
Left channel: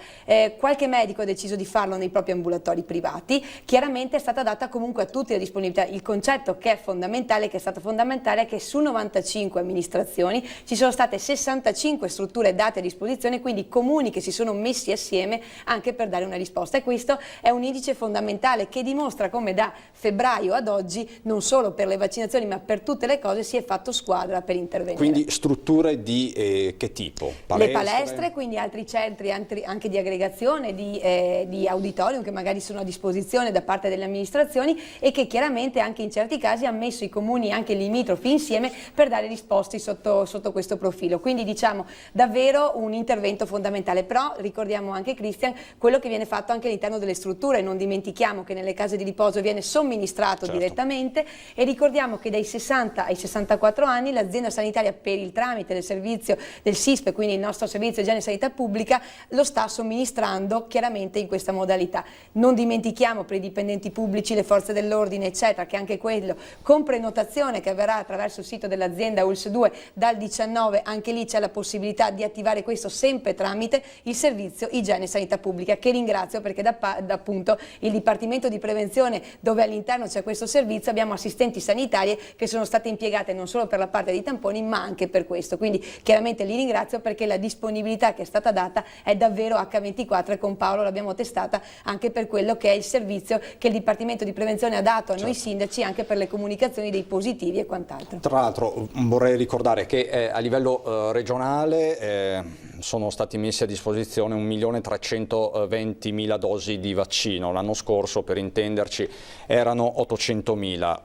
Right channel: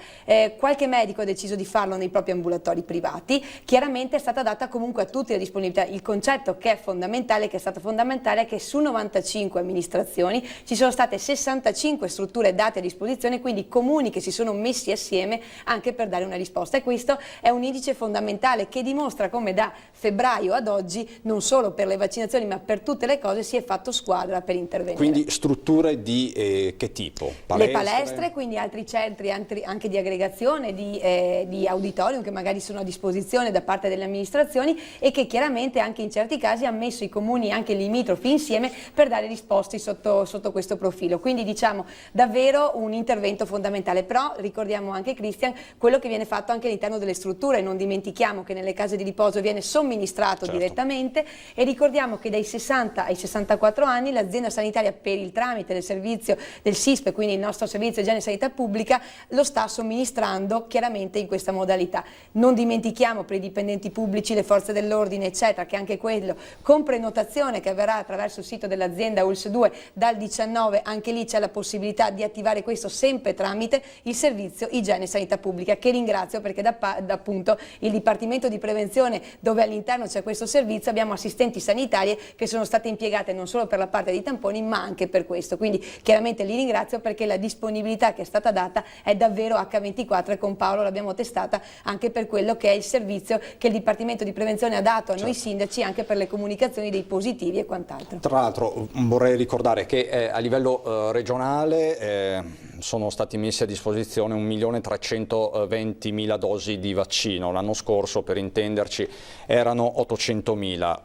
Qualche medico ha deciso di farlo nei propri ambulatori privati, chiaramente è stata data comunque a tutti la disponibilità. Il concetto che è fondamentale, che è stato fondamentale, è che su 95 amministrazioni ci sono state 65 strutture date a disposizione, quindi comuni che si sono messi assieme anche per dare una risposta, e questo è un indice fondamentale che dimostra come da febbraio ad oggi non solo per le vaccinazioni ma per tutte le cose si è fatto squadra per intervenire. Quindi strutture di che tipo? Le palestre, quindi altri centri anche di aggregazione, di auditorium che magari sono a disposizione da parte delle amministrazioni e che chiaramente anche in certi casi ha messo i comuni anche limitrofi insieme per dare risposte sotto questo profilo. Quindi diciamo davvero un intervento fondamentale, però ricordiamo anche, Christian, quello che viene fatto anche all'interno delle strutture. Non dimentichiamo che nelle case di riposo viene somministrato direttamente, e ricordiamo che dai 60 ai 64 anni l'azienda sanitaria, per il tramite del servizio del SISP, quindi il nostro servizio igiene e sanità pubblica, lo sta somministrando chiaramente in questa modalità. Non dimentichiamo per i dipendenti pubblici, le forze dell'ordine eccetera, che anche quello con prenotazione che avverrà attraverso il sito dell'azienda ULS 2 dal 19, anche lì c'è la possibilità di attivare questo sempre tramite il servizio igiene e sanità pubblica, che ringrazio perché da appunto il Dipartimento di Prevenzione, dove all'interno c'è questo servizio, abbiamo assistenti sanitarie che sono state impiegate non solo per la parte dei tamponi ma anche per questo, quindi chiaramente li ringrazio perché la disponibilità che è stata data è davvero H24, e con Paolo l'abbiamo testata anche per quello che è il servizio che il Dipartimento di Prevenzione ha dato a noi sindaci, anche per le comunicazioni dei positivi e quant'altro. Tra l'altro vorrei ricordare che a livello regionale sono stati messi a disposizione 1.320.000 dosi di vaccino. L'anno scorso, per intenderci, erano 800.000,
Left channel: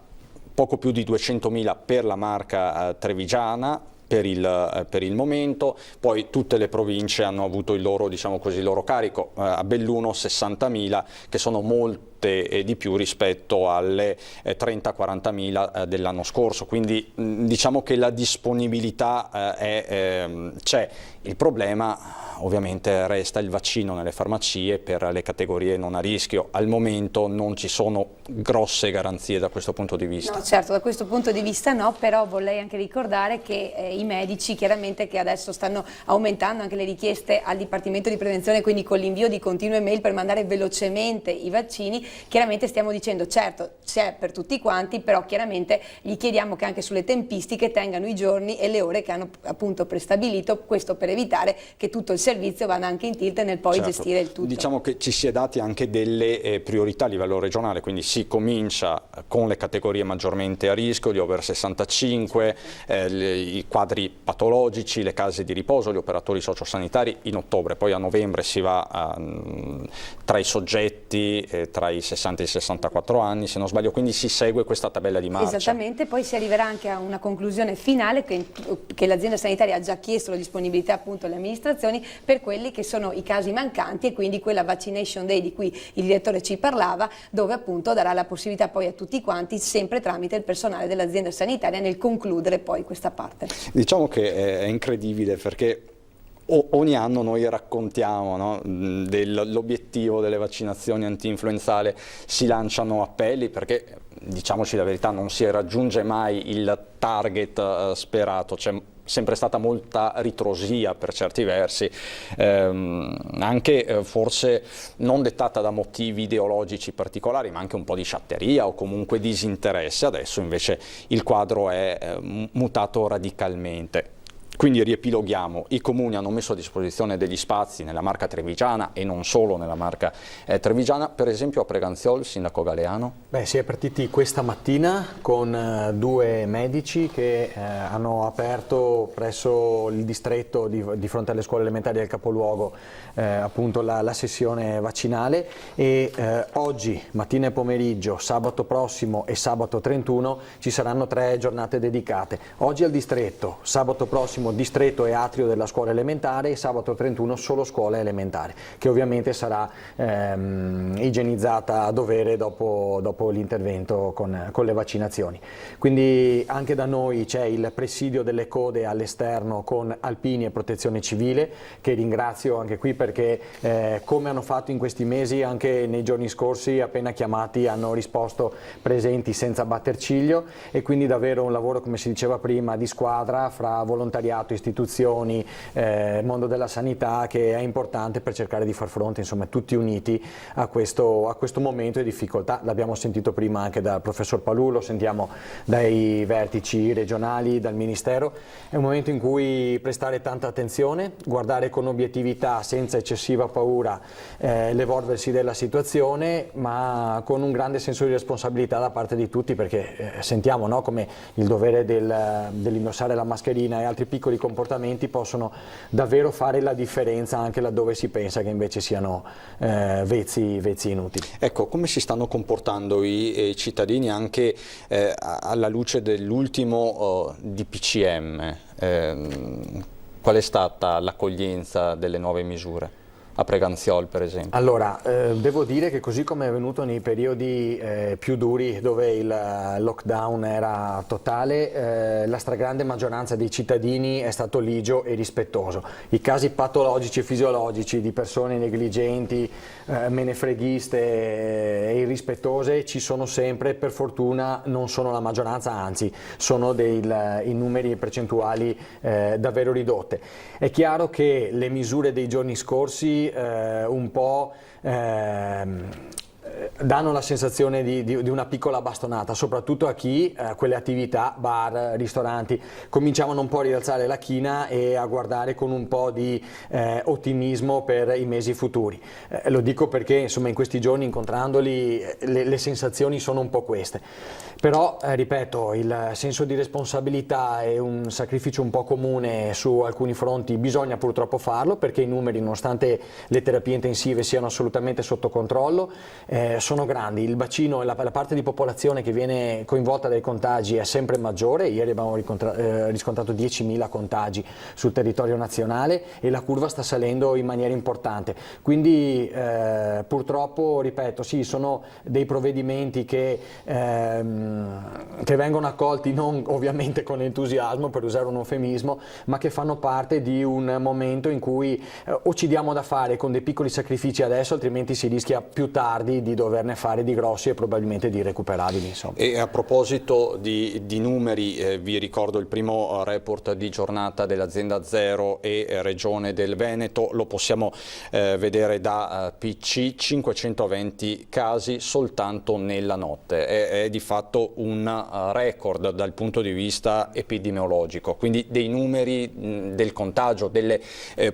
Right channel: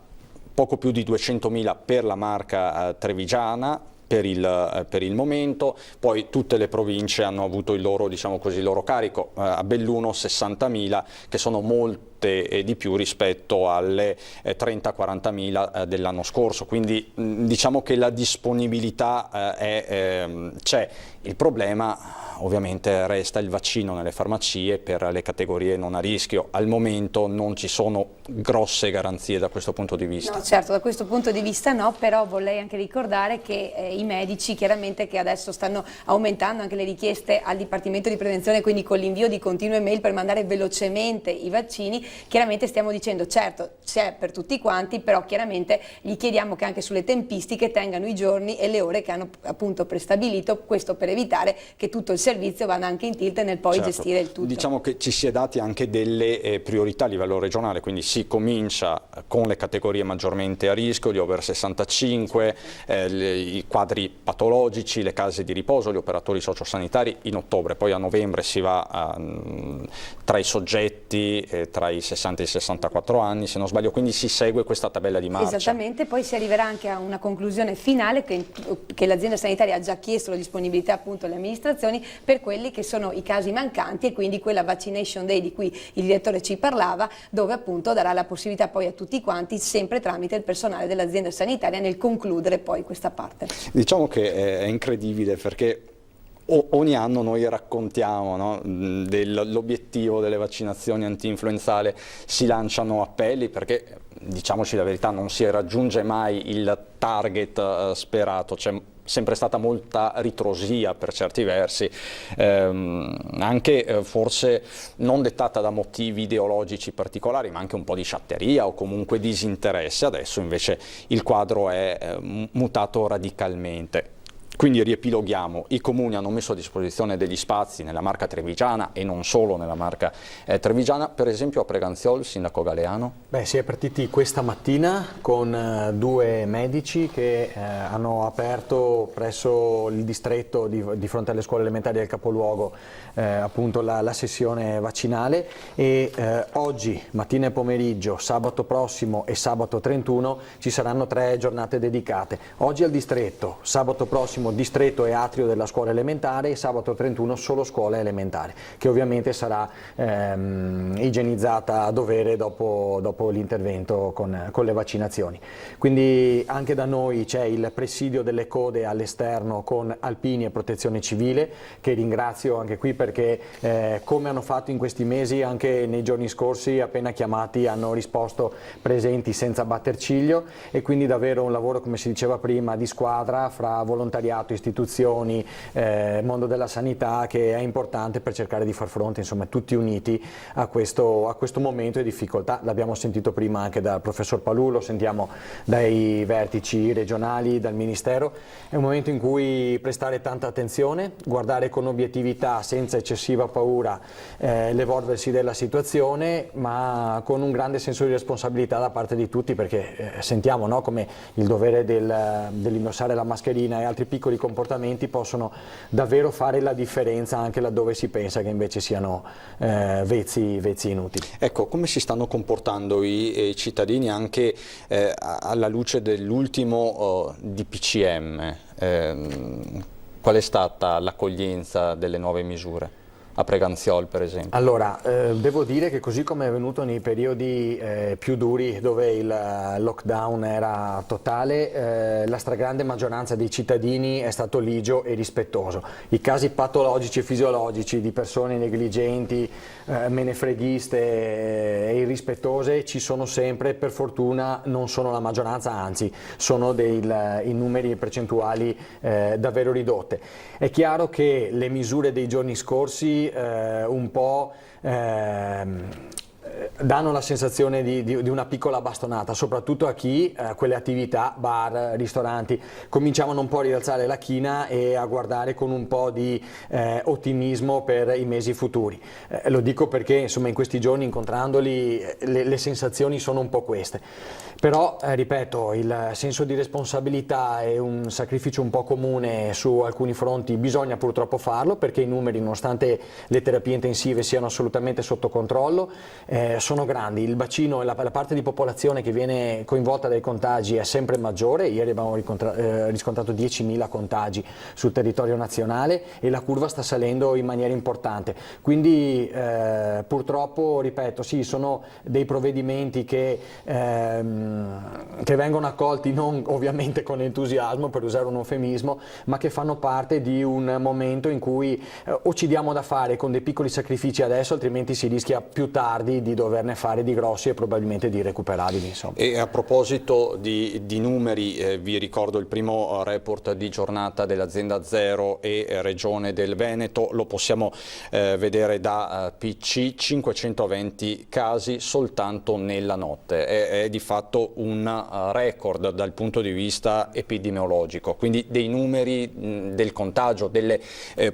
poco più di 200.000 per la Marca trevigiana per il momento. Poi tutte le province hanno avuto il loro, diciamo così, il loro carico. A Belluno 60.000, che sono molte di più rispetto alle 30-40.000 dell'anno scorso, quindi diciamo che la disponibilità c'è. Il problema ovviamente resta il vaccino nelle farmacie per le categorie non a rischio. Al momento non ci sono grosse garanzie da questo punto di vista. No, certo, da questo punto di vista no, però vorrei anche ricordare che i medici chiaramente, che adesso stanno aumentando anche le richieste al Dipartimento di Prevenzione, quindi con l'invio di continue mail per mandare velocemente i vaccini, chiaramente stiamo dicendo certo c'è per tutti quanti, però chiaramente gli chiediamo che anche sulle tempistiche tengano i giorni e le ore che hanno appunto prestabilito, questo per evitare che tutto il servizio vada anche in tilt nel poi gestire il tutto. Diciamo che ci si è dati anche delle priorità a livello regionale, quindi si comincia con le categorie maggiormente a rischio, gli over 65, i quadri patologici, le case di riposo, gli operatori sociosanitari in ottobre, poi a novembre si va tra i soggetti tra i 60 e i 64 anni, se non sbaglio, quindi si segue questa tabella di marcia. Esattamente, poi si arriverà anche a una conclusione finale che l'azienda sanitaria ha già chiesto la disponibilità appunto alle amministrazioni per quelli che sono i casi mancanti, e quindi quella vaccination day di cui il direttore ci parlava, dove appunto darà la possibilità poi a tutti quanti, sempre tramite il personale dell'azienda sanitaria, nel concludere poi questa parte. Diciamo che è incredibile perché ogni anno noi raccontiamo, no, dell'obiettivo delle vaccinazioni anti-influenzale, si lanciano appelli perché, diciamoci la verità, non si raggiunge mai il target sperato. C'è sempre stata molta ritrosia per certi versi, anche forse non dettata da motivi ideologici particolari, ma anche un po' di sciatteria o comunque disinteresse. Adesso invece il quadro è mutato radicalmente. Quindi riepiloghiamo: i comuni hanno messo a disposizione degli spazi nella Marca trevigiana e non solo nella Marca trevigiana, per esempio a Preganziol, sindaco Galeano. Beh, si è partiti questa mattina con 2 medici che hanno aperto presso il distretto di fronte alle scuole elementari del capoluogo appunto la sessione vaccinale, e oggi, mattina e pomeriggio, sabato prossimo e sabato 31 ci saranno 3 giornate dedicate. Oggi al distretto, sabato prossimo distretto e atrio della scuola elementare, e sabato 31 solo scuola elementare, che ovviamente sarà igienizzata a dovere dopo l'intervento con le vaccinazioni. Quindi anche da noi c'è il presidio delle code all'esterno con Alpini e Protezione Civile, che ringrazio anche qui perché come hanno fatto in questi mesi, anche nei giorni scorsi appena chiamati hanno risposto presenti senza batter ciglio, e quindi davvero un lavoro, come si diceva prima, di squadra fra volontariato, istituzioni, mondo della sanità, che è importante per cercare di far fronte, insomma, tutti uniti a questo momento di difficoltà. L'abbiamo sentito prima anche dal professor Palù, lo sentiamo dai vertici regionali, dal Ministero. È un momento in cui prestare tanta attenzione, guardare con obiettività, senza eccessiva paura, l'evolversi della situazione, ma con un grande senso di responsabilità da parte di tutti, perché sentiamo, no, come il dovere dell'indossare la mascherina e altri piccoli piccoli comportamenti possono davvero fare la differenza anche laddove si pensa che invece siano vezzi inutili. Ecco, come si stanno comportando i cittadini anche alla luce dell'ultimo DPCM? Qual è stata l'accoglienza delle nuove misure? A Preganziol, per esempio. Allora, devo dire che così come è avvenuto nei periodi più duri dove il lockdown era totale, la stragrande maggioranza dei cittadini è stato ligio e rispettoso. I casi patologici e fisiologici di persone negligenti, menefreghiste e irrispettose ci sono sempre, per fortuna non sono la maggioranza, anzi sono in numeri e percentuali davvero ridotte. È chiaro che le misure dei giorni scorsi un po' danno la sensazione di una piccola bastonata, soprattutto a chi quelle attività, bar, ristoranti, cominciavano un po' a rialzare la china e a guardare con un po' di ottimismo per i mesi futuri. Lo dico perché insomma in questi giorni, incontrandoli, le sensazioni sono un po' queste. Però, ripeto, il senso di responsabilità e un sacrificio un po' comune su alcuni fronti bisogna purtroppo farlo, perché i numeri, nonostante le terapie intensive siano assolutamente sotto controllo, sono grandi. Il bacino e la parte di popolazione che viene coinvolta dai contagi è sempre maggiore. Ieri abbiamo riscontrato 10.000 contagi sul territorio nazionale e la curva sta salendo in maniera importante. Quindi purtroppo, ripeto, sì, sono dei provvedimenti che vengono accolti non ovviamente con entusiasmo, per usare un eufemismo, ma che fanno parte di un momento in cui o ci diamo da fare con dei piccoli sacrifici adesso, altrimenti si rischia più tardi di doverne fare di grossi e probabilmente di irrecuperabili. Insomma. E a proposito di numeri, vi ricordo il primo report di giornata dell'azienda Zero e Regione del Veneto, lo possiamo vedere da PC, 520 casi soltanto nella notte, è di fatto un record dal punto di vista epidemiologico, quindi dei numeri del contagio, delle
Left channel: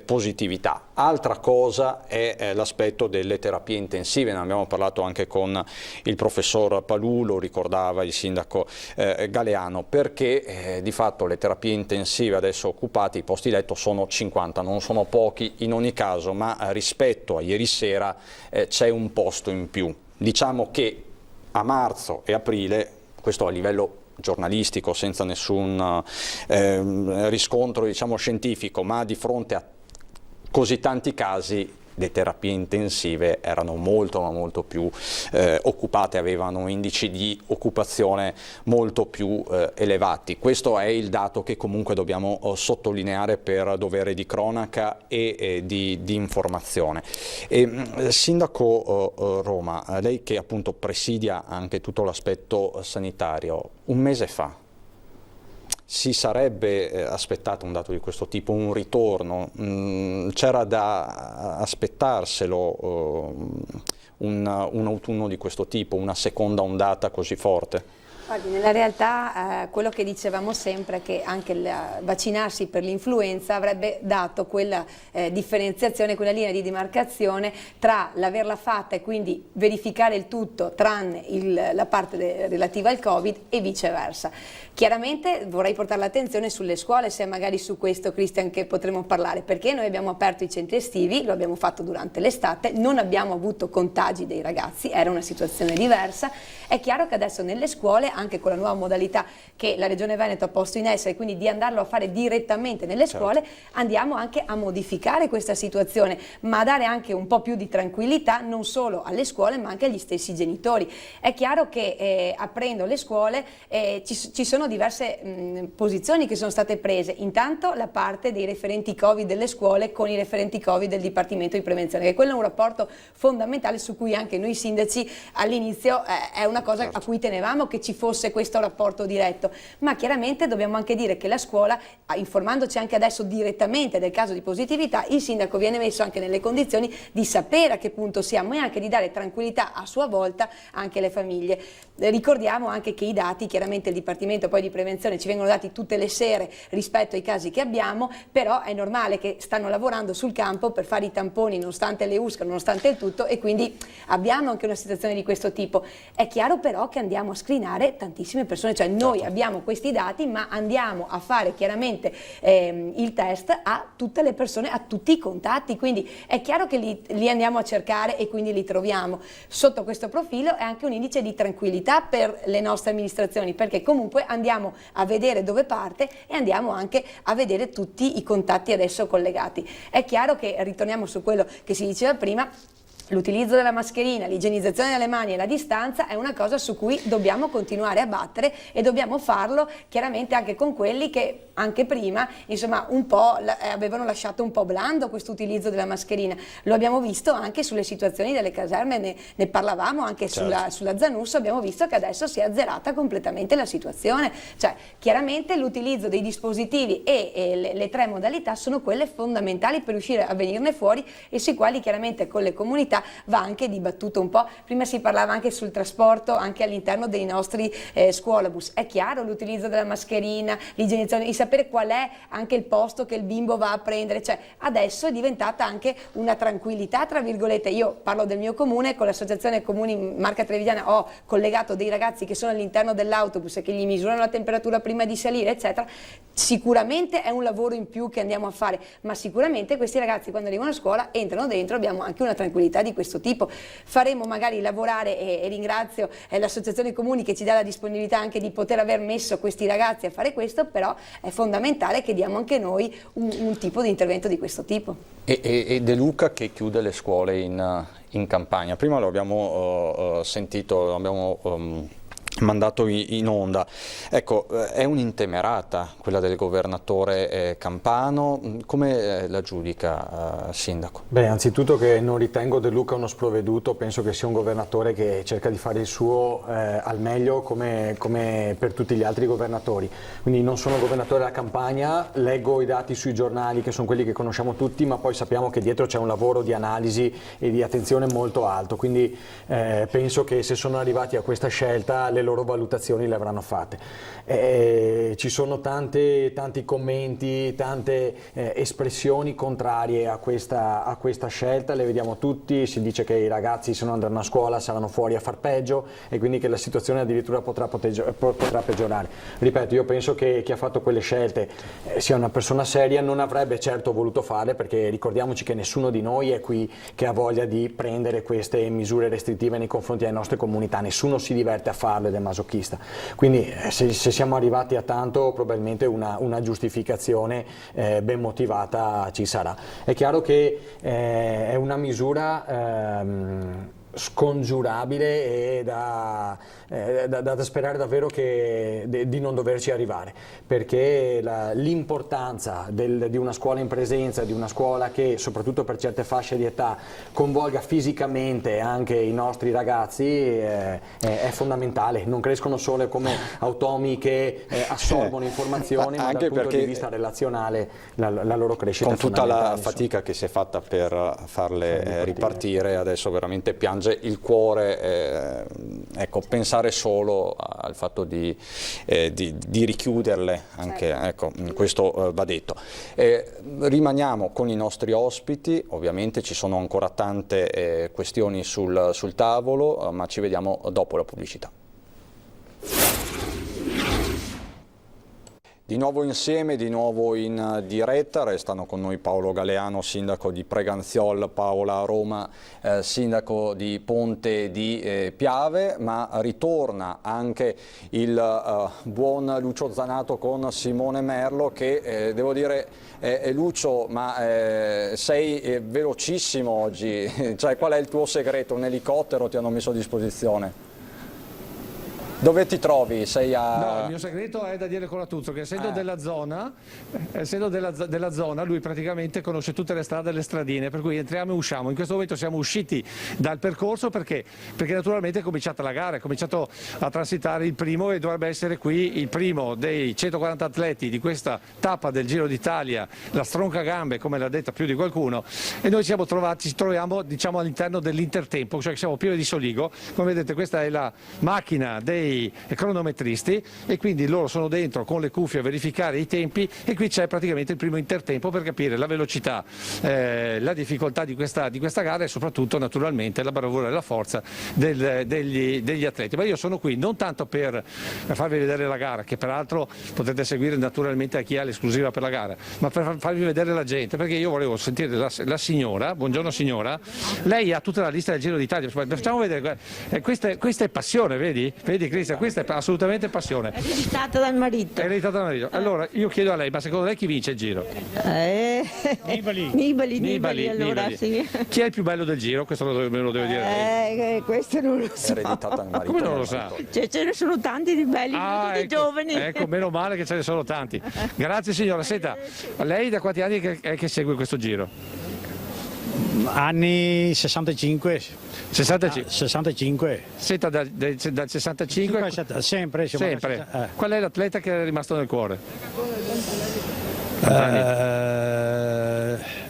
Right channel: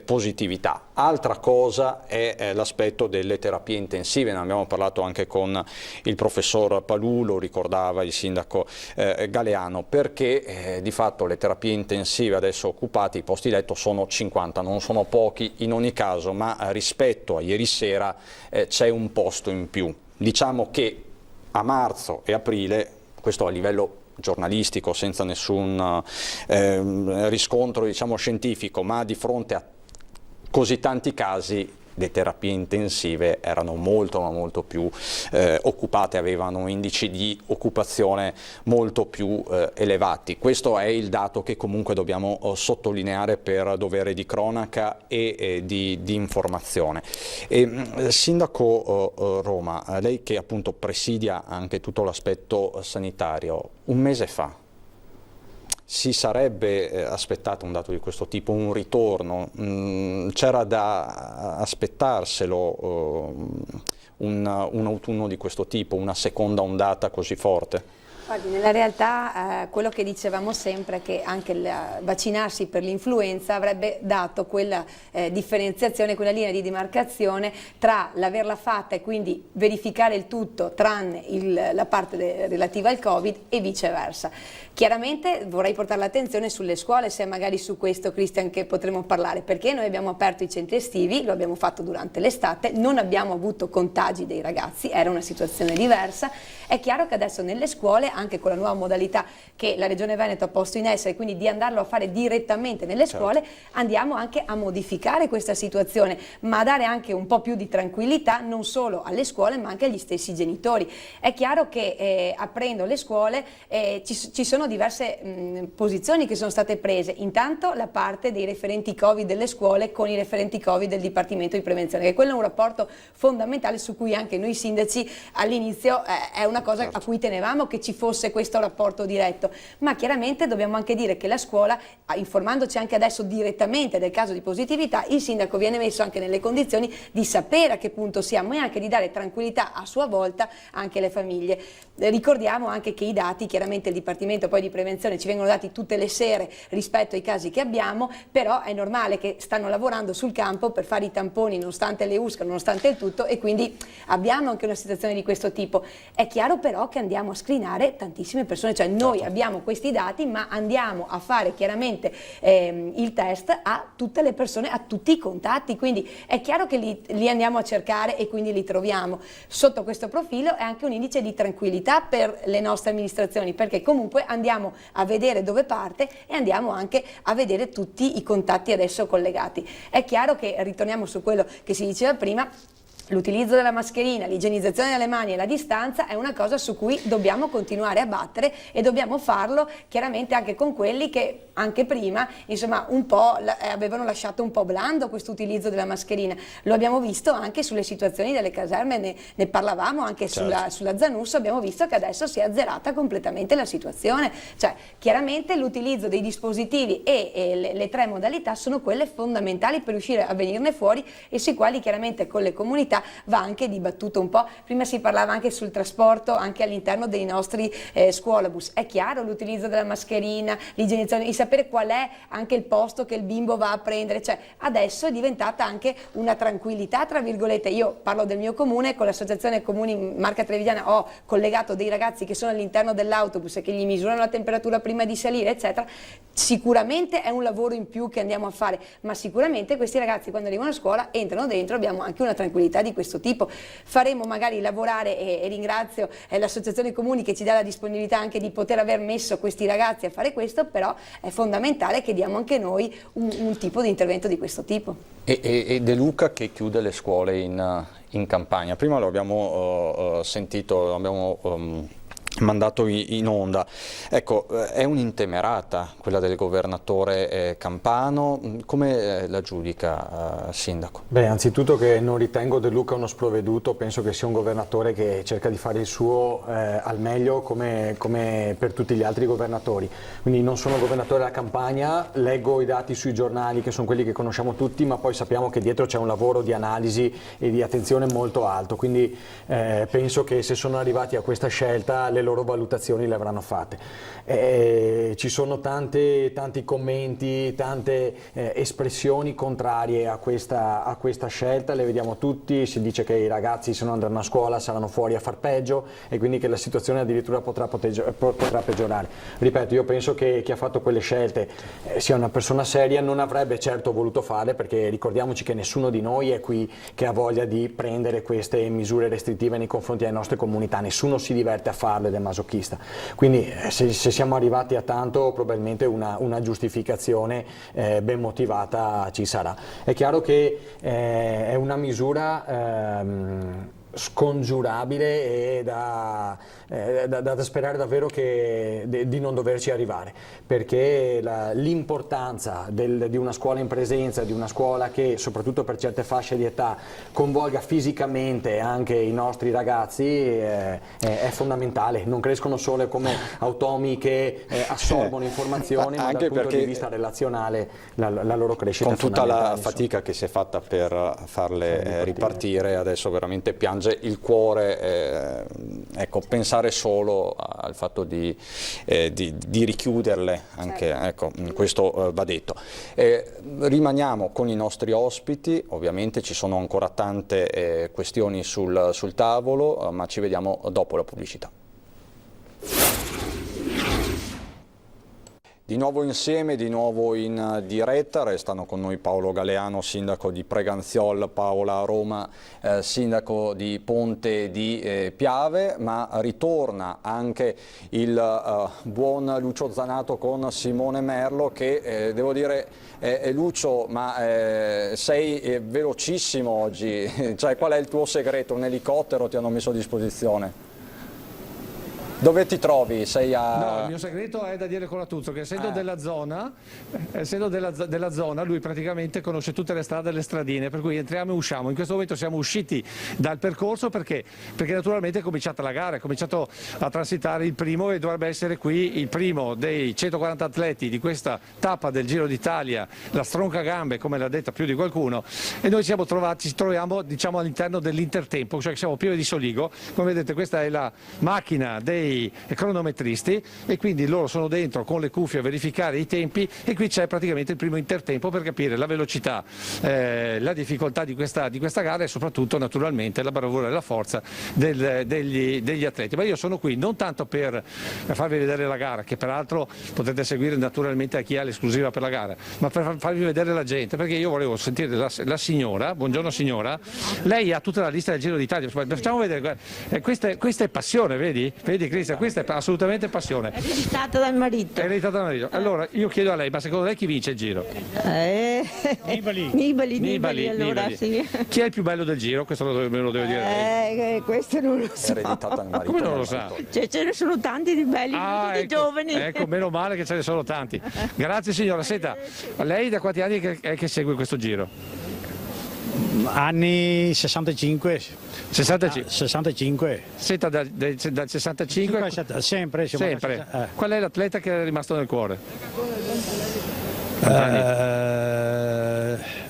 positività. Altra cosa è l'aspetto delle terapie intensive, ne abbiamo parlato anche con il professor Palù, lo ricordava il sindaco Galeano, perché di fatto le terapie intensive adesso occupate, i posti letto sono 50, non sono pochi in ogni caso, ma rispetto a ieri sera c'è un posto in più. Diciamo che a marzo e aprile, questo a livello giornalistico senza nessun riscontro diciamo scientifico, ma di fronte a così tanti casi, le terapie intensive erano molto più occupate, avevano indici di occupazione molto più elevati. Questo è il dato che comunque dobbiamo sottolineare per dovere di cronaca e di informazione. Sindaco Roma, lei che appunto presidia anche tutto l'aspetto sanitario, un mese fa si sarebbe aspettato un dato di questo tipo, un ritorno? C'era da aspettarselo un autunno di questo tipo, una seconda ondata così forte? Guardi, nella realtà quello che dicevamo sempre è che anche il vaccinarsi per l'influenza avrebbe dato quella differenziazione, quella linea di demarcazione tra l'averla fatta e quindi verificare il tutto tranne la parte relativa al Covid e viceversa. Chiaramente vorrei portare l'attenzione sulle scuole, se magari su questo, Cristian, che potremo parlare, perché noi abbiamo aperto i centri estivi, lo abbiamo fatto durante l'estate, non abbiamo avuto contagi dei ragazzi, era una situazione diversa. È chiaro che adesso nelle scuole, anche con la nuova modalità che la Regione Veneto ha posto in essere, quindi di andarlo a fare direttamente nelle scuole, andiamo anche a modificare questa situazione, ma a dare anche un po' più di tranquillità non solo alle scuole ma anche agli stessi genitori. È chiaro che aprendo le scuole ci sono diverse posizioni che sono state prese. Intanto la parte dei referenti Covid delle scuole con i referenti Covid del Dipartimento di Prevenzione, che quello è un rapporto fondamentale su cui anche noi sindaci all'inizio è una cosa a cui tenevamo, che ci fosse questo rapporto diretto, ma chiaramente dobbiamo anche dire che la scuola, informandoci anche adesso direttamente del caso di positività, il sindaco viene messo anche nelle condizioni di sapere a che punto siamo e anche di dare tranquillità a sua volta anche alle famiglie. Ricordiamo anche che i dati, chiaramente il Dipartimento poi poi di prevenzione ci vengono dati tutte le sere rispetto ai casi che abbiamo, però è normale che stanno lavorando sul campo per fare i tamponi nonostante le USCA, nonostante il tutto, e quindi abbiamo anche una situazione di questo tipo. È chiaro però che andiamo a screenare tantissime persone, cioè noi abbiamo questi dati ma andiamo a fare chiaramente il test a tutte le persone, a tutti i contatti, quindi è chiaro che li andiamo a cercare e quindi li troviamo. Sotto questo profilo è anche un indice di tranquillità per le nostre amministrazioni, perché comunque andiamo a vedere dove parte e andiamo anche a vedere tutti i contatti adesso collegati. È chiaro che, ritorniamo su quello che si diceva prima, l'utilizzo della mascherina, l'igienizzazione delle mani e la distanza è una cosa su cui dobbiamo continuare a battere, e dobbiamo farlo chiaramente anche con quelli che anche prima insomma un po' avevano lasciato un po' blando questo utilizzo della mascherina. Lo abbiamo visto anche sulle situazioni delle caserme, ne parlavamo anche sulla Zanusso, abbiamo visto che adesso si è azzerata completamente la situazione, cioè chiaramente l'utilizzo dei dispositivi e le tre modalità sono quelle fondamentali per riuscire a venirne fuori, e sui quali chiaramente con le comunità va anche dibattuto un po'. Prima si parlava anche sul trasporto anche all'interno dei nostri scuolabus. È chiaro l'utilizzo della mascherina, l'igienizzazione, di sapere qual è anche il posto che il bimbo va a prendere, cioè adesso è diventata anche una tranquillità tra virgolette. Io parlo del mio comune, con l'associazione Comuni Marca Trevigiana ho collegato dei ragazzi che sono all'interno dell'autobus e che gli misurano la temperatura prima di salire eccetera. Sicuramente è un lavoro in più che andiamo a fare, ma sicuramente questi ragazzi quando arrivano a scuola entrano dentro, abbiamo anche una tranquillità di questo tipo. Faremo magari lavorare, e ringrazio l'associazione Comuni che ci dà la disponibilità anche di poter aver messo questi ragazzi a fare questo, però è fondamentale che diamo anche noi un tipo di intervento di questo tipo. E De Luca che chiude le scuole in Campania, prima lo abbiamo sentito, lo abbiamo mandato in onda. Ecco, è un'intemerata quella del governatore Campano, come la giudica, Sindaco? Beh, anzitutto che non ritengo De Luca uno sprovveduto, penso che sia un governatore che cerca di fare il suo al meglio come per tutti gli altri governatori, quindi non sono governatore della Campania, leggo i dati sui giornali che sono quelli che conosciamo tutti, ma poi sappiamo che dietro c'è un lavoro di analisi e di attenzione molto alto, quindi penso che se sono arrivati a questa scelta le loro valutazioni le avranno fatte. Ci sono tanti commenti, tante espressioni contrarie a questa scelta, le vediamo tutti, si dice che i ragazzi se non andranno a scuola saranno fuori a far peggio e quindi che la situazione addirittura potrà peggiorare. Ripeto, io penso che chi ha fatto quelle scelte sia una persona seria, non avrebbe certo voluto farle, perché ricordiamoci che nessuno di noi è qui che ha voglia di prendere queste misure restrittive nei confronti delle nostre comunità, nessuno si diverte a farle, del masochista. Quindi se siamo arrivati a tanto, probabilmente una giustificazione ben motivata ci sarà. È chiaro che è una misura scongiurabile e da sperare davvero di non doverci arrivare, perché l'importanza di una scuola in presenza, di una scuola che soprattutto per certe fasce di età coinvolga fisicamente anche i nostri ragazzi è fondamentale. Non crescono solo come automi che assorbono informazioni, ma anche dal punto di vista relazionale la loro crescita con tutta la fatica che si è fatta per farle ripartire, adesso veramente piange il cuore, ecco, pensare solo al fatto di richiuderle, anche, ecco, questo va detto. Rimaniamo con i nostri ospiti, ovviamente ci sono ancora tante questioni sul tavolo, ma ci vediamo dopo la pubblicità. Di nuovo insieme, di nuovo in diretta, restano con noi Paolo Galeano, sindaco di Preganziol, Paola Roma, sindaco di Ponte di Piave, ma ritorna anche il buon Lucio Zanato con Simone Merlo che, devo dire, Lucio, ma sei velocissimo oggi, cioè, qual è il tuo segreto? Un elicottero ti hanno messo a disposizione? Dove ti trovi? Sei a... No, il mio segreto è da dire con Latuzzo, che essendo della zona, lui praticamente conosce tutte le strade e le stradine, per cui entriamo e usciamo. In questo momento siamo usciti dal percorso perché naturalmente è cominciata la gara, è cominciato a transitare il primo e dovrebbe essere qui il primo dei 140 atleti di questa tappa del Giro d'Italia, la stronca gambe, come l'ha detta più di qualcuno, e noi ci troviamo, diciamo, all'interno dell'intertempo, cioè che siamo pieni di soligo. Come vedete, questa è la macchina dei dei cronometristi, e quindi loro sono dentro con le cuffie a verificare i tempi, e qui c'è praticamente il primo intertempo per capire la velocità, la difficoltà di questa gara, e soprattutto naturalmente la bravura e la forza degli atleti. Ma io sono qui non tanto per farvi vedere la gara, che peraltro potete seguire naturalmente a chi ha l'esclusiva per la gara, ma per farvi vedere la gente, perché io volevo sentire la signora. Buongiorno signora, lei ha tutta la lista del Giro d'Italia, facciamo vedere, questa è passione, vedi Cristian, questa è assolutamente passione. È ereditata dal marito. È ereditata dal marito. Allora io chiedo a lei, ma secondo lei chi vince il Giro? Nibali, allora sì. Chi è il più bello del Giro? Questo me lo deve dire lei. Questo non lo so. Come non lo sa? Ce ne sono tanti di belli, tutti giovani. Ecco, meno male che ce ne sono tanti. Grazie signora. Senta, lei da quanti anni che segue questo Giro? Anni 65. 65. Senta, dal 65? Sempre. Qual è l'atleta che è rimasto nel cuore?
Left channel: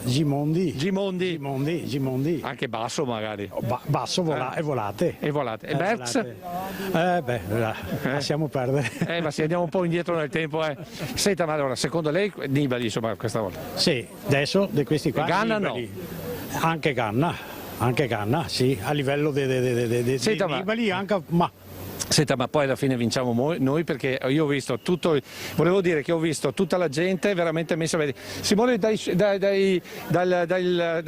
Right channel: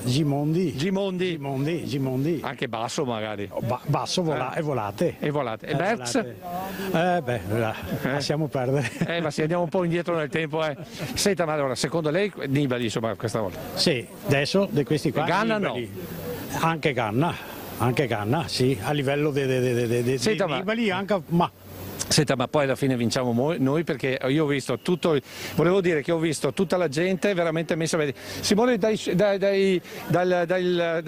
Gimondi. Anche Basso magari. Basso e Volate. E Berz? Lasciamo perdere. Ma se andiamo un po' indietro nel tempo. Senta, ma allora, secondo lei Nibali, insomma, questa volta? Sì, adesso di questi qua. Ganna Nibali. No. Anche Ganna, sì, a livello di Nibali anche, ma... Senta, ma poi alla fine vinciamo noi, perché io ho visto volevo dire che ho visto tutta la gente veramente messa a vedere. Simone, dai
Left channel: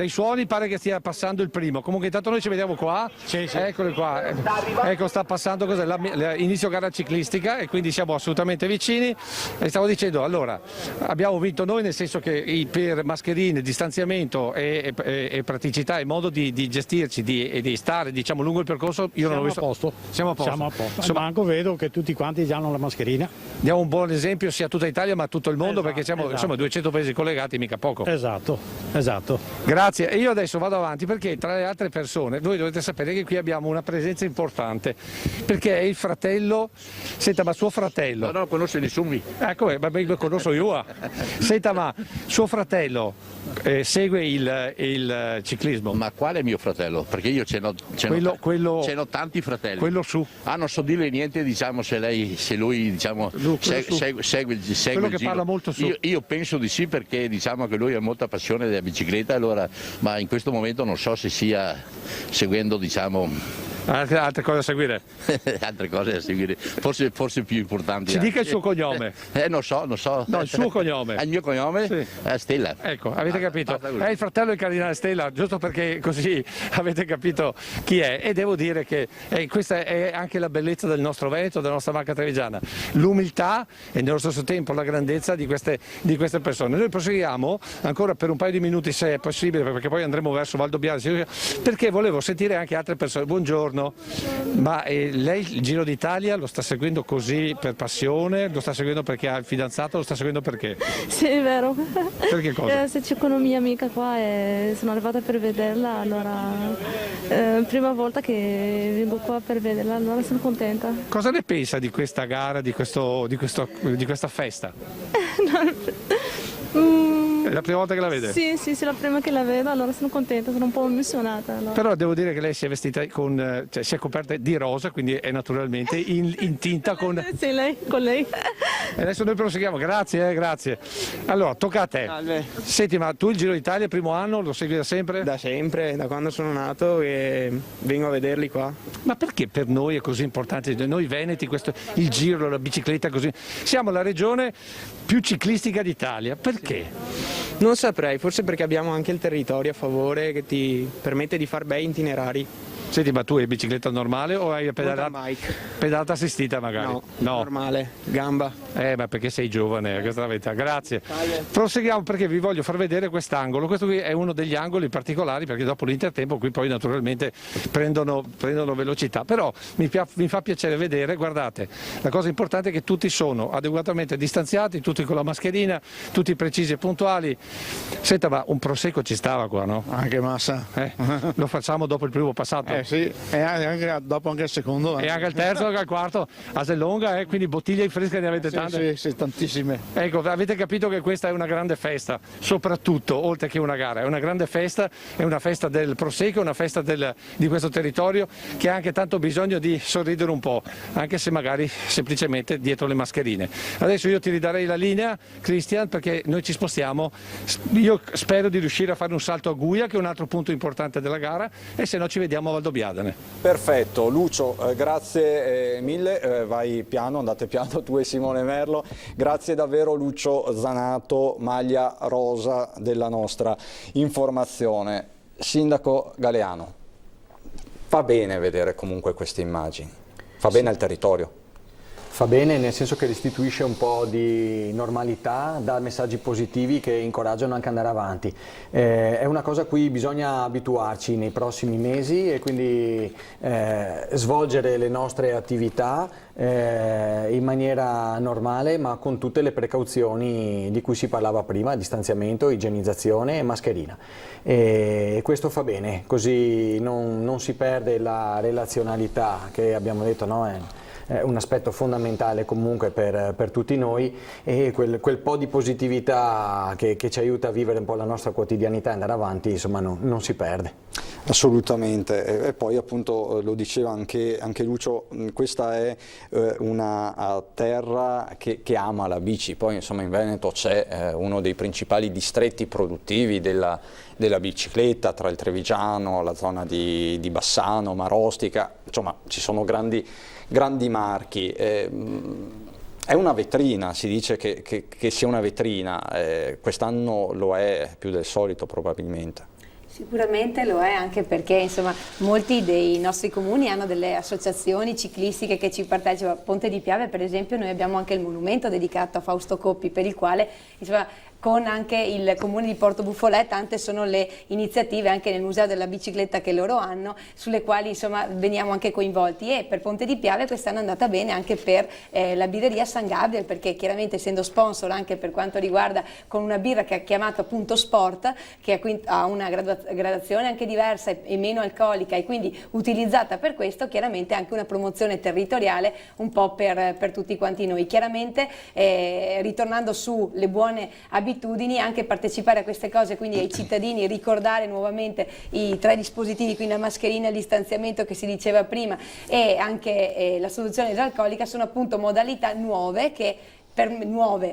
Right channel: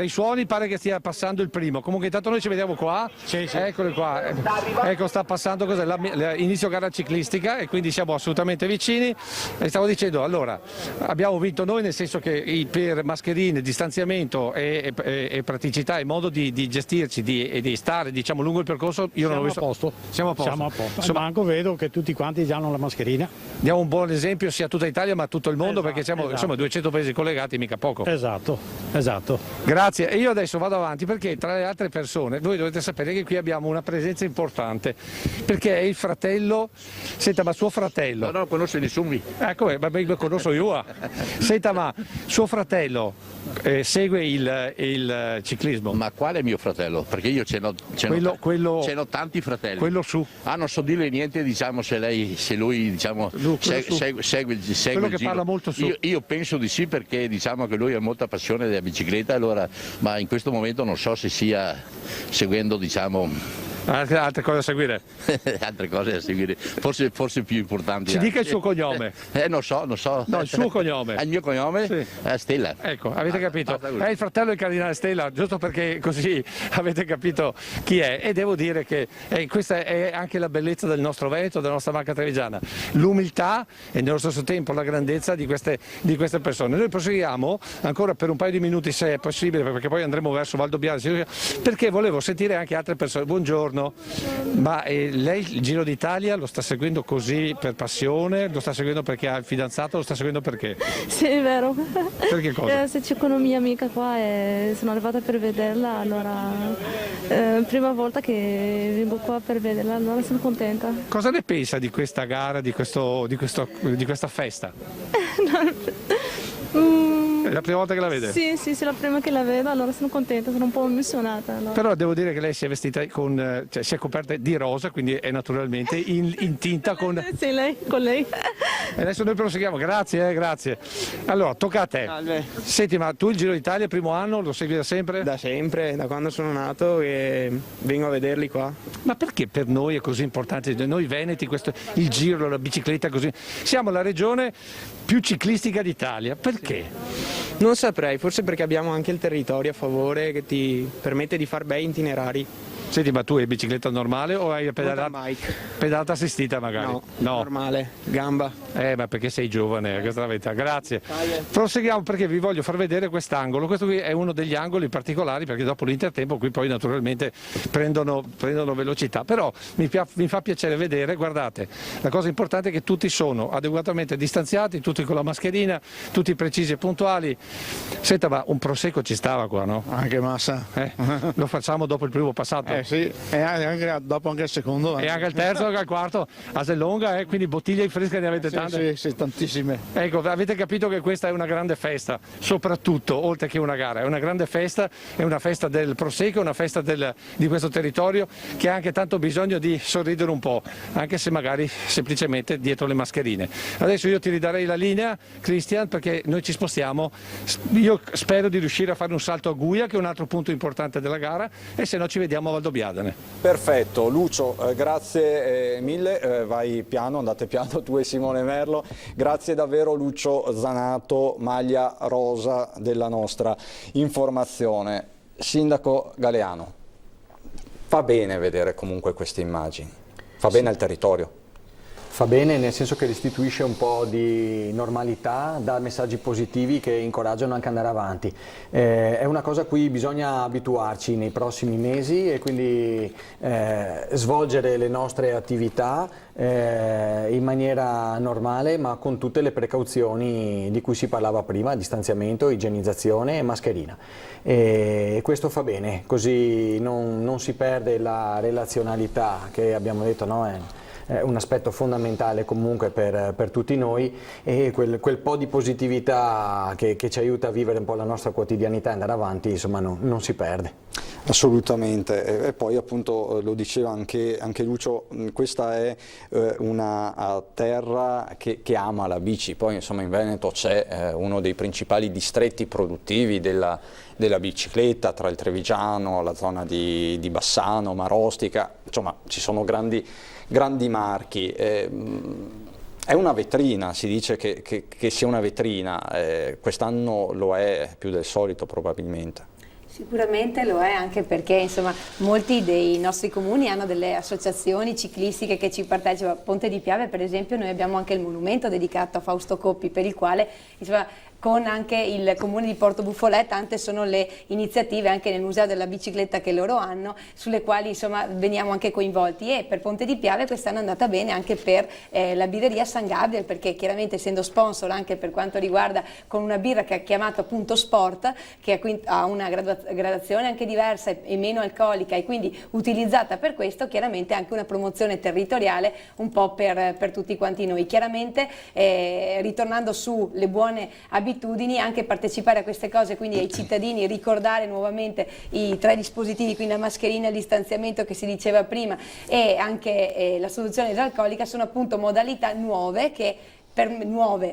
suoni pare che stia passando il primo, comunque intanto noi ci vediamo qua, sì. Eccoli qua, ecco, sta passando inizio gara ciclistica, e quindi siamo assolutamente vicini. E stavo dicendo, allora, abbiamo vinto noi, nel senso che per mascherine, distanziamento e praticità e modo di gestirci e di stare, diciamo, lungo il percorso, io non l'ho visto. Siamo a posto. Insomma, anche vedo che tutti quanti hanno la mascherina. Diamo un buon esempio sia a tutta Italia ma a tutto il mondo, perché siamo insomma 200 paesi collegati, mica poco. Esatto. Grazie. E io adesso vado avanti, perché tra le altre persone voi dovete sapere che qui abbiamo una presenza importante, perché è il fratello. Senta, ma suo fratello... No, conosce nessuno. Ecco, ma lo conosco io. Senta, ma suo fratello segue il ciclismo? Ma quale mio fratello? Perché io ce n'ho tanti fratelli. Quello su. Non so dirle niente, diciamo, se lui diciamo, segue il Quello che giro. Parla molto su. Io penso di sì, perché diciamo che lui ha molta passione della bicicletta, allora, ma in questo momento non so se sia seguendo, diciamo... Altre cose da seguire? Altre cose da seguire, forse più importanti. Ci dica il suo cognome. Non so. No, il suo cognome. Il mio cognome? Sì. Stella. Ecco, avete capito? È il fratello del cardinale Stella, giusto perché così avete capito chi è. E devo dire che questa è anche la bellezza del nostro Veneto, della nostra Marca Trevigiana. L'umiltà e nello stesso tempo la grandezza di queste persone. Noi proseguiamo ancora per un paio di minuti, se è possibile, perché poi andremo verso Valdobbiadene, perché volevo sentire anche altre persone. Buongiorno. Ma lei il Giro d'Italia lo sta seguendo così per passione? Lo sta seguendo perché ha il fidanzato? Lo sta seguendo perché? Sì, è vero. Perché cosa? Se c'è una mia amica qua e sono arrivata per vederla, allora prima volta che vengo qua per vederla, allora sono contenta. Cosa ne pensa di questa gara, di questa festa? È la prima volta che la vede? Sì, è la prima che la vedo, allora sono contenta, sono un po' emozionata. Allora. Però devo dire che lei si è vestita si è coperta di rosa, quindi è naturalmente in tinta con... Sì, con lei. E adesso noi proseguiamo, grazie. Allora, tocca a te. Senti, ma tu il Giro d'Italia, il primo anno, lo segui da sempre? Da sempre, da quando sono nato e vengo a vederli qua. Ma perché per noi è così importante? Noi veneti, il Giro, la bicicletta, così. Siamo la regione più ciclistica d'Italia, perché? Non saprei, forse perché abbiamo anche il territorio a favore che ti permette di fare bei itinerari. Senti, ma tu hai bicicletta normale o hai pedalata assistita magari? No, normale, gamba. Ma perché sei giovane, questa è la verità. Grazie. Proseguiamo perché vi voglio far vedere quest'angolo. Questo qui è uno degli angoli particolari, perché dopo l'intertempo qui poi naturalmente prendono velocità. Però mi fa piacere vedere, guardate, la cosa importante è che tutti sono adeguatamente distanziati, tutti con la mascherina, tutti precisi e puntuali. Senta, ma un prosecco ci stava qua, no? Anche massa. Lo facciamo dopo il primo passato. Sì, e anche, dopo anche il secondo. E anche il terzo, anche il quarto, Aselonga, quindi bottiglie fresche ne avete tante? Sì, tantissime. Ecco, avete capito che questa è una grande festa, soprattutto, oltre che una gara, è una grande festa, è una festa del Prosecco, una festa di questo territorio che ha anche tanto bisogno di sorridere un po', anche se magari semplicemente dietro le mascherine. Adesso io ti ridarei la linea, Christian, perché noi ci spostiamo. Io spero di riuscire a fare un salto a Guia, che è un altro punto importante della gara, e se no ci vediamo a Valdobbiadene. Perfetto, Lucio, grazie mille, vai piano, andate piano tu e Simone Merlo, grazie davvero Lucio Zanato, maglia rosa della nostra informazione. Sindaco Galeano, fa bene vedere comunque queste immagini, fa bene al territorio. Fa bene nel senso che restituisce un po' di normalità, dà messaggi positivi che incoraggiano anche ad andare avanti. È una cosa a cui bisogna abituarci nei prossimi mesi e quindi svolgere le nostre attività in maniera normale, ma con tutte le precauzioni di cui si parlava prima: distanziamento, igienizzazione e mascherina. E questo fa bene, così non si perde la relazionalità che abbiamo detto, no? È un aspetto fondamentale comunque per tutti noi, e quel po' di positività che ci aiuta a vivere un po' la nostra quotidianità e andare avanti, insomma, non si perde. Assolutamente, e poi appunto lo diceva anche Lucio, questa è una terra che ama la bici. Poi insomma in Veneto c'è uno dei principali distretti produttivi della bicicletta, tra il Trevigiano, la zona di Bassano, Marostica, insomma ci sono grandi marchi. È una vetrina, si dice che sia una vetrina, quest'anno lo è più del solito probabilmente. Sicuramente lo è, anche perché insomma molti dei nostri comuni hanno delle associazioni ciclistiche che ci partecipano. A Ponte di Piave per esempio noi abbiamo anche il monumento dedicato a Fausto Coppi, per il quale insomma, con anche il comune di Porto Buffolè tante sono le iniziative anche nel museo della bicicletta che loro hanno, sulle quali insomma veniamo anche coinvolti. E per Ponte di Piave quest'anno è andata bene anche per la birreria San Gabriel, perché chiaramente essendo sponsor anche per quanto riguarda con una birra che ha chiamato appunto Sport, che ha una gradazione anche diversa e meno alcolica e quindi utilizzata per questo, chiaramente anche una promozione territoriale un po' per tutti quanti noi. Chiaramente ritornando sulle buone abitudini, anche partecipare a queste cose, quindi ai cittadini ricordare nuovamente i 3 dispositivi, quindi la mascherina, il distanziamento che si diceva prima e anche la soluzione idraulica, sono appunto modalità nuove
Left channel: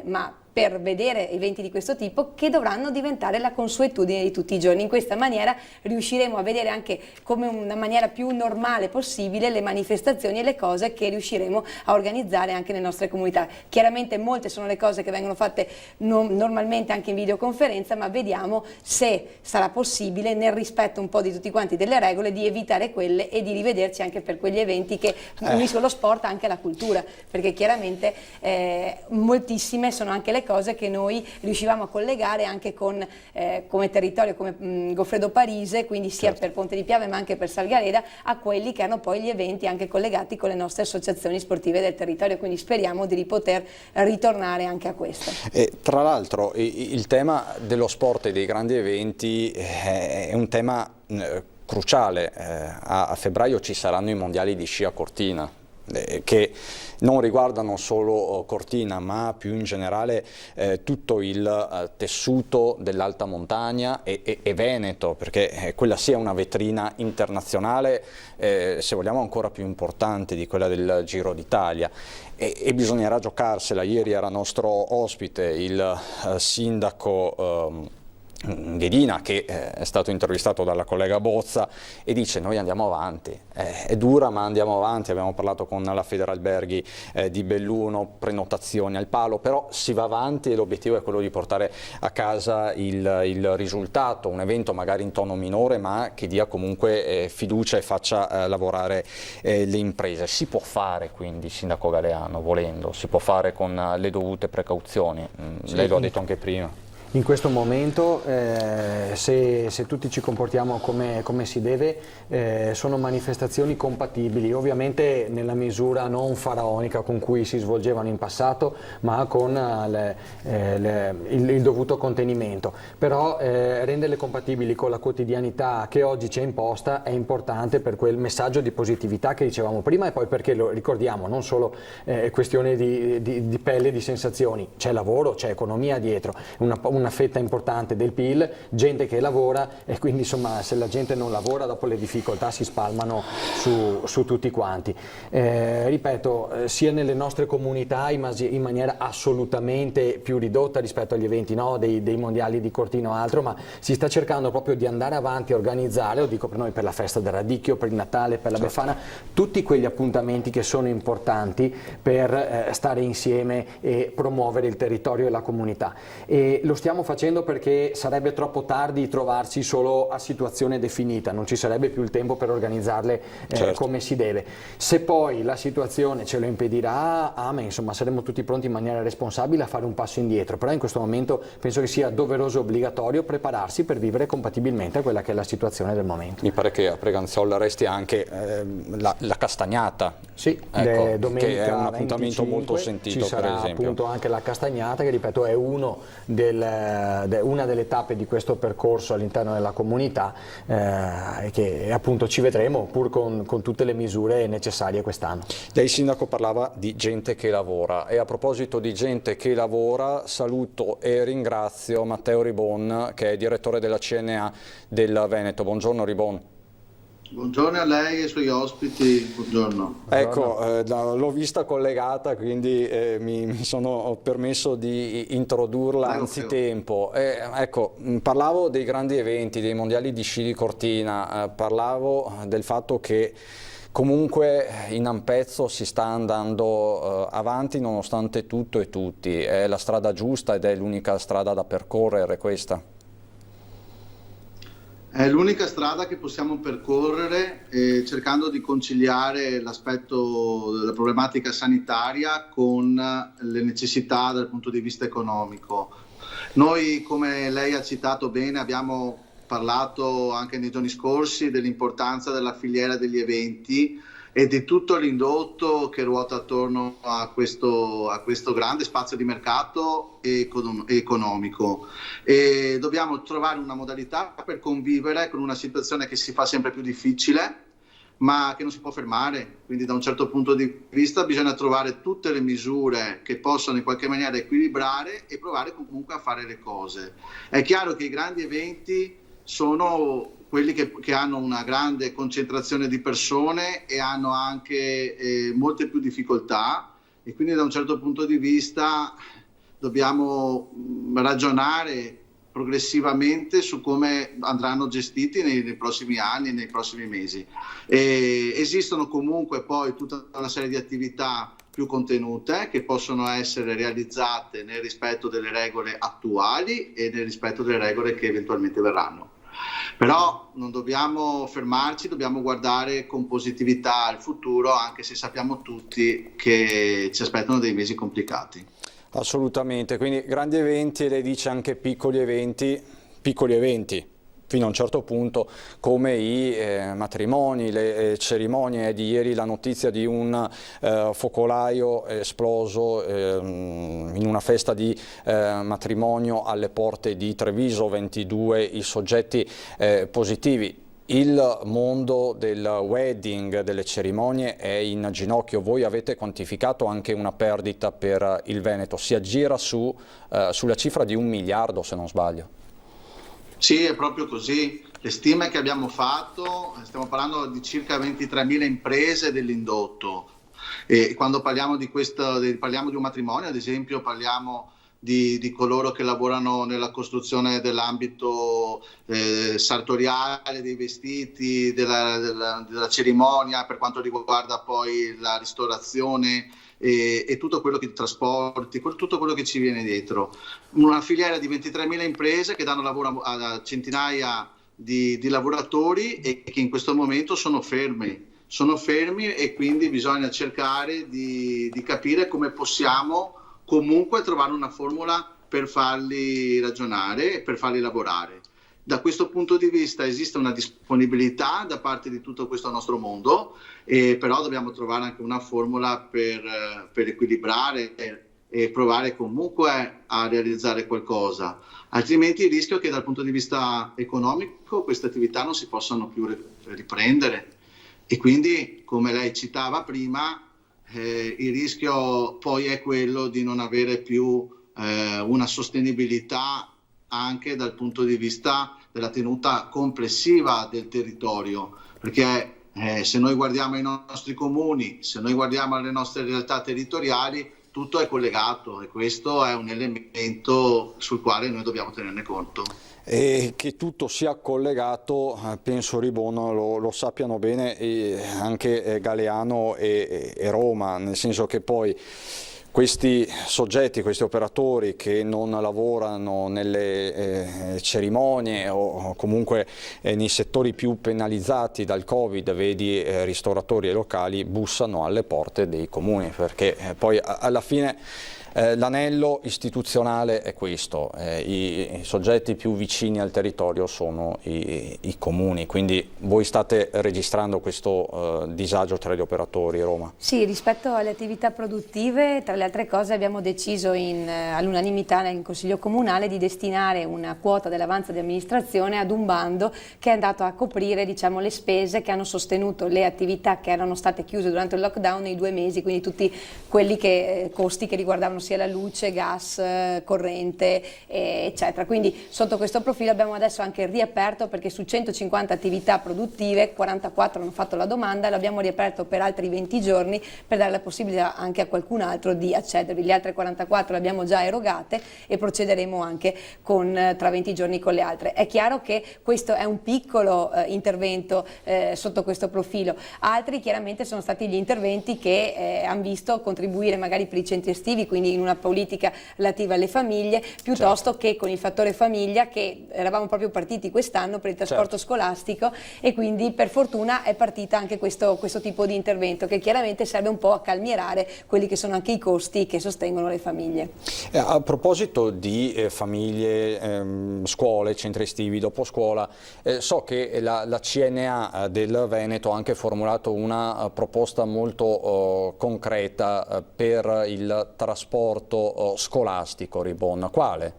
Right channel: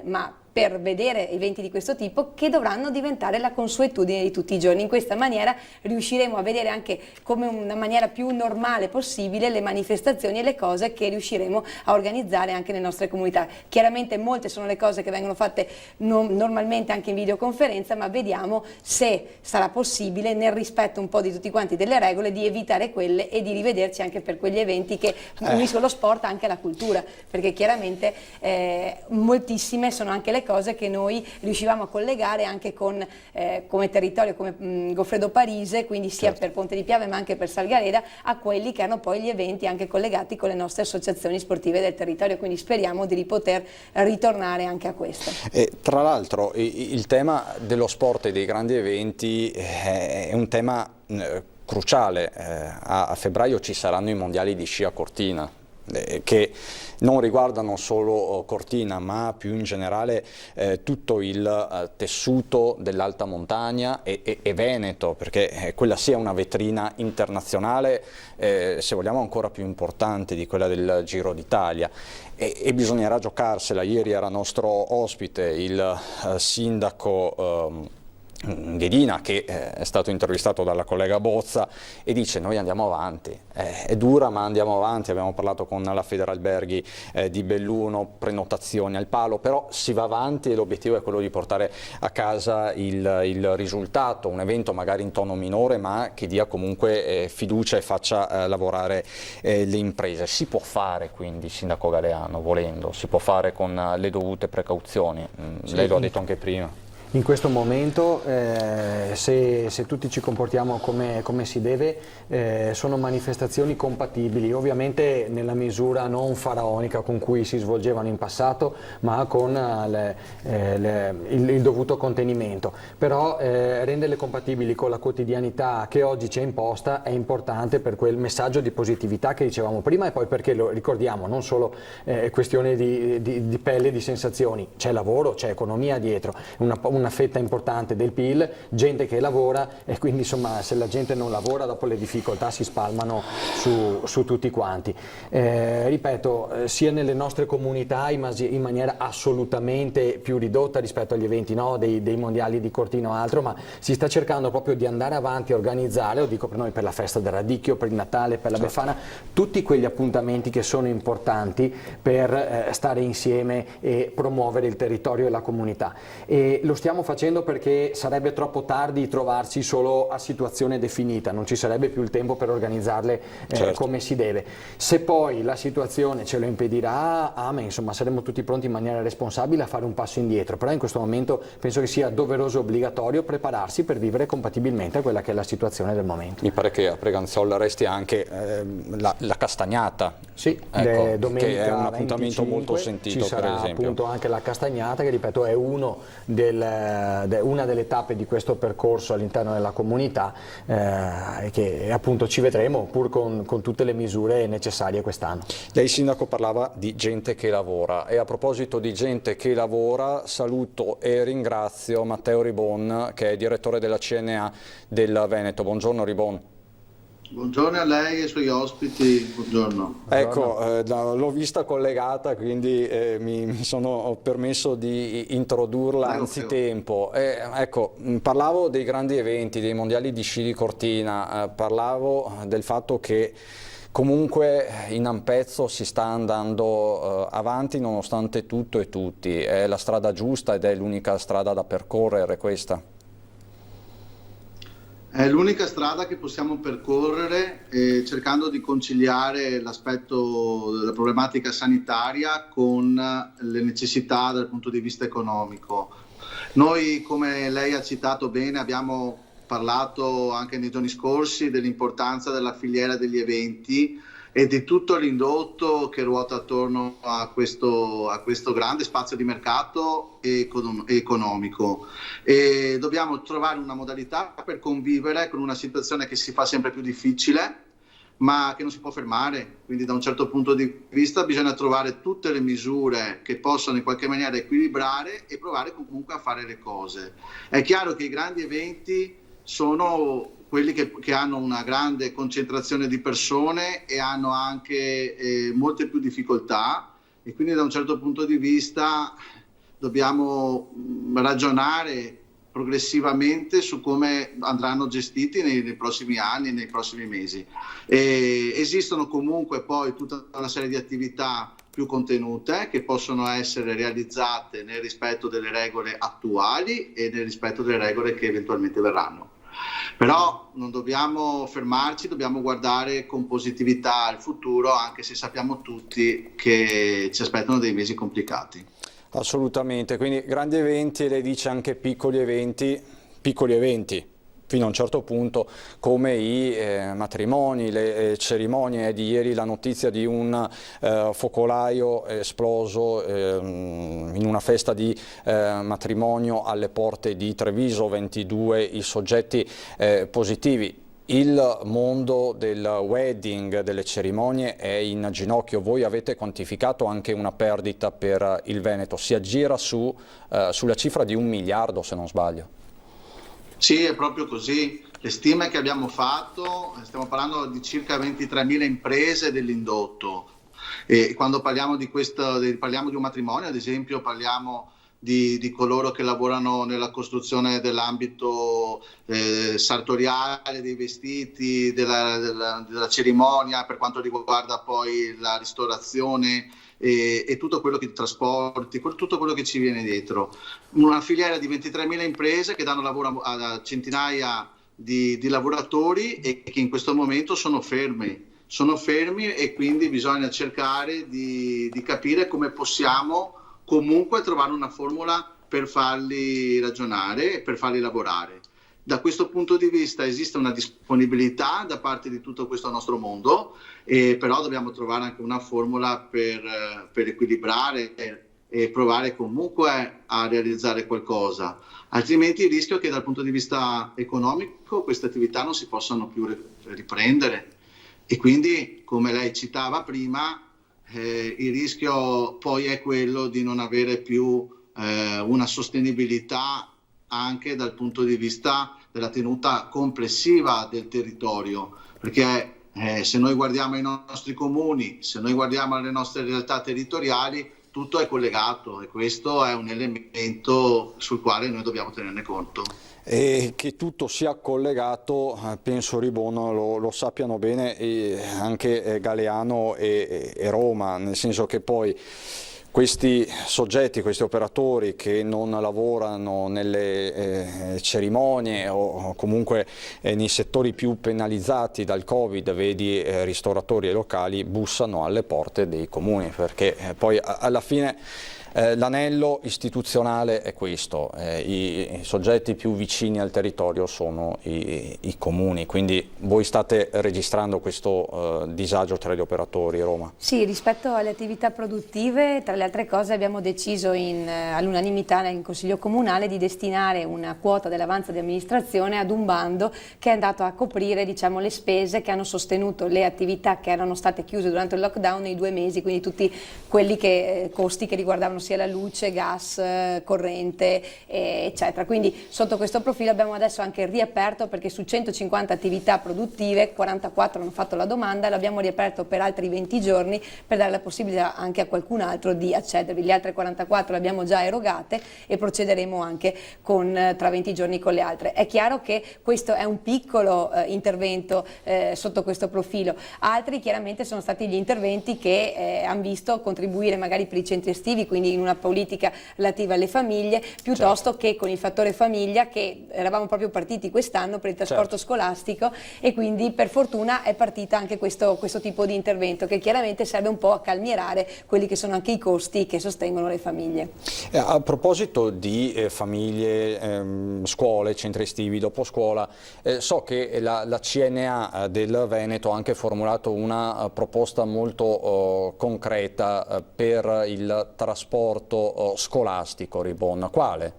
ma per vedere eventi di questo tipo che dovranno diventare la consuetudine di tutti i giorni. In questa maniera riusciremo a vedere anche come una maniera più normale possibile le manifestazioni e le cose che riusciremo a organizzare anche nelle nostre comunità. Chiaramente molte sono le cose che vengono fatte normalmente anche in videoconferenza, ma vediamo se sarà possibile, nel rispetto un po' di tutti quanti delle regole, di evitare quelle e di rivederci anche per quegli eventi che uniscono lo sport anche alla cultura, perché chiaramente moltissime sono anche le cose che noi riuscivamo a collegare anche con come territorio, come Goffredo Parise, quindi sia per Ponte di Piave ma anche per Salgareda, a quelli che hanno poi gli eventi anche collegati con le nostre associazioni sportive del territorio, quindi speriamo di poter ritornare anche a questo. Tra l'altro il tema dello sport e dei grandi eventi è un tema cruciale. A febbraio ci saranno i mondiali di sci a Cortina, che non riguardano solo Cortina ma più in generale tutto il tessuto dell'alta montagna e Veneto, perché quella sia una vetrina internazionale, se vogliamo ancora più importante di quella del Giro d'Italia, e bisognerà giocarsela. Ieri era nostro ospite il sindaco Ghedina, che è stato intervistato dalla collega Bozza, e dice: noi andiamo avanti, è dura ma andiamo avanti. Abbiamo parlato con la Federalberghi di Belluno, prenotazioni al palo, però si va avanti e l'obiettivo è quello di portare a casa il risultato, un evento magari in tono minore ma che dia comunque fiducia e faccia lavorare le imprese. Si può fare quindi, sindaco Galeano, volendo, si può fare con le dovute precauzioni, lei lo ha detto anche prima. in questo momento, se tutti ci comportiamo come si deve, sono manifestazioni compatibili, ovviamente nella misura non faraonica con cui si svolgevano in passato, ma con il dovuto contenimento. Però renderle compatibili con la quotidianità che oggi ci è imposta è importante per quel messaggio di positività che dicevamo prima, e poi perché lo ricordiamo, non solo questione di pelle, di sensazioni, c'è lavoro, c'è economia dietro, una fetta importante del PIL, gente che lavora, e quindi insomma se la gente non lavora dopo le difficoltà si spalmano su tutti quanti. Ripeto, sia nelle nostre comunità in maniera assolutamente più ridotta rispetto agli eventi dei mondiali di Cortina o altro, ma si sta cercando proprio di andare avanti a organizzare, lo dico per noi, per la festa del radicchio, per il Natale, per la Befana, tutti quegli appuntamenti che sono importanti per stare insieme e promuovere il territorio e la comunità. E lo stiamo facendo perché sarebbe troppo tardi trovarsi solo a situazione definita, non ci sarebbe più il tempo per organizzarle come si deve. Se poi la situazione ce lo impedirà, insomma saremo tutti pronti in maniera responsabile a fare un passo indietro, però in questo momento penso che sia doveroso e obbligatorio prepararsi per vivere compatibilmente a quella che è la situazione del momento. Mi pare che a Preganzola resti anche la castagnata, sì, domenica che è un appuntamento 25, molto sentito, ci sarà per esempio. Appunto anche la castagnata, che ripeto è una delle tappe di questo percorso all'interno della comunità, e che appunto ci vedremo pur con tutte le misure necessarie quest'anno. Lei sindaco parlava di gente che lavora, e a proposito di gente che lavora saluto e ringrazio Matteo Ribon, che è direttore della CNA del Veneto. Buongiorno Ribon. Buongiorno a lei e ai suoi ospiti, buongiorno. Ecco, l'ho vista collegata, quindi mi sono permesso di introdurla anzitempo. Ecco, parlavo dei grandi eventi, dei mondiali di sci di Cortina, parlavo del fatto che comunque in Ampezzo si sta andando avanti nonostante tutto e tutti. È la strada giusta ed è l'unica strada da percorrere questa? È l'unica strada che possiamo percorrere, cercando di conciliare l'aspetto della problematica sanitaria con le necessità dal punto di vista economico. Noi, come lei ha citato bene, abbiamo parlato anche nei giorni scorsi dell'importanza della filiera degli eventi e di tutto l'indotto che ruota attorno a questo grande spazio di mercato economico, e dobbiamo trovare una modalità per convivere con una situazione che si fa sempre più difficile ma che non si può fermare, quindi da un certo punto di vista bisogna trovare tutte le misure che possano in qualche maniera equilibrare e provare comunque a fare le cose. È chiaro che i grandi eventi sono quelli che hanno una grande concentrazione di persone e hanno anche molte più difficoltà, e quindi da un certo punto di vista dobbiamo ragionare progressivamente su come andranno gestiti nei prossimi anni, nei prossimi mesi. Esistono comunque poi tutta una serie di attività più contenute che possono essere realizzate nel rispetto delle regole attuali e nel rispetto delle regole che eventualmente verranno. Però non dobbiamo fermarci, dobbiamo guardare con positività al futuro, anche se sappiamo tutti che ci aspettano dei mesi complicati. Assolutamente, quindi grandi eventi, lei dice anche piccoli eventi fino a un certo punto, come i matrimoni, le cerimonie. Di ieri la notizia di un focolaio esploso in una festa di matrimonio alle porte di Treviso, 22 i soggetti positivi. Il mondo del wedding, delle cerimonie è in ginocchio. Voi avete quantificato anche una perdita per il Veneto, si aggira sulla cifra di 1 miliardo se non sbaglio. Sì, è proprio così. Le stime che abbiamo fatto, stiamo parlando di circa 23.000 imprese dell'indotto, e quando parliamo di un matrimonio, ad esempio, parliamo di coloro che lavorano nella costruzione dell'ambito sartoriale, dei vestiti, della cerimonia, per quanto riguarda poi la ristorazione e tutto quello che trasporti, tutto quello che ci viene dietro. Una filiera di 23.000 imprese che danno lavoro a centinaia di lavoratori e che in questo momento sono fermi, e quindi bisogna cercare di capire come possiamo comunque trovare una formula per farli ragionare, per farli lavorare. Da questo punto di vista esiste una disponibilità da parte di tutto questo nostro mondo, però dobbiamo trovare anche una formula per equilibrare e provare comunque a realizzare qualcosa, altrimenti il rischio è che dal punto di vista economico queste attività non si possano più riprendere, e quindi, come lei citava prima, il rischio poi è quello di non avere più una sostenibilità anche dal punto di vista della tenuta complessiva del territorio, perché se noi guardiamo i nostri comuni, se noi guardiamo le nostre realtà territoriali, tutto è collegato, e questo è un elemento sul quale noi dobbiamo tenerne conto. E che tutto sia collegato, penso Ribon lo sappiano bene anche Galeano e Roma, nel senso che poi questi soggetti, questi operatori che non lavorano nelle cerimonie o comunque nei settori più penalizzati dal Covid, vedi ristoratori e locali, bussano alle porte dei comuni, perché poi alla fine l'anello istituzionale è questo, i soggetti più vicini al territorio sono i comuni, quindi voi state registrando questo disagio tra gli operatori, Roma? Sì, rispetto alle attività produttive, tra le altre cose abbiamo deciso all'unanimità in Consiglio Comunale di destinare una quota dell'avanzo di amministrazione ad un bando che è andato a coprire, diciamo, le spese che hanno sostenuto le attività che erano state chiuse durante il lockdown nei 2 mesi, quindi tutti quelli costi che riguardavano sia la luce, gas, corrente, eccetera. Quindi sotto questo profilo abbiamo adesso anche riaperto, perché su 150 attività produttive 44 hanno fatto la domanda, l'abbiamo riaperto per altri 20 giorni per dare la possibilità anche a qualcun altro di accedervi. Le altre 44 le abbiamo già erogate e procederemo anche tra 20 giorni con le altre. È chiaro che questo è un piccolo intervento sotto questo profilo. Altri chiaramente sono stati gli interventi che hanno visto contribuire magari per i centri estivi, quindi in una politica relativa alle famiglie, piuttosto che con il fattore famiglia, che eravamo proprio partiti quest'anno per il trasporto scolastico, e quindi per fortuna è partita anche questo tipo di intervento, che chiaramente serve un po' a calmierare quelli che sono anche i costi che sostengono le famiglie. A proposito di famiglie, scuole, centri estivi, dopo scuola, so che la CNA del Veneto ha anche formulato una proposta molto concreta per il trasporto scolastico, Ribon. Quale?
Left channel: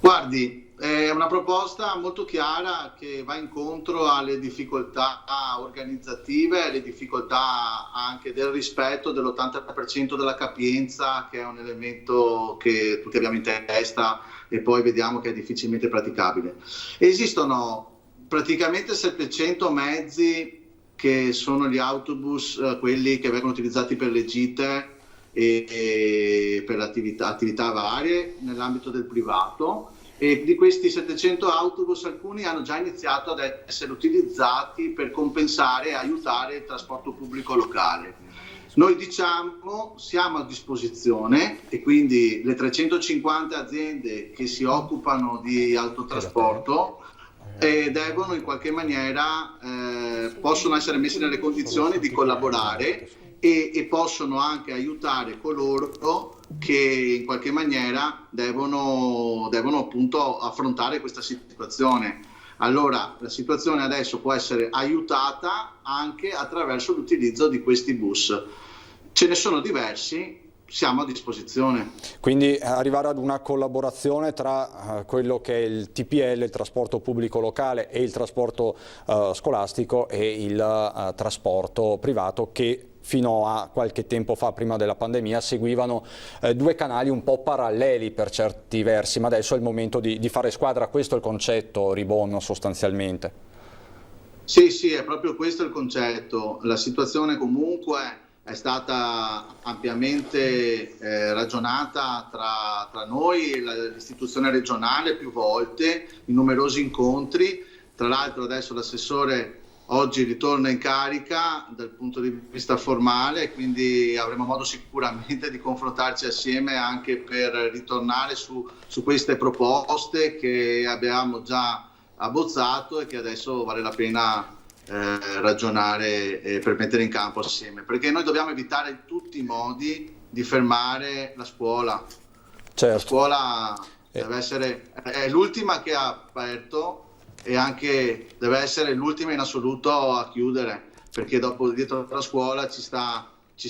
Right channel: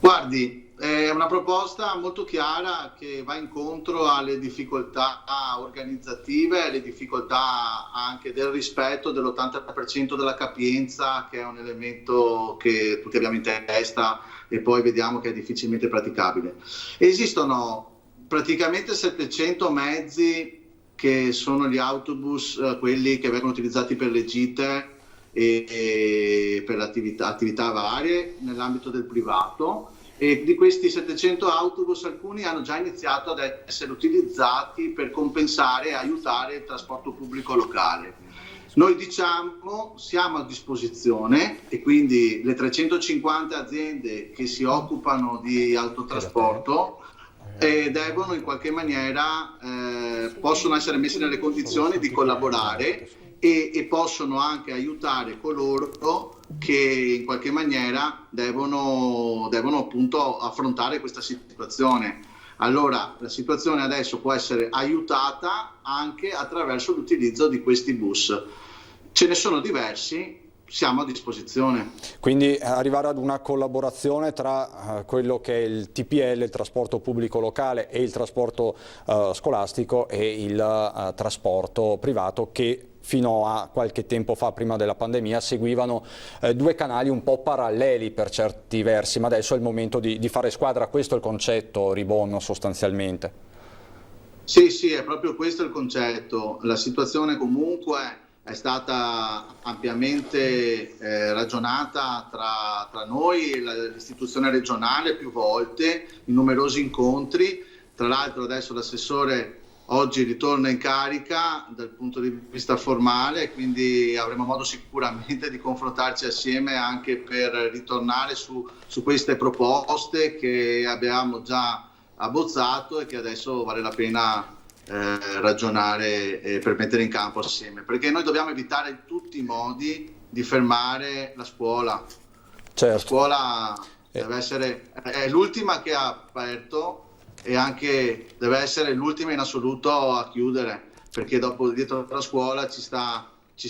Guardi, è una proposta molto chiara che va incontro alle difficoltà organizzative, alle difficoltà anche del rispetto dell'80% della capienza, che è un elemento che tutti abbiamo in testa e poi vediamo che è difficilmente praticabile. Esistono praticamente 700 mezzi che sono gli autobus, quelli che vengono utilizzati per le gite e per attività varie nell'ambito del privato, e di questi 700 autobus alcuni hanno già iniziato ad essere utilizzati per compensare e aiutare il trasporto pubblico locale. Noi diciamo siamo a disposizione, e quindi le 350 aziende che si occupano di autotrasporto devono in qualche maniera possono essere messi nelle condizioni di collaborare e possono anche aiutare coloro che in qualche maniera devono appunto affrontare questa situazione. Allora la situazione adesso può essere aiutata anche attraverso l'utilizzo di questi bus. Ce ne sono diversi, siamo a disposizione. Quindi arrivare ad una collaborazione tra quello che è il TPL, il trasporto pubblico locale, e il trasporto scolastico e il trasporto privato, che fino a qualche tempo fa, prima della pandemia, seguivano 2 canali un po' paralleli per certi versi, ma adesso è il momento di fare squadra. Questo è il concetto, Ribon, sostanzialmente. Sì, è proprio questo il concetto. La situazione comunque è stata ampiamente ragionata tra noi e l'istituzione regionale più volte, in numerosi incontri. Tra l'altro adesso l'assessore oggi ritorna in carica dal punto di vista formale, quindi avremo modo sicuramente di confrontarci assieme anche per ritornare su queste proposte che abbiamo già abbozzato e che adesso vale la pena ragionare per mettere in campo assieme, perché noi dobbiamo evitare in tutti i modi di fermare la scuola. Certo. La scuola deve essere, è l'ultima che ha aperto e anche deve essere l'ultima in assoluto a chiudere, perché dopo dietro la scuola ci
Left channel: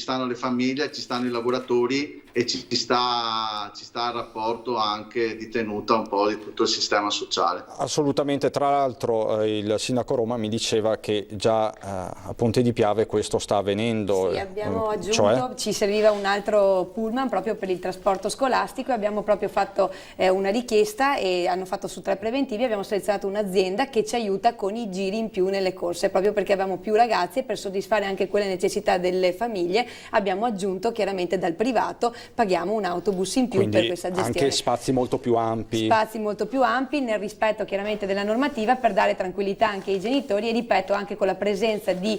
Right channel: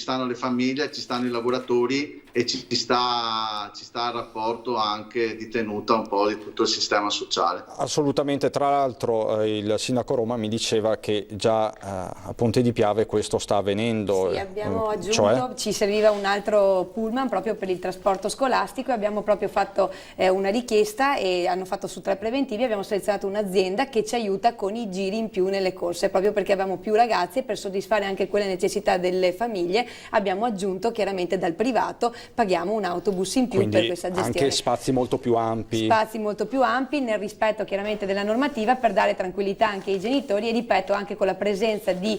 stanno le famiglie, ci stanno i lavoratori e ci sta il rapporto anche di tenuta un po' di tutto il sistema sociale. Assolutamente, tra l'altro il sindaco Roma mi diceva che già a Ponte di Piave questo sta avvenendo. Sì, abbiamo aggiunto, ci serviva un altro pullman proprio per il trasporto scolastico, abbiamo proprio fatto una richiesta e hanno fatto su 3 preventivi, abbiamo selezionato un'azienda che ci aiuta con i giri in più nelle corse, proprio perché abbiamo più ragazzi e per soddisfare anche quelle necessità delle famiglie abbiamo aggiunto chiaramente dal privato, paghiamo un autobus in più. Quindi per questa gestione. Anche spazi molto più ampi. Spazi molto più ampi nel rispetto chiaramente della normativa per dare tranquillità anche ai genitori e ripeto anche con la presenza dei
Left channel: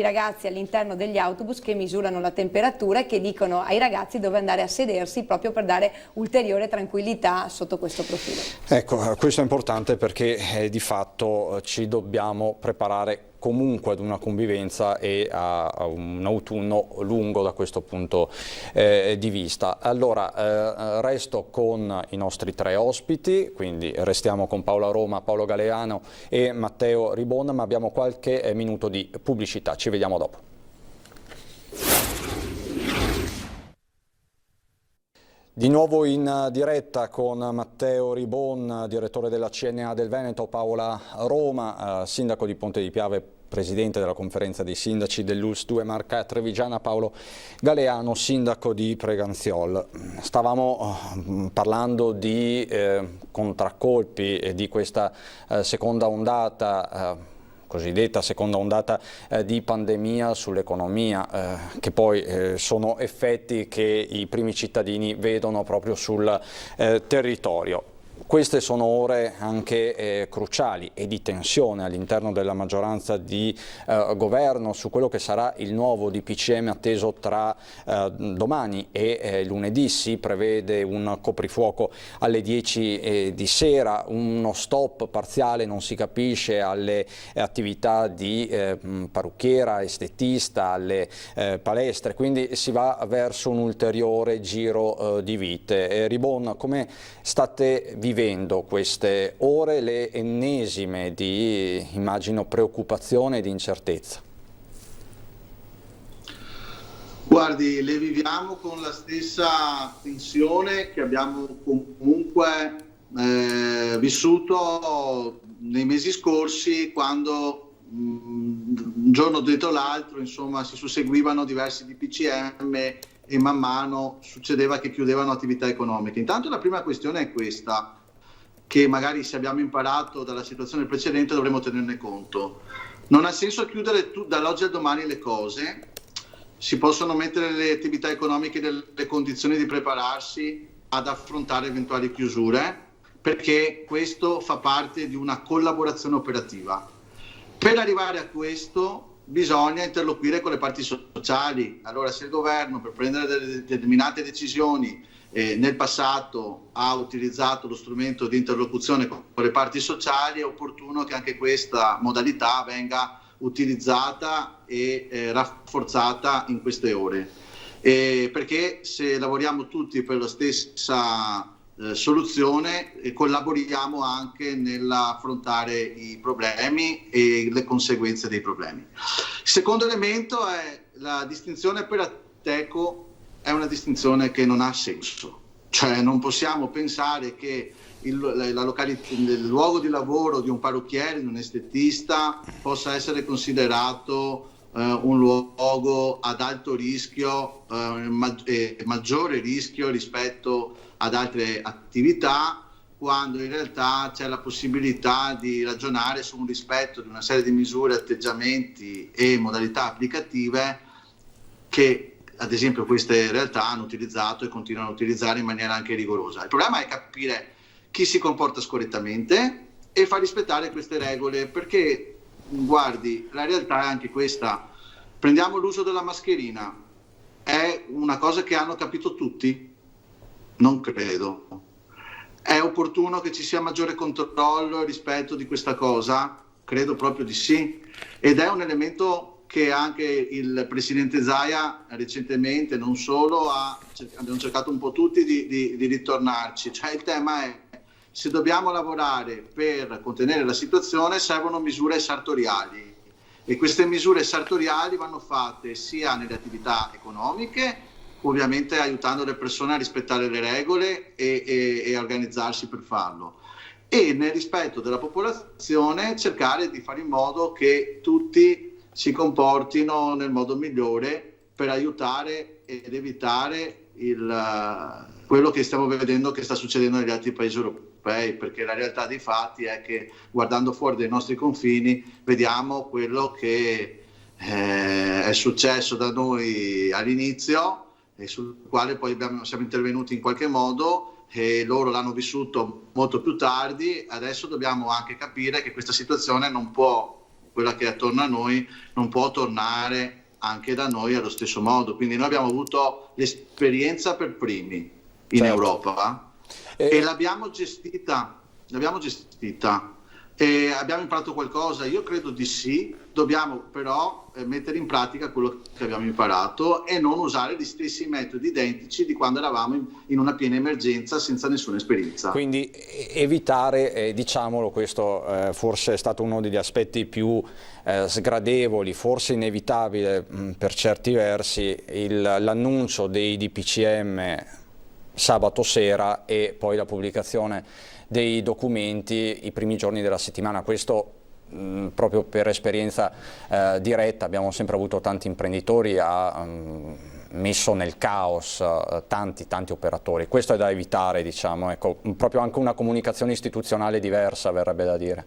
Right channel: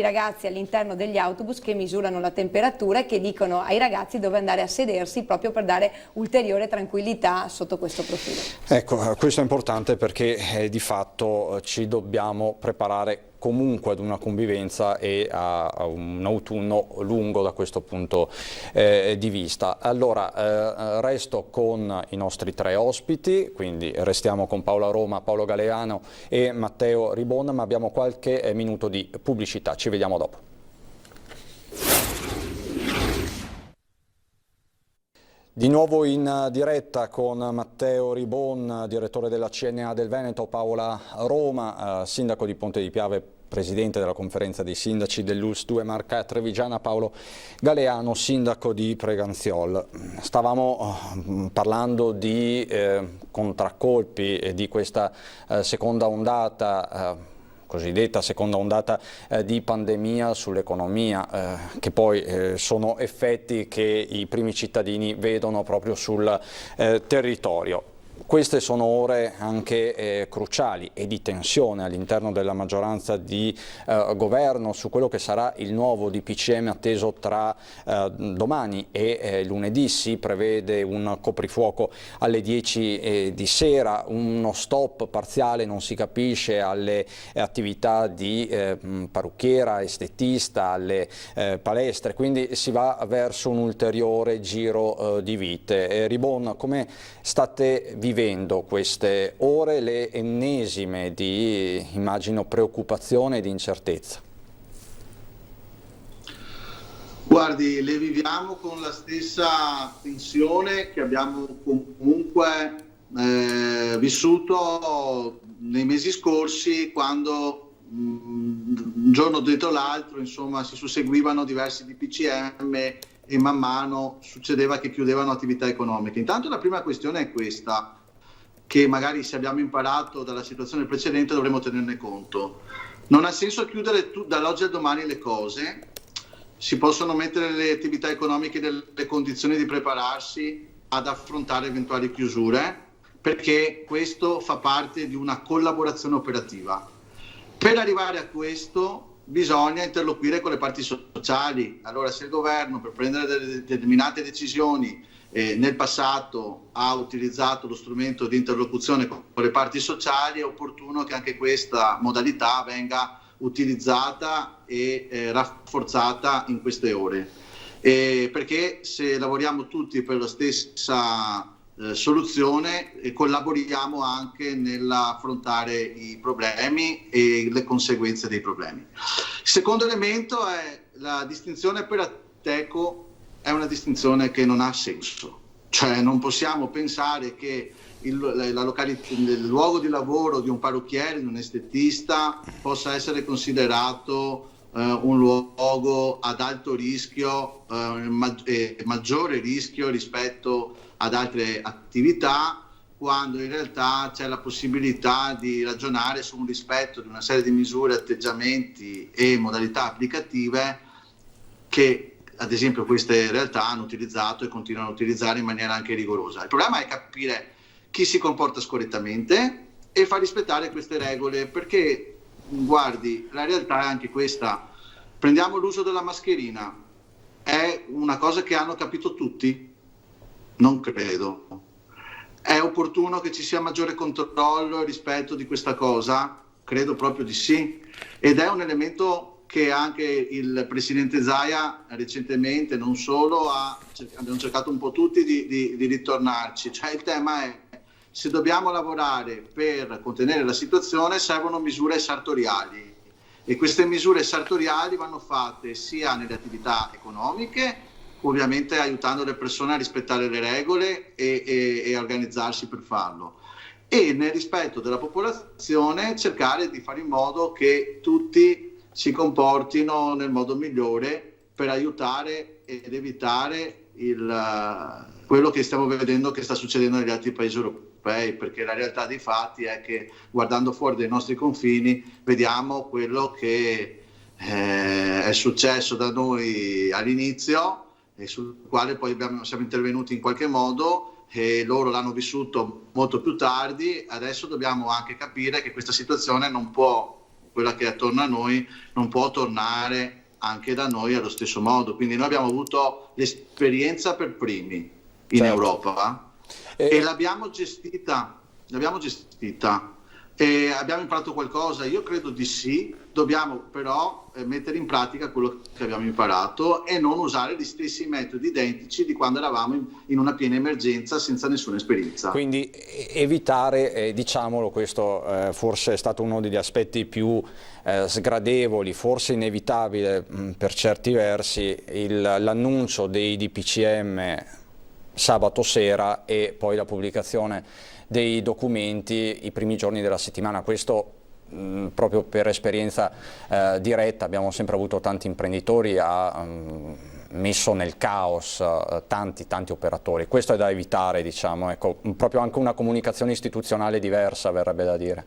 ragazzi all'interno degli autobus che misurano la temperatura e che dicono ai ragazzi dove andare a sedersi proprio per dare ulteriore tranquillità sotto questo profilo. Ecco, questo è importante perché di fatto ci dobbiamo preparare comunque ad una convivenza e a un autunno lungo da questo punto di vista. Allora, resto con i nostri 3 ospiti, quindi restiamo con Paola Roma, Paolo Galeano e Matteo Ribon, ma abbiamo qualche minuto di pubblicità. Ci vediamo dopo. Di nuovo in diretta con Matteo Ribon, direttore della CNA del Veneto, Paola Roma, sindaco di Ponte di Piave, presidente della conferenza dei sindaci dell'ULSS 2 Marca Trevigiana, Paolo Galeano, sindaco di Preganziol. Stavamo parlando di contraccolpi e di questa seconda ondata, cosiddetta seconda ondata di pandemia sull'economia, che poi sono effetti che i primi cittadini vedono proprio sul territorio. Queste sono ore anche cruciali e di tensione all'interno della maggioranza di governo su quello che sarà il nuovo DPCM atteso tra domani e lunedì. Si prevede un coprifuoco alle 10 di sera, uno stop parziale, non si capisce, alle attività di parrucchiera, estetista, alle palestre, quindi si va verso un ulteriore giro di vite. Ribon, come state vivendo queste ore, le ennesime di, immagino, preoccupazione e di incertezza? Guardi, le viviamo con la stessa tensione che abbiamo comunque vissuto nei mesi scorsi, quando un giorno dietro l'altro, insomma, si susseguivano diversi DPCM e man mano succedeva che chiudevano attività economiche. Intanto la prima questione è questa, che magari se abbiamo imparato dalla situazione precedente dovremo tenerne conto. Non ha senso chiudere dall'oggi al domani le cose, si possono mettere le attività economiche nelle condizioni di prepararsi ad affrontare eventuali chiusure, perché questo fa parte di una collaborazione operativa. Per arrivare a questo bisogna interloquire con le parti sociali. Allora, se il governo per prendere determinate decisioni nel passato ha utilizzato lo strumento di interlocuzione con le parti sociali, è opportuno che anche questa modalità venga utilizzata e rafforzata in queste ore, perché se lavoriamo tutti per la stessa soluzione collaboriamo anche nell'affrontare i problemi e le conseguenze dei problemi. Il secondo elemento è la distinzione per Ateco. È una distinzione che non ha senso, cioè non possiamo pensare che il luogo di lavoro di un parrucchiere, di un estetista possa essere considerato un luogo ad alto rischio, maggiore rischio rispetto ad altre attività, quando in realtà c'è la possibilità di ragionare su un rispetto di una serie di misure, atteggiamenti e modalità applicative che ad esempio queste realtà hanno utilizzato e continuano a utilizzare in maniera anche rigorosa. Il problema è capire chi si comporta scorrettamente e far rispettare queste regole, perché guardi, la realtà è anche questa. Prendiamo l'uso della mascherina, è una cosa che hanno capito tutti? Non credo. È opportuno che ci sia maggiore controllo rispetto di questa cosa? Credo proprio di sì, ed è un elemento che anche il presidente Zaia recentemente non solo abbiamo cercato un po' tutti di ritornarci, cioè il tema è: se dobbiamo lavorare per contenere la situazione servono misure sartoriali, e queste misure sartoriali vanno fatte sia nelle attività economiche, ovviamente aiutando le persone a rispettare le regole e a organizzarsi per farlo, e nel rispetto della popolazione cercare di fare in modo che tutti si comportino nel modo migliore per aiutare ed evitare quello che stiamo vedendo che sta succedendo negli altri paesi europei, perché la realtà dei fatti è che, guardando fuori dai nostri confini, vediamo quello che è successo da noi all'inizio e sul quale poi siamo intervenuti in qualche modo, e loro l'hanno vissuto molto più tardi. Adesso dobbiamo anche capire che questa situazione non può, quella che è attorno a noi, non può tornare anche da noi allo stesso modo. Quindi noi abbiamo avuto l'esperienza per primi in Europa e l'abbiamo gestita e abbiamo imparato qualcosa. Io credo di sì, dobbiamo però mettere in pratica quello che abbiamo imparato e non usare gli stessi metodi identici di quando eravamo in una piena emergenza senza nessuna esperienza. Quindi evitare, diciamolo, questo forse è stato uno degli aspetti più sgradevoli, forse inevitabile per certi versi, l'annuncio dei DPCM sabato sera e poi la pubblicazione dei documenti i primi giorni della settimana. Questo proprio per esperienza diretta, abbiamo sempre avuto tanti imprenditori, ha messo nel caos tanti operatori. Questo è da evitare, diciamo, ecco, proprio anche una comunicazione istituzionale diversa, verrebbe da dire.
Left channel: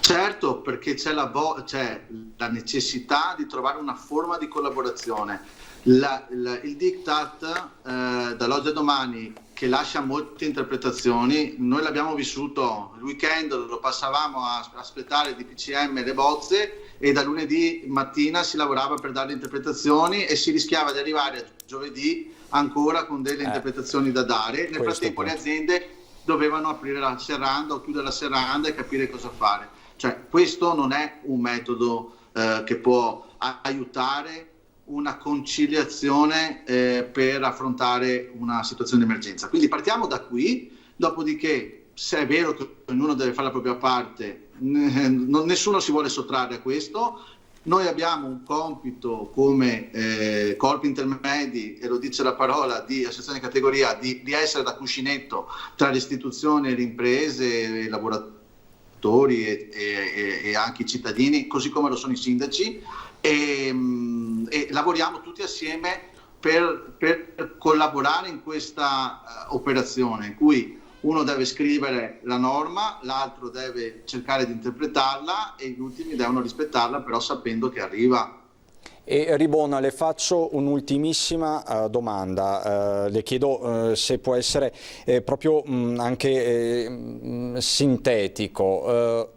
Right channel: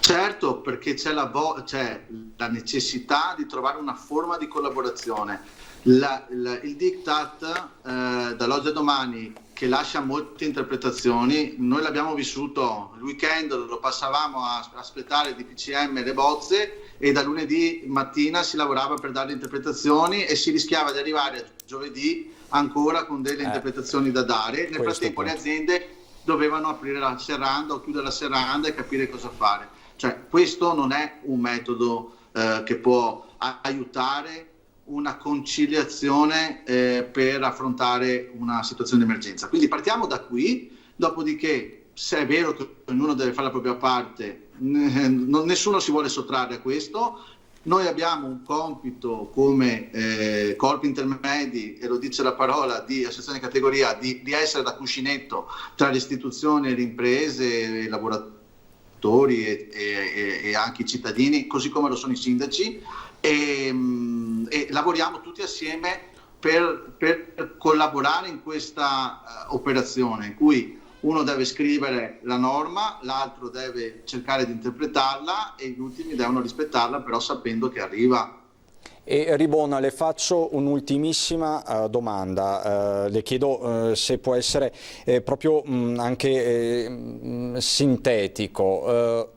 Certo, perché c'è la necessità di trovare una forma di collaborazione. Il diktat dall'oggi a domani, che lascia molte interpretazioni, noi l'abbiamo vissuto il weekend, lo passavamo a aspettare il DPCM, le bozze, e da lunedì mattina si lavorava per dare le interpretazioni e si rischiava di arrivare a giovedì ancora con delle interpretazioni da dare. Nel frattempo le aziende dovevano aprire la serranda o chiudere la serranda e capire cosa fare. Cioè, questo non è un metodo che può aiutare una conciliazione per affrontare una situazione di emergenza. Quindi partiamo da qui, dopodiché, se è vero che ognuno deve fare la propria parte, nessuno si vuole sottrarre a questo. Noi abbiamo un compito come corpi intermedi, e lo dice la parola, di associazione di categoria, di essere da cuscinetto tra le istituzioni, le imprese, i lavoratori e anche i cittadini, così come lo sono i sindaci, e lavoriamo tutti assieme per collaborare in questa operazione in cui uno deve scrivere la norma, l'altro deve cercare di interpretarla e gli ultimi devono rispettarla, però sapendo che arriva. E Ribona, le faccio un'ultimissima domanda, le chiedo se può essere proprio anche sintetico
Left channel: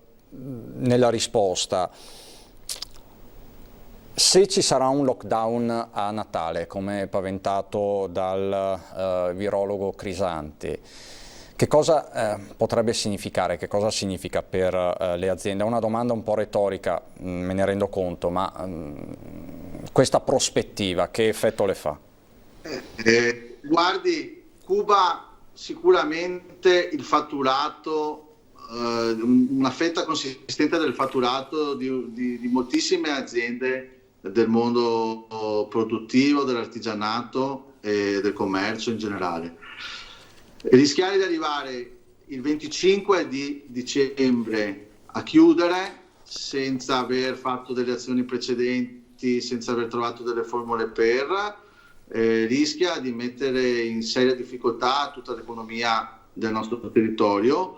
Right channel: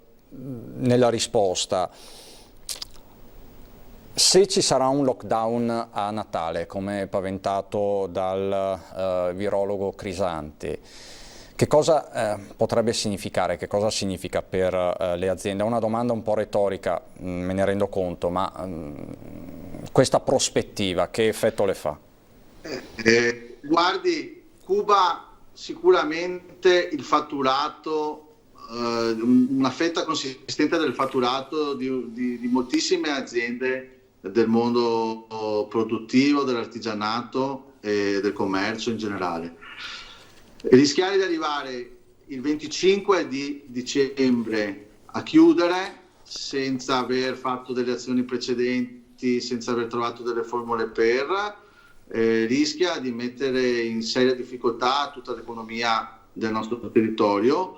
nella risposta. Se ci sarà un lockdown a Natale, come paventato dal virologo Crisanti, che cosa potrebbe significare? Che cosa significa per le aziende? È una domanda un po' retorica, me ne rendo conto, ma questa prospettiva che effetto le fa? Guardi, Cuba sicuramente il fatturato, una fetta consistente del fatturato di moltissime aziende del mondo produttivo, dell'artigianato e del commercio in generale. Rischiare di arrivare il 25 di dicembre a chiudere senza aver fatto delle azioni precedenti, senza aver trovato delle formule per, rischia di mettere in seria difficoltà tutta l'economia del nostro territorio.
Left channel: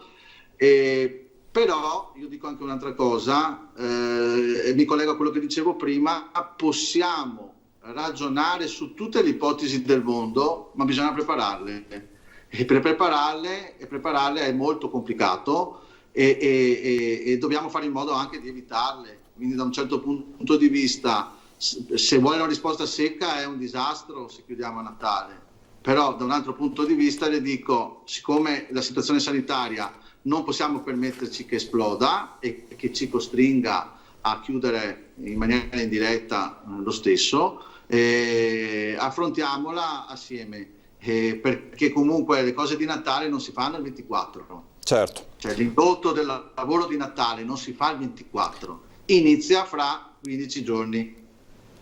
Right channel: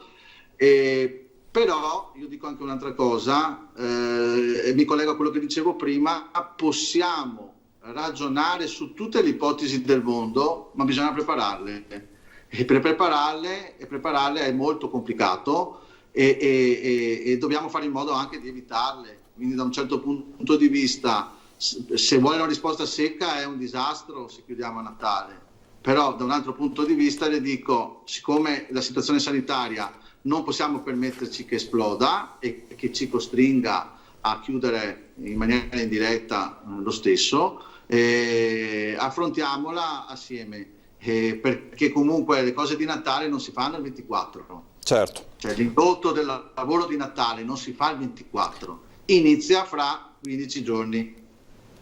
Però io dico anche un'altra cosa, e mi collego a quello che dicevo prima: possiamo ragionare su tutte le ipotesi del mondo, ma bisogna prepararle. E per prepararle è molto complicato e dobbiamo fare in modo anche di evitarle. Quindi da un certo punto di vista, se vuole una risposta secca, è un disastro se chiudiamo a Natale. Però da un altro punto di vista le dico, siccome la situazione sanitaria non possiamo permetterci che esploda e che ci costringa a chiudere in maniera indiretta lo stesso, affrontiamola assieme, perché comunque le cose di Natale non si fanno il 24. Certo. Cioè l'indotto del lavoro di Natale non si fa il 24, inizia fra 15 giorni,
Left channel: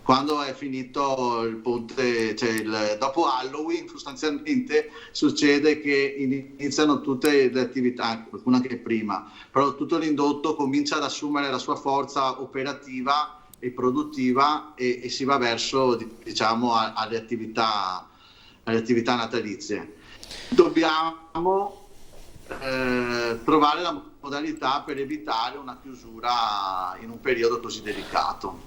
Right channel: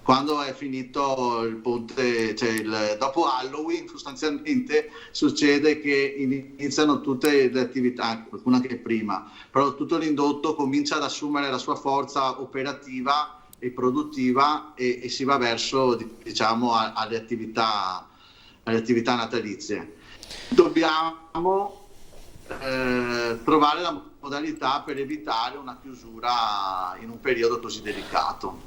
quando è finito il ponte, cioè dopo Halloween sostanzialmente succede che iniziano tutte le attività, qualcuna anche prima, però tutto l'indotto comincia ad assumere la sua forza operativa e produttiva e si va verso, diciamo, alle attività natalizie. Dobbiamo trovare la modalità per evitare una chiusura in un periodo così delicato.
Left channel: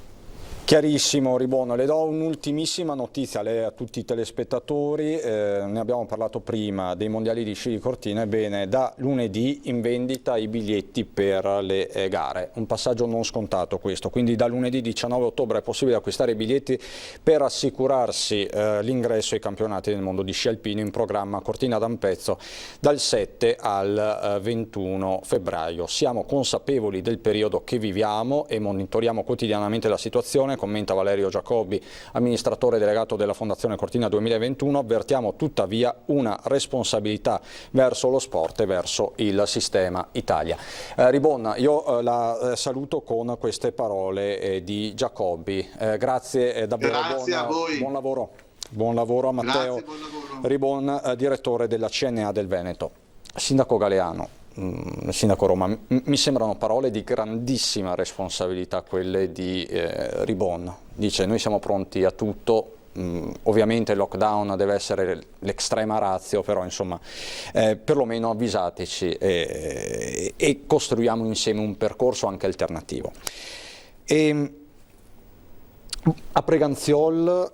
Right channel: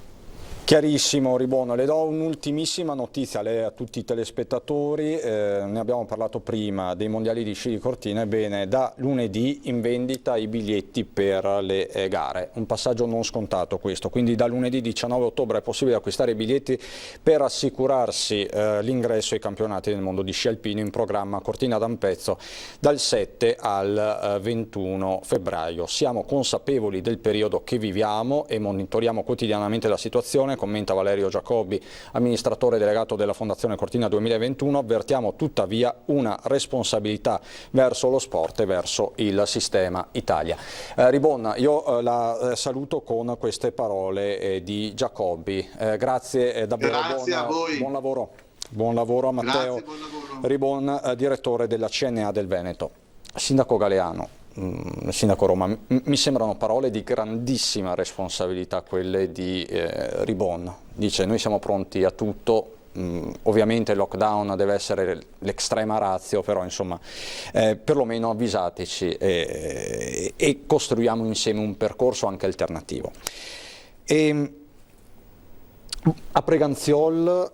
Chiarissimo Ribon, le do un'ultimissima notizia a tutti i telespettatori, ne abbiamo parlato prima dei mondiali di sci di Cortina. Ebbene, da lunedì in vendita i biglietti per le gare, un passaggio non scontato questo, quindi da lunedì 19 ottobre è possibile acquistare i biglietti per assicurarsi l'ingresso ai campionati del mondo di sci alpino in programma Cortina d'Ampezzo dal 7 al 21 febbraio. Siamo consapevoli del periodo che viviamo e monitoriamo quotidianamente la situazione, commenta Valerio Giacobbi, amministratore delegato della Fondazione Cortina 2021, avvertiamo tuttavia una responsabilità verso lo sport e verso il sistema Italia. Ribon, io la saluto con queste parole di Giacobbi. Grazie davvero, grazie a voi. Buon lavoro a Matteo. Grazie, buon lavoro. Ribon, direttore della CNA del Veneto. Sindaco Galeano, Sindaco Roma, mi sembrano parole di grandissima responsabilità quelle di Ribon. Dice: noi siamo pronti a tutto, ovviamente il lockdown deve essere l'extrema ratio, però insomma perlomeno avvisateci e costruiamo insieme un percorso anche alternativo. A Preganziol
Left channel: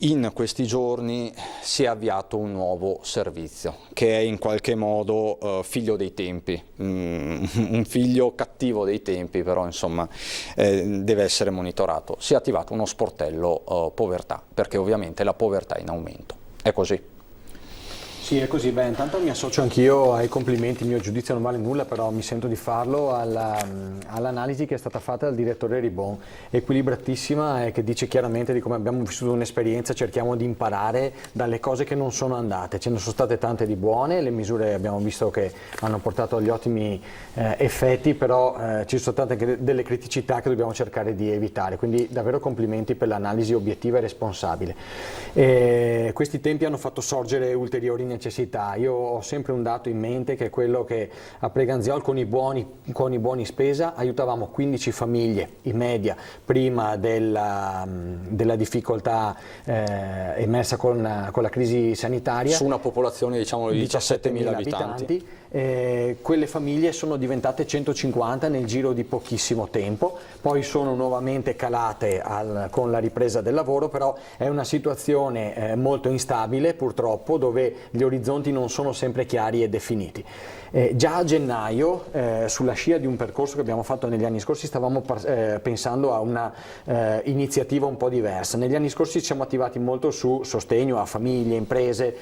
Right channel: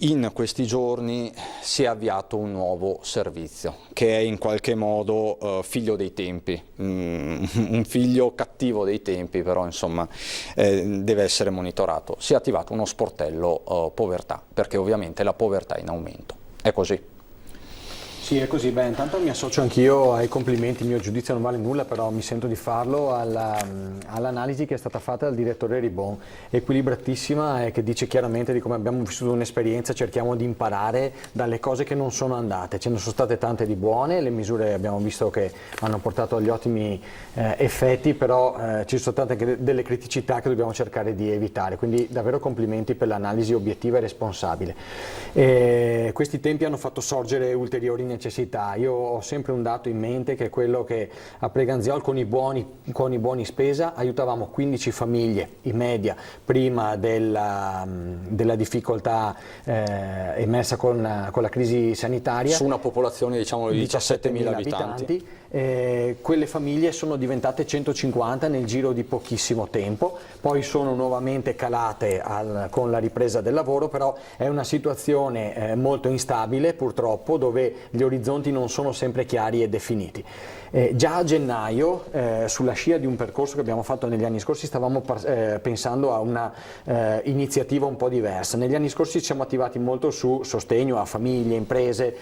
in questi giorni si è avviato un nuovo servizio che è in qualche modo figlio dei tempi, un figlio cattivo dei tempi, però insomma deve essere monitorato. Si è attivato uno sportello povertà, perché ovviamente la povertà è in aumento. È così. Sì, è così. Beh, intanto mi associo anch'io ai complimenti, il mio giudizio non vale nulla, però mi sento di farlo all'analisi che è stata fatta dal direttore Ribon, equilibratissima e che dice chiaramente di come abbiamo vissuto un'esperienza, cerchiamo di imparare dalle cose che non sono andate. Ce ne sono state tante di buone, le misure abbiamo visto che hanno portato agli ottimi effetti, però ci sono state anche delle criticità che dobbiamo cercare di evitare, quindi davvero complimenti per l'analisi obiettiva e responsabile. Questi tempi hanno fatto sorgere ulteriori necessità. Io ho sempre un dato in mente, che è quello che a Preganziol con i buoni spesa aiutavamo 15 famiglie in media prima della difficoltà emersa con la crisi sanitaria, su una popolazione diciamo di 17.000 abitanti. Quelle famiglie sono diventate 150 nel giro di pochissimo tempo, poi sono nuovamente calate con la ripresa del lavoro, però è una situazione molto instabile purtroppo, dove gli orizzonti non sono sempre chiari e definiti. Già a gennaio, sulla scia di un percorso che abbiamo fatto negli anni scorsi, stavamo pensando a una iniziativa un po' diversa. Negli anni scorsi ci siamo attivati molto su sostegno a famiglie, imprese,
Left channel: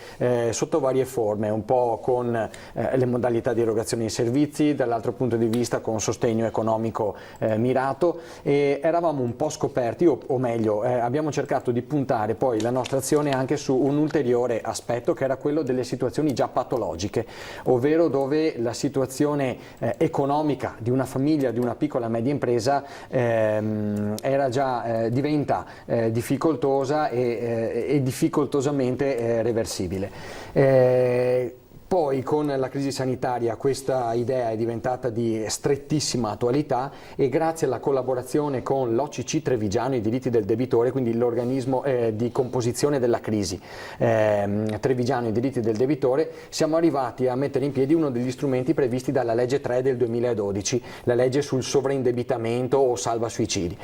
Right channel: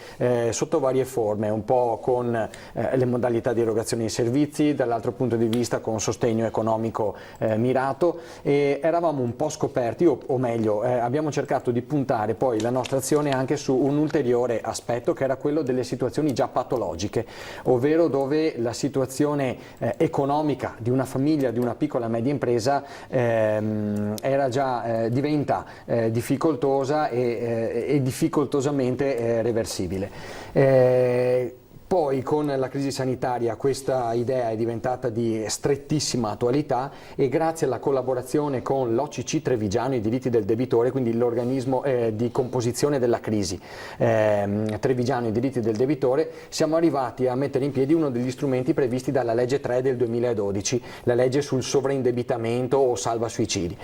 sotto varie forme, un po' con le modalità di erogazione di servizi, dall'altro punto di vista con sostegno economico mirato, e eravamo un po' scoperti, o meglio, abbiamo cercato di puntare poi la nostra azione anche su un ulteriore aspetto, che era quello delle situazioni già patologiche, ovvero dove la situazione economica di una famiglia, di una piccola media impresa diventa difficoltosa e difficoltosamente reversibile. Poi con la crisi sanitaria questa idea è diventata di strettissima attualità, e grazie alla collaborazione con l'OCC Trevigiano, i diritti del debitore, quindi l'organismo di composizione della crisi Trevigiano, i diritti del debitore, siamo arrivati a mettere in piedi uno degli strumenti previsti dalla legge 3 del 2012, la legge sul sovraindebitamento o salva suicidi.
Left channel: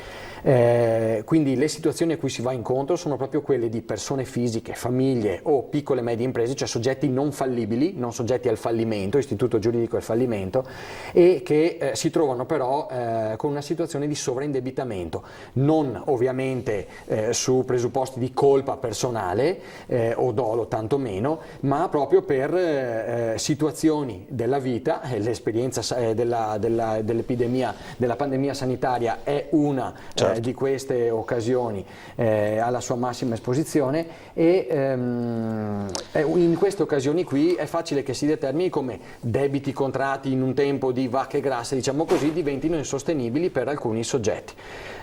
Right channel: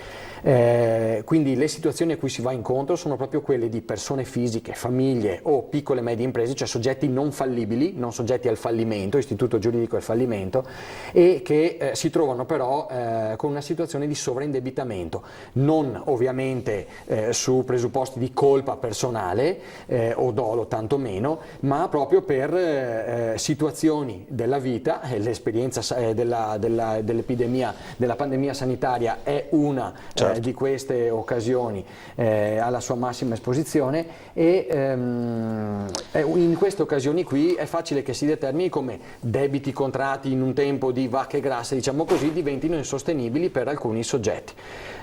Quindi le situazioni a cui si va incontro sono proprio quelle di persone fisiche, famiglie o piccole e medie imprese, cioè soggetti non fallibili, non soggetti al fallimento, istituto giuridico al fallimento, e che si trovano però con una situazione di sovraindebitamento, non ovviamente su presupposti di colpa personale o dolo tantomeno, ma proprio per situazioni della vita. L'esperienza dell'epidemia, della pandemia sanitaria è una di queste occasioni alla sua massima esposizione, e in queste occasioni qui è facile che si determini come debiti contratti in un tempo di vacche grasse, diciamo così, diventino insostenibili per alcuni soggetti.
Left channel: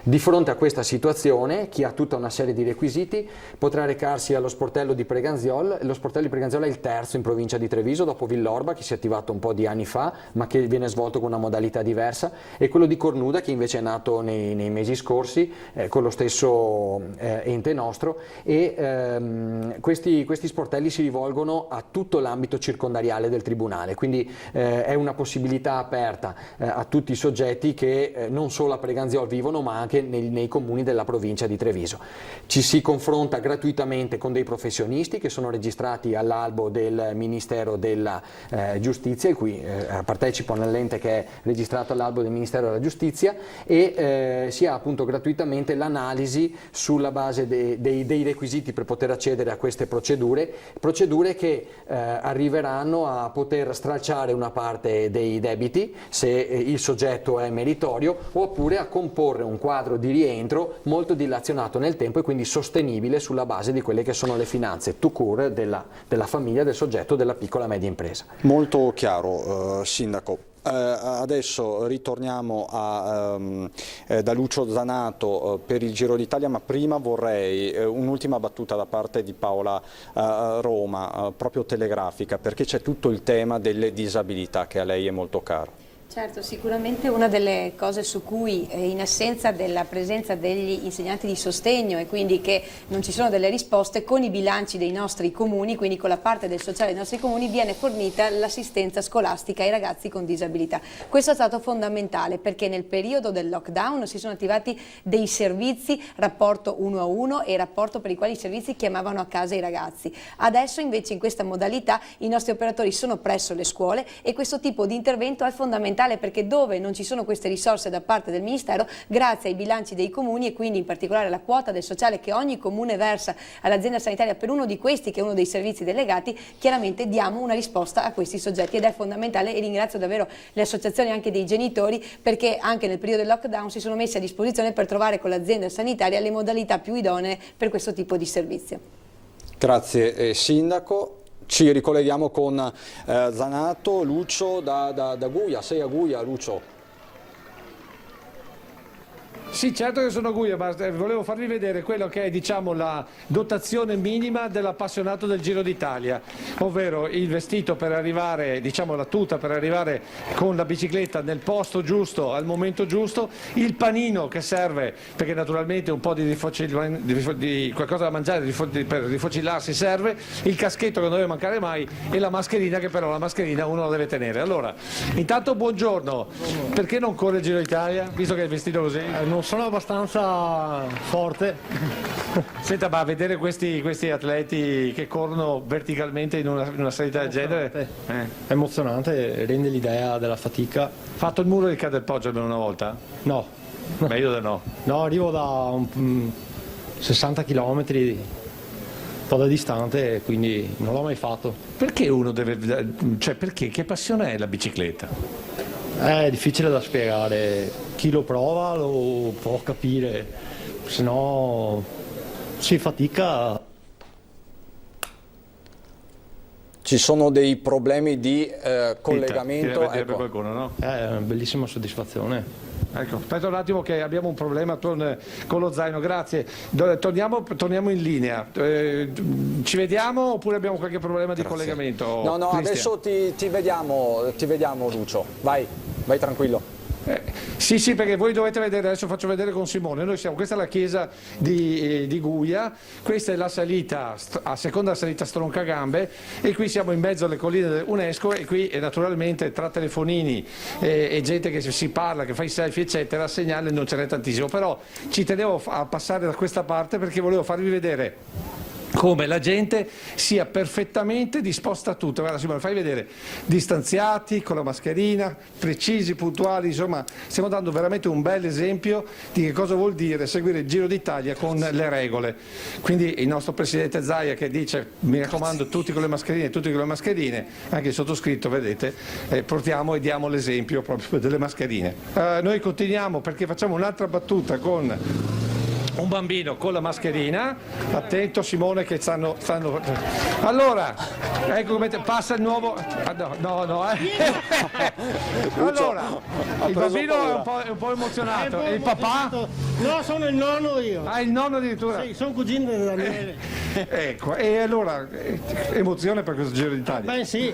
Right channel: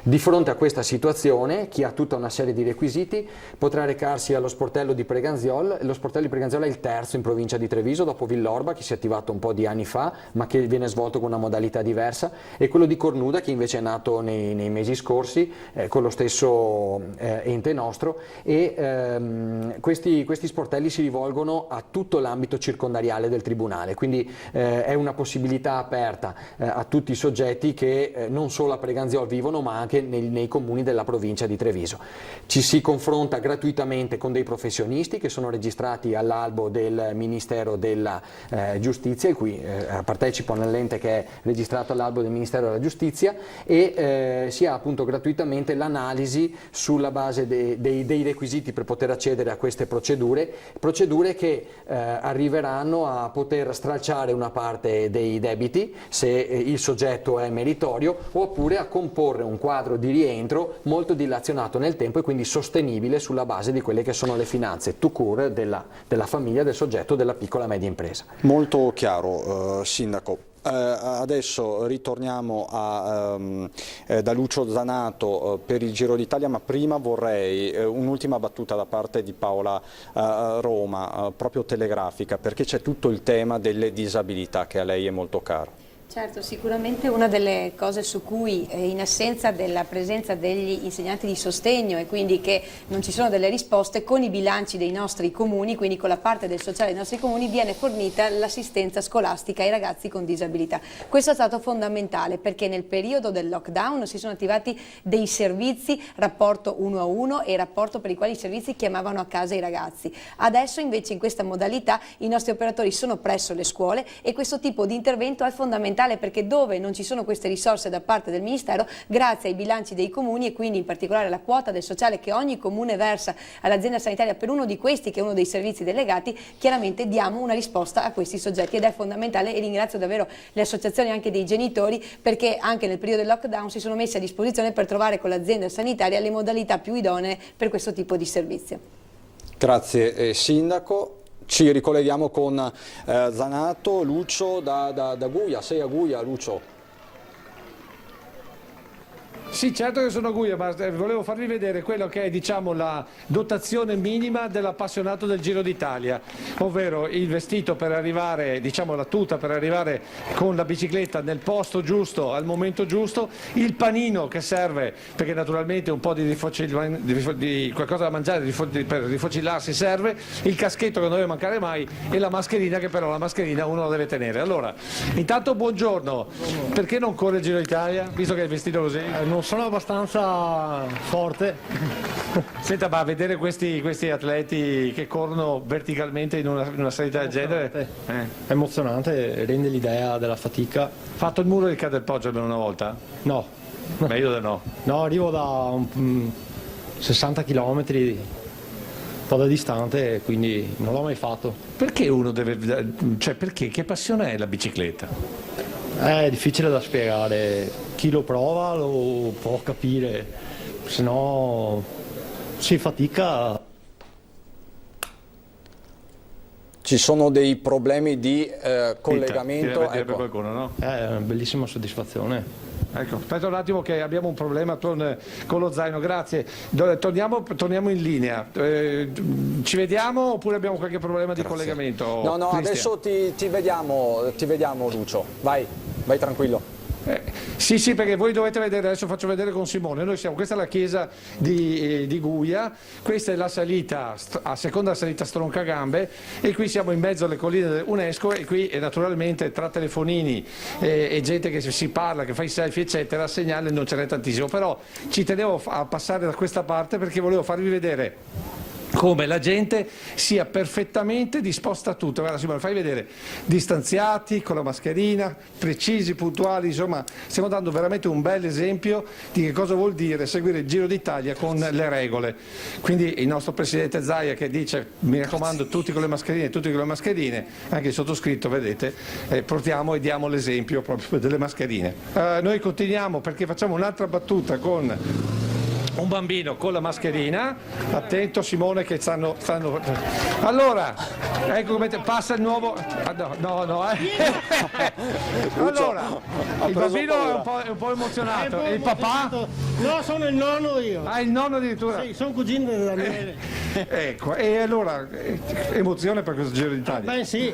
Di fronte a questa situazione, chi ha tutta una serie di requisiti potrà recarsi allo sportello di Preganziol. Lo sportello di Preganziol è il terzo in provincia di Treviso, dopo Villorba, che si è attivato un po' di anni fa, ma che viene svolto con una modalità diversa, e quello di Cornuda, che invece è nato nei mesi scorsi con lo stesso ente nostro, e questi sportelli si rivolgono a tutto l'ambito circondariale del Tribunale, quindi è una possibilità aperta a tutti i soggetti che non solo a Preganziol vivono, ma anche nei comuni della provincia di Treviso. Ci si confronta gratuitamente con dei professionisti che sono registrati all'albo del Ministero della Giustizia, e qui partecipo nell'ente che è registrato all'albo del Ministero della Giustizia, e si ha appunto gratuitamente l'analisi sulla base dei requisiti per poter accedere a queste procedure che arriveranno a poter stralciare una parte dei debiti se il soggetto è meritorio, oppure a comporre un quadro di rientro molto dilazionato nel tempo e quindi sostenibile sulla base di quelle che sono le finanze tout court della famiglia, del soggetto, della piccola e media impresa. Molto chiaro, Sindaco. Adesso ritorniamo da Lucio Zanato per il Giro d'Italia, ma prima vorrei un'ultima battuta da parte di Paola Roma, proprio telegrafica, perché c'è tutto il tema delle disabilità che a lei è molto caro. Certo, sicuramente una delle cose su cui, in assenza della presenza degli insegnanti di sostegno, e quindi che non ci sono delle risposte, con i bilanci dei nostri comuni, quindi con la parte del sociale dei nostri comuni, viene fornita l'assistenza scolastica ai ragazzi con disabilità. Questo è stato fondamentale, perché nel periodo del lockdown si sono attivati dei servizi, rapporto 1 a 1 e rapporto per i quali i servizi chiamavano a casa i ragazzi. Adesso invece in questa modalità i nostri operatori sono presso le scuole, e questo tipo di intervento è fondamentale, perché dove non ci sono queste risorse da parte del Ministero, grazie ai bilanci dei comuni, e quindi in particolare alla quota del sociale che ogni comune versa all'azienda sanitaria per uno di questi, che è uno dei servizi delegati, chiaramente diamo una risposta a questi soggetti, ed è fondamentale. E ringrazio davvero le associazioni anche dei genitori, perché anche nel periodo del lockdown si sono messi a disposizione per trovare con l'azienda sanitaria le modalità più idonee per questo tipo di servizio. Grazie Sindaco. Ci ricolleghiamo con Zanato. Lucio da Guia. Sei a Guia, Lucio? Sì, certo che sono a Guia, ma volevo farvi vedere quello che è, diciamo, la dotazione minima dell'appassionato del Giro d'Italia, ovvero il vestito per arrivare, diciamo la tuta per arrivare con la bicicletta nel posto giusto, al momento giusto, il panino che serve, perché naturalmente un po' di qualcosa da mangiare per rifocillarsi serve, il caschetto che non deve mancare mai, e la mascherina, che però la mascherina uno la deve tenere. Allora, intanto buongiorno, perché non corre il Giro d'Italia, visto che è vestito così? Non sono abbastanza forte. Senta, ma a vedere questi atleti che corrono verticalmente in una salita del genere è emozionante, rende l'idea della fatica. Fatto il muro del Cadelpoggio almeno una volta? No. Meglio di no. No, arrivo da 60 km, un po' da distante, quindi non l'ho mai fatto. Perché uno deve, cioè perché? Che passione è la bicicletta? È difficile da spiegare, chi lo prova lo può capire, se no si fatica. Ci sono dei problemi di collegamento. Ecco. Qualcuno, no? È una bellissima soddisfazione. Ecco, aspetta un attimo che abbiamo un problema con lo zaino, grazie. Torniamo in linea. Ci vediamo oppure abbiamo qualche problema di collegamento? No, Cristian? adesso ti vediamo Lucio, vai tranquillo. Sì, perché voi dovete vedere, adesso faccio vedere con Simone, questa è la chiesa di Guia, questa è la salita, a seconda salita Stroncagambe, e qui siamo in mezzo alle colline dell'UNESCO, e qui naturalmente tra telefonini e gente che si parla, che fa i selfie eccetera, segnale non ce n'è tantissimo, però ci tenevo a passare da questa parte perché volevo farvi vedere come la gente sia perfettamente disposta a tutto. Guarda Simone, fai vedere, distanziati, con la mascherina, precisi, puntuali, insomma stiamo dando veramente un bel esempio di che cosa vuol dire seguire il Giro d'Italia con le regole. Quindi il nostro Presidente Zaia che dice mi raccomando tutti con le mascherine, tutti con le mascherine, anche il sottoscritto vedete, portiamo e diamo l'esempio proprio delle mascherine. Noi continuiamo perché facciamo un'altra battuta con un bambino con la mascherina, attento Simone che stanno... Allora, ecco come passa il nuovo... Allora, il bambino è un po' emozionato, e il papà? No, sono il nonno io. Ah, il nonno addirittura? Sì, sono cugino di Daniele. Ecco, e allora, emozione per questo Giro d'Italia? Beh sì,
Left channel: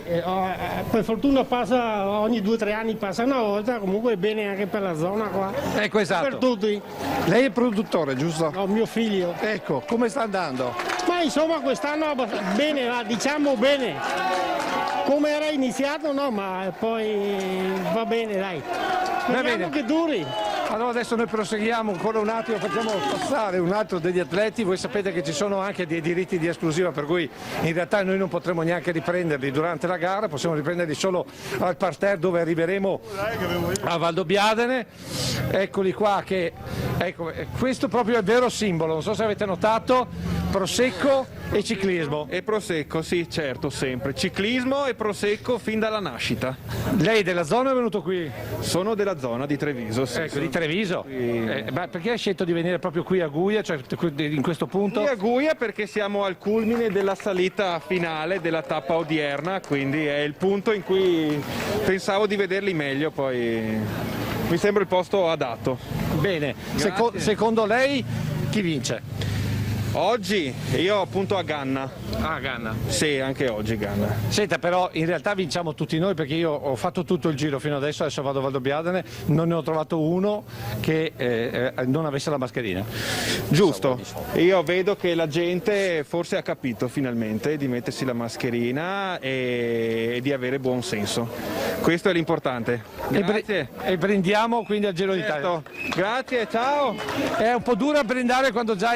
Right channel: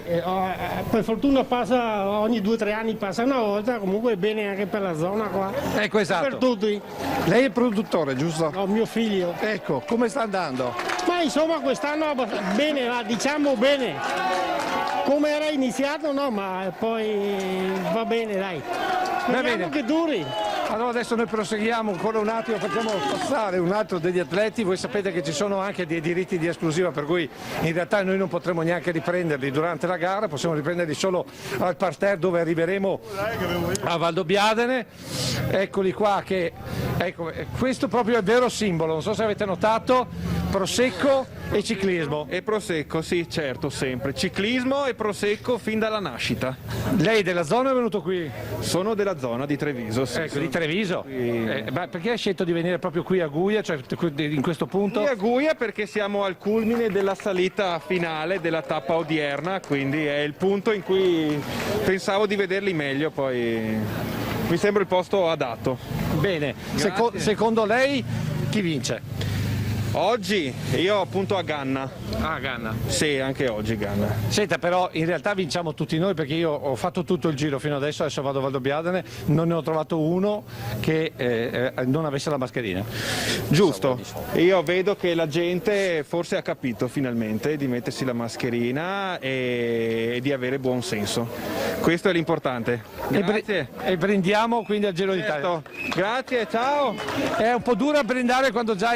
per fortuna passa ogni 2 o 3 anni, passa una volta, comunque è bene anche per la zona qua. Ecco, esatto. Per tutti. Lei è il produttore, giusto? No, mio figlio. Ecco, come sta andando? Ma insomma quest'anno bene, diciamo bene. Come era iniziato no, ma poi va bene dai. Speriamo che duri. Allora adesso noi proseguiamo ancora un attimo, facciamo passare un altro degli atleti. Voi sapete che ci sono anche dei diritti di esclusiva per cui in realtà noi non potremo neanche riprenderli durante la gara, possiamo riprenderli solo al parterre dove arriveremo a Valdobbiadene. Eccoli qua che, ecco, questo proprio è il vero simbolo, non so se avete notato, Prosecco e ciclismo. E Prosecco, sì certo, sempre. Ciclismo e Prosecco fin dalla nascita. Lei della zona è venuto qui? Sono della zona di Treviso, sì. Ecco, di Treviso? Ma perché hai scelto di venire proprio qui a Guia, cioè in questo punto? Qui a Guia perché siamo al culmine della salita finale della tappa odierna, quindi è il punto in cui pensavo di vederli meglio, poi mi sembra il posto adatto. Bene, secondo lei chi vince? Oggi io appunto a Ganna. Ah, Ganna. Sì, anche oggi Ganna. Senta, però in realtà vinciamo tutti noi perché io ho fatto tutto il giro fino adesso vado a Valdobbiadene, non ne ho trovato uno che non avesse la mascherina. Giusto, io vedo che la gente forse ha capito finalmente di mettersi la mascherina e di avere buon senso. Questo è l'importante. Grazie. E brindiamo quindi al Giro d'Italia. Grazie, ciao. È un po' dura brindare quando già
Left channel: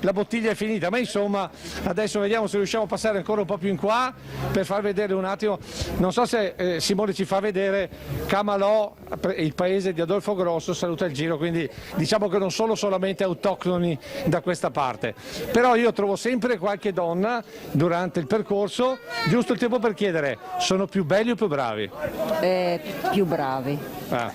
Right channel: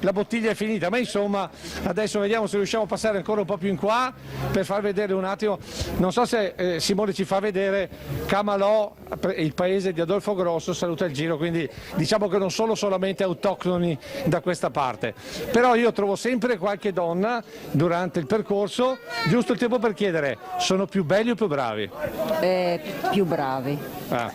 la bottiglia è finita, ma insomma adesso vediamo se riusciamo a passare ancora un po' più in qua per far vedere un attimo, non so se Simone ci fa vedere Camalò, il paese di Adolfo Grosso, saluta il Giro, quindi diciamo che non sono solamente autoctoni da questa parte, però io trovo sempre qualche donna durante il percorso, giusto il tempo per chiedere, sono più belli o più bravi? Più bravi. Ah,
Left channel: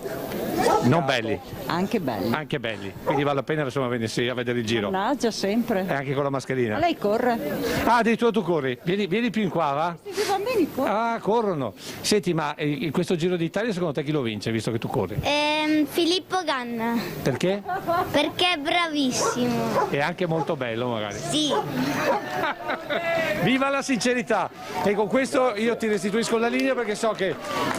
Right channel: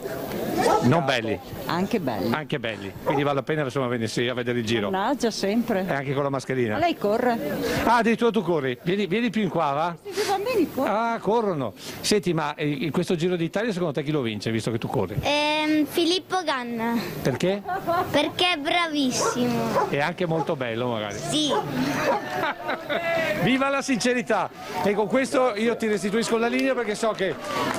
non belli? Anche belli. Anche belli, quindi vale la pena insomma venirsi a vedere il Giro. Mannaggia, sempre. E anche con la mascherina. Ma lei corre? Ah, addirittura tu corri. Vieni più in qua, va? I bambini corrono. Ah, corrono. Senti, ma in questo Giro d'Italia secondo te chi lo vince, visto che tu corri? Filippo Ganna. Perché? Perché è bravissimo. E anche molto bello, magari. Sì. Viva la sincerità! E con questo io ti restituisco la linea perché so che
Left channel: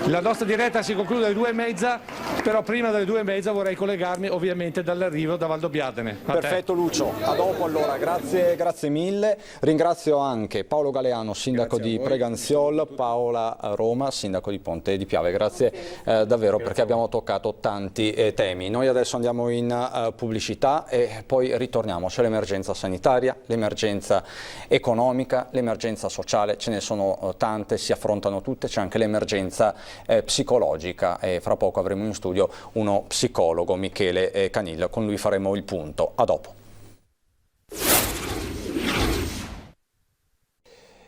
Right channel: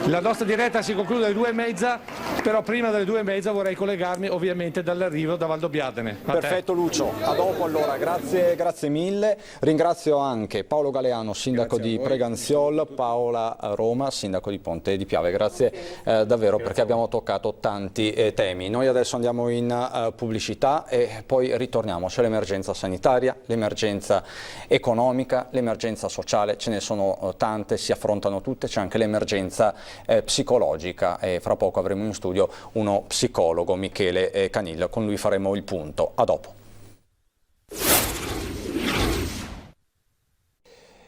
la nostra diretta si conclude alle 2:30, però prima delle 2:30 vorrei collegarmi ovviamente dall'arrivo da Valdobbiadene. Perfetto Lucio, a dopo allora, grazie mille. Ringrazio anche Paolo Galeano, sindaco di Preganziol, Paola Roma, sindaco di Ponte di Piave. Grazie davvero perché abbiamo toccato tanti temi. Noi adesso andiamo in pubblicità e poi ritorniamo. C'è l'emergenza sanitaria, l'emergenza economica, l'emergenza sociale, ce ne sono tante, si affrontano tutte, c'è anche l'emergenza psicologica e fra poco avremo in studio uno psicologo, Michele Canilla, con lui faremo il punto. A dopo.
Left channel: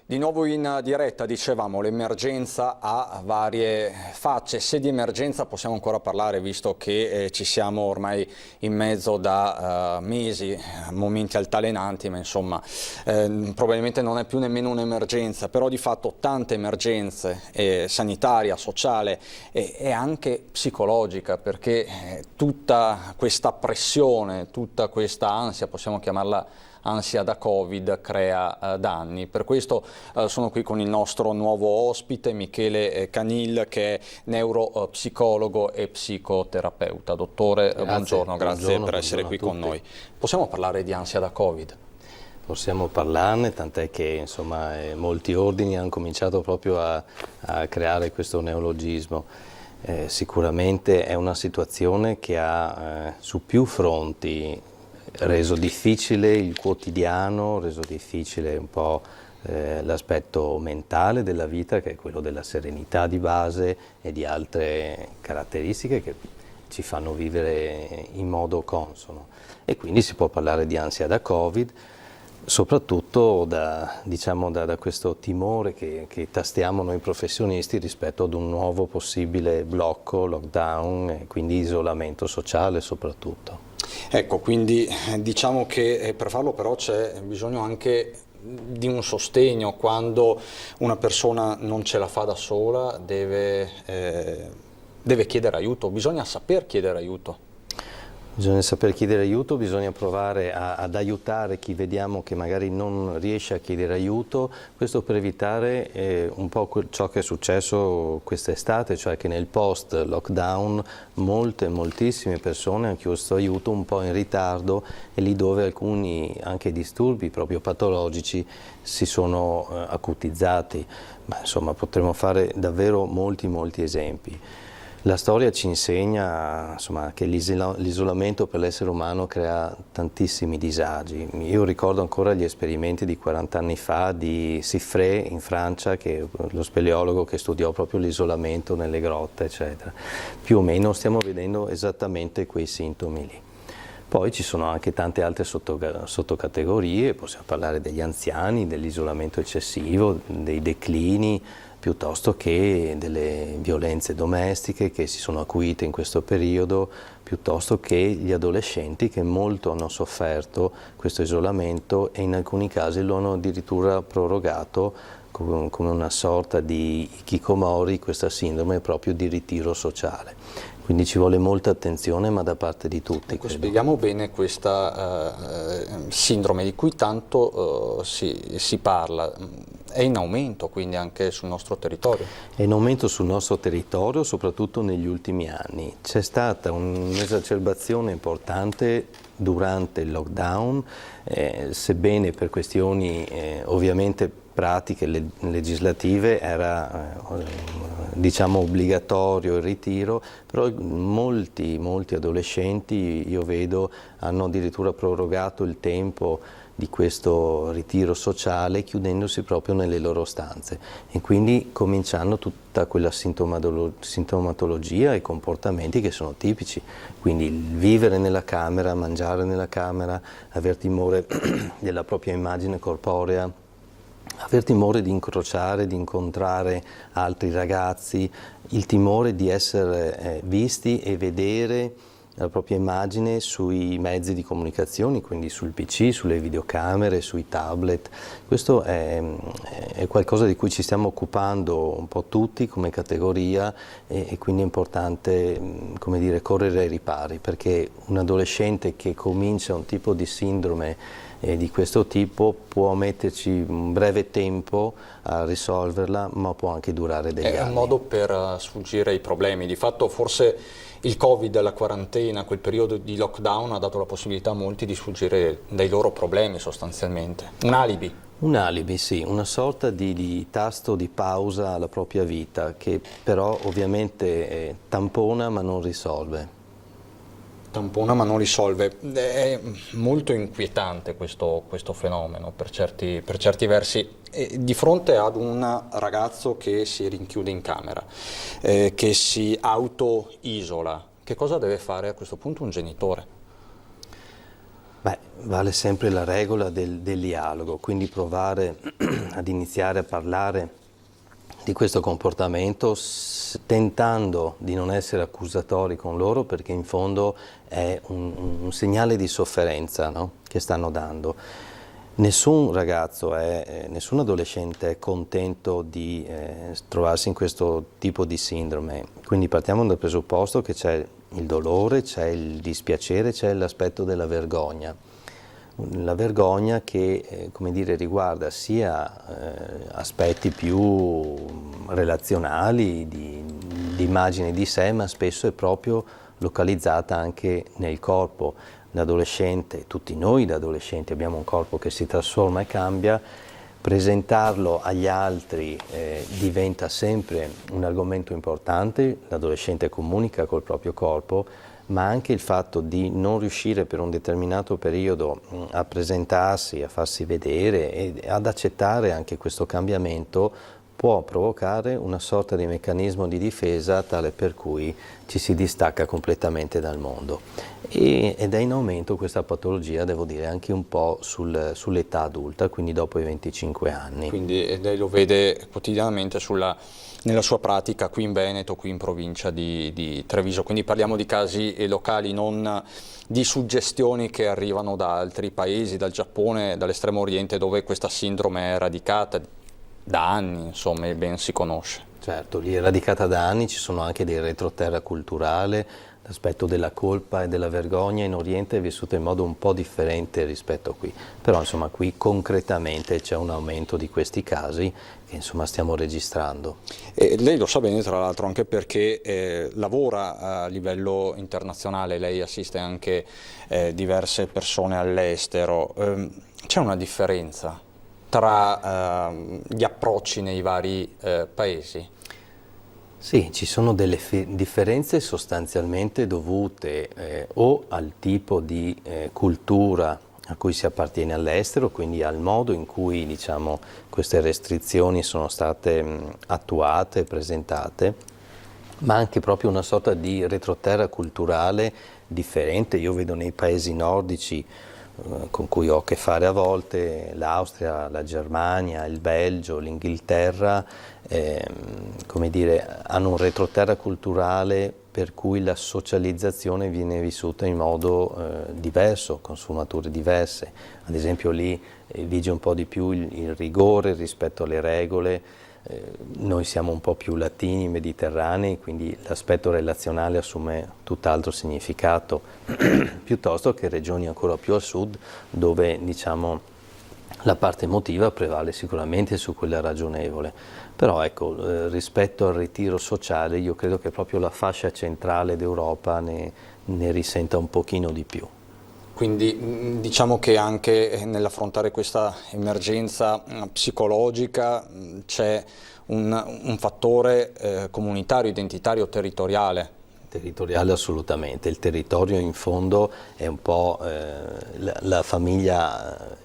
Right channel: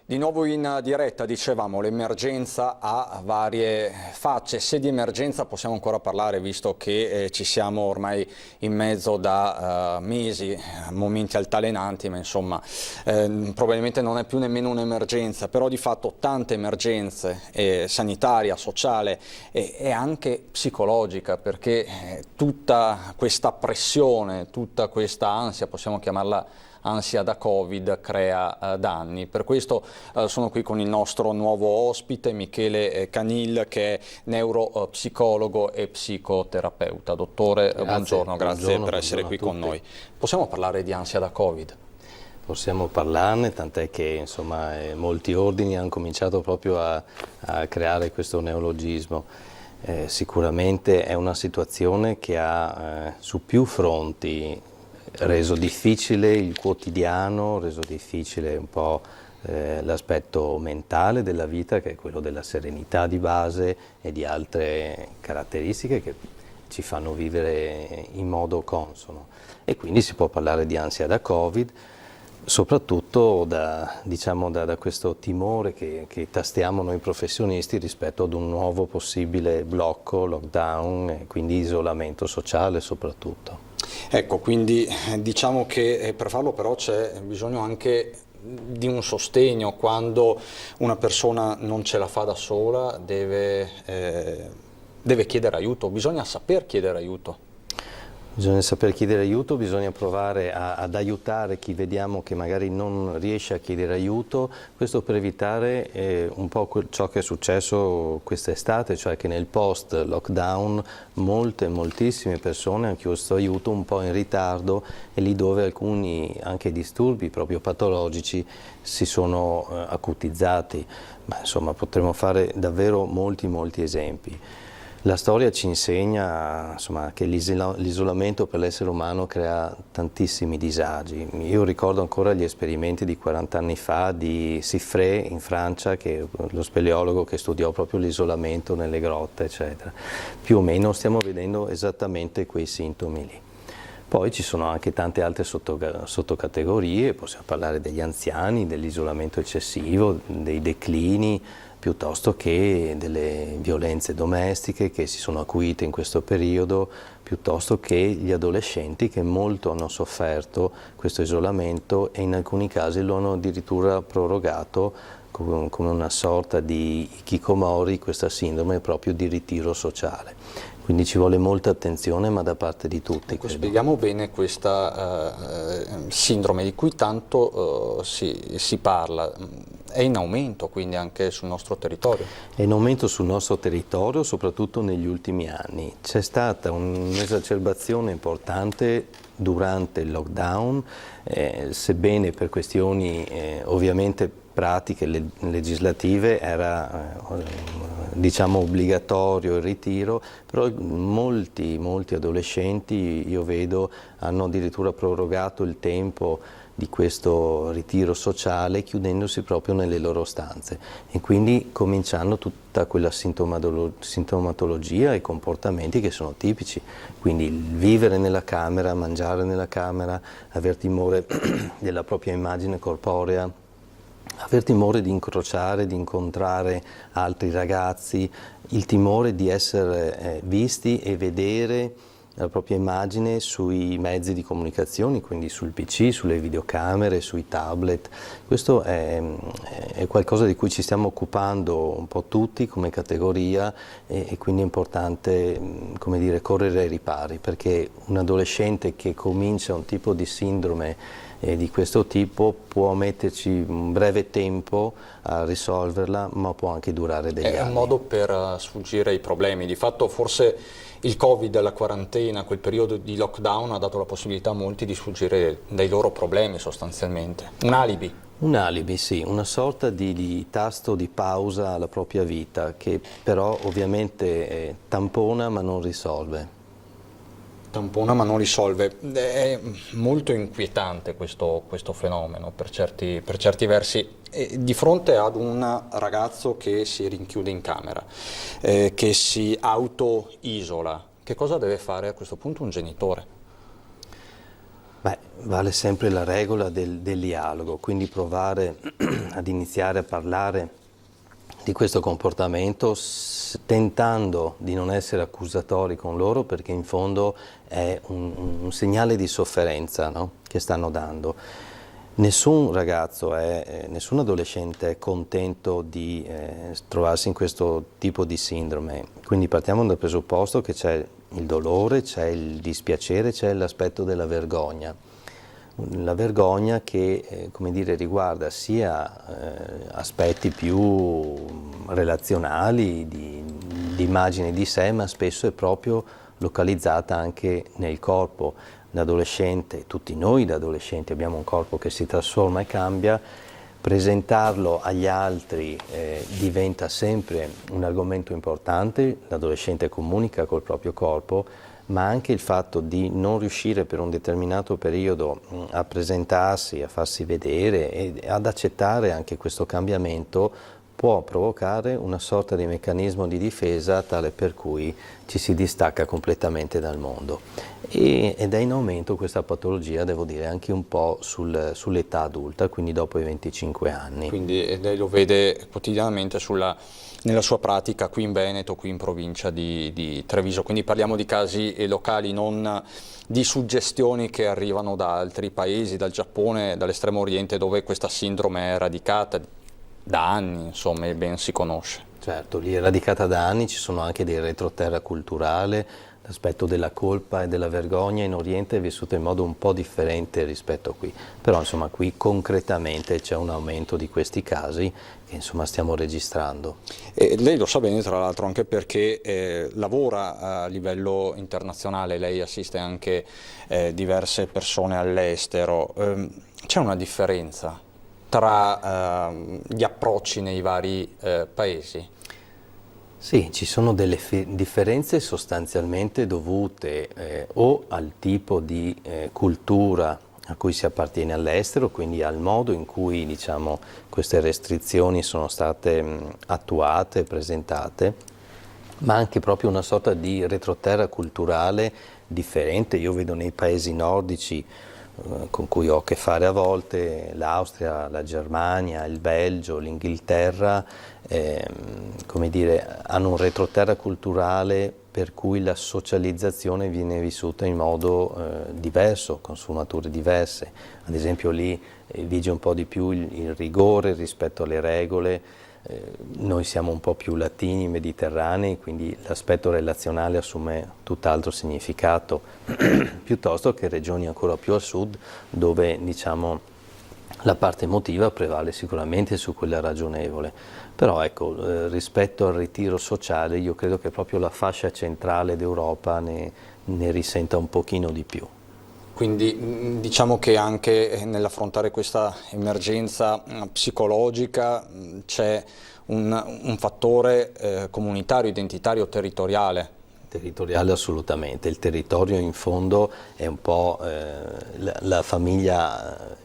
Di nuovo in diretta, dicevamo, l'emergenza ha varie facce. Se di emergenza possiamo ancora parlare, visto che ci siamo ormai in mezzo da mesi, momenti altalenanti, ma insomma probabilmente non è più nemmeno un'emergenza, però di fatto tante emergenze, sanitaria, sociale e anche psicologica, perché tutta questa pressione, tutta questa ansia, possiamo chiamarla ansia da Covid, crea danni. Per questo sono qui con il nostro nuovo ospite Michele Canil, che è neuropsicologo e psicoterapeuta. Dottore, buongiorno, grazie per essere qui con noi. Possiamo parlare di ansia da Covid? Possiamo parlarne, tant'è che insomma molti ordini hanno cominciato proprio a creare questo neologismo. Sicuramente è una situazione che ha su più fronti reso difficile il quotidiano, reso difficile un po' l'aspetto mentale della vita, che è quello della serenità di base e di altre caratteristiche che ci fanno vivere in modo consono. E quindi si può parlare di ansia da Covid, soprattutto da questo timore che tastiamo noi professionisti rispetto ad un nuovo possibile blocco, lockdown e quindi isolamento sociale soprattutto. Ecco, quindi diciamo che per farlo però c'è bisogno anche di un sostegno. Quando una persona non ce la fa da sola deve chiedere aiuto, bisogna saper chiedere aiuto. Bisogna saper chiedere aiuto, bisogna provare ad aiutare chi vediamo che magari non riesce a chiedere aiuto, questo per evitare un po' ciò che è successo quest'estate, cioè che nel post-lockdown moltissime persone hanno chiesto aiuto un po' in ritardo e lì dove alcuni anche disturbi proprio patologici si sono acutizzati. Ma insomma potremmo fare davvero molti esempi. La storia ci insegna insomma, che l'isolamento per l'essere umano crea tantissimi disagi. Io ricordo ancora gli esperimenti di 40 anni fa di Siffre in Francia, che è lo speleologo che studiò proprio l'isolamento nelle grotte, eccetera. Più o meno stiamo vedendo esattamente quei sintomi lì. Poi ci sono anche tante altre sottocategorie, possiamo parlare degli anziani, dell'isolamento eccessivo, dei declini, piuttosto che delle violenze domestiche che si sono acuite in questo periodo, piuttosto che gli adolescenti che molto hanno sofferto questo isolamento e in alcuni casi lo hanno addirittura prorogato come una sorta di hikikomori, questa sindrome proprio di ritiro sociale. Quindi ci vuole molta attenzione, ma da parte di tutti. Ecco, spieghiamo bene questa sindrome di cui tanto si parla. È in aumento quindi anche sul nostro territorio? È in aumento sul nostro territorio, soprattutto negli ultimi anni. C'è stata un'esacerbazione importante durante il lockdown, sebbene per questioni ovviamente pratiche legislative era diciamo obbligatorio il ritiro, però molti adolescenti, io vedo, hanno addirittura prorogato il tempo di questo ritiro sociale chiudendosi proprio nelle loro stanze e quindi cominciando tutta quella sintomatologia e comportamenti che sono tipici, quindi il vivere nella camera, mangiare nella camera, aver timore della propria immagine corporea, aver timore di incrociare, di incontrare altri ragazzi, il timore di essere visti e vedere la propria immagine sui mezzi di comunicazione, quindi sul PC, sulle videocamere, sui tablet. Questo è qualcosa di cui ci stiamo occupando un po' tutti come categoria e quindi è importante, come dire, correre ai ripari, perché un adolescente che comincia un tipo di sindrome di questo tipo può metterci un breve tempo a risolverla, ma può anche durare degli anni. È un modo per sfuggire ai problemi. Di fatto forse il Covid, la quarantena, quel periodo di lockdown ha dato la possibilità a molti di sfuggire dai loro problemi sostanzialmente. Un alibi. Un alibi, sì, una sorta di tasto di pausa alla propria vita che però ovviamente tampona ma non risolve. Tampona ma non risolve. È molto inquietante questo fenomeno per certi versi. Di fronte ad un ragazzo che si rinchiude in camera, che si auto-isola, che cosa deve fare a questo punto un genitore? Beh, vale sempre la regola del dialogo, quindi provare ad iniziare a parlare di questo comportamento tentando di non essere accusatori con loro, perché in fondo è un segnale di sofferenza, no? Che stanno dando. Nessun ragazzo, nessun adolescente è contento di trovarsi in questo tipo di sindrome, quindi partiamo dal presupposto che c'è il dolore, c'è il dispiacere, c'è l'aspetto della vergogna. La vergogna che come dire, riguarda sia aspetti più relazionali, di immagine di sé, ma spesso è proprio localizzata anche nel corpo. L'adolescente, tutti noi da adolescenti abbiamo un corpo che si trasforma e cambia, presentarlo agli altri diventa sempre un argomento importante, l'adolescente comunica col proprio corpo, ma anche il fatto di non riuscire per un determinato periodo a presentarsi, a farsi vedere e ad accettare anche questo cambiamento può provocare una sorta di meccanismo di difesa tale per cui ci si distacca completamente dal mondo. Ed è in aumento questa patologia, devo dire, anche un po' sull'età adulta, quindi dopo i 25 anni. Quindi lei lo vede quotidianamente nella sua pratica qui in Veneto, qui in provincia di Treviso, quindi parliamo di casi locali, non di suggestioni che arrivano da altri paesi, dal Giappone, dall'estremo oriente, dove questa sindrome è radicata da anni, insomma, e ben si conosce. Certo, lì è radicata da anni, ci sono anche dei retroterra culturale, l'aspetto della colpa e della vergogna in Oriente è vissuto in modo un po' differente rispetto a qui, però insomma qui concretamente c'è un aumento di questi casi che insomma stiamo registrando. E lei lo sa bene tra l'altro anche perché lavora a livello internazionale, lei assiste anche diverse persone all'estero, c'è una differenza tra gli approcci nei vari paesi? Sì, ci sono delle differenze sostanzialmente dovute o al tipo di cultura a cui si appartiene all'estero, quindi al modo in cui diciamo, queste restrizioni sono state attuate, presentate, ma anche proprio una sorta di retroterra culturale differente. Io vedo nei paesi nordici con cui ho a che fare a volte, l'Austria, la Germania, il Belgio, l'Inghilterra, come dire, hanno un retroterra culturale per cui la socializzazione viene vissuta in modo diverso, con sfumature diverse. Ad esempio lì vige un po' di più il rigore rispetto alle regole, noi siamo un po' più latini, mediterranei, quindi l'aspetto relazionale assume tutt'altro significato, piuttosto che regioni ancora più a sud, dove diciamo, la parte emotiva prevale sicuramente su quella ragionevole. Però ecco, rispetto al ritiro sociale, io credo che proprio la fascia centrale d'Europa ne risenta un pochino di più. Quindi diciamo che anche nell'affrontare questa emergenza psicologica c'è un fattore comunitario, identitario, territoriale. Territoriale assolutamente, il territorio in fondo è un po' la famiglia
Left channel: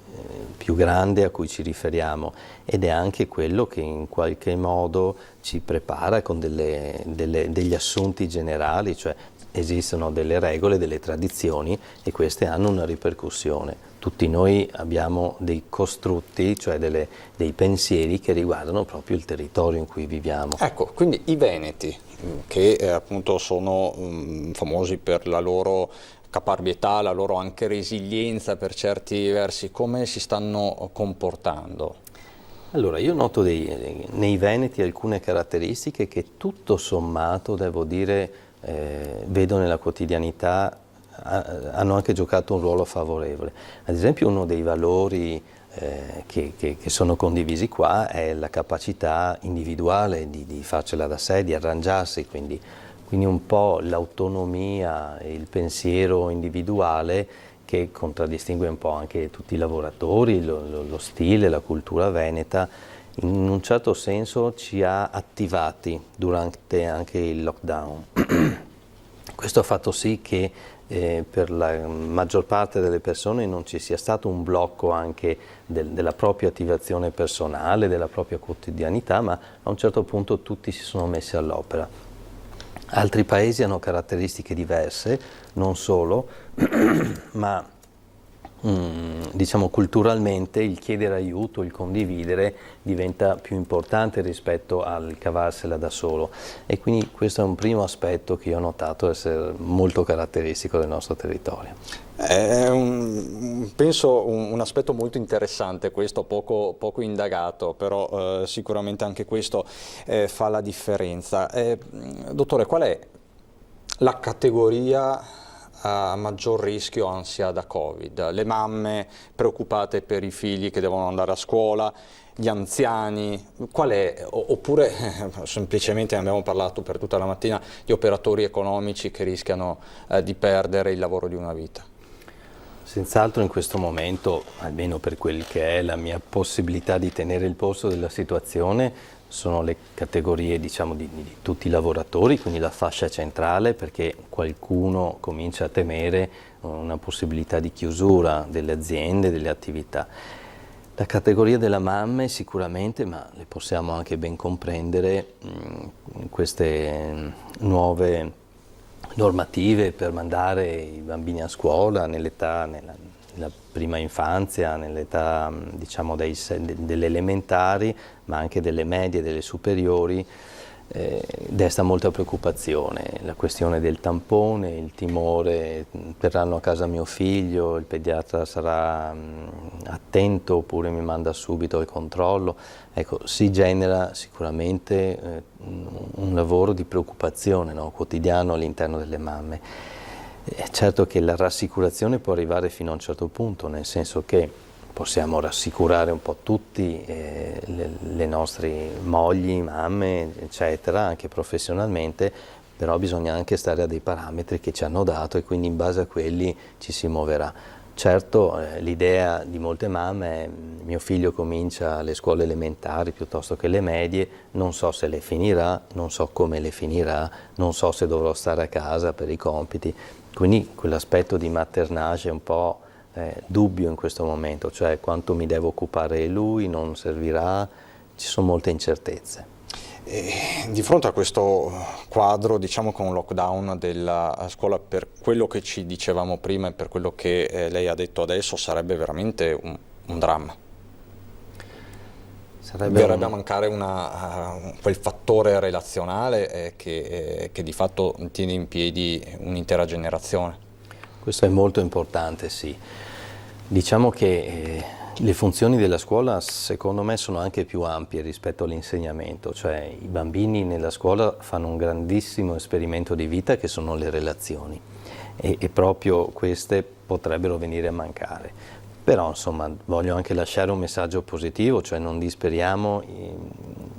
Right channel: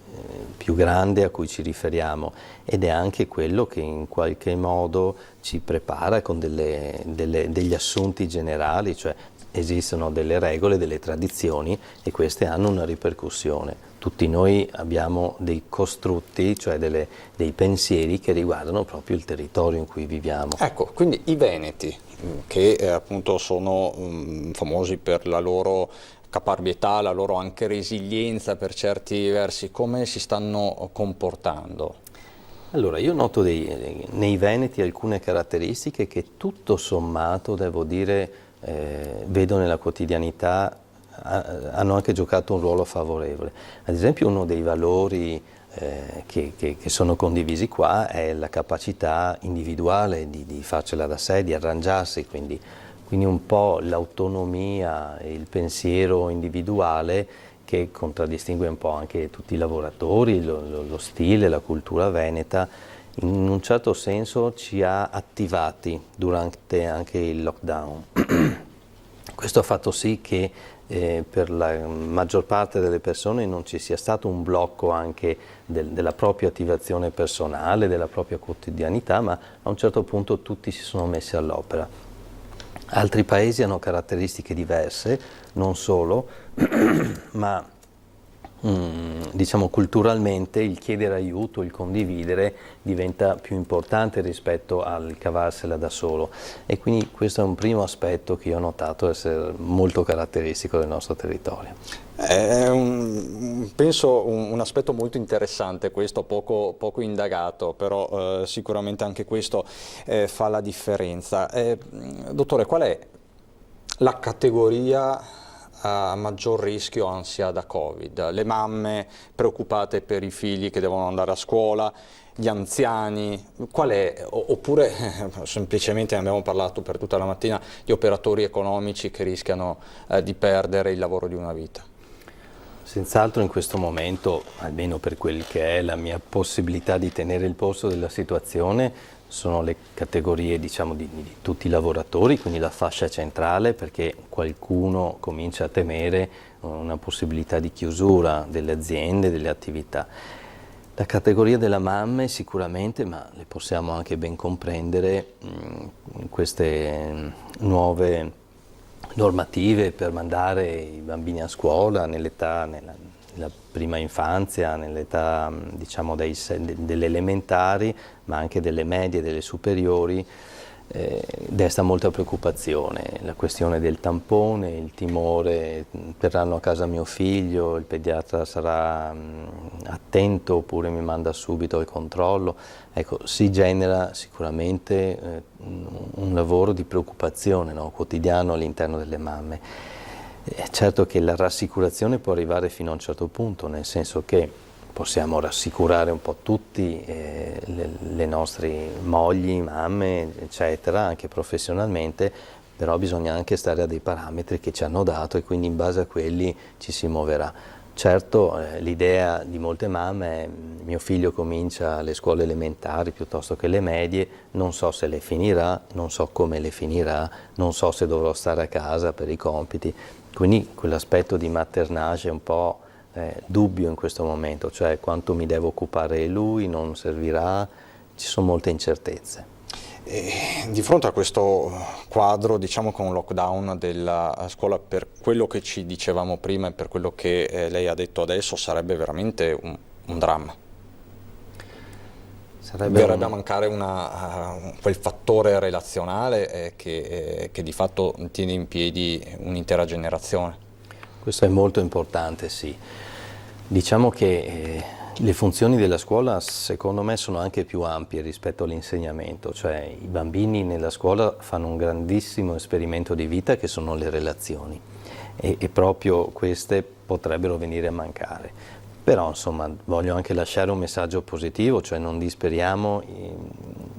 più grande a cui ci riferiamo ed è anche quello che in qualche modo ci prepara con degli assunti generali, cioè esistono delle regole, delle tradizioni e queste hanno una ripercussione. Tutti noi abbiamo dei costrutti, cioè dei pensieri che riguardano proprio il territorio in cui viviamo. Ecco, quindi i veneti, che appunto sono famosi per la loro caparbietà, la loro anche resilienza per certi versi, come si stanno comportando? Allora, io noto nei veneti alcune caratteristiche che tutto sommato, devo dire, vedo nella quotidianità, hanno anche giocato un ruolo favorevole. Ad esempio uno dei valori che sono condivisi qua è la capacità individuale di farcela da sé, di arrangiarsi, quindi un po' l'autonomia e il pensiero individuale che contraddistingue un po' anche tutti i lavoratori, lo stile, la cultura veneta, in un certo senso ci ha attivati durante anche il lockdown. Questo ha fatto sì che per la maggior parte delle persone non ci sia stato un blocco anche della propria attivazione personale, della propria quotidianità, ma a un certo punto tutti si sono messi all'opera. Altri paesi hanno caratteristiche diverse, non solo, ma diciamo culturalmente il chiedere aiuto, il condividere diventa più importante rispetto al cavarsela da solo e quindi questo è un primo aspetto che io ho notato essere molto caratteristico del nostro territorio. È penso un aspetto molto interessante questo, poco indagato, però sicuramente anche questo fa la differenza. Dottore, qual è la categoria a maggior rischio ansia da Covid? Le mamme preoccupate per i figli che devono andare a scuola, gli anziani, qual è? Oppure semplicemente, ne abbiamo parlato per tutta la mattina, gli operatori economici che rischiano di perdere il lavoro di una vita? Senz'altro in questo momento, almeno per quel che è la mia possibilità di tenere il polso della situazione, sono le categorie diciamo di tutti i lavoratori, quindi la fascia centrale, perché qualcuno comincia a temere una possibilità di chiusura delle aziende, delle attività. La categoria delle mamme sicuramente, ma le possiamo anche ben comprendere, queste nuove normative per mandare i bambini a scuola nella prima infanzia, nell'età diciamo delle elementari, ma anche delle medie e delle superiori, desta molta preoccupazione. La questione del tampone, il timore, verranno a casa mio figlio, il pediatra sarà attento oppure mi manda subito al controllo. Ecco, si genera sicuramente un lavoro di preoccupazione, no, quotidiano all'interno delle mamme. È certo che la rassicurazione può arrivare fino a un certo punto, nel senso che possiamo rassicurare un po' tutti le nostre mogli, mamme, eccetera, anche professionalmente, però bisogna anche stare a dei parametri che ci hanno dato e quindi in base a quelli ci si muoverà. Certo, l'idea di molte mamme è mio figlio comincia le scuole elementari piuttosto che le medie, non so se le finirà, non so come le finirà, non so se dovrò stare a casa per i compiti, quindi quell'aspetto di maternage è un po' dubbio in questo momento, cioè quanto mi devo occupare lui, non servirà, ci sono molte incertezze. E di fronte a questo quadro, diciamo con un lockdown della scuola, per quello che ci dicevamo prima e per quello che lei ha detto adesso, sarebbe veramente un dramma. Verrebbe a mancare quel fattore relazionale che di fatto tiene in piedi un'intera generazione. Questo è molto importante, sì. Diciamo che le funzioni della scuola secondo me sono anche più ampie rispetto all'insegnamento, cioè i bambini nella scuola fanno un grandissimo esperimento di vita che sono le relazioni e proprio queste potrebbero venire a mancare. Però insomma voglio anche lasciare un messaggio positivo, cioè non disperiamo,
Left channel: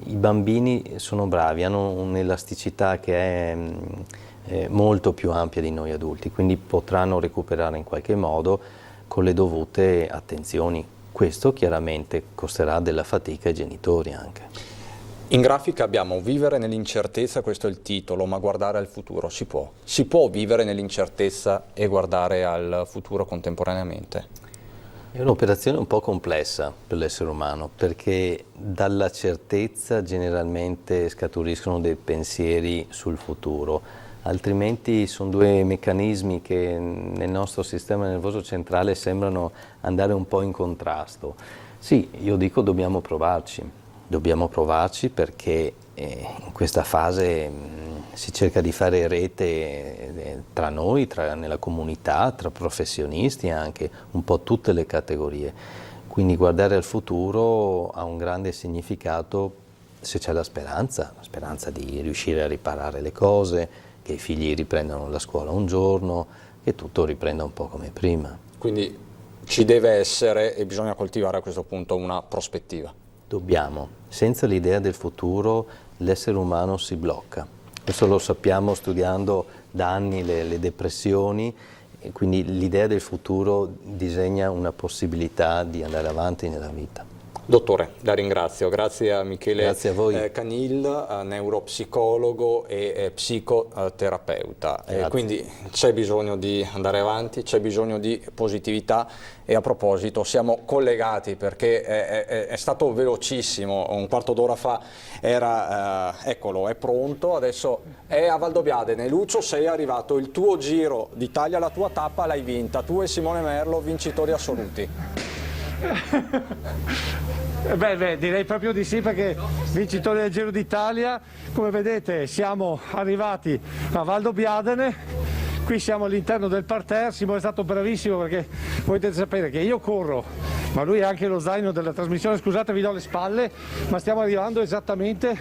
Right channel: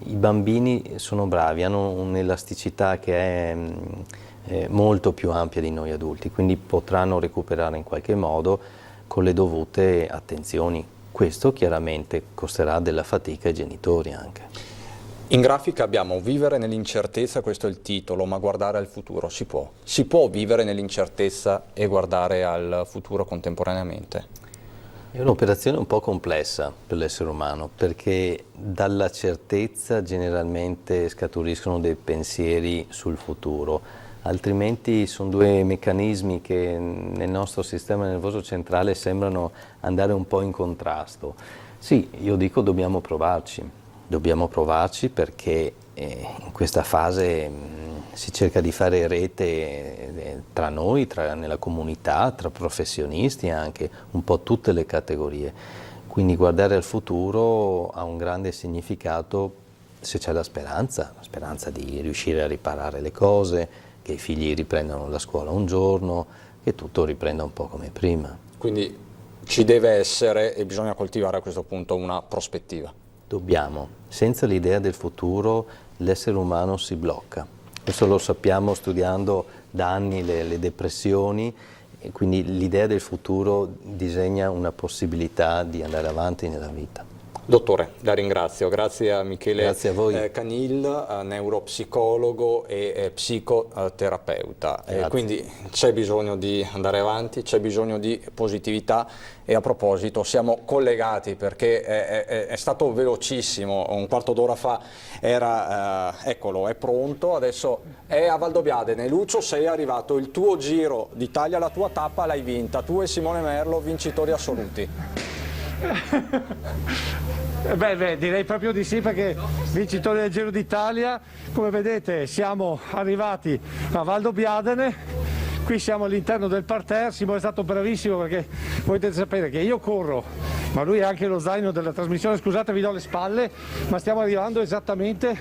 i bambini sono bravi, hanno un'elasticità che è molto più ampia di noi adulti, quindi potranno recuperare in qualche modo con le dovute attenzioni. Questo chiaramente costerà della fatica ai genitori anche. In grafica abbiamo vivere nell'incertezza, questo è il titolo, ma guardare al futuro si può. Si può vivere nell'incertezza e guardare al futuro contemporaneamente? È un'operazione un po' complessa per l'essere umano, perché dalla certezza generalmente scaturiscono dei pensieri sul futuro, altrimenti sono due meccanismi che nel nostro sistema nervoso centrale sembrano andare un po' in contrasto. Sì, io dico dobbiamo provarci perché in questa fase si cerca di fare rete tra noi, nella comunità, tra professionisti anche, un po' tutte le categorie. Quindi guardare al futuro ha un grande significato se c'è la speranza di riuscire a riparare le cose, che i figli riprendano la scuola un giorno, che tutto riprenda un po' come prima. Quindi ci deve essere e bisogna coltivare a questo punto una prospettiva. Dobbiamo. Senza l'idea del futuro l'essere umano si blocca. Questo lo sappiamo studiando da anni le depressioni, e quindi l'idea del futuro disegna una possibilità di andare avanti nella vita. Dottore, la ringrazio, grazie a Michele grazie a voi. Canil, neuropsicologo e psicoterapeuta. Quindi c'è bisogno di andare avanti, c'è bisogno di positività e a proposito siamo collegati perché è stato velocissimo, un quarto d'ora fa era, eccolo, è pronto, adesso è a Valdobbiadene. Lucio, sei arrivato, il tuo Giro d'Italia, la tua tappa l'hai vinta, tu e Simone Merlo vincitori assoluti. Beh, direi proprio di sì, perché vincitori del Giro d'Italia, come vedete siamo arrivati a Valdobbiadene, qui siamo all'interno del parterre. Simone è stato bravissimo perché voi dovete sapere che io corro, ma lui ha anche lo zaino della trasmissione, scusate vi do le spalle, ma stiamo arrivando esattamente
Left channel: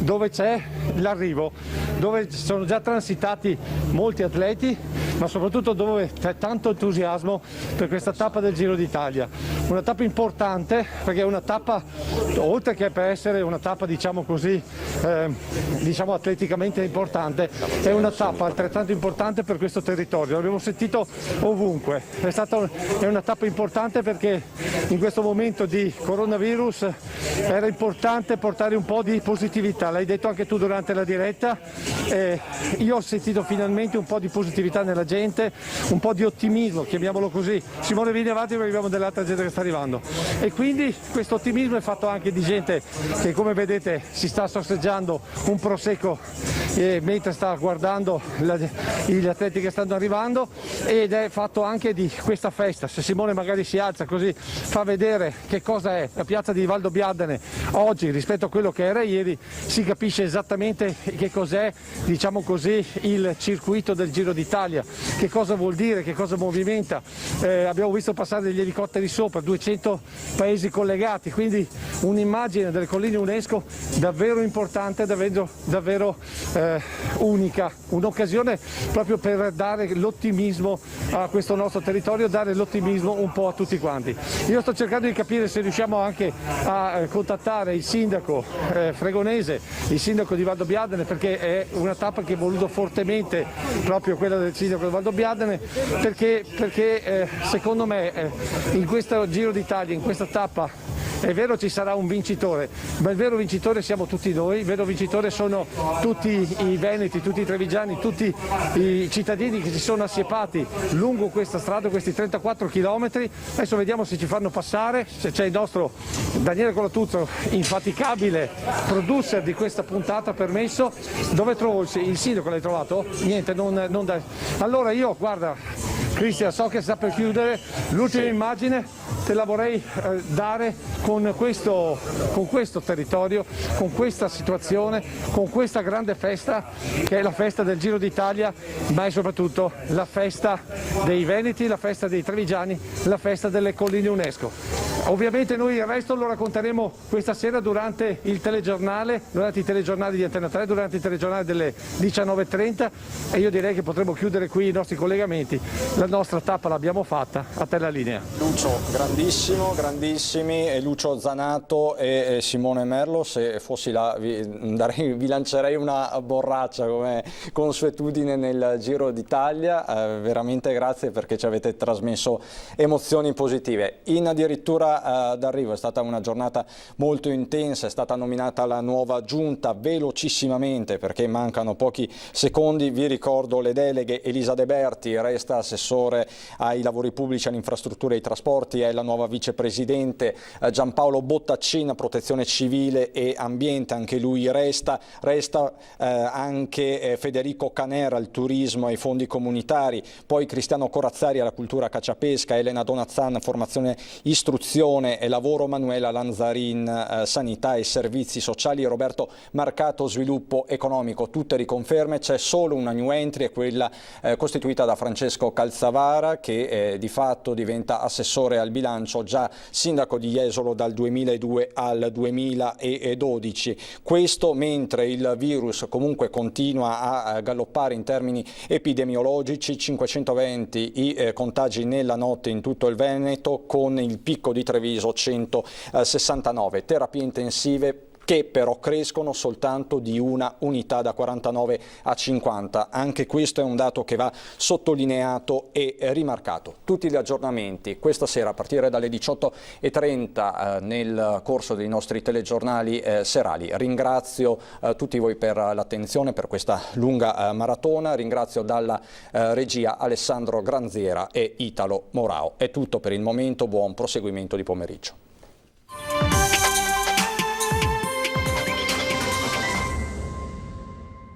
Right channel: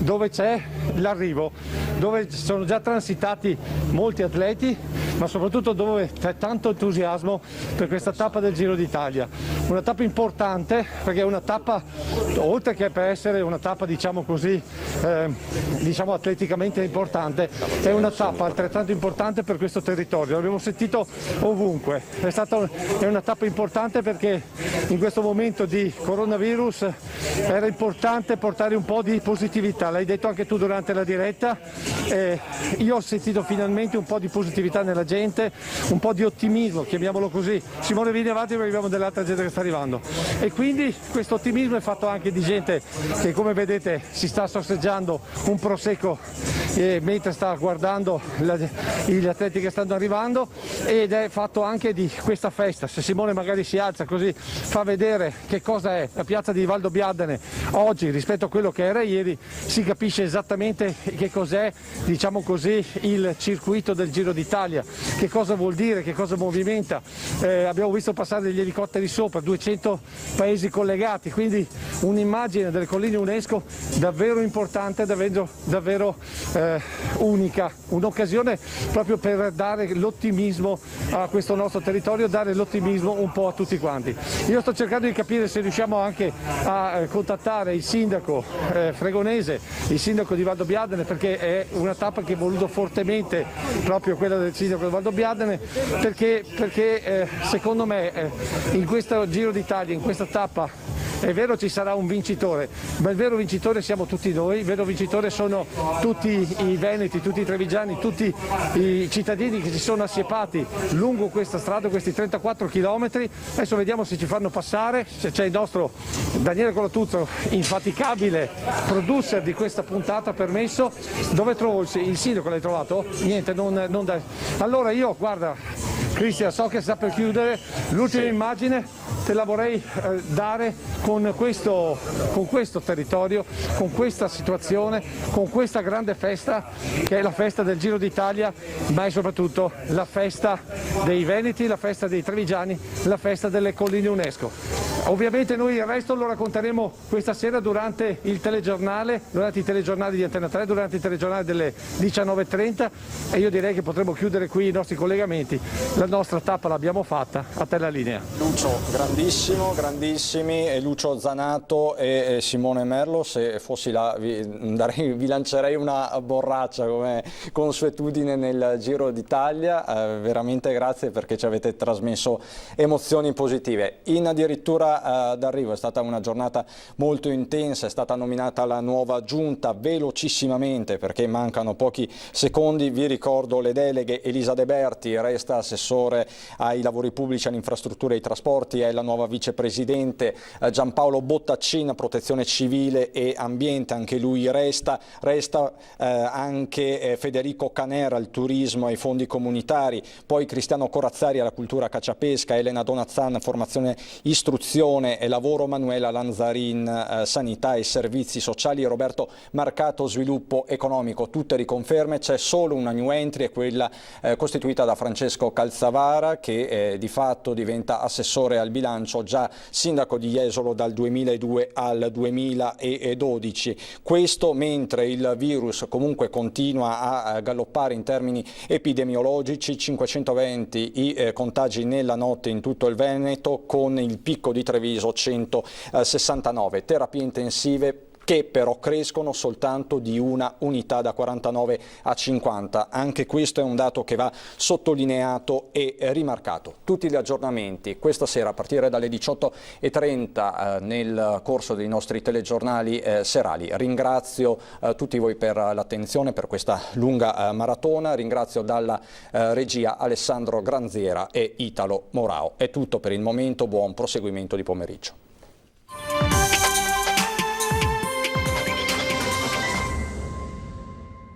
dove c'è l'arrivo, dove sono già transitati molti atleti, ma soprattutto dove c'è tanto entusiasmo per questa tappa del Giro d'Italia. Una tappa importante perché è una tappa, oltre che per essere una tappa diciamo così, diciamo atleticamente importante, è una tappa altrettanto importante per questo territorio. L'abbiamo sentito ovunque, è una tappa importante perché in questo momento di coronavirus era importante portare un po' di positività, l'hai detto anche tu durante la diretta, io ho sentito finalmente un po' di positività nella gente, un po' di ottimismo, chiamiamolo così. Simone, vieni avanti perché abbiamo dell'altra gente che sta arrivando, e quindi questo ottimismo è fatto anche di gente che, come vedete, si sta sorseggiando un prosecco mentre sta guardando gli atleti che stanno arrivando, ed è fatto anche di questa festa. Se Simone magari si alza così fa vedere che cosa è la piazza di Valdobbiadene oggi rispetto a quello che era ieri, si capisce esattamente che cos'è, diciamo così, il circuito del Giro d'Italia, che cosa vuol dire, che cosa movimenta. Abbiamo visto passare degli elicotteri sopra, 200 paesi collegati, quindi un'immagine delle colline UNESCO davvero importante, davvero unica, un'occasione proprio per dare l'ottimismo a questo nostro territorio, dare l'ottimismo un po' a tutti quanti. Io sto cercando di capire se riusciamo anche a contattare il sindaco fregonese, il sindaco di Valdobbiadene, perché è una tappa che ho voluto fortemente, proprio quella del sindaco di Valdobbiadene, perché secondo me in questo Giro d'Italia, in questa tappa, è vero ci sarà un vincitore, ma il vero vincitore siamo tutti noi, il vero vincitore sono tutti i veneti, tutti i trevigiani, tutti i cittadini che si sono assiepati lungo questa strada, questi 34 chilometri. Adesso vediamo se ci fanno passare, se c'è il nostro Daniele Colatuzzo, infaticabile producer di questa puntata, permesso. Dove trovo il sindaco? L'hai trovato? Niente, non da... Allora io, guarda, Cristian, so che sta per chiudere, l'ultima immagine te la vorrei dare con questo territorio, con questa situazione, con questa grande festa che è la festa del Giro d'Italia, ma è soprattutto la festa dei Veneti, la festa dei Trevigiani, la festa delle colline UNESCO. Ovviamente noi il resto lo racconteremo questa sera durante il telegiornale, durante i telegiornali di Antena 3, durante il telegiornale delle 19:30, e io direi che potremo chiudere qui i nostri collegamenti. La nostra tappa l'abbiamo fatta, a te la linea. Lucio, grandissimi, e Lucio Zanato e Simone Merlo. Se fossi là vi lancerei una borraccia come consuetudine nel Giro d'Italia. Veramente grazie perché ci avete trasmesso emozioni positive. In addirittura d'arrivo è stata una giornata molto intensa, è stata nominata la nuova giunta velocissimamente perché mancano pochi secondi. Vi ricordo le deleghe: Elisa De Berti resta assessore ai lavori pubblici, all'infrastruttura e ai trasporti, è la nuova vicepresidente. Giampaolo Bottaccina, protezione civile e ambiente, anche lui resta anche Federico Canera, il turismo e i fondi comunitari, poi Cristiano Corazzari alla cultura cacciapesca, Elena Donazzan formazione, istruzione e lavoro, Manuela Lanzarin sanità e servizi sociali, Roberto Marcato sviluppo economico. Tutte riconferme, c'è solo una new entry, è quella costituita da Francesco Calzavara, che di fatto diventa assessore al bilancio, già sindaco di Jesolo dal 2002 al 2012. Questo mentre il virus comunque continua a galoppare in termini epidemiologici, 520 i contagi nella notte in tutto il Veneto, con il picco di Treviso 169, terapie intensive che però crescono soltanto di una unità, da 49 a 50. Anche questo è un dato che va sottolineato e rimarcato. Tutti gli aggiornamenti questa sera a partire dalle 18:30 nel corso dei nostri telegiornali serali. Ringrazio tutti voi per l'attenzione, per questa lunga maratona. Ringrazio dalla regia Alessandro Granziera e Italo Morao. È tutto per il momento, buon proseguimento di pomeriggio.